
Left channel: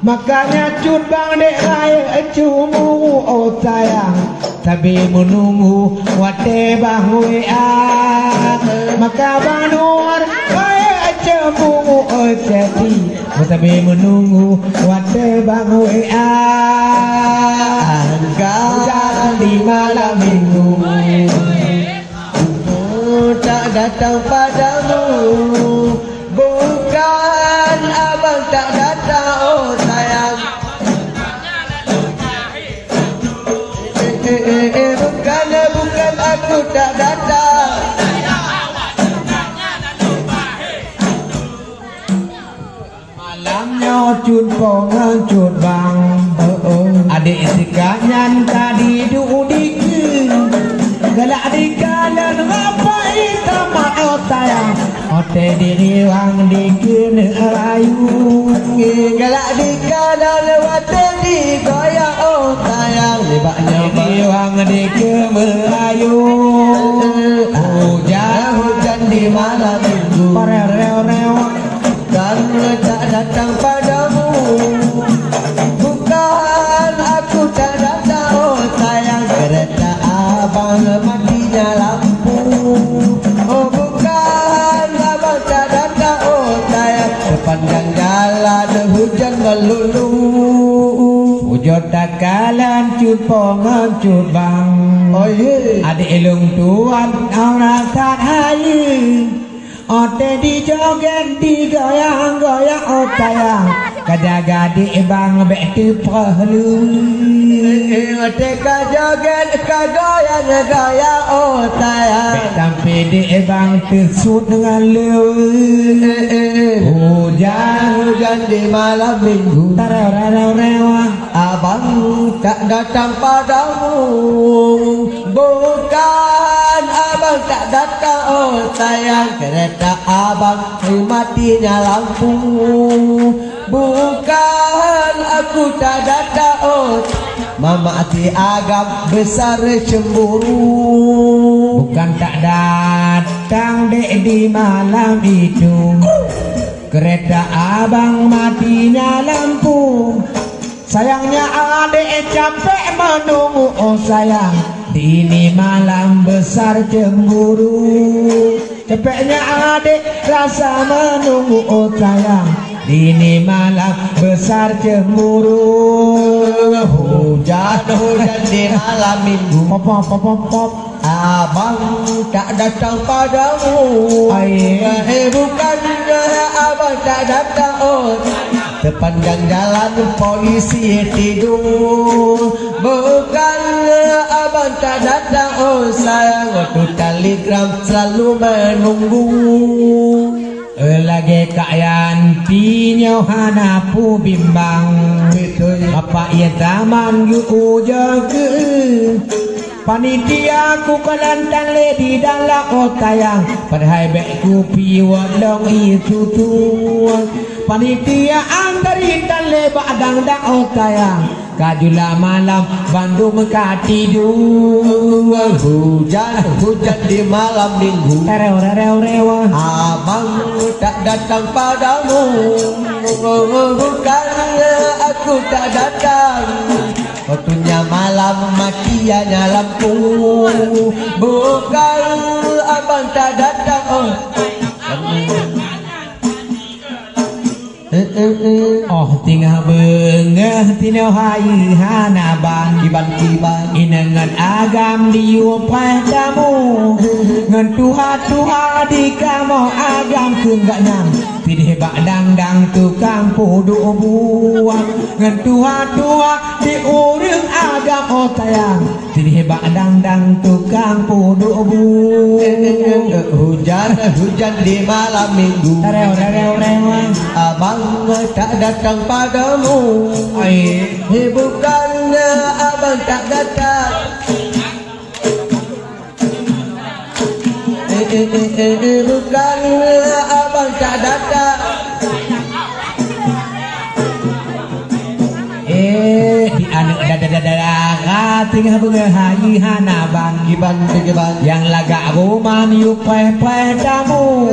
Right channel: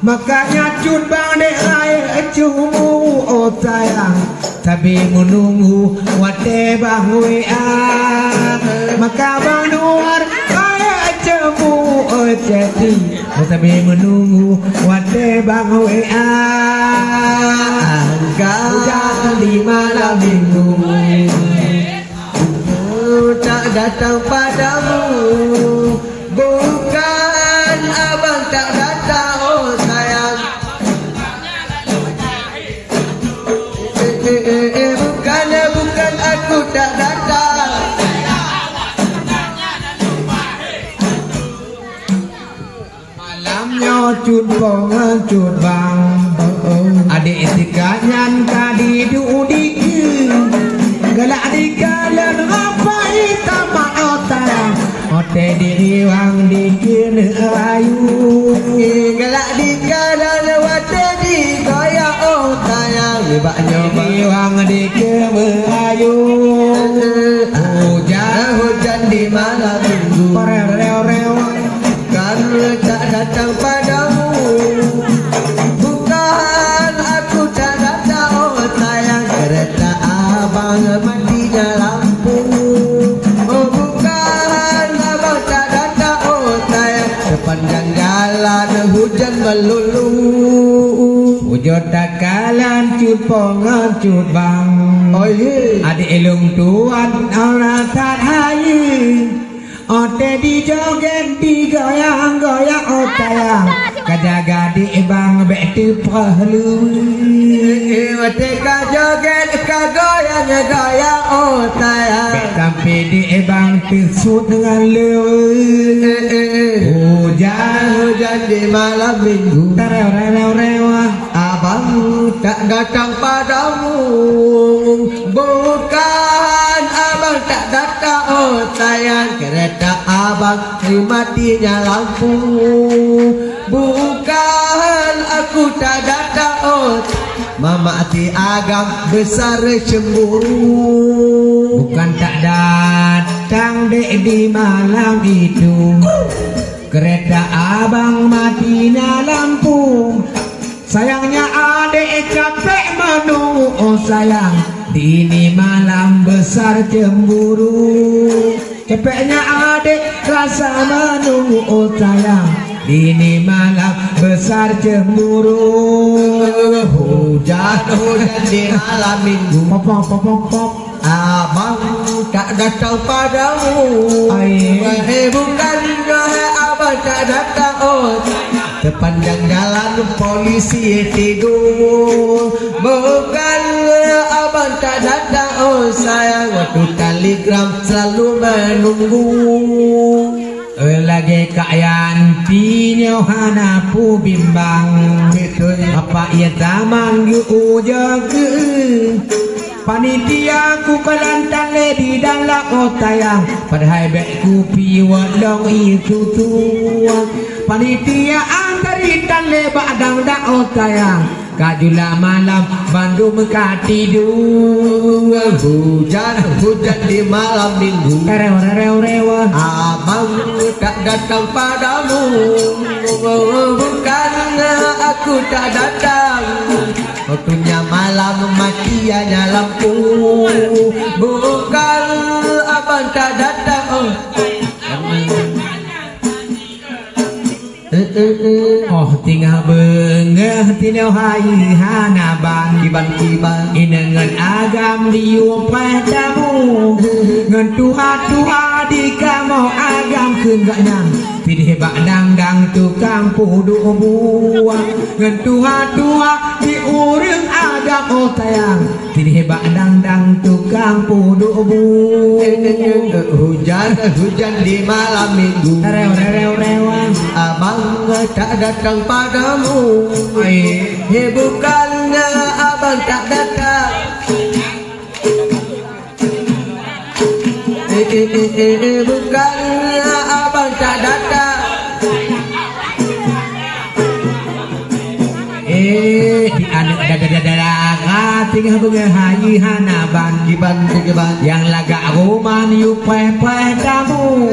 makanya cut bang dek raya cumu, oh sayang, tapi menunggu wate bang WA. Maka bang luar kaya cemu, oh jadi, tapi menunggu wate bang WA. Hujan di malam minggu, tak datang padamu. Bukan abang tak datang, oh sayang, bukan aku tak datang. Malamnya cut pongan cut bang, adik sikanyan kadi dudikin, galak dikalan ngapai tamat otayang, ote diriwang dikin ayu, galak dikalan wate digoyang otayang, libaknya diriwang dikin ayu. Hujan di malam minggu, kan tak datang padamu. Bukan aku tak datang, oh sayang, kereta abang matinya lampu. Oh bukan abang tak datang, oh sayang, sepanjang jalan hujan melulu. Hujan tak kalan cut pongan cut bang, oh yeah. Adik elung tuan orang tak hayi, ote dijoget digoyang-goyang, oh sayang, kajaga di bang beti perlu. Ote kajoget kagoyang-goyang, oh sayang, sampai di bang pisut dengan lewe. Hujan di malam minggu, abang tak datang padamu. Bukan abang tak datang, oh sayang, kereta abang matinya lampu. Bukan aku tak datang, oh mama hati agam besar cemburu. Bukan tak datang dek di malam itu, kereta abang matinya lampu. Sayangnya adek capek menunggu, oh sayang, di ini malam besar cemburu. Cepatnya adik rasa menunggu oh sayang. Dini malam besar cemburu. Hujan di malam minggu. Pop pop pop pop pop. Abang tak datang padamu. Bukannya abang tak datang oh. Sepanjang jalan polisi tidur. Bukannya abang tak datang oh sayang. Waktu telegram selalu menunggu. Lagi kayan pinyo hanapu bimbang. Apa ia taman yu ujaga. Panitia ku kelantan di dalam otayang. Padahal bekku piwat long itu tua. Panitia antari tale badang dak otayang. Kajula malam Bandung tidur. Hujan di malam minggu. Rewa. Abang tak datang padamu. Bukannya aku tak datang. Waktunya malam matinya lampu. Bukan abang tak datang oh. Oh tinggal bengah tinau hai hanaban Kiban inengan agam diu padamu. Ngan tuha di kamu agam keun gak nyam. Pilih bak dang tukang pudu buang. Ngan tuha di urang agam otayang. Pilih bak dang tukang pudu buang. Hujan di malam minggu. Rewa. Abang tak datang padamu. Bukannya abang tak datang. Bukannya abang tak datang. Di anak dada tinggal bunga hayu hanaban Kiban yang laga roman yu padamu.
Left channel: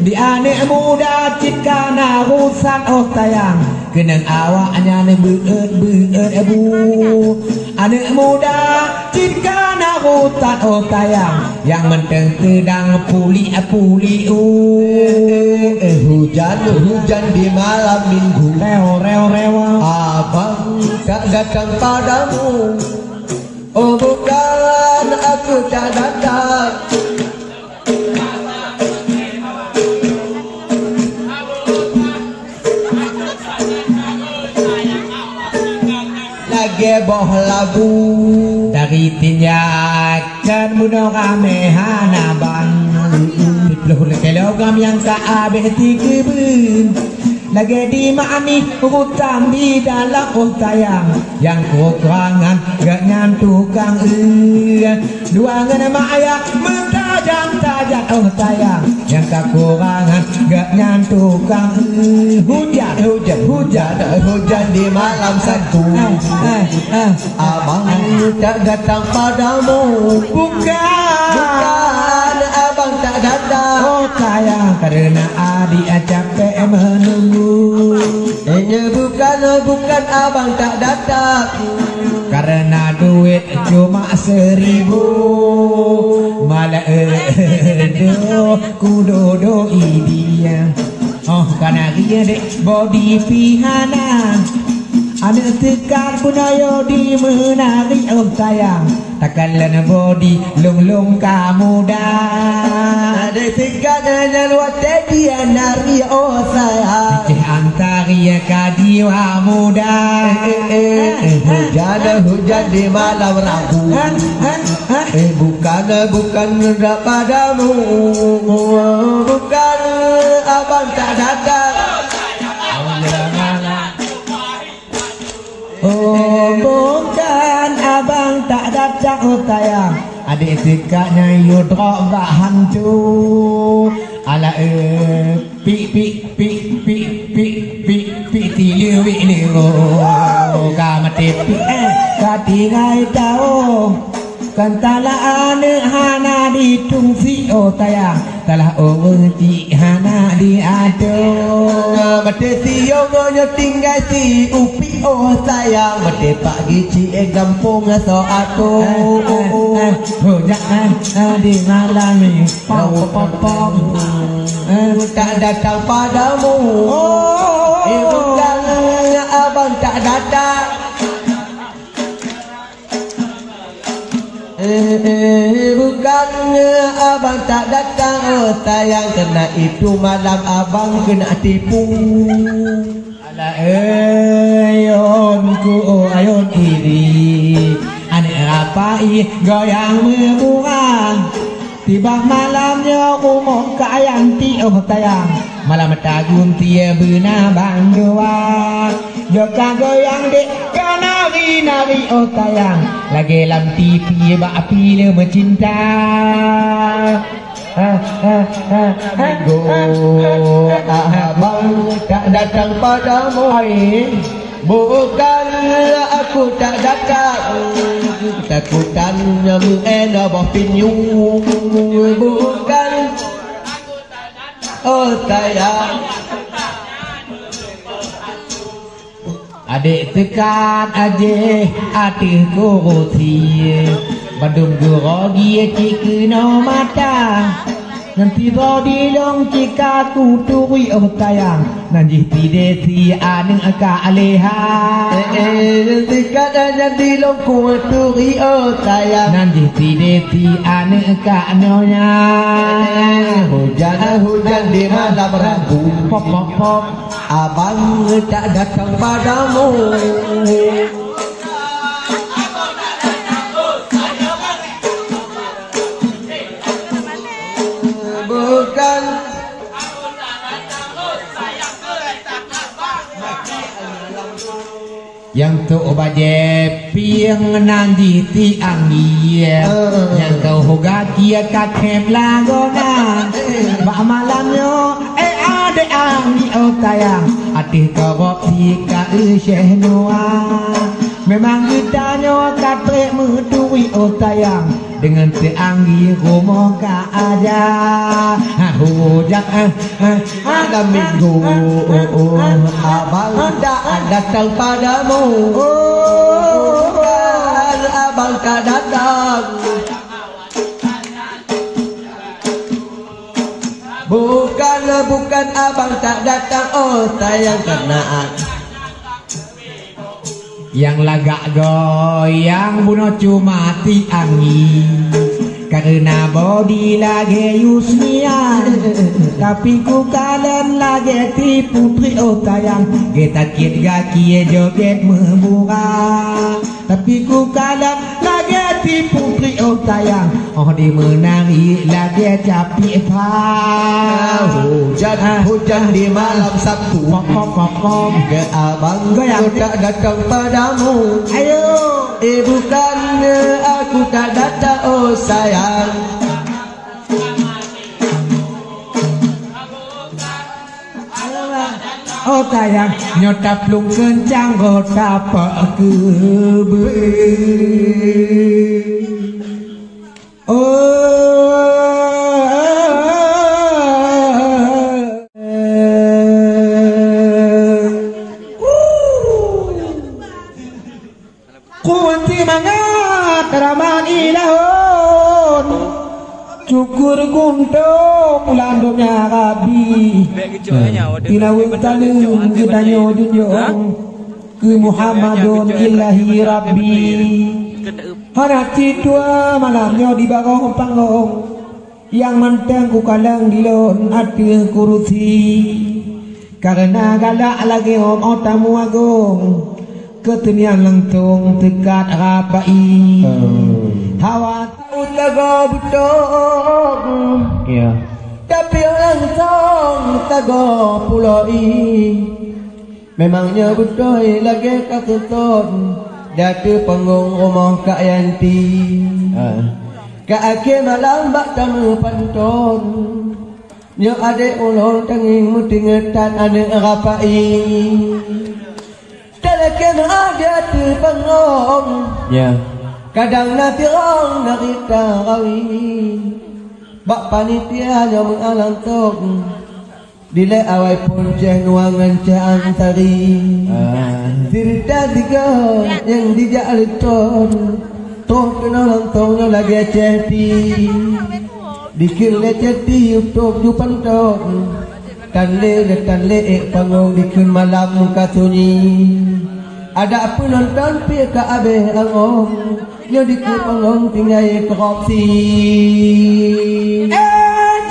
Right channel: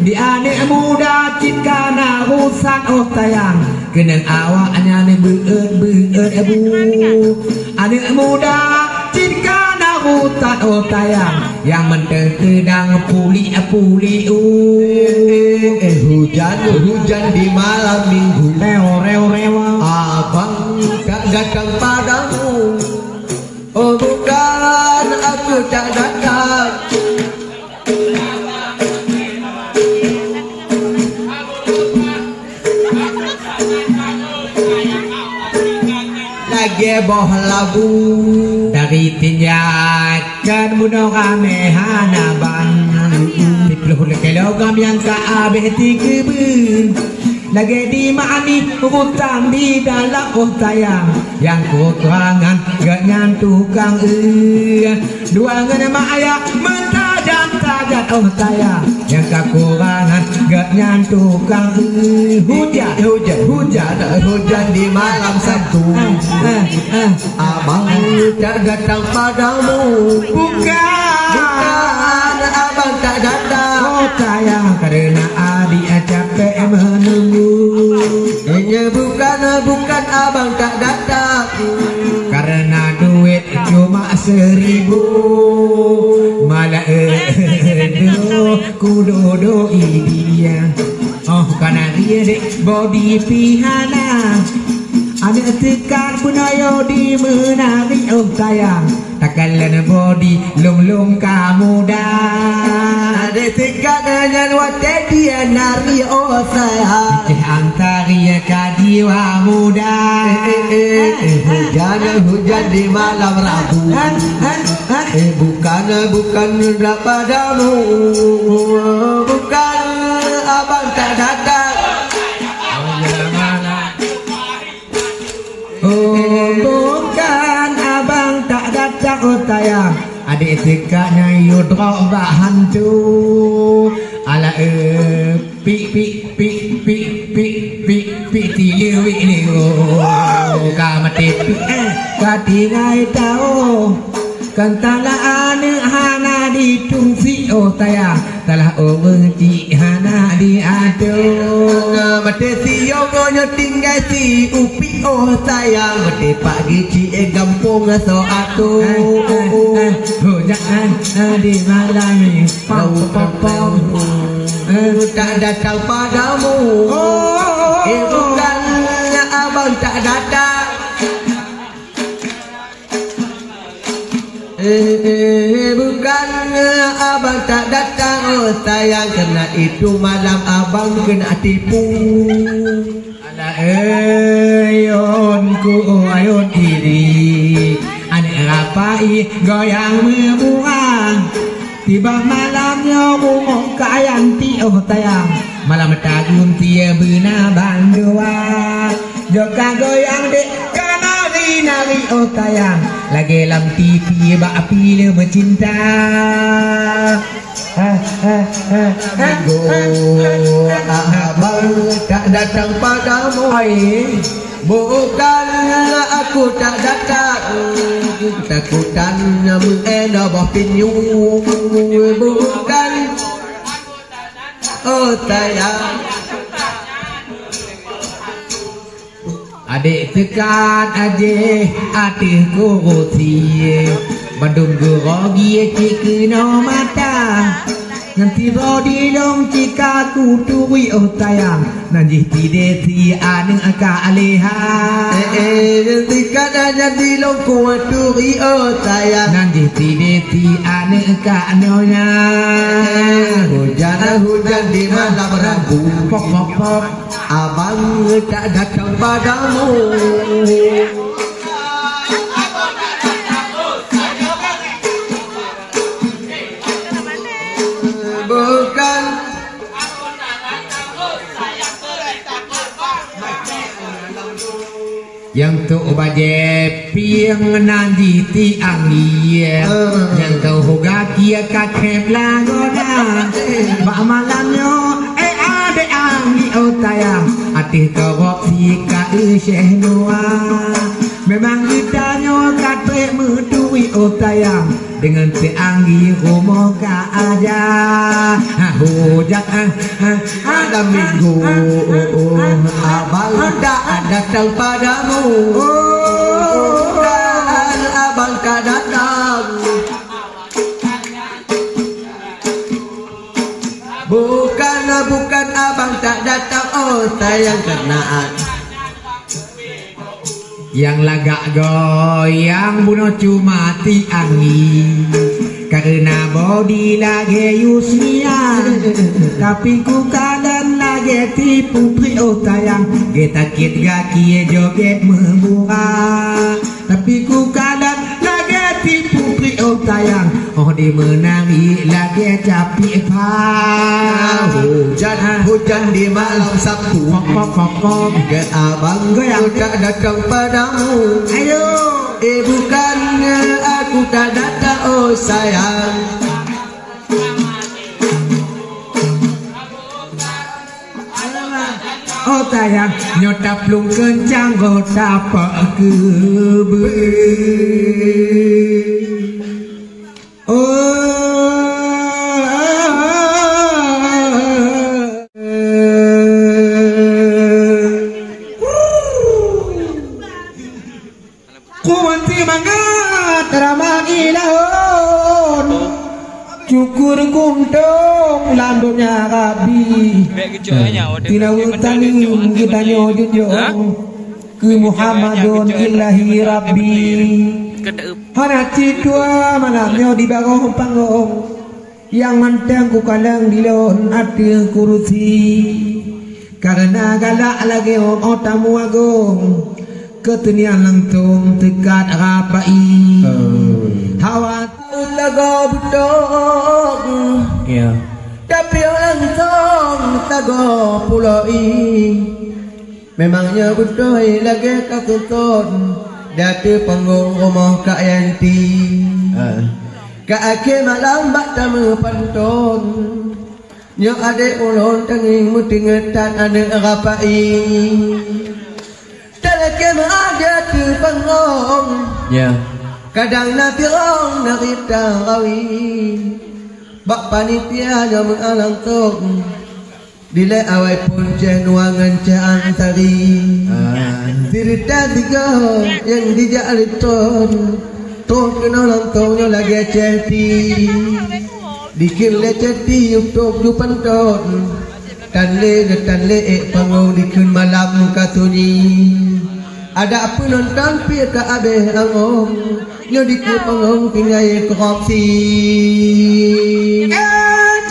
Di anak muda cikana rusak otayang. Kenang awaknya ne beut ebu. Anak muda cikana rusak otayang. Yang menteng sedang puli Hujan di malam minggu. Rewa. Abang tak datang padamu. Oh bukan aku tak datang. Lagi boh labu dari tinjakan bunuh kami hanaban. Dipuluh kilogam yang kaabeh 3 ben. Lagi di mani hutang di dalam otayang. Yang kekurangan gangan tukang dua ngana maya mentajam otayang. Yang kekurangan gangan tukang Hujan di malam Sabtu. Abang tak datang padamu. Bukan abang tak datang. Otayang karena adik capek menunggu. Bukan abang tak datang. Karena duit cuma 1000. Malah kudodoi dia. Oh karena dia dek body pihana. Ada tekan punayo di menari oh sayang. Takalan body lung kamu dah. Ada tekan dan wate dia nari oh sayang. Antari kadiwa muda. Hujan di malam Rabu. Bukan tak padamu. Bukan abang tak datang. Oh bukan abang tak datang utayang. Adik tikaknya yudrok bahan tu. Ala pi tiliu kamati katingai tau kantala ane hana di tungsi otayang talah wenci hana di ado mati siyo tinggal si upi oh sayang mati pagi ci gampung so atu jangan di malam ini pom tak datang padamu bukan abang tak datang bukan abang tak datang oh sayang kena itu malam abang kena tipu ala ayonku ayon iri ane rapai goyang membuang tiba malamnya umum kayanti oh tayang malam tagun tia bina bandua joka goyang dek kanari nari oh tayang lagi lam TV bak api bercinta go abang tak datang padamu bukan aku tak datang takutan mengena bah pinyu bukan oh sayang adik tekan aje atih kuroti bandung gurogi cikino mata nanti rodi long cika kutui oh tayang nanti tide ti aneng aka aleha tikat jadi long kutui oh tayang nanti tide ti aneng aka nyonya hujan di malam rabu pop pop pop abang tak datang padamu bukan yang tu baje piang nanti ti angin yang kau hoga kia kakek lagona mak malamnya ade angin oh tayang atih kau si ka syekh noa memang kita nyo katre mutui oh tayang dengan si angin rumah ka aja hujan ada minggu abang tak datang padamu bukan abang tak datang bukan abang tak datang oh sayang kenaan yang lagak goyang bunuh cuma ti angin karena body lagi yusnia tapi ku kalen lagi tipu pri oh tayang kita kit gaki joget membuka tapi ku kalen lagi tipu pri oh tayang oh di menangi lagi capi pa hujan di malam Sabtu ke abang goyang tak datang padamu ayo bukan aku tak datang oh sayang oh tayang nyotap lung kencang go tapak kebe kuanti mangat raman ilahon cukur kuntung landonya kabi tinawang taling kita nyojujong ke Muhammadun ilahi Rabbi hanati tua malamnya di bawah panggung yang mentang ku kalang dilon ati kuruti karena galak lagi om otamu agung ketenian lentung tekat rapai hawa utago butok ya tapi orang tong tago puloi memangnya butoy lagi kakutun dati panggung rumah Kak Yanti Kak Ake malam bak tamu pantun nyo ade ulon tanging mutingetan ade rapai talakem ada tu panggung ya kadang nanti orang narita rawi bak panitia nyo mengalang tok bila awai pun nuangan antari Cerita tiga yang dijak liton Toh kena lantongnya lagi ceti Dikir le ceti untuk dupan ton Tan le panggung dikir malam katuni Ada apa nonton pi ke abe angong Nyo dikir panggung tinggal korupsi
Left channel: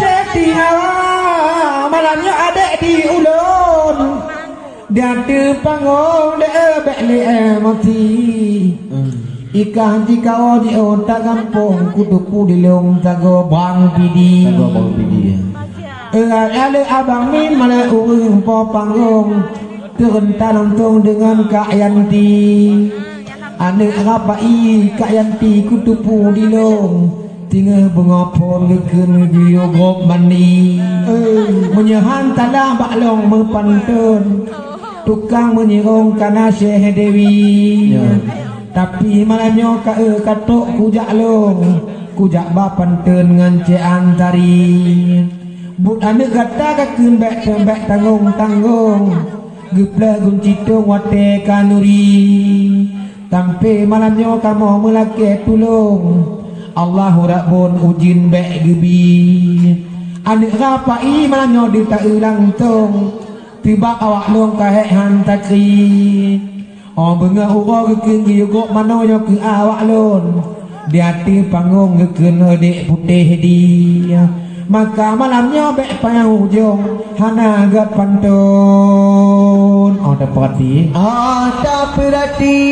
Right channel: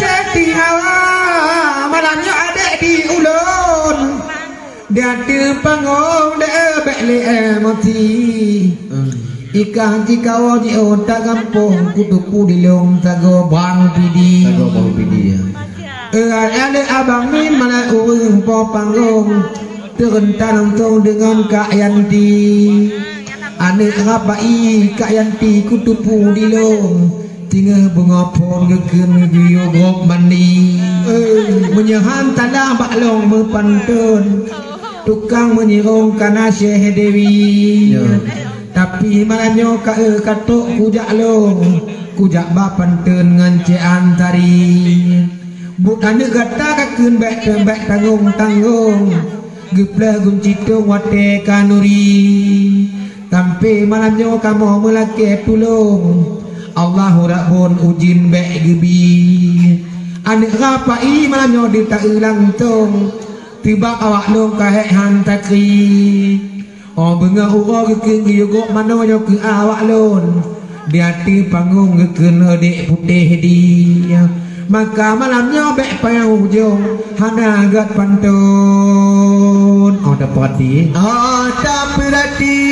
Ceti hawa malamnya ada di ulun Dia tu panggung dia beli mati Ikan jika wau di otak kampung kutupu di long tago bang pidi ya ada abang min mana urung po panggung turun tanam tong dengan Kak Yanti ane rapai Kak Yanti kutupu di long tinggal bengapon geken giyo gop mandi menyahan tanah baklong mepantun tukang menyerong kana Syekh Dewi tapi malanyo katok kujak long kujak bapan ten ngance antari but ane gata kakun bek tembek tanggung gepla gum citong wate kanuri tampe malanyo kamu melake tulung Allahu rabbun ujin bek gebi ane rapai malanyo dita ulang tong tiba awak long kahek hantakri Oh benga uro geken giyugok manonya ke awak lon di hati panggung geken adik putih dia maka malamnya bek payah ujung hana gat pantun oh dapat perhati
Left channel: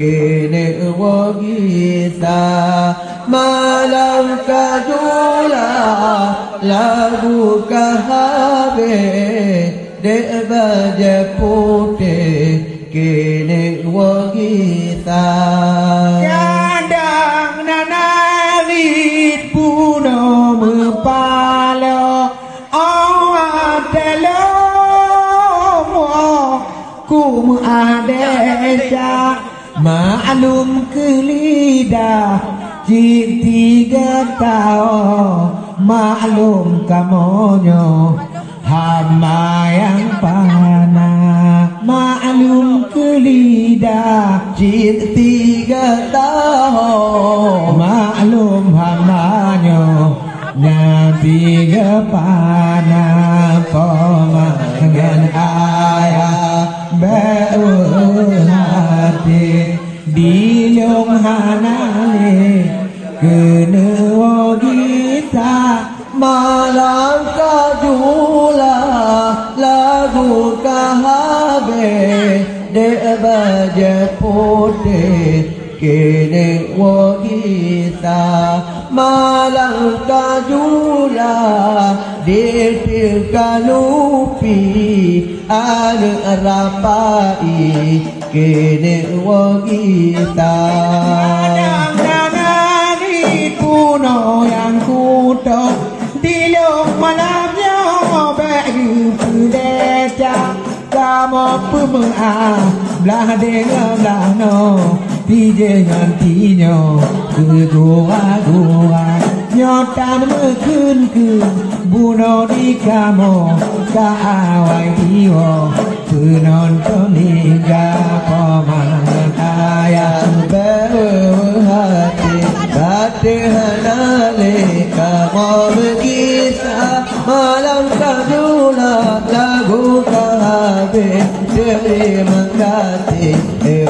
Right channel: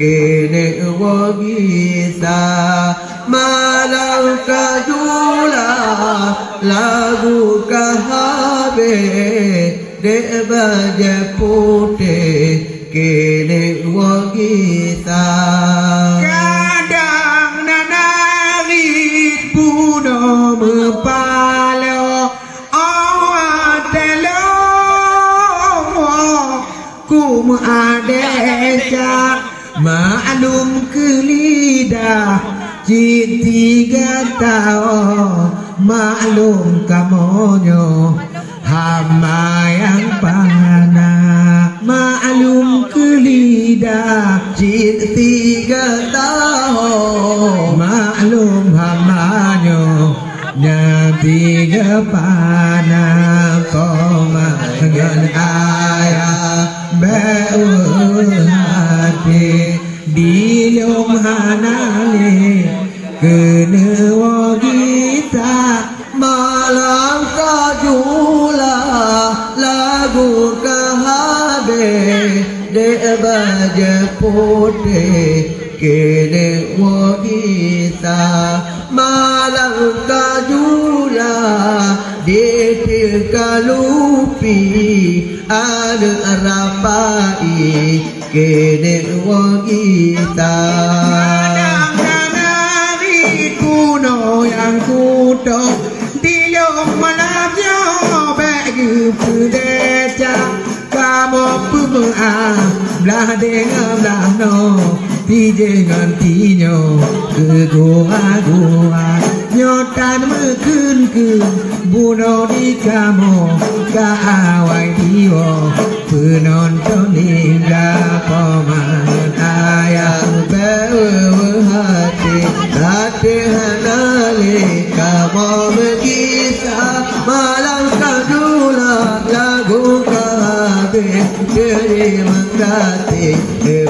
kene wagisa malam kajula lagu kahabe de baje putih kene wagisa kadang nanarit puno mepalo awatelo kum adeja maklum kelida tiga tahun maklum kamonyo hama yang pana maklum kelida tiga tahun maklum hamanyo nya tiga pana pemangan ayah hati di lom hanale kene wagita malam kajula lagu kahabe de baje putih kene wagita malam kajula de kalupi ada rapai kene wagita kadang-kadang kuno yang kuto di lom malamnya bagi pedeca kamu pemua belah dengan belah no ti dengan tinyo ke gua nyotan mekun buno di kamu kaawai diwo penonton hingga pemangan ayah hati hati hanale kamu berkisah malam kadula lagu kahabe dari menggati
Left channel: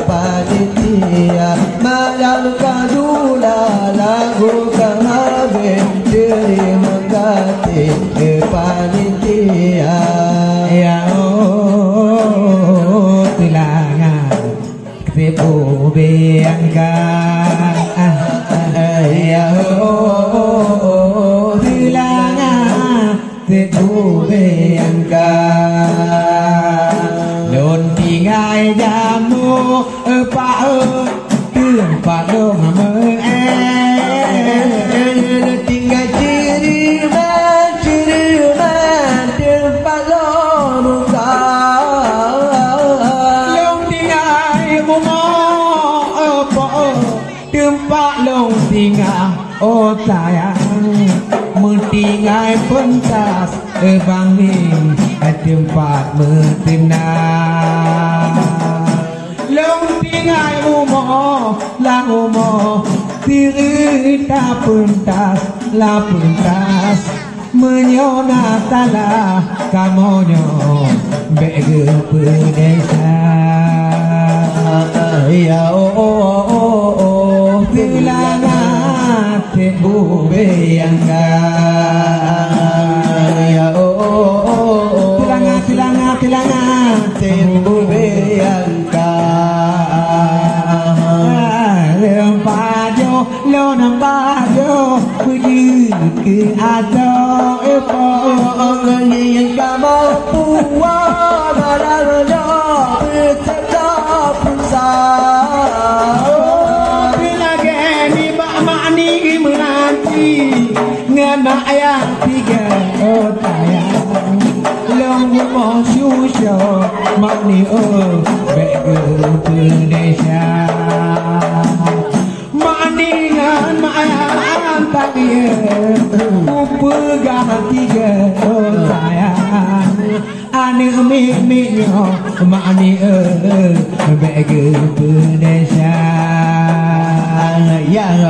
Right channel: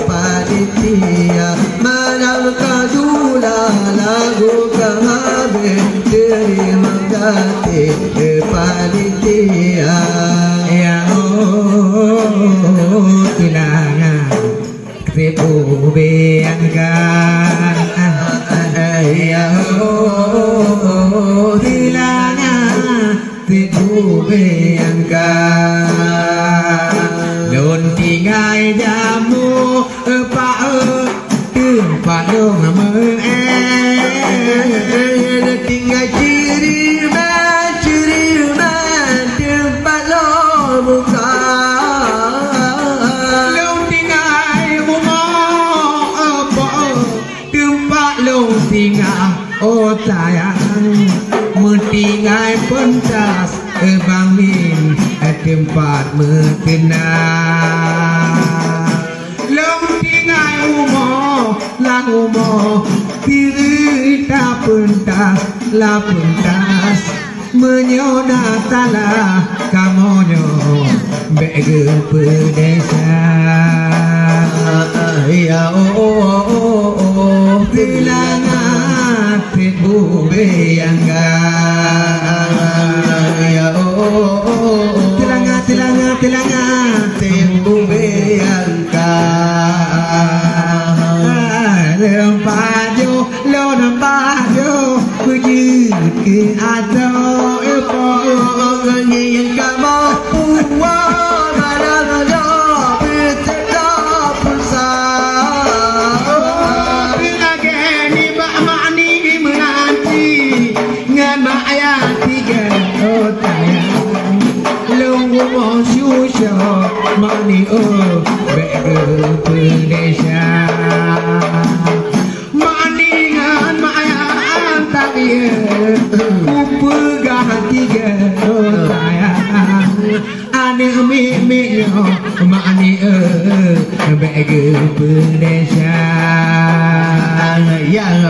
panitia malam kadula lagu kahabe dari menggati panitia ya tilangan ketepu beangga ya tilangan ketepu beangga non tingai jamu pa tempat dong me tinggal ciriman tempat lo muka long tingai mumo apa tempat long tinggal oh sayang mentingai pentas bang min tempat metenang long tingai mumo lang mumo Tirita pentas la pentas menyona tala kamonyo bege pedesa ya tilana tebu beangga ya tilanga tebu beangga lempajo lo nampajo kuji ke atau epo ngin kamu puwa barang pecah pulsa bila gani bak makni menanti ngan mak ayah tiga otayang long mo susyo makni bege pedesa maningan mayang tak ye upegah tiga sayang aneh mimiknya mani bege pedesa yang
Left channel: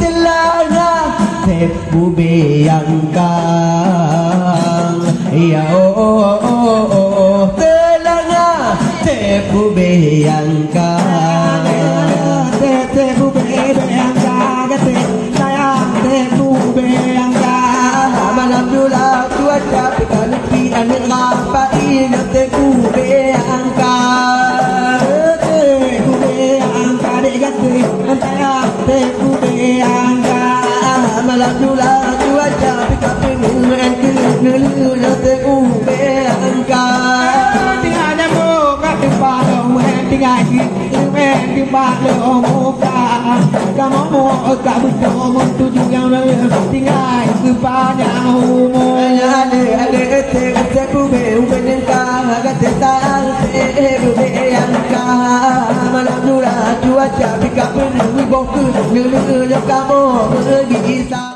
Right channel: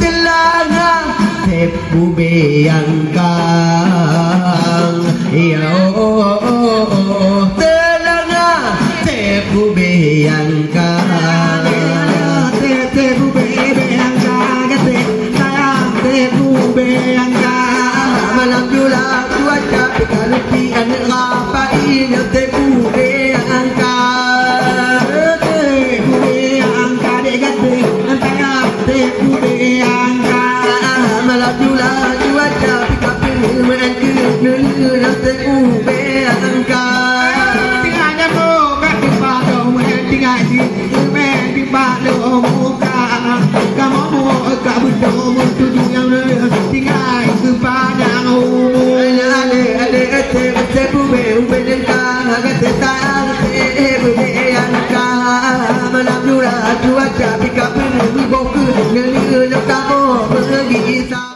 telana tepu beanggang ya telana tepu beanggang tepu beanggang sayang tepu beanggang malam jula tua tapi kalau pian ngapain tepu beanggang balo muka kamu mau kau berdoa tujuh yang tinggal kepada umum ale te bube ubenka gatang bube yanka manapura cuaca bika penuh boku nunu kamu pergi